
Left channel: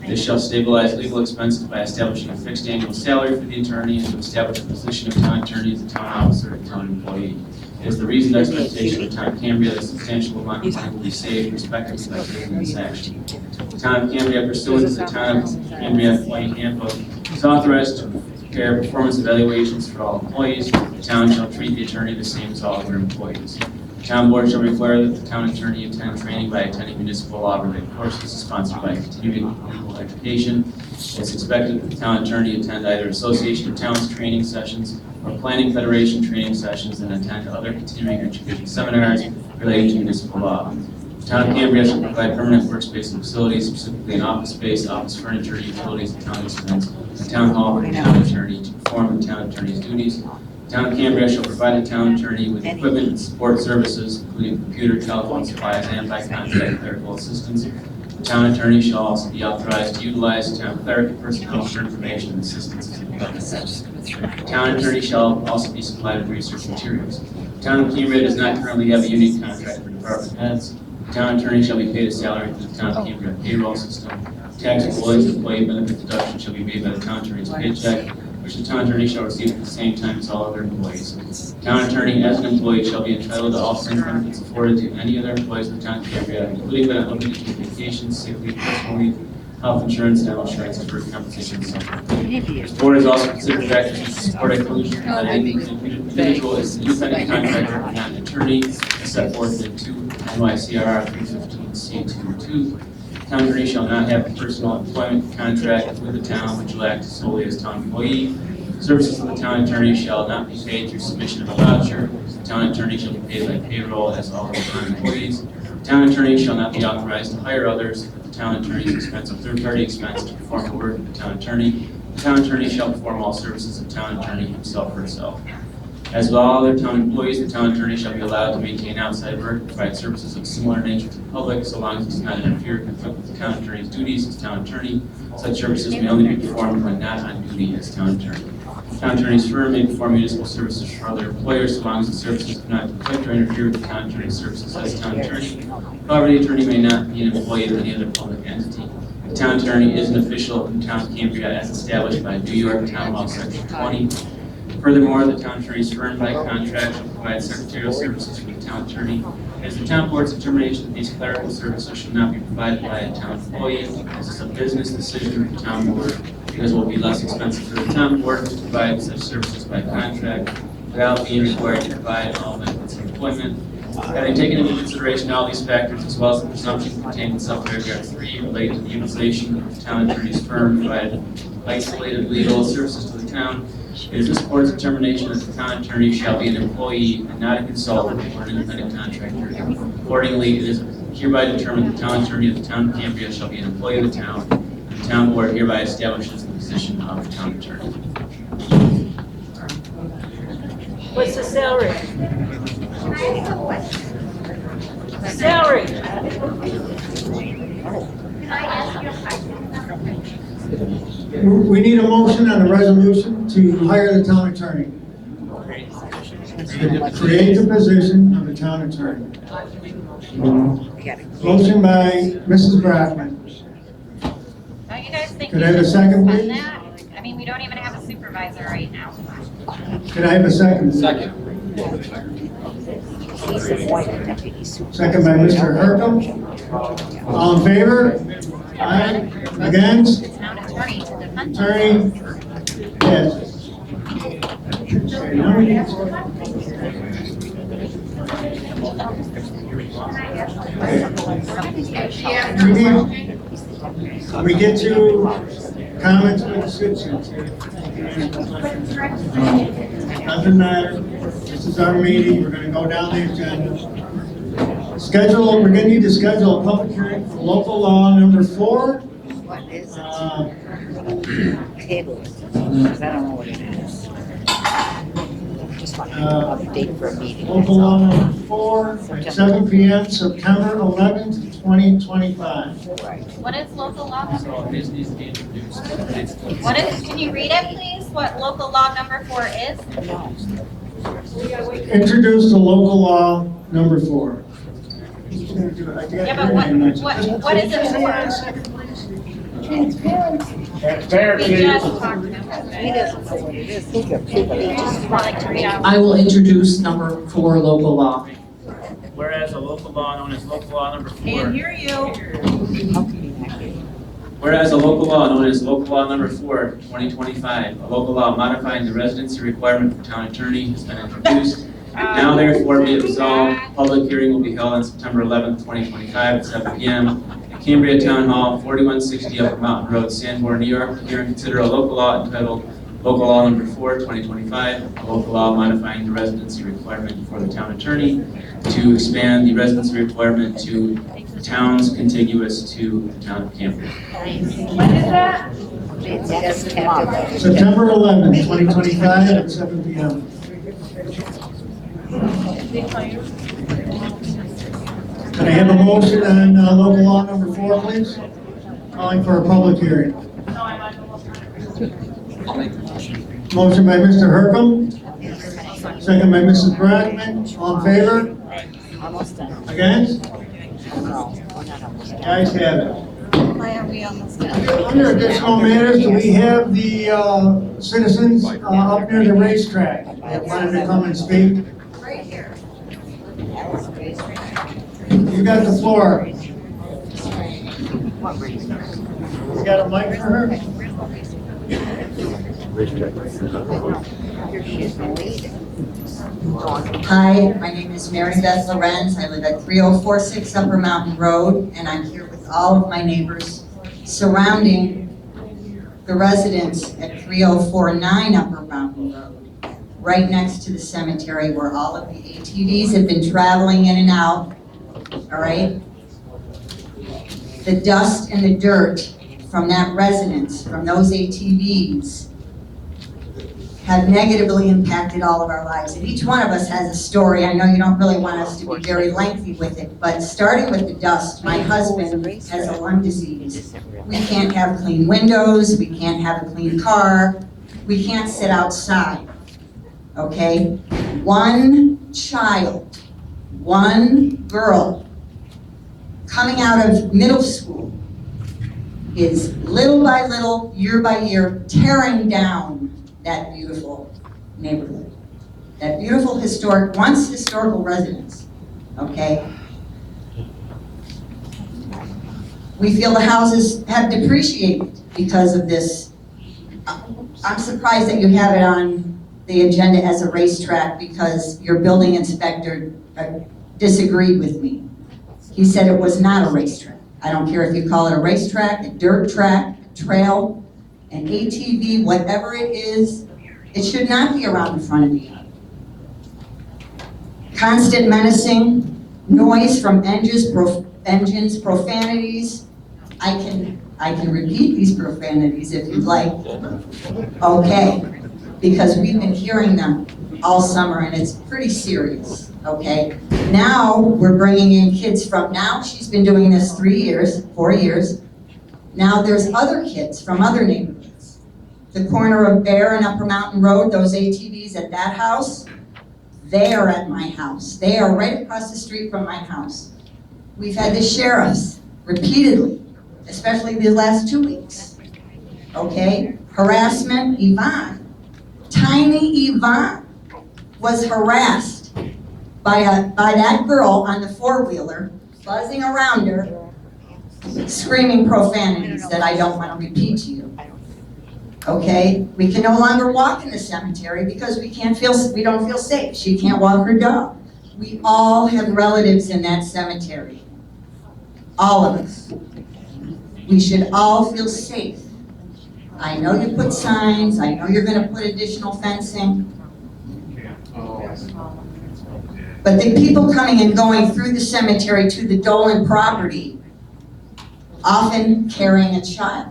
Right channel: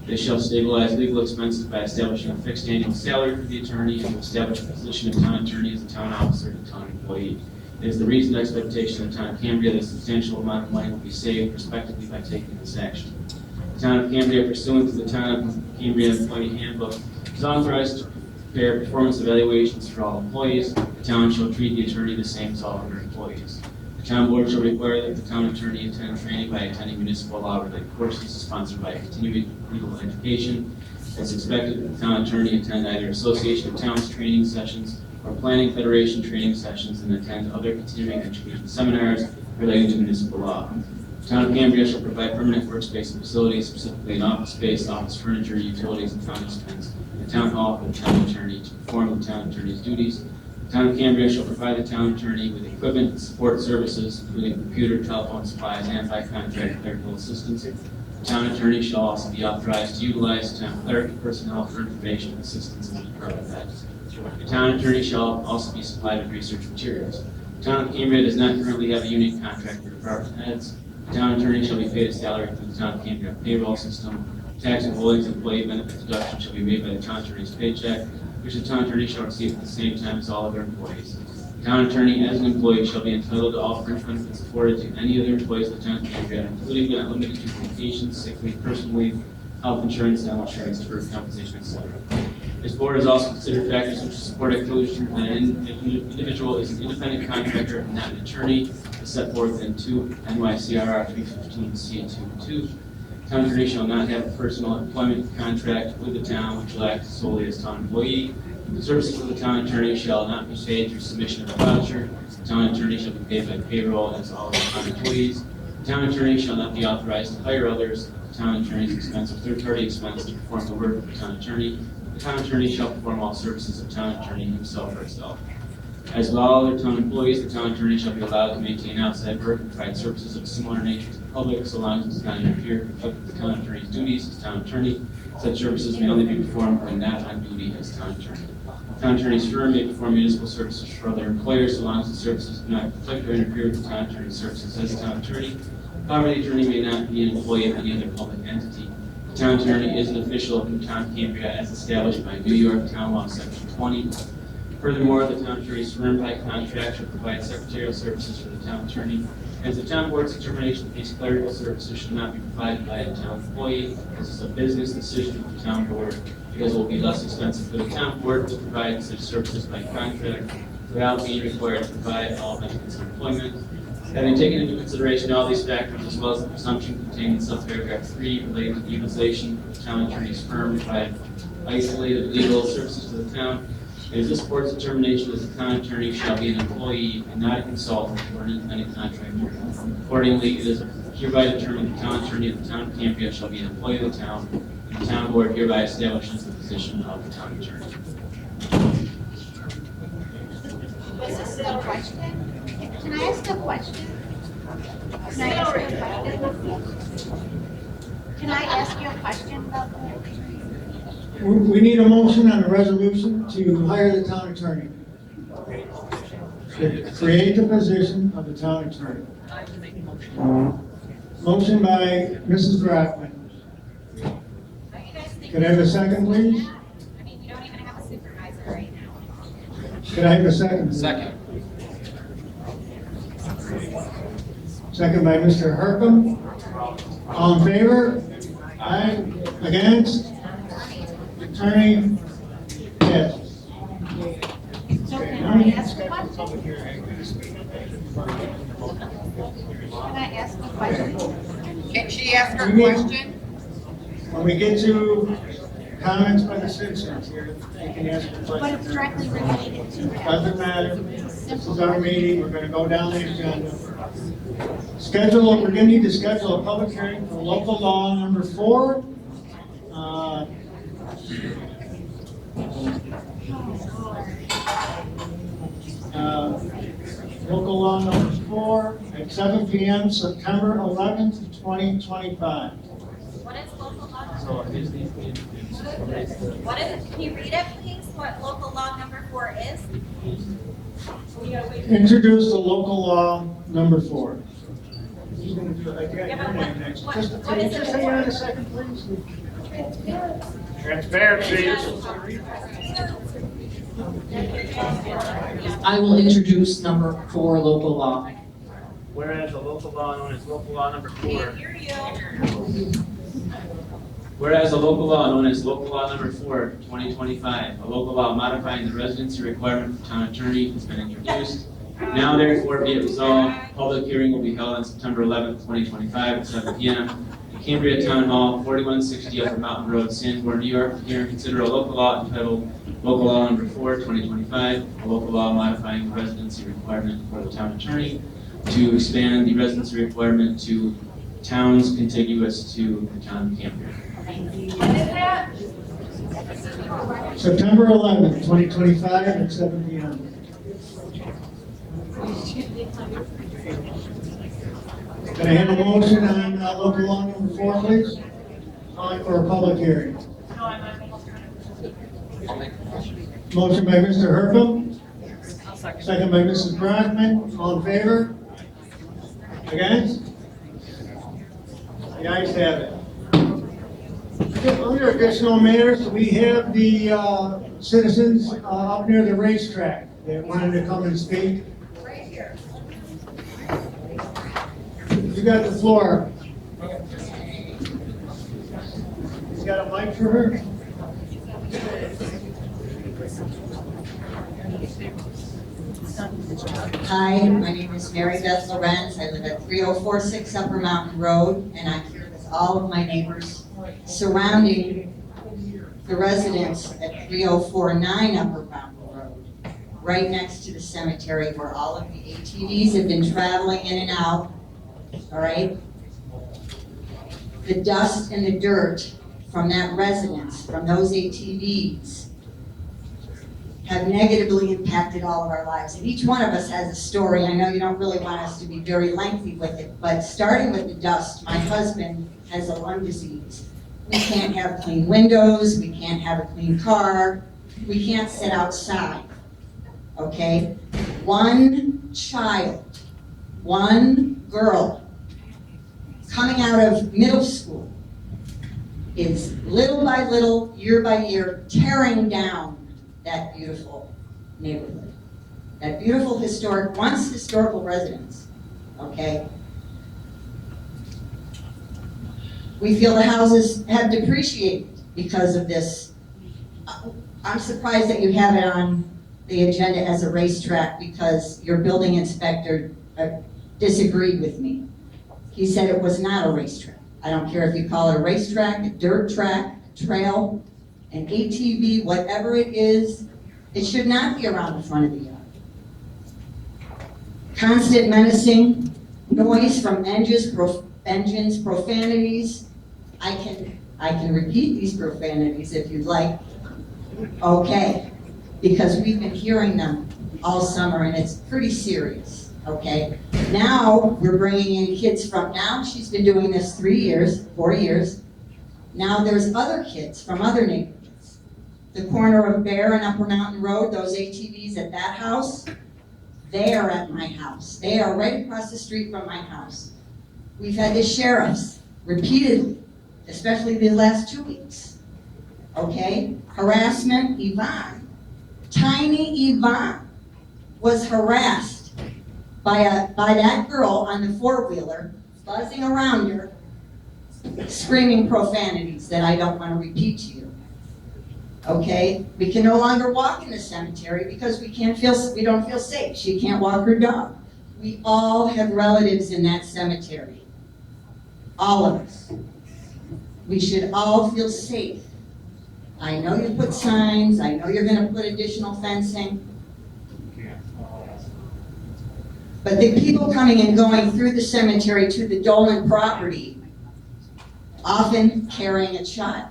This shall stabilize legal expenses by establishing a fixed annual salary for the attorney and to establish a position of town attorney as a town officer and town employee. It is the reasoned expectation of the town of Cambria that a substantial amount of money will be saved respectively by taking this action. The town of Cambria, pursuant to the town of Cambria employee handbook, is authorized to prepare performance evaluations for all employees. The town shall treat the attorney the same as all other employees. The town board shall require that the town attorney attend training by attending municipal law related courses sponsored by continuing legal education. It's expected that the town attorney attend either Association of Towns training sessions or Planning Federation training sessions and attend other continuing education seminars relating to municipal law. The town of Cambria shall provide permanent workspace and facilities, specifically an office space, office furniture, utilities, and town instruments, a town hall for the town attorney to perform the town attorney's duties. The town of Cambria shall provide the town attorney with equipment and support services, including computer, telephone supplies, and by contract clerical assistance. The town attorney shall also be authorized to utilize town clerical personnel for information and assistance as required. The town attorney shall also be supplied with research materials. The town of Cambria does not currently have a union contract for department heads. The town attorney shall be paid a salary through the town of Cambria payroll system. Taxable employee benefit deduction shall be made by the town attorney's paycheck, which the town attorney shall receive at the same time as all other employees. The town attorney, as an employee, shall be entitled to all fringe benefits afforded to any other employees of the town of Cambria, including but not limited to vacation, sick leave, personal leave, health insurance, dental insurance, and deferred compensation, and so on. This board has also considered factors to support inclusion that an individual is an independent contractor and not an attorney, as set forth in 2 NYCRR 315C22. The town attorney shall not have a personal employment contract with the town which will act solely as town employee. Services of the town attorney shall not be paid through submission of a voucher. The town attorney shall be paid by payroll as all other town employees. The town attorney shall not be authorized to hire others at the town attorney's expense or third-party expense to perform the work of the town attorney. The town attorney shall perform all services of town attorney himself or herself. As with all other town employees, the town attorney shall be allowed to maintain outside work and provide services of similar nature to the public, so long as it does not interfere or conflict with the town attorney's duties as town attorney. Such services may only be performed when not on duty as town attorney. The town attorney's firm may perform municipal services for other employers, so long as the services do not conflict or interfere with the town attorney's services as town attorney. However, the attorney may not be an employee of any other public entity. The town attorney is an official in the town of Cambria as established by New York Town Law Section 20. Furthermore, the town attorney's firm by contract shall provide secretarial services for the town attorney. As the town board's determination that these clerical services should not be provided by a town employee, this is a business decision of the town board, because it will be less expensive for the town board to provide such services by contract without being required to provide all benefits of employment. Having taken into consideration all these factors, as well as the presumption contained in subparagraph 3 relating to the utilization of the town attorney's firm to provide isolated legal services to the town, it is this board's determination that the town attorney shall be an employee and not a consultant or an independent contractor. Accordingly, it is hereby determined the town attorney of the town of Cambria shall be an employee of the town, and the town board hereby establishes the position of the town attorney. What's the salary? Can I ask a question? Salary. Can I ask you a question? We need a motion on the resolution to hire the town attorney. To create the position of the town attorney. Motion by Mrs. Grafman. Don't you guys think Can we I have a should second, fund please? that? I mean, we don't even have a supervisor right now. Can I have a second? Second. Second by Mr. Hercom. All in favor? Aye. Against? Town attorney to defend. Attorney? Yes. Can I ask a question? Can she ask her question? We get to comments by the citizens. Doesn't matter. This is our meeting. We're going to go down the agenda. We're going to need to schedule a public hearing for local law number 4. Table. Because I don't know what it is. Just want to update for a meeting. Local law number 4 at 7 p.m. September 11th, 2025. What is local law number? What is, can you read it, please? What local law number 4 is? Introduce the local law number 4. Yeah, but what is it for? Transparency. We just talked about He it. doesn't know what it is. He just Like to read out. I will introduce number 4 local law. Whereas a local law known as local law number 4. Can't hear you. Whereas a local law known as local law number 4, 2025, a local law modifying the residency requirement for town attorney has been introduced. Now therefore be it resolved, public hearing will be held on September 11th, 2025 at 7 p.m. at Cambria Town Hall, 4160 Upper Mountain Road, Sanborn, New York. Hear and consider a local law entitled Local Law Number 4, 2025, a local law modifying the residency requirement for the town attorney to expand the residency requirement to towns contiguous to the town of Cambria. When is that? September 11th, 2025 at 7 p.m. Can I have a motion on local law number 4, please? Calling for a public hearing. I'll make the motion. Motion by Mr. Hercom, second by Mrs. Brockman. All in favor? Almost done. Against? No. The ayes have it. Why are we almost done? Under additional matters, do we have the citizens up near the racetrack that wanted to come and speak? Right here. You got the floor. What reason? You got a mic for her? Hi, my name is Mary Beth Lorenz. I live at 3046 Upper Mountain Road, and I'm here with all of my neighbors surrounding the residents at 3049 Upper Mountain Road, right next to the cemetery where all of the ATVs have been traveling in and out, all right? The dust and the dirt from that residence, from those ATVs, have negatively impacted all of our lives. And each one of us has a story. I know you don't really want us to be very lengthy with it, but starting with the dust, my husband has a lung disease. We can't have clean windows, we can't have a clean car, we can't sit outside, okay? One child, one girl coming out of middle school is little by little, year by year, tearing down that beautiful neighborhood, that beautiful historic, once historical residence, okay? We feel the houses have depreciated because of this. I'm surprised that you have it on the agenda as a racetrack because your building inspector disagreed with me. He said it was not a racetrack. I don't care if you call it a racetrack, a dirt track, a trail, an ATV, whatever it is, it should not be around the front of the yard. Constant menacing, noise from engines, profanities. I can repeat these profanities if you'd like. Okay, because we've been hearing them all summer and it's pretty serious, okay? Now we're bringing in kids from, now she's been doing this 4 years. Now there's other kids from other neighborhoods. The corner of Bear and Upper Mountain Road, those ATVs at that house, they are at my house. They are right across the street from my house. We've had the sheriffs repeatedly, especially these last 2 weeks, okay? Harassment, Yvonne, tiny Yvonne was harassed by that girl on the four-wheeler, buzzing around her, screaming profanities that I don't want to repeat to you. Okay, we can no longer walk in the cemetery because we don't feel safe. She can't walk her dog. We all have relatives in that cemetery. All of us. We should all feel safe. I know you put signs, I know you're gonna put additional fencing. But the people coming and going through the cemetery to the Dolan property, often carrying a child.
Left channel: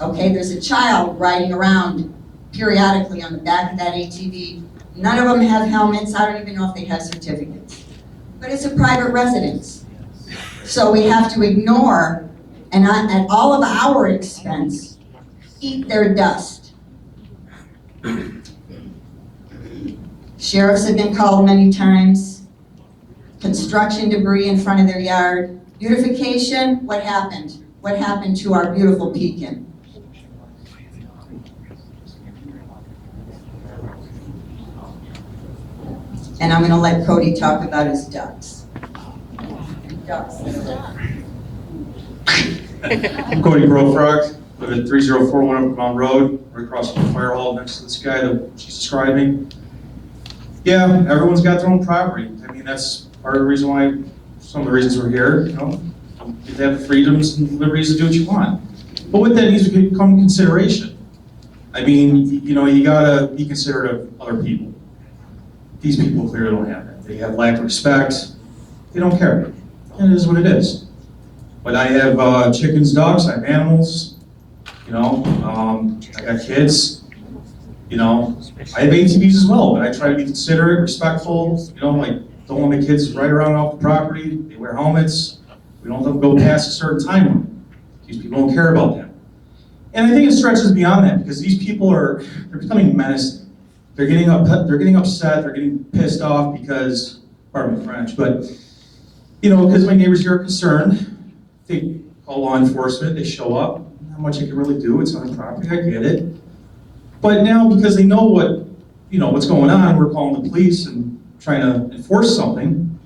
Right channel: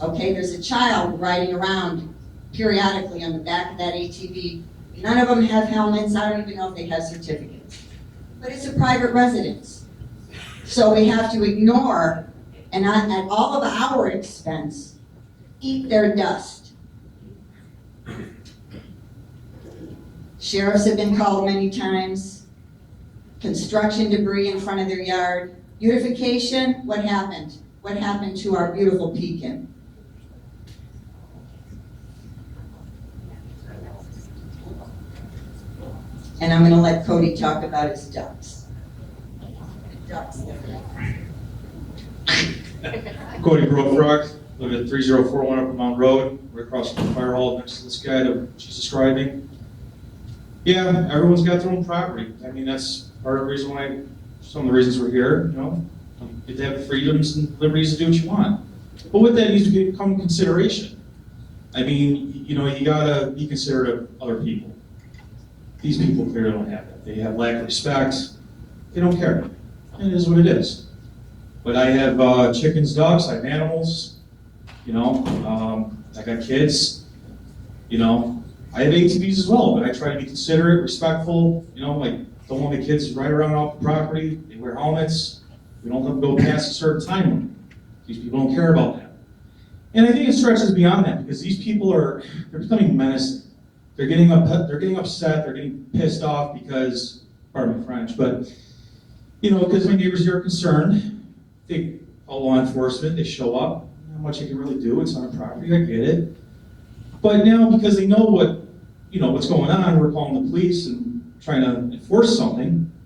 Okay, there's a child riding around periodically on the back of that ATV. None of them have helmets. I don't even know if they have certificates. But it's a private residence. So we have to ignore, and at all of our expense, eat their dust. Sheriffs have been called many times. Construction debris in front of their yard. Beautification, what happened? What happened to our beautiful Pekin? And I'm gonna let Cody talk about his ducks. I'm Cody Brofrog, live at 3041 Upper Mountain Road, right across from the Firehall, next to this guy that she's describing. Yeah, everyone's got their own property. I mean, that's part of the reason why, some of the reasons we're here, you know. You get to have the freedoms and liberties to do what you want. But with that needs to come consideration. I mean, you know, you gotta be considerate of other people. These people clearly don't have that. They have lack of respect. They don't care. And it is what it is. But I have chickens, dogs, I have animals, you know, I got kids, you know. I have ATVs as well, but I try to be considerate, respectful, you know, like don't want my kids to ride around off the property. They wear helmets. We don't let them go past a certain time limit. These people don't care about that. And I think it stretches beyond that because these people they're becoming menacing. They're getting upset, they're getting pissed off because, pardon my French, but, you know, because my neighbors here are concerned. They call law enforcement, they show up. Not much you can really do, it's on a property, I get it. But now, because they know what's going on, we're calling the police and trying to enforce something,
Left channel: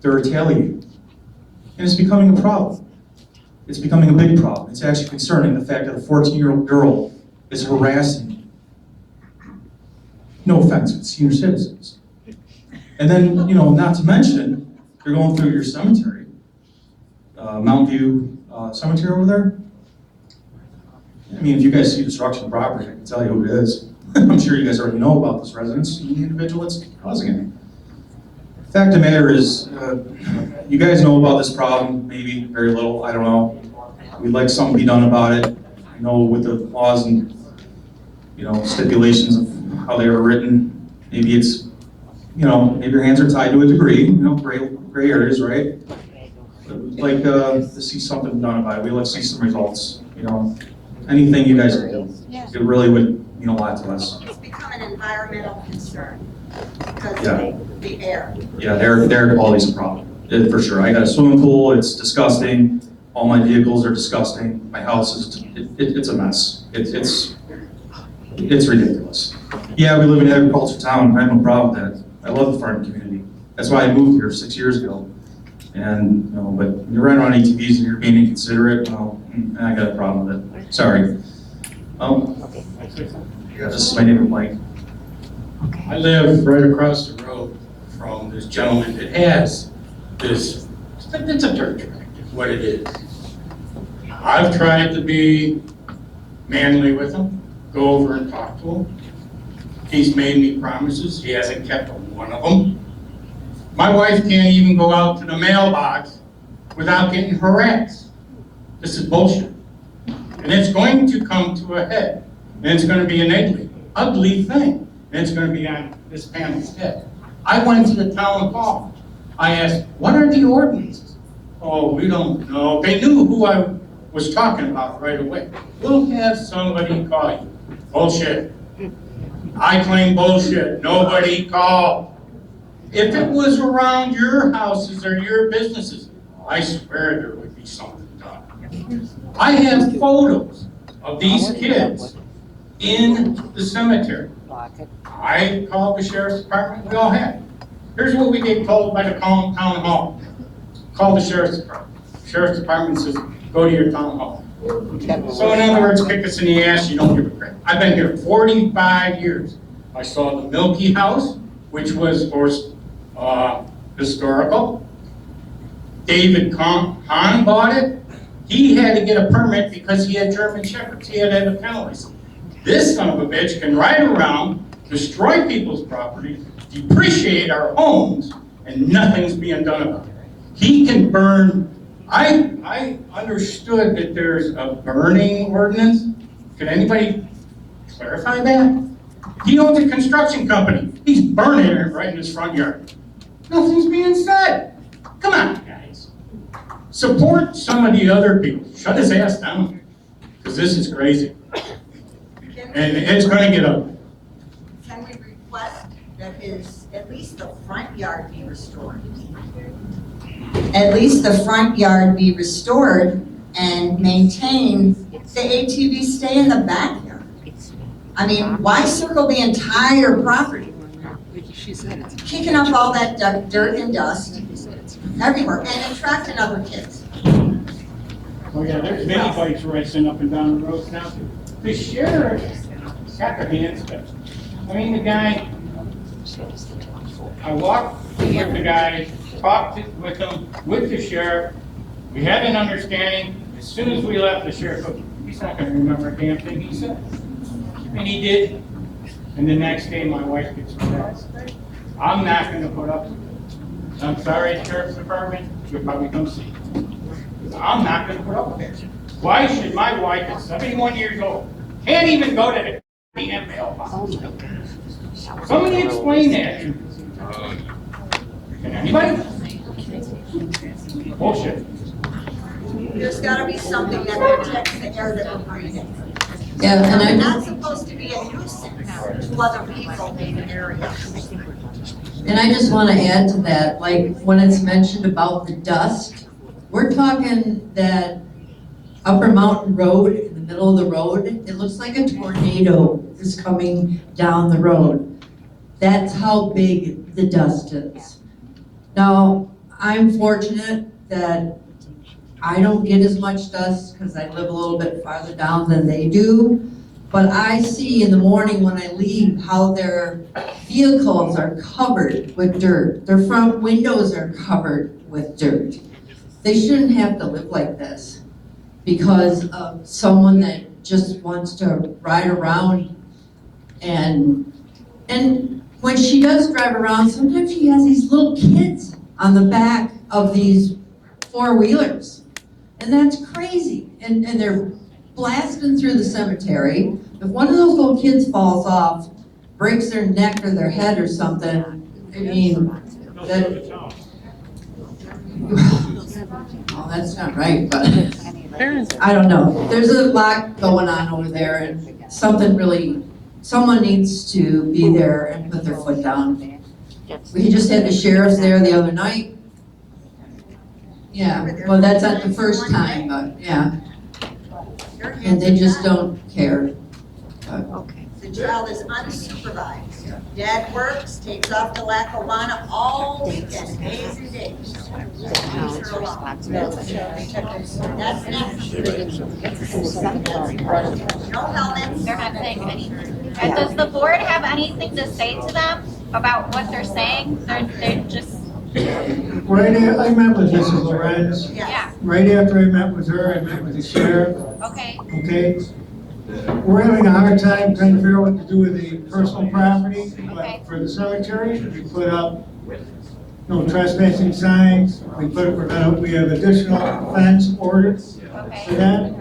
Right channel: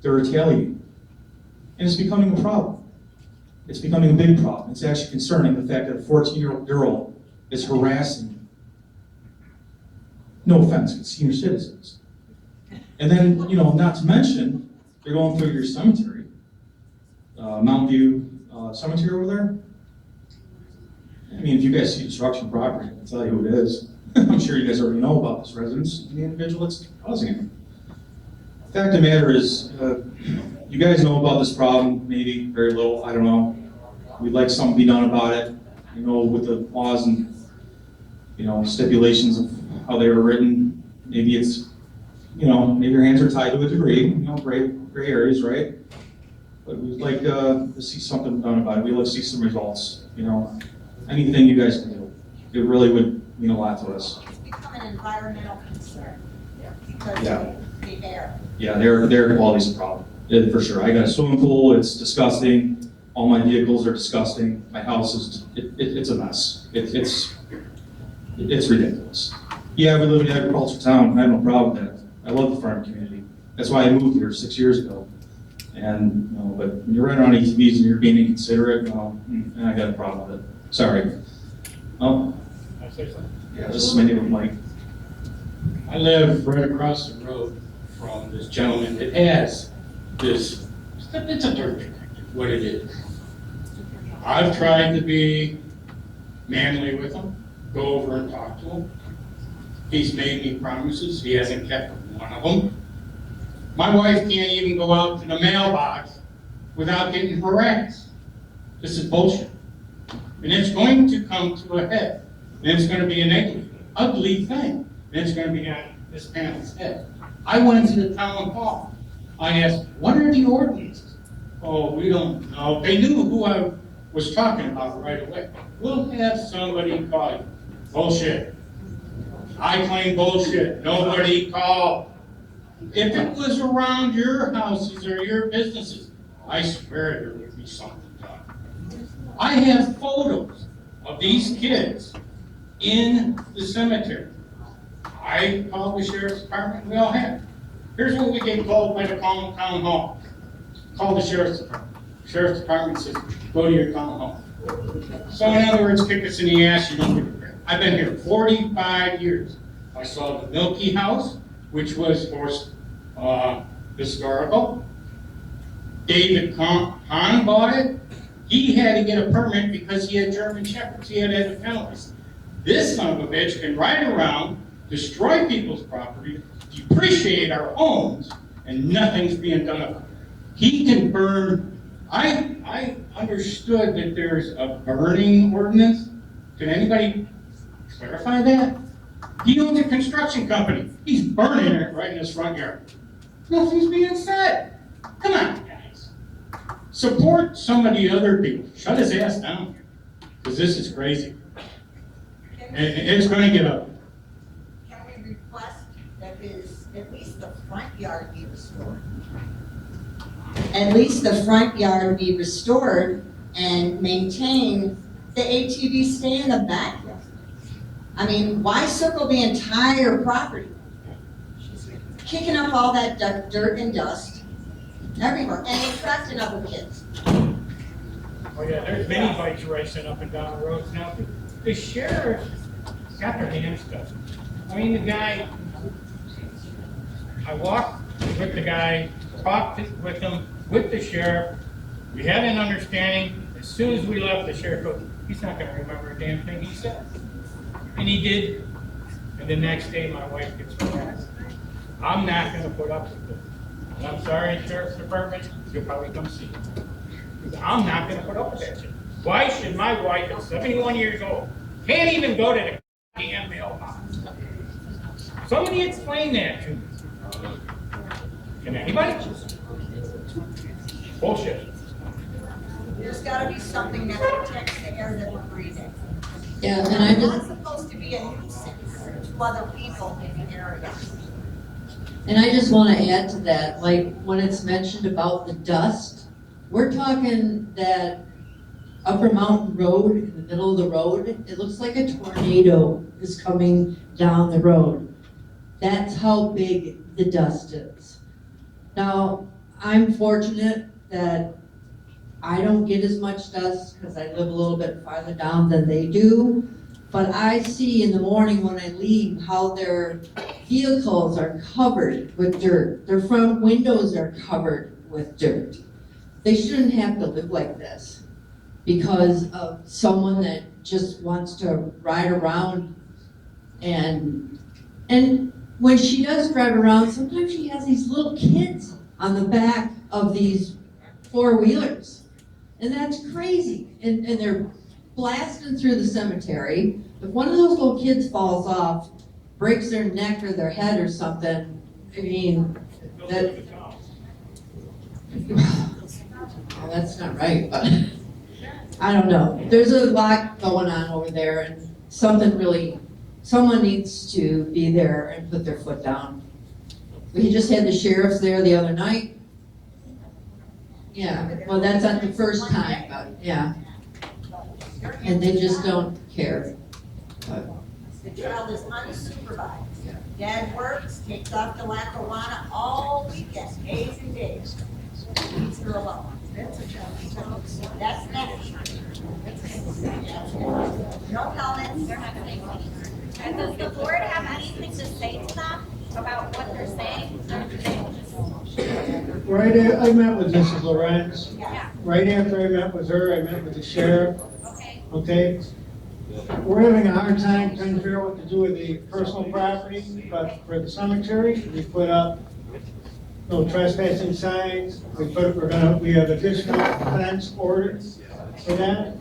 they're retaliating. And it's becoming a problem. It's becoming a big problem. It's actually concerning, the fact that a 14-year-old girl is harassing, no offense, it's senior citizens. And then, you know, not to mention, they're going through your cemetery, Mountain View Cemetery over there. I mean, if you guys see destruction of property, I can tell you who it is. I'm sure you guys already know about this residence and the individual that's causing it. Fact of the matter is, you guys know about this problem, maybe very little, I don't know. We'd like something to be done about it, you know, with the laws and, you know, stipulations of how they were written. Maybe it's, you know, maybe your hands are tied to a degree, you know, gray areas, right? But we'd like to see something done about it. We'd like to see some results, you know. Anything you guys do, it really would mean a lot to us. It's become an environmental concern because Yeah. of the air. Yeah, air quality's a problem, for sure. I got a swimming pool, it's disgusting. All my vehicles are disgusting. My house is, it's a mess. It's ridiculous. Yeah, we live in an agriculture town, I have no problem with that. I love the farming community. That's why I moved here 6 years ago. And, you know, but when you're riding around ATVs and you're being inconsiderate, well, I got a problem with it. Sorry. Yeah, this is my neighbor Mike. I live right across the road from this gentleman that has this, it's a dirt track, is what it is. I've tried to be manly with him, go over and talk to him. He's made me promises, he hasn't kept one of them. My wife can't even go out to the mailbox without getting harassed. This is bullshit. And it's going to come to a head. And it's going to be an ugly thing. And it's going to be on this panel's head. I went to the town hall. I asked, what are the ordinances? Oh, we don't know. They knew who I was talking about right away. We'll have somebody call you. Bullshit. I claim bullshit. Nobody called. If it was around your houses or your businesses, I swear there would be something done. I have photos of these kids in the cemetery. I called the sheriff's department, we all had it. Here's what we get told by the town hall. Call the sheriff's department. Sheriff's department says, go to your town hall. So in other words, kick us in the ass, you don't give a crap. I've been here 45 years. I saw the Milky House, which was historical. David Hahn bought it. He had to get a permit because he had German Shepherds. He had to have a kennel license. This son of a bitch can ride around, destroy people's property, depreciate our homes, and nothing's being done about it. He can burn. I understood that there's a burning ordinance. Can anybody clarify that? He owns a construction company. He's burning it right in his front yard. Nothing's being said. Come on, guys. Support some of the other people. Shut his ass down, because this is crazy. And it's going to get ugly. Can we request that at least the front yard be restored? At least the front yard be restored and maintain, the ATV stay in the backyard. I mean, why circle the entire property? Kicking up all that dirt and dust everywhere and attracting other kids. Oh yeah, there's many bikes racing up and down the roads now. The sheriff got their hands cut. I mean, the guy, I walked with the guy, talked with him, with the sheriff. We had an understanding. As soon as we left, the sheriff goes, he's not gonna remember a damn thing he said. And he did. And the next day, my wife gets arrested. I'm not gonna put up with it. I'm sorry, Sheriff's Department, you'll probably come see. I'm not gonna put up with it. Why should my wife at 71 years old, can't even go to the damn mailbox? Somebody explain that to me. Can anybody? Bullshit. There's gotta be something that protects the air that we're breathing. Yeah, and I We're just. not supposed to be a nuisance to other people in the area. And I just want to add to that, like, when it's mentioned about the dust, we're talking that Upper Mountain Road, in the middle of the road, it looks like a tornado is coming down the road. That's how big the dust is. Now, I'm fortunate that I don't get as much dust because I live a little bit farther down than they do. But I see in the morning when I leave how their vehicles are covered with dirt. Their front windows are covered with dirt. They shouldn't have to live like this because of someone that just wants to ride around. And when she does drive around, sometimes she has these little kids on the back of these four-wheelers. And that's crazy. And they're blasting through the cemetery. If one of those little kids falls off, breaks their neck or their head or something, I mean, that, well, that's not right, but I don't know. There's a lot going on over there and someone needs to be there and put their foot down. We just had the sheriffs there the other night. Yeah, well, that's not the first time, but yeah. And they just don't care. The child is unsupervised. Dad works, takes off to Lackawanna all weekend, days and days. Leaves her alone. That's next. No helmets. They're not saying anything. And does the board have anything to say to them about what they're saying? They're just. Right, I met with Mrs. Lorenz. Yeah. Right after I met with her, I met with the sheriff. Okay. Okay? We're having a hard time trying to figure out what to do with the personal property, but for the cemetery, we put up no trespassing signs. We have additional fence ordered for that.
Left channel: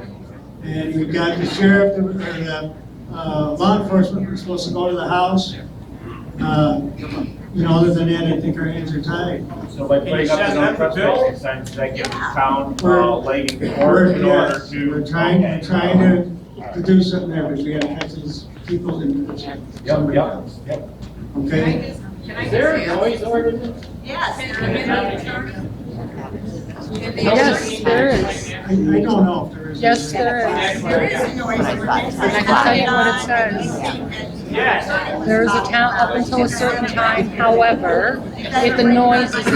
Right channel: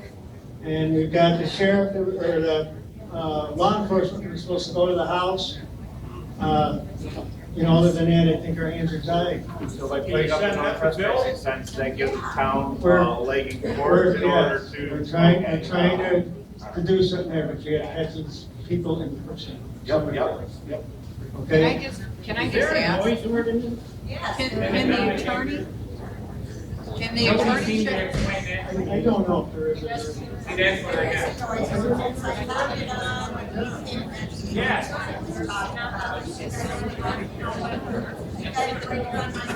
And we've got the sheriff, or the law enforcement, was supposed to go to the house. You know, other than that, I think our hands are tied. So by putting up the no trespassing signs, that gives the town leg in court in order to. We're trying to do something there, but we have to catch these people and put somebody else. Yep. Okay? Is there a noise ordinance? Yes. Yes, there is. I don't know if there is. Yes, there is. There is a noise ordinance. And I can tell you what it says. Yes. There is a count up until a certain time, however, if the noise is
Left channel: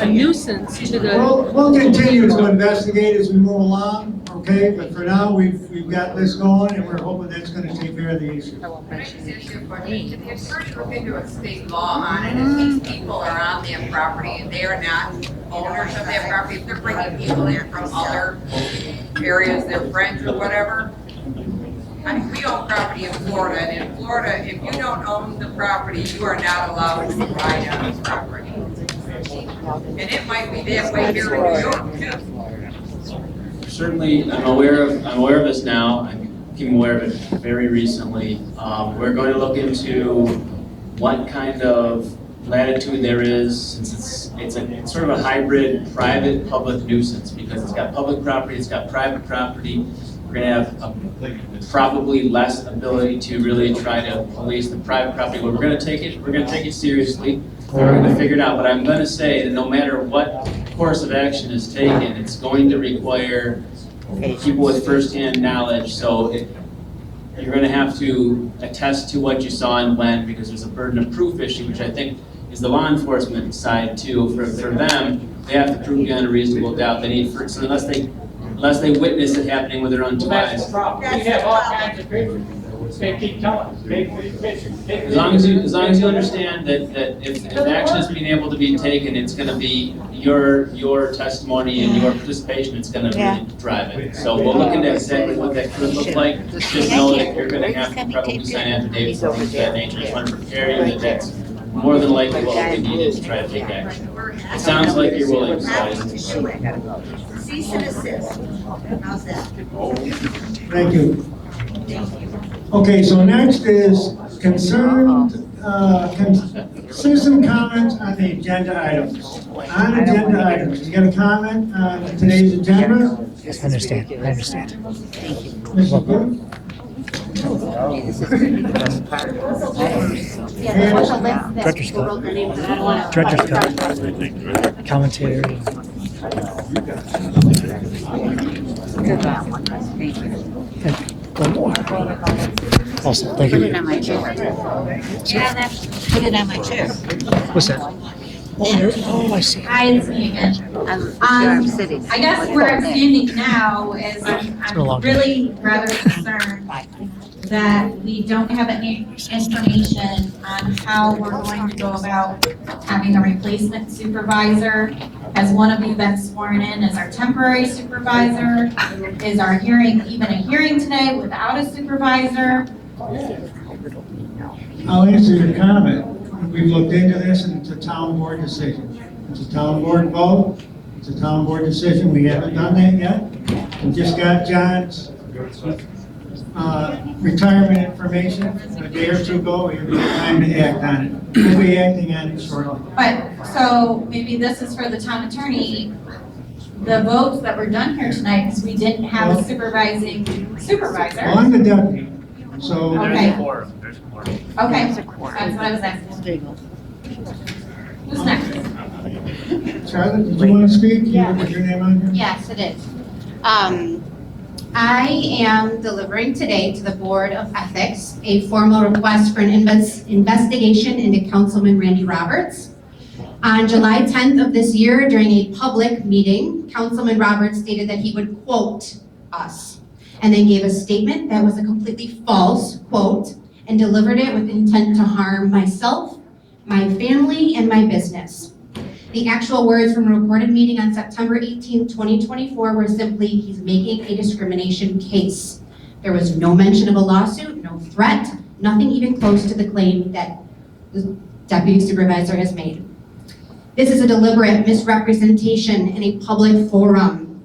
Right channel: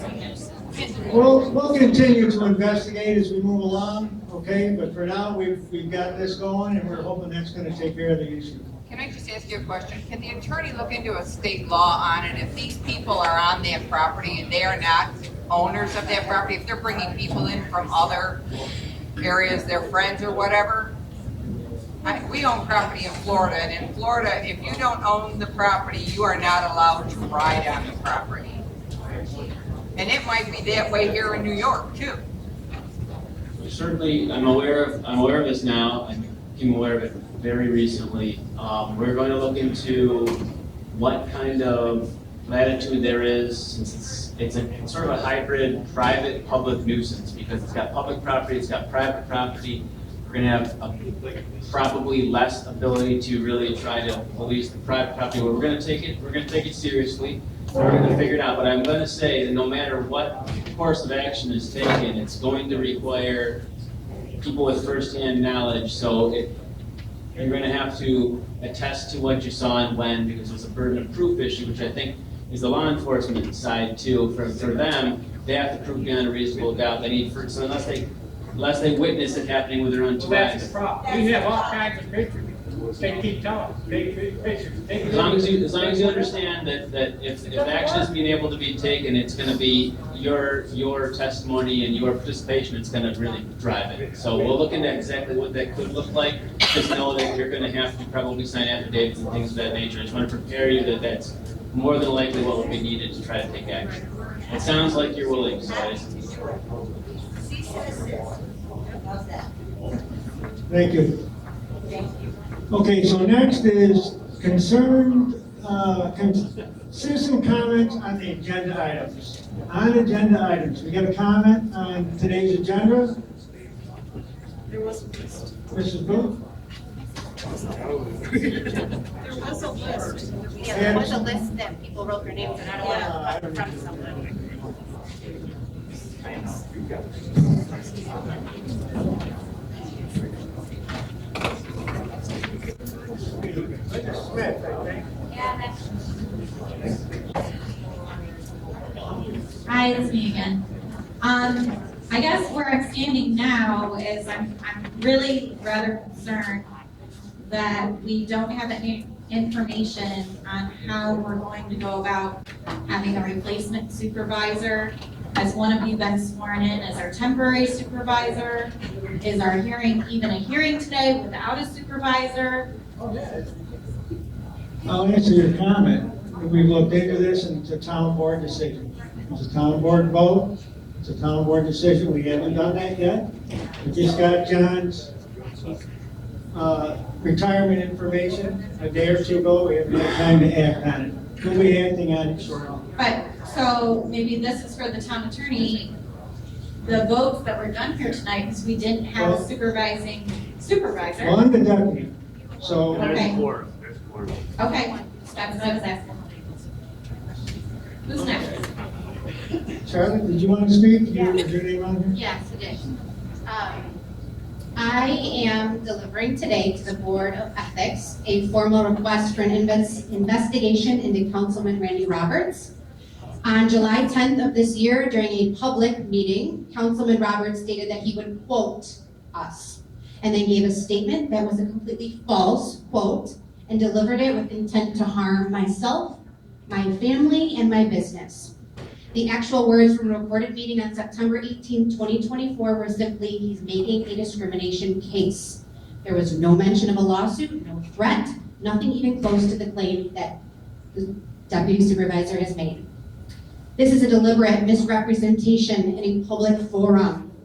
a nuisance to the. We'll continue to investigate as we move along, okay? But for now, we've got this going and we're hoping that's gonna take care of the issue. Can I just ask you a question? Can the attorney look into a state law on it if these people are on that property and they are not owners of that property? If they're bringing people in from other areas, their friends or whatever? I mean, we own property in Florida, and in Florida, if you don't own the property, you are not allowed to ride on the property. And it might be that way here in New York too. Certainly, I'm aware of this now. I became aware of it very recently. We're going to look into what kind of latitude there is, since it's sort of a hybrid private-public nuisance, because it's got public property, it's got private property. We're going to have probably less ability to really try to police the private property. We're going to take it seriously. We're going to figure it out. But I'm going to say that no matter what course of action is taken, it's going to require people with first-hand knowledge. So you're going to have to attest to what you saw and when, because there's a burden of proof issue, which I think is the law enforcement side too. For them, they have to prove beyond a reasonable doubt. They need so unless they witness it happening with their own two eyes. That's the problem. We have all kinds of pictures. They keep telling us, they pictures. As long as you understand that if action is being able to be taken, it's gonna be your testimony and your participation, it's gonna really drive it. So we'll look into exactly what that could look like. Just know that you're gonna have to probably sign affidavits and things of that nature. Just want to prepare you that that's more than likely what will be needed to try to take action. It sounds like you're willing to sign. Cease and desist. How's that? Thank you. Okay, so next is citizen comments on the agenda items. On agenda items, you got a comment on today's agenda? I understand. Mrs. Booth? Director's cut. Commentary. Awesome, thank Put you. it on my chair. Put it on my chair. What's that? Oh, I see. Hi, it's me again. I guess where I'm standing now is I'm really rather concerned that we don't have any information on how we're going to go about having a replacement supervisor. Has one of you been sworn in as our temporary supervisor? Is our hearing even a hearing today without a supervisor? I'll answer your comment. We've looked into this and it's a town board decision. It's a town board vote. It's a town board decision. We haven't done that yet. We just got John's retirement information a day or two ago. We haven't had time to act on it. We'll be acting on it shortly. But, so maybe this is for the town attorney, the votes that were done here tonight, because we didn't have a supervising supervisor. Well, I'm the deputy, so. Okay. There's a quorum. Okay, that's what I was asking. Who's next? Charlotte, did you want to speak? Was your name on here? Yes, it is. I am delivering today to the Board of Ethics a formal request for an investigation into Councilman Randy Roberts. On July 10th of this year, during a public meeting, Councilman Roberts stated that he would quote us, and then gave a statement that was a completely false quote, and delivered it with intent to harm myself, my family, and my business. The actual words from a recorded meeting on September 18, 2024 were simply, he's making a discrimination case. There was no mention of a lawsuit, no threat, nothing even close to the claim that the deputy supervisor has made. This is a deliberate misrepresentation in a public forum.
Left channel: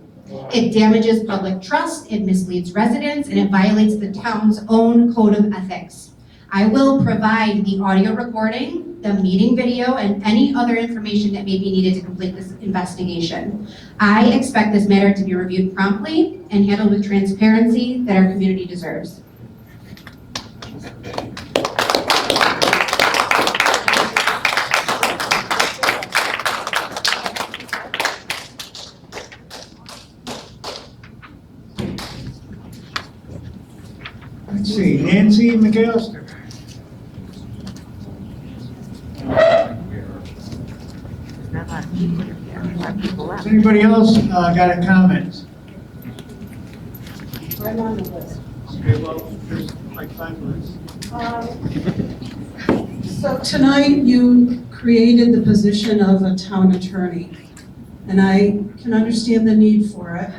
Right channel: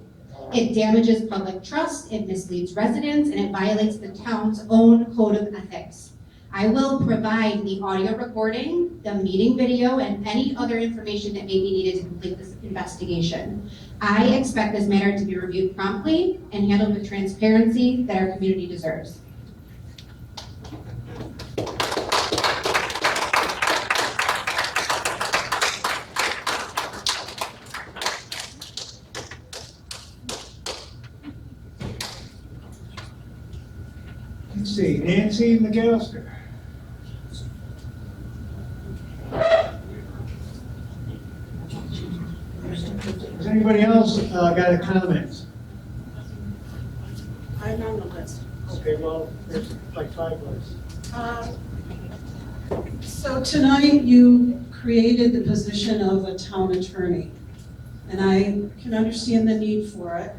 It damages public trust, it misleads residents, and it violates the town's own code of ethics. I will provide the audio recording, the meeting video, and any other information that may be needed to complete this investigation. I expect this matter to be reviewed promptly and handled with transparency that our community deserves. Let's see, Nancy McAllister. Does anybody else got a comment? I'm on the list. Okay, well, there's like 5 lists. So tonight you created the position of a town attorney, and I can understand the need for it.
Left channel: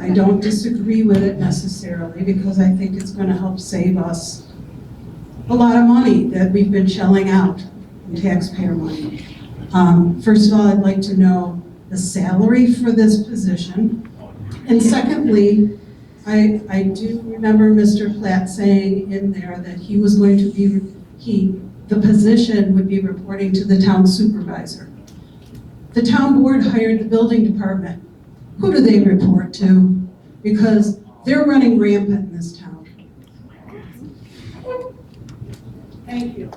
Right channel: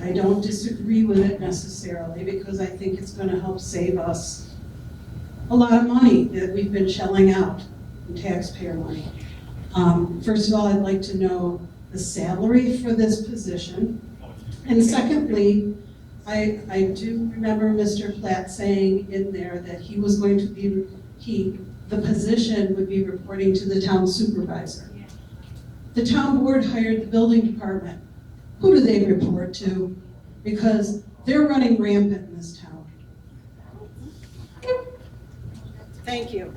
I don't disagree with it necessarily because I think it's going to help save us a lot of money that we've been shelling out in taxpayer money. First of all, I'd like to know the salary for this position. And secondly, I do remember Mr. Platt saying in there that he was going to be, the position would be reporting to the town supervisor. The town board hired the building department. Who do they report to? Because they're running rampant in this town. Thank you.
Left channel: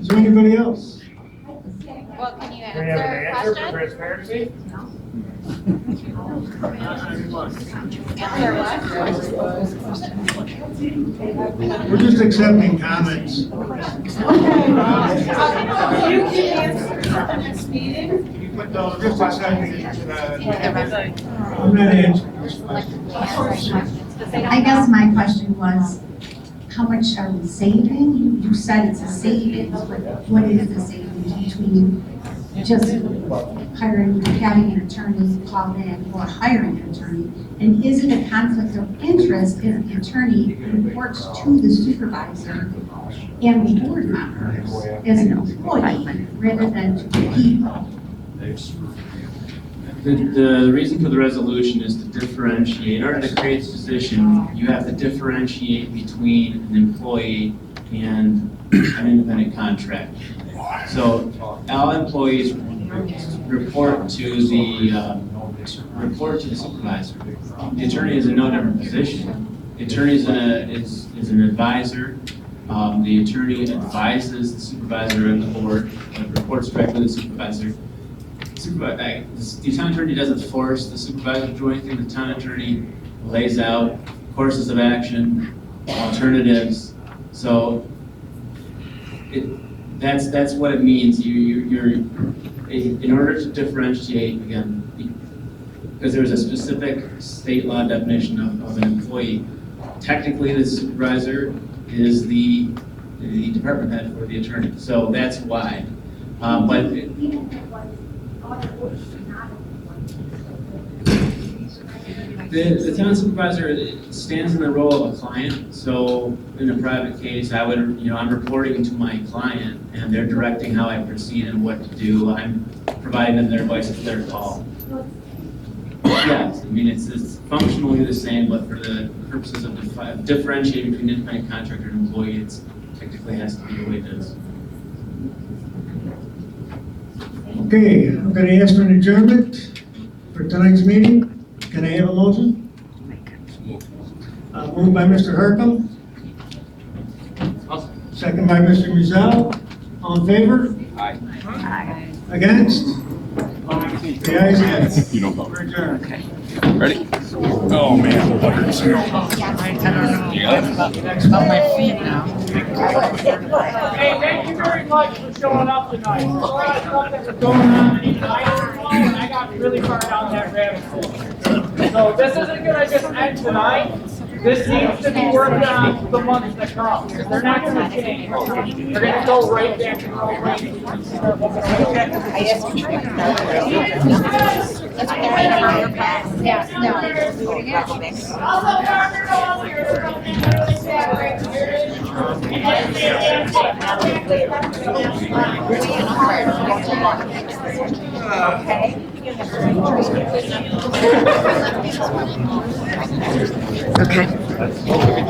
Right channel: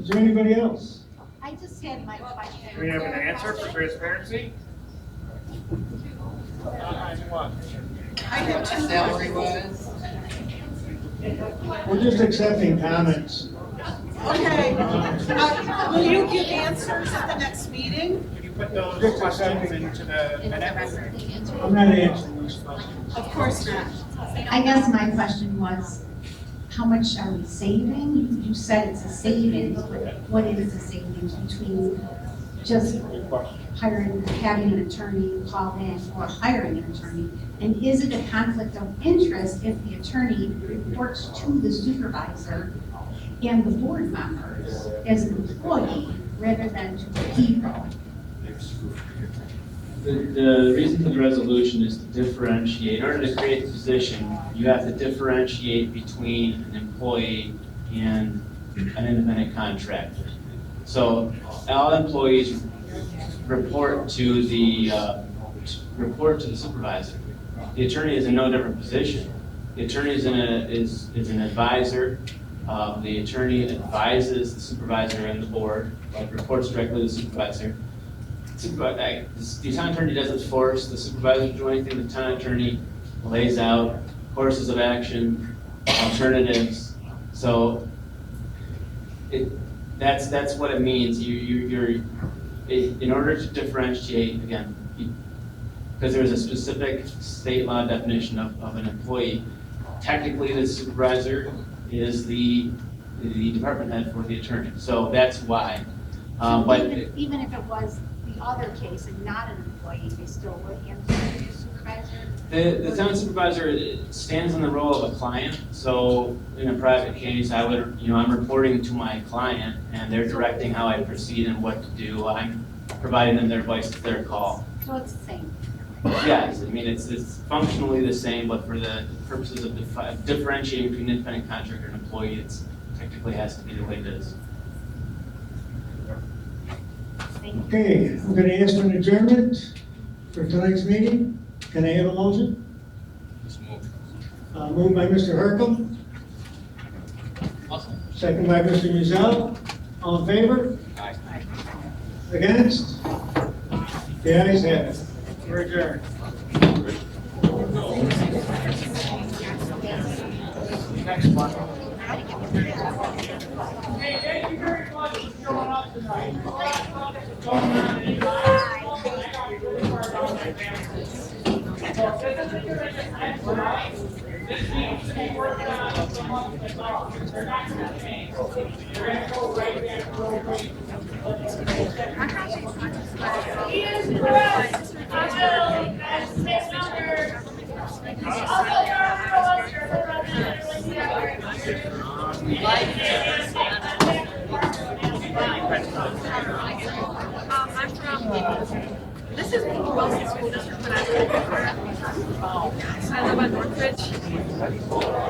Is there anybody else? I just had my, can you Do you have an answer for transparency? We're just accepting comments. Okay. Will you give answers at the next meeting? put those questions into the. I'm not answering this question. Of course not. I guess my question was, how much are we saving? You said it's a savings, but what is the savings between just having an attorney call in or hiring an attorney? And is it a conflict of interest if the attorney reports to the supervisor and the board members as an employee rather than to the people? The reason for the resolution is to differentiate, in order to create the position, you have to differentiate between an employee and an independent contractor. So all employees report to the supervisor. The attorney is in no different position. The attorney is an advisor. The attorney advises the supervisor and the board, reports directly to the supervisor. The town attorney doesn't force the supervisor to do anything. The town attorney lays out courses of action, alternatives. So that's what it means. You're in order to differentiate, again, because there's a specific state law definition of an employee. Technically, the supervisor is the department head for the attorney. So that's why. But Even if it was the other case, not an employee, they still would have to be supervisor? the town supervisor stands in the role of a client. So in a private case, I'm reporting to my client and they're directing how I proceed and what to do. I'm providing them their advice, it's their call. So it's the same. Yes, I mean, it's functionally the same, but for the purposes of differentiating between independent contractor and employee, it technically has to be the way it is. Okay, I'm going to ask for an adjournment for tonight's meeting. Can I have a motion? Moved by Mr. Hercom. Second by Mr. Mizell. All in favor? Aye. Against? The ayes have it. You don't vote. We're adjourned. Ready? Oh, man. You got it? On my feet now. Hey, thank you very much for showing up tonight. There's a lot of stuff that was going on tonight, and I got really far down that rabbit hole. So this isn't gonna just end tonight. This needs to be worked on for the months to come. They're not gonna change. They're gonna go right back to the old way. Okay.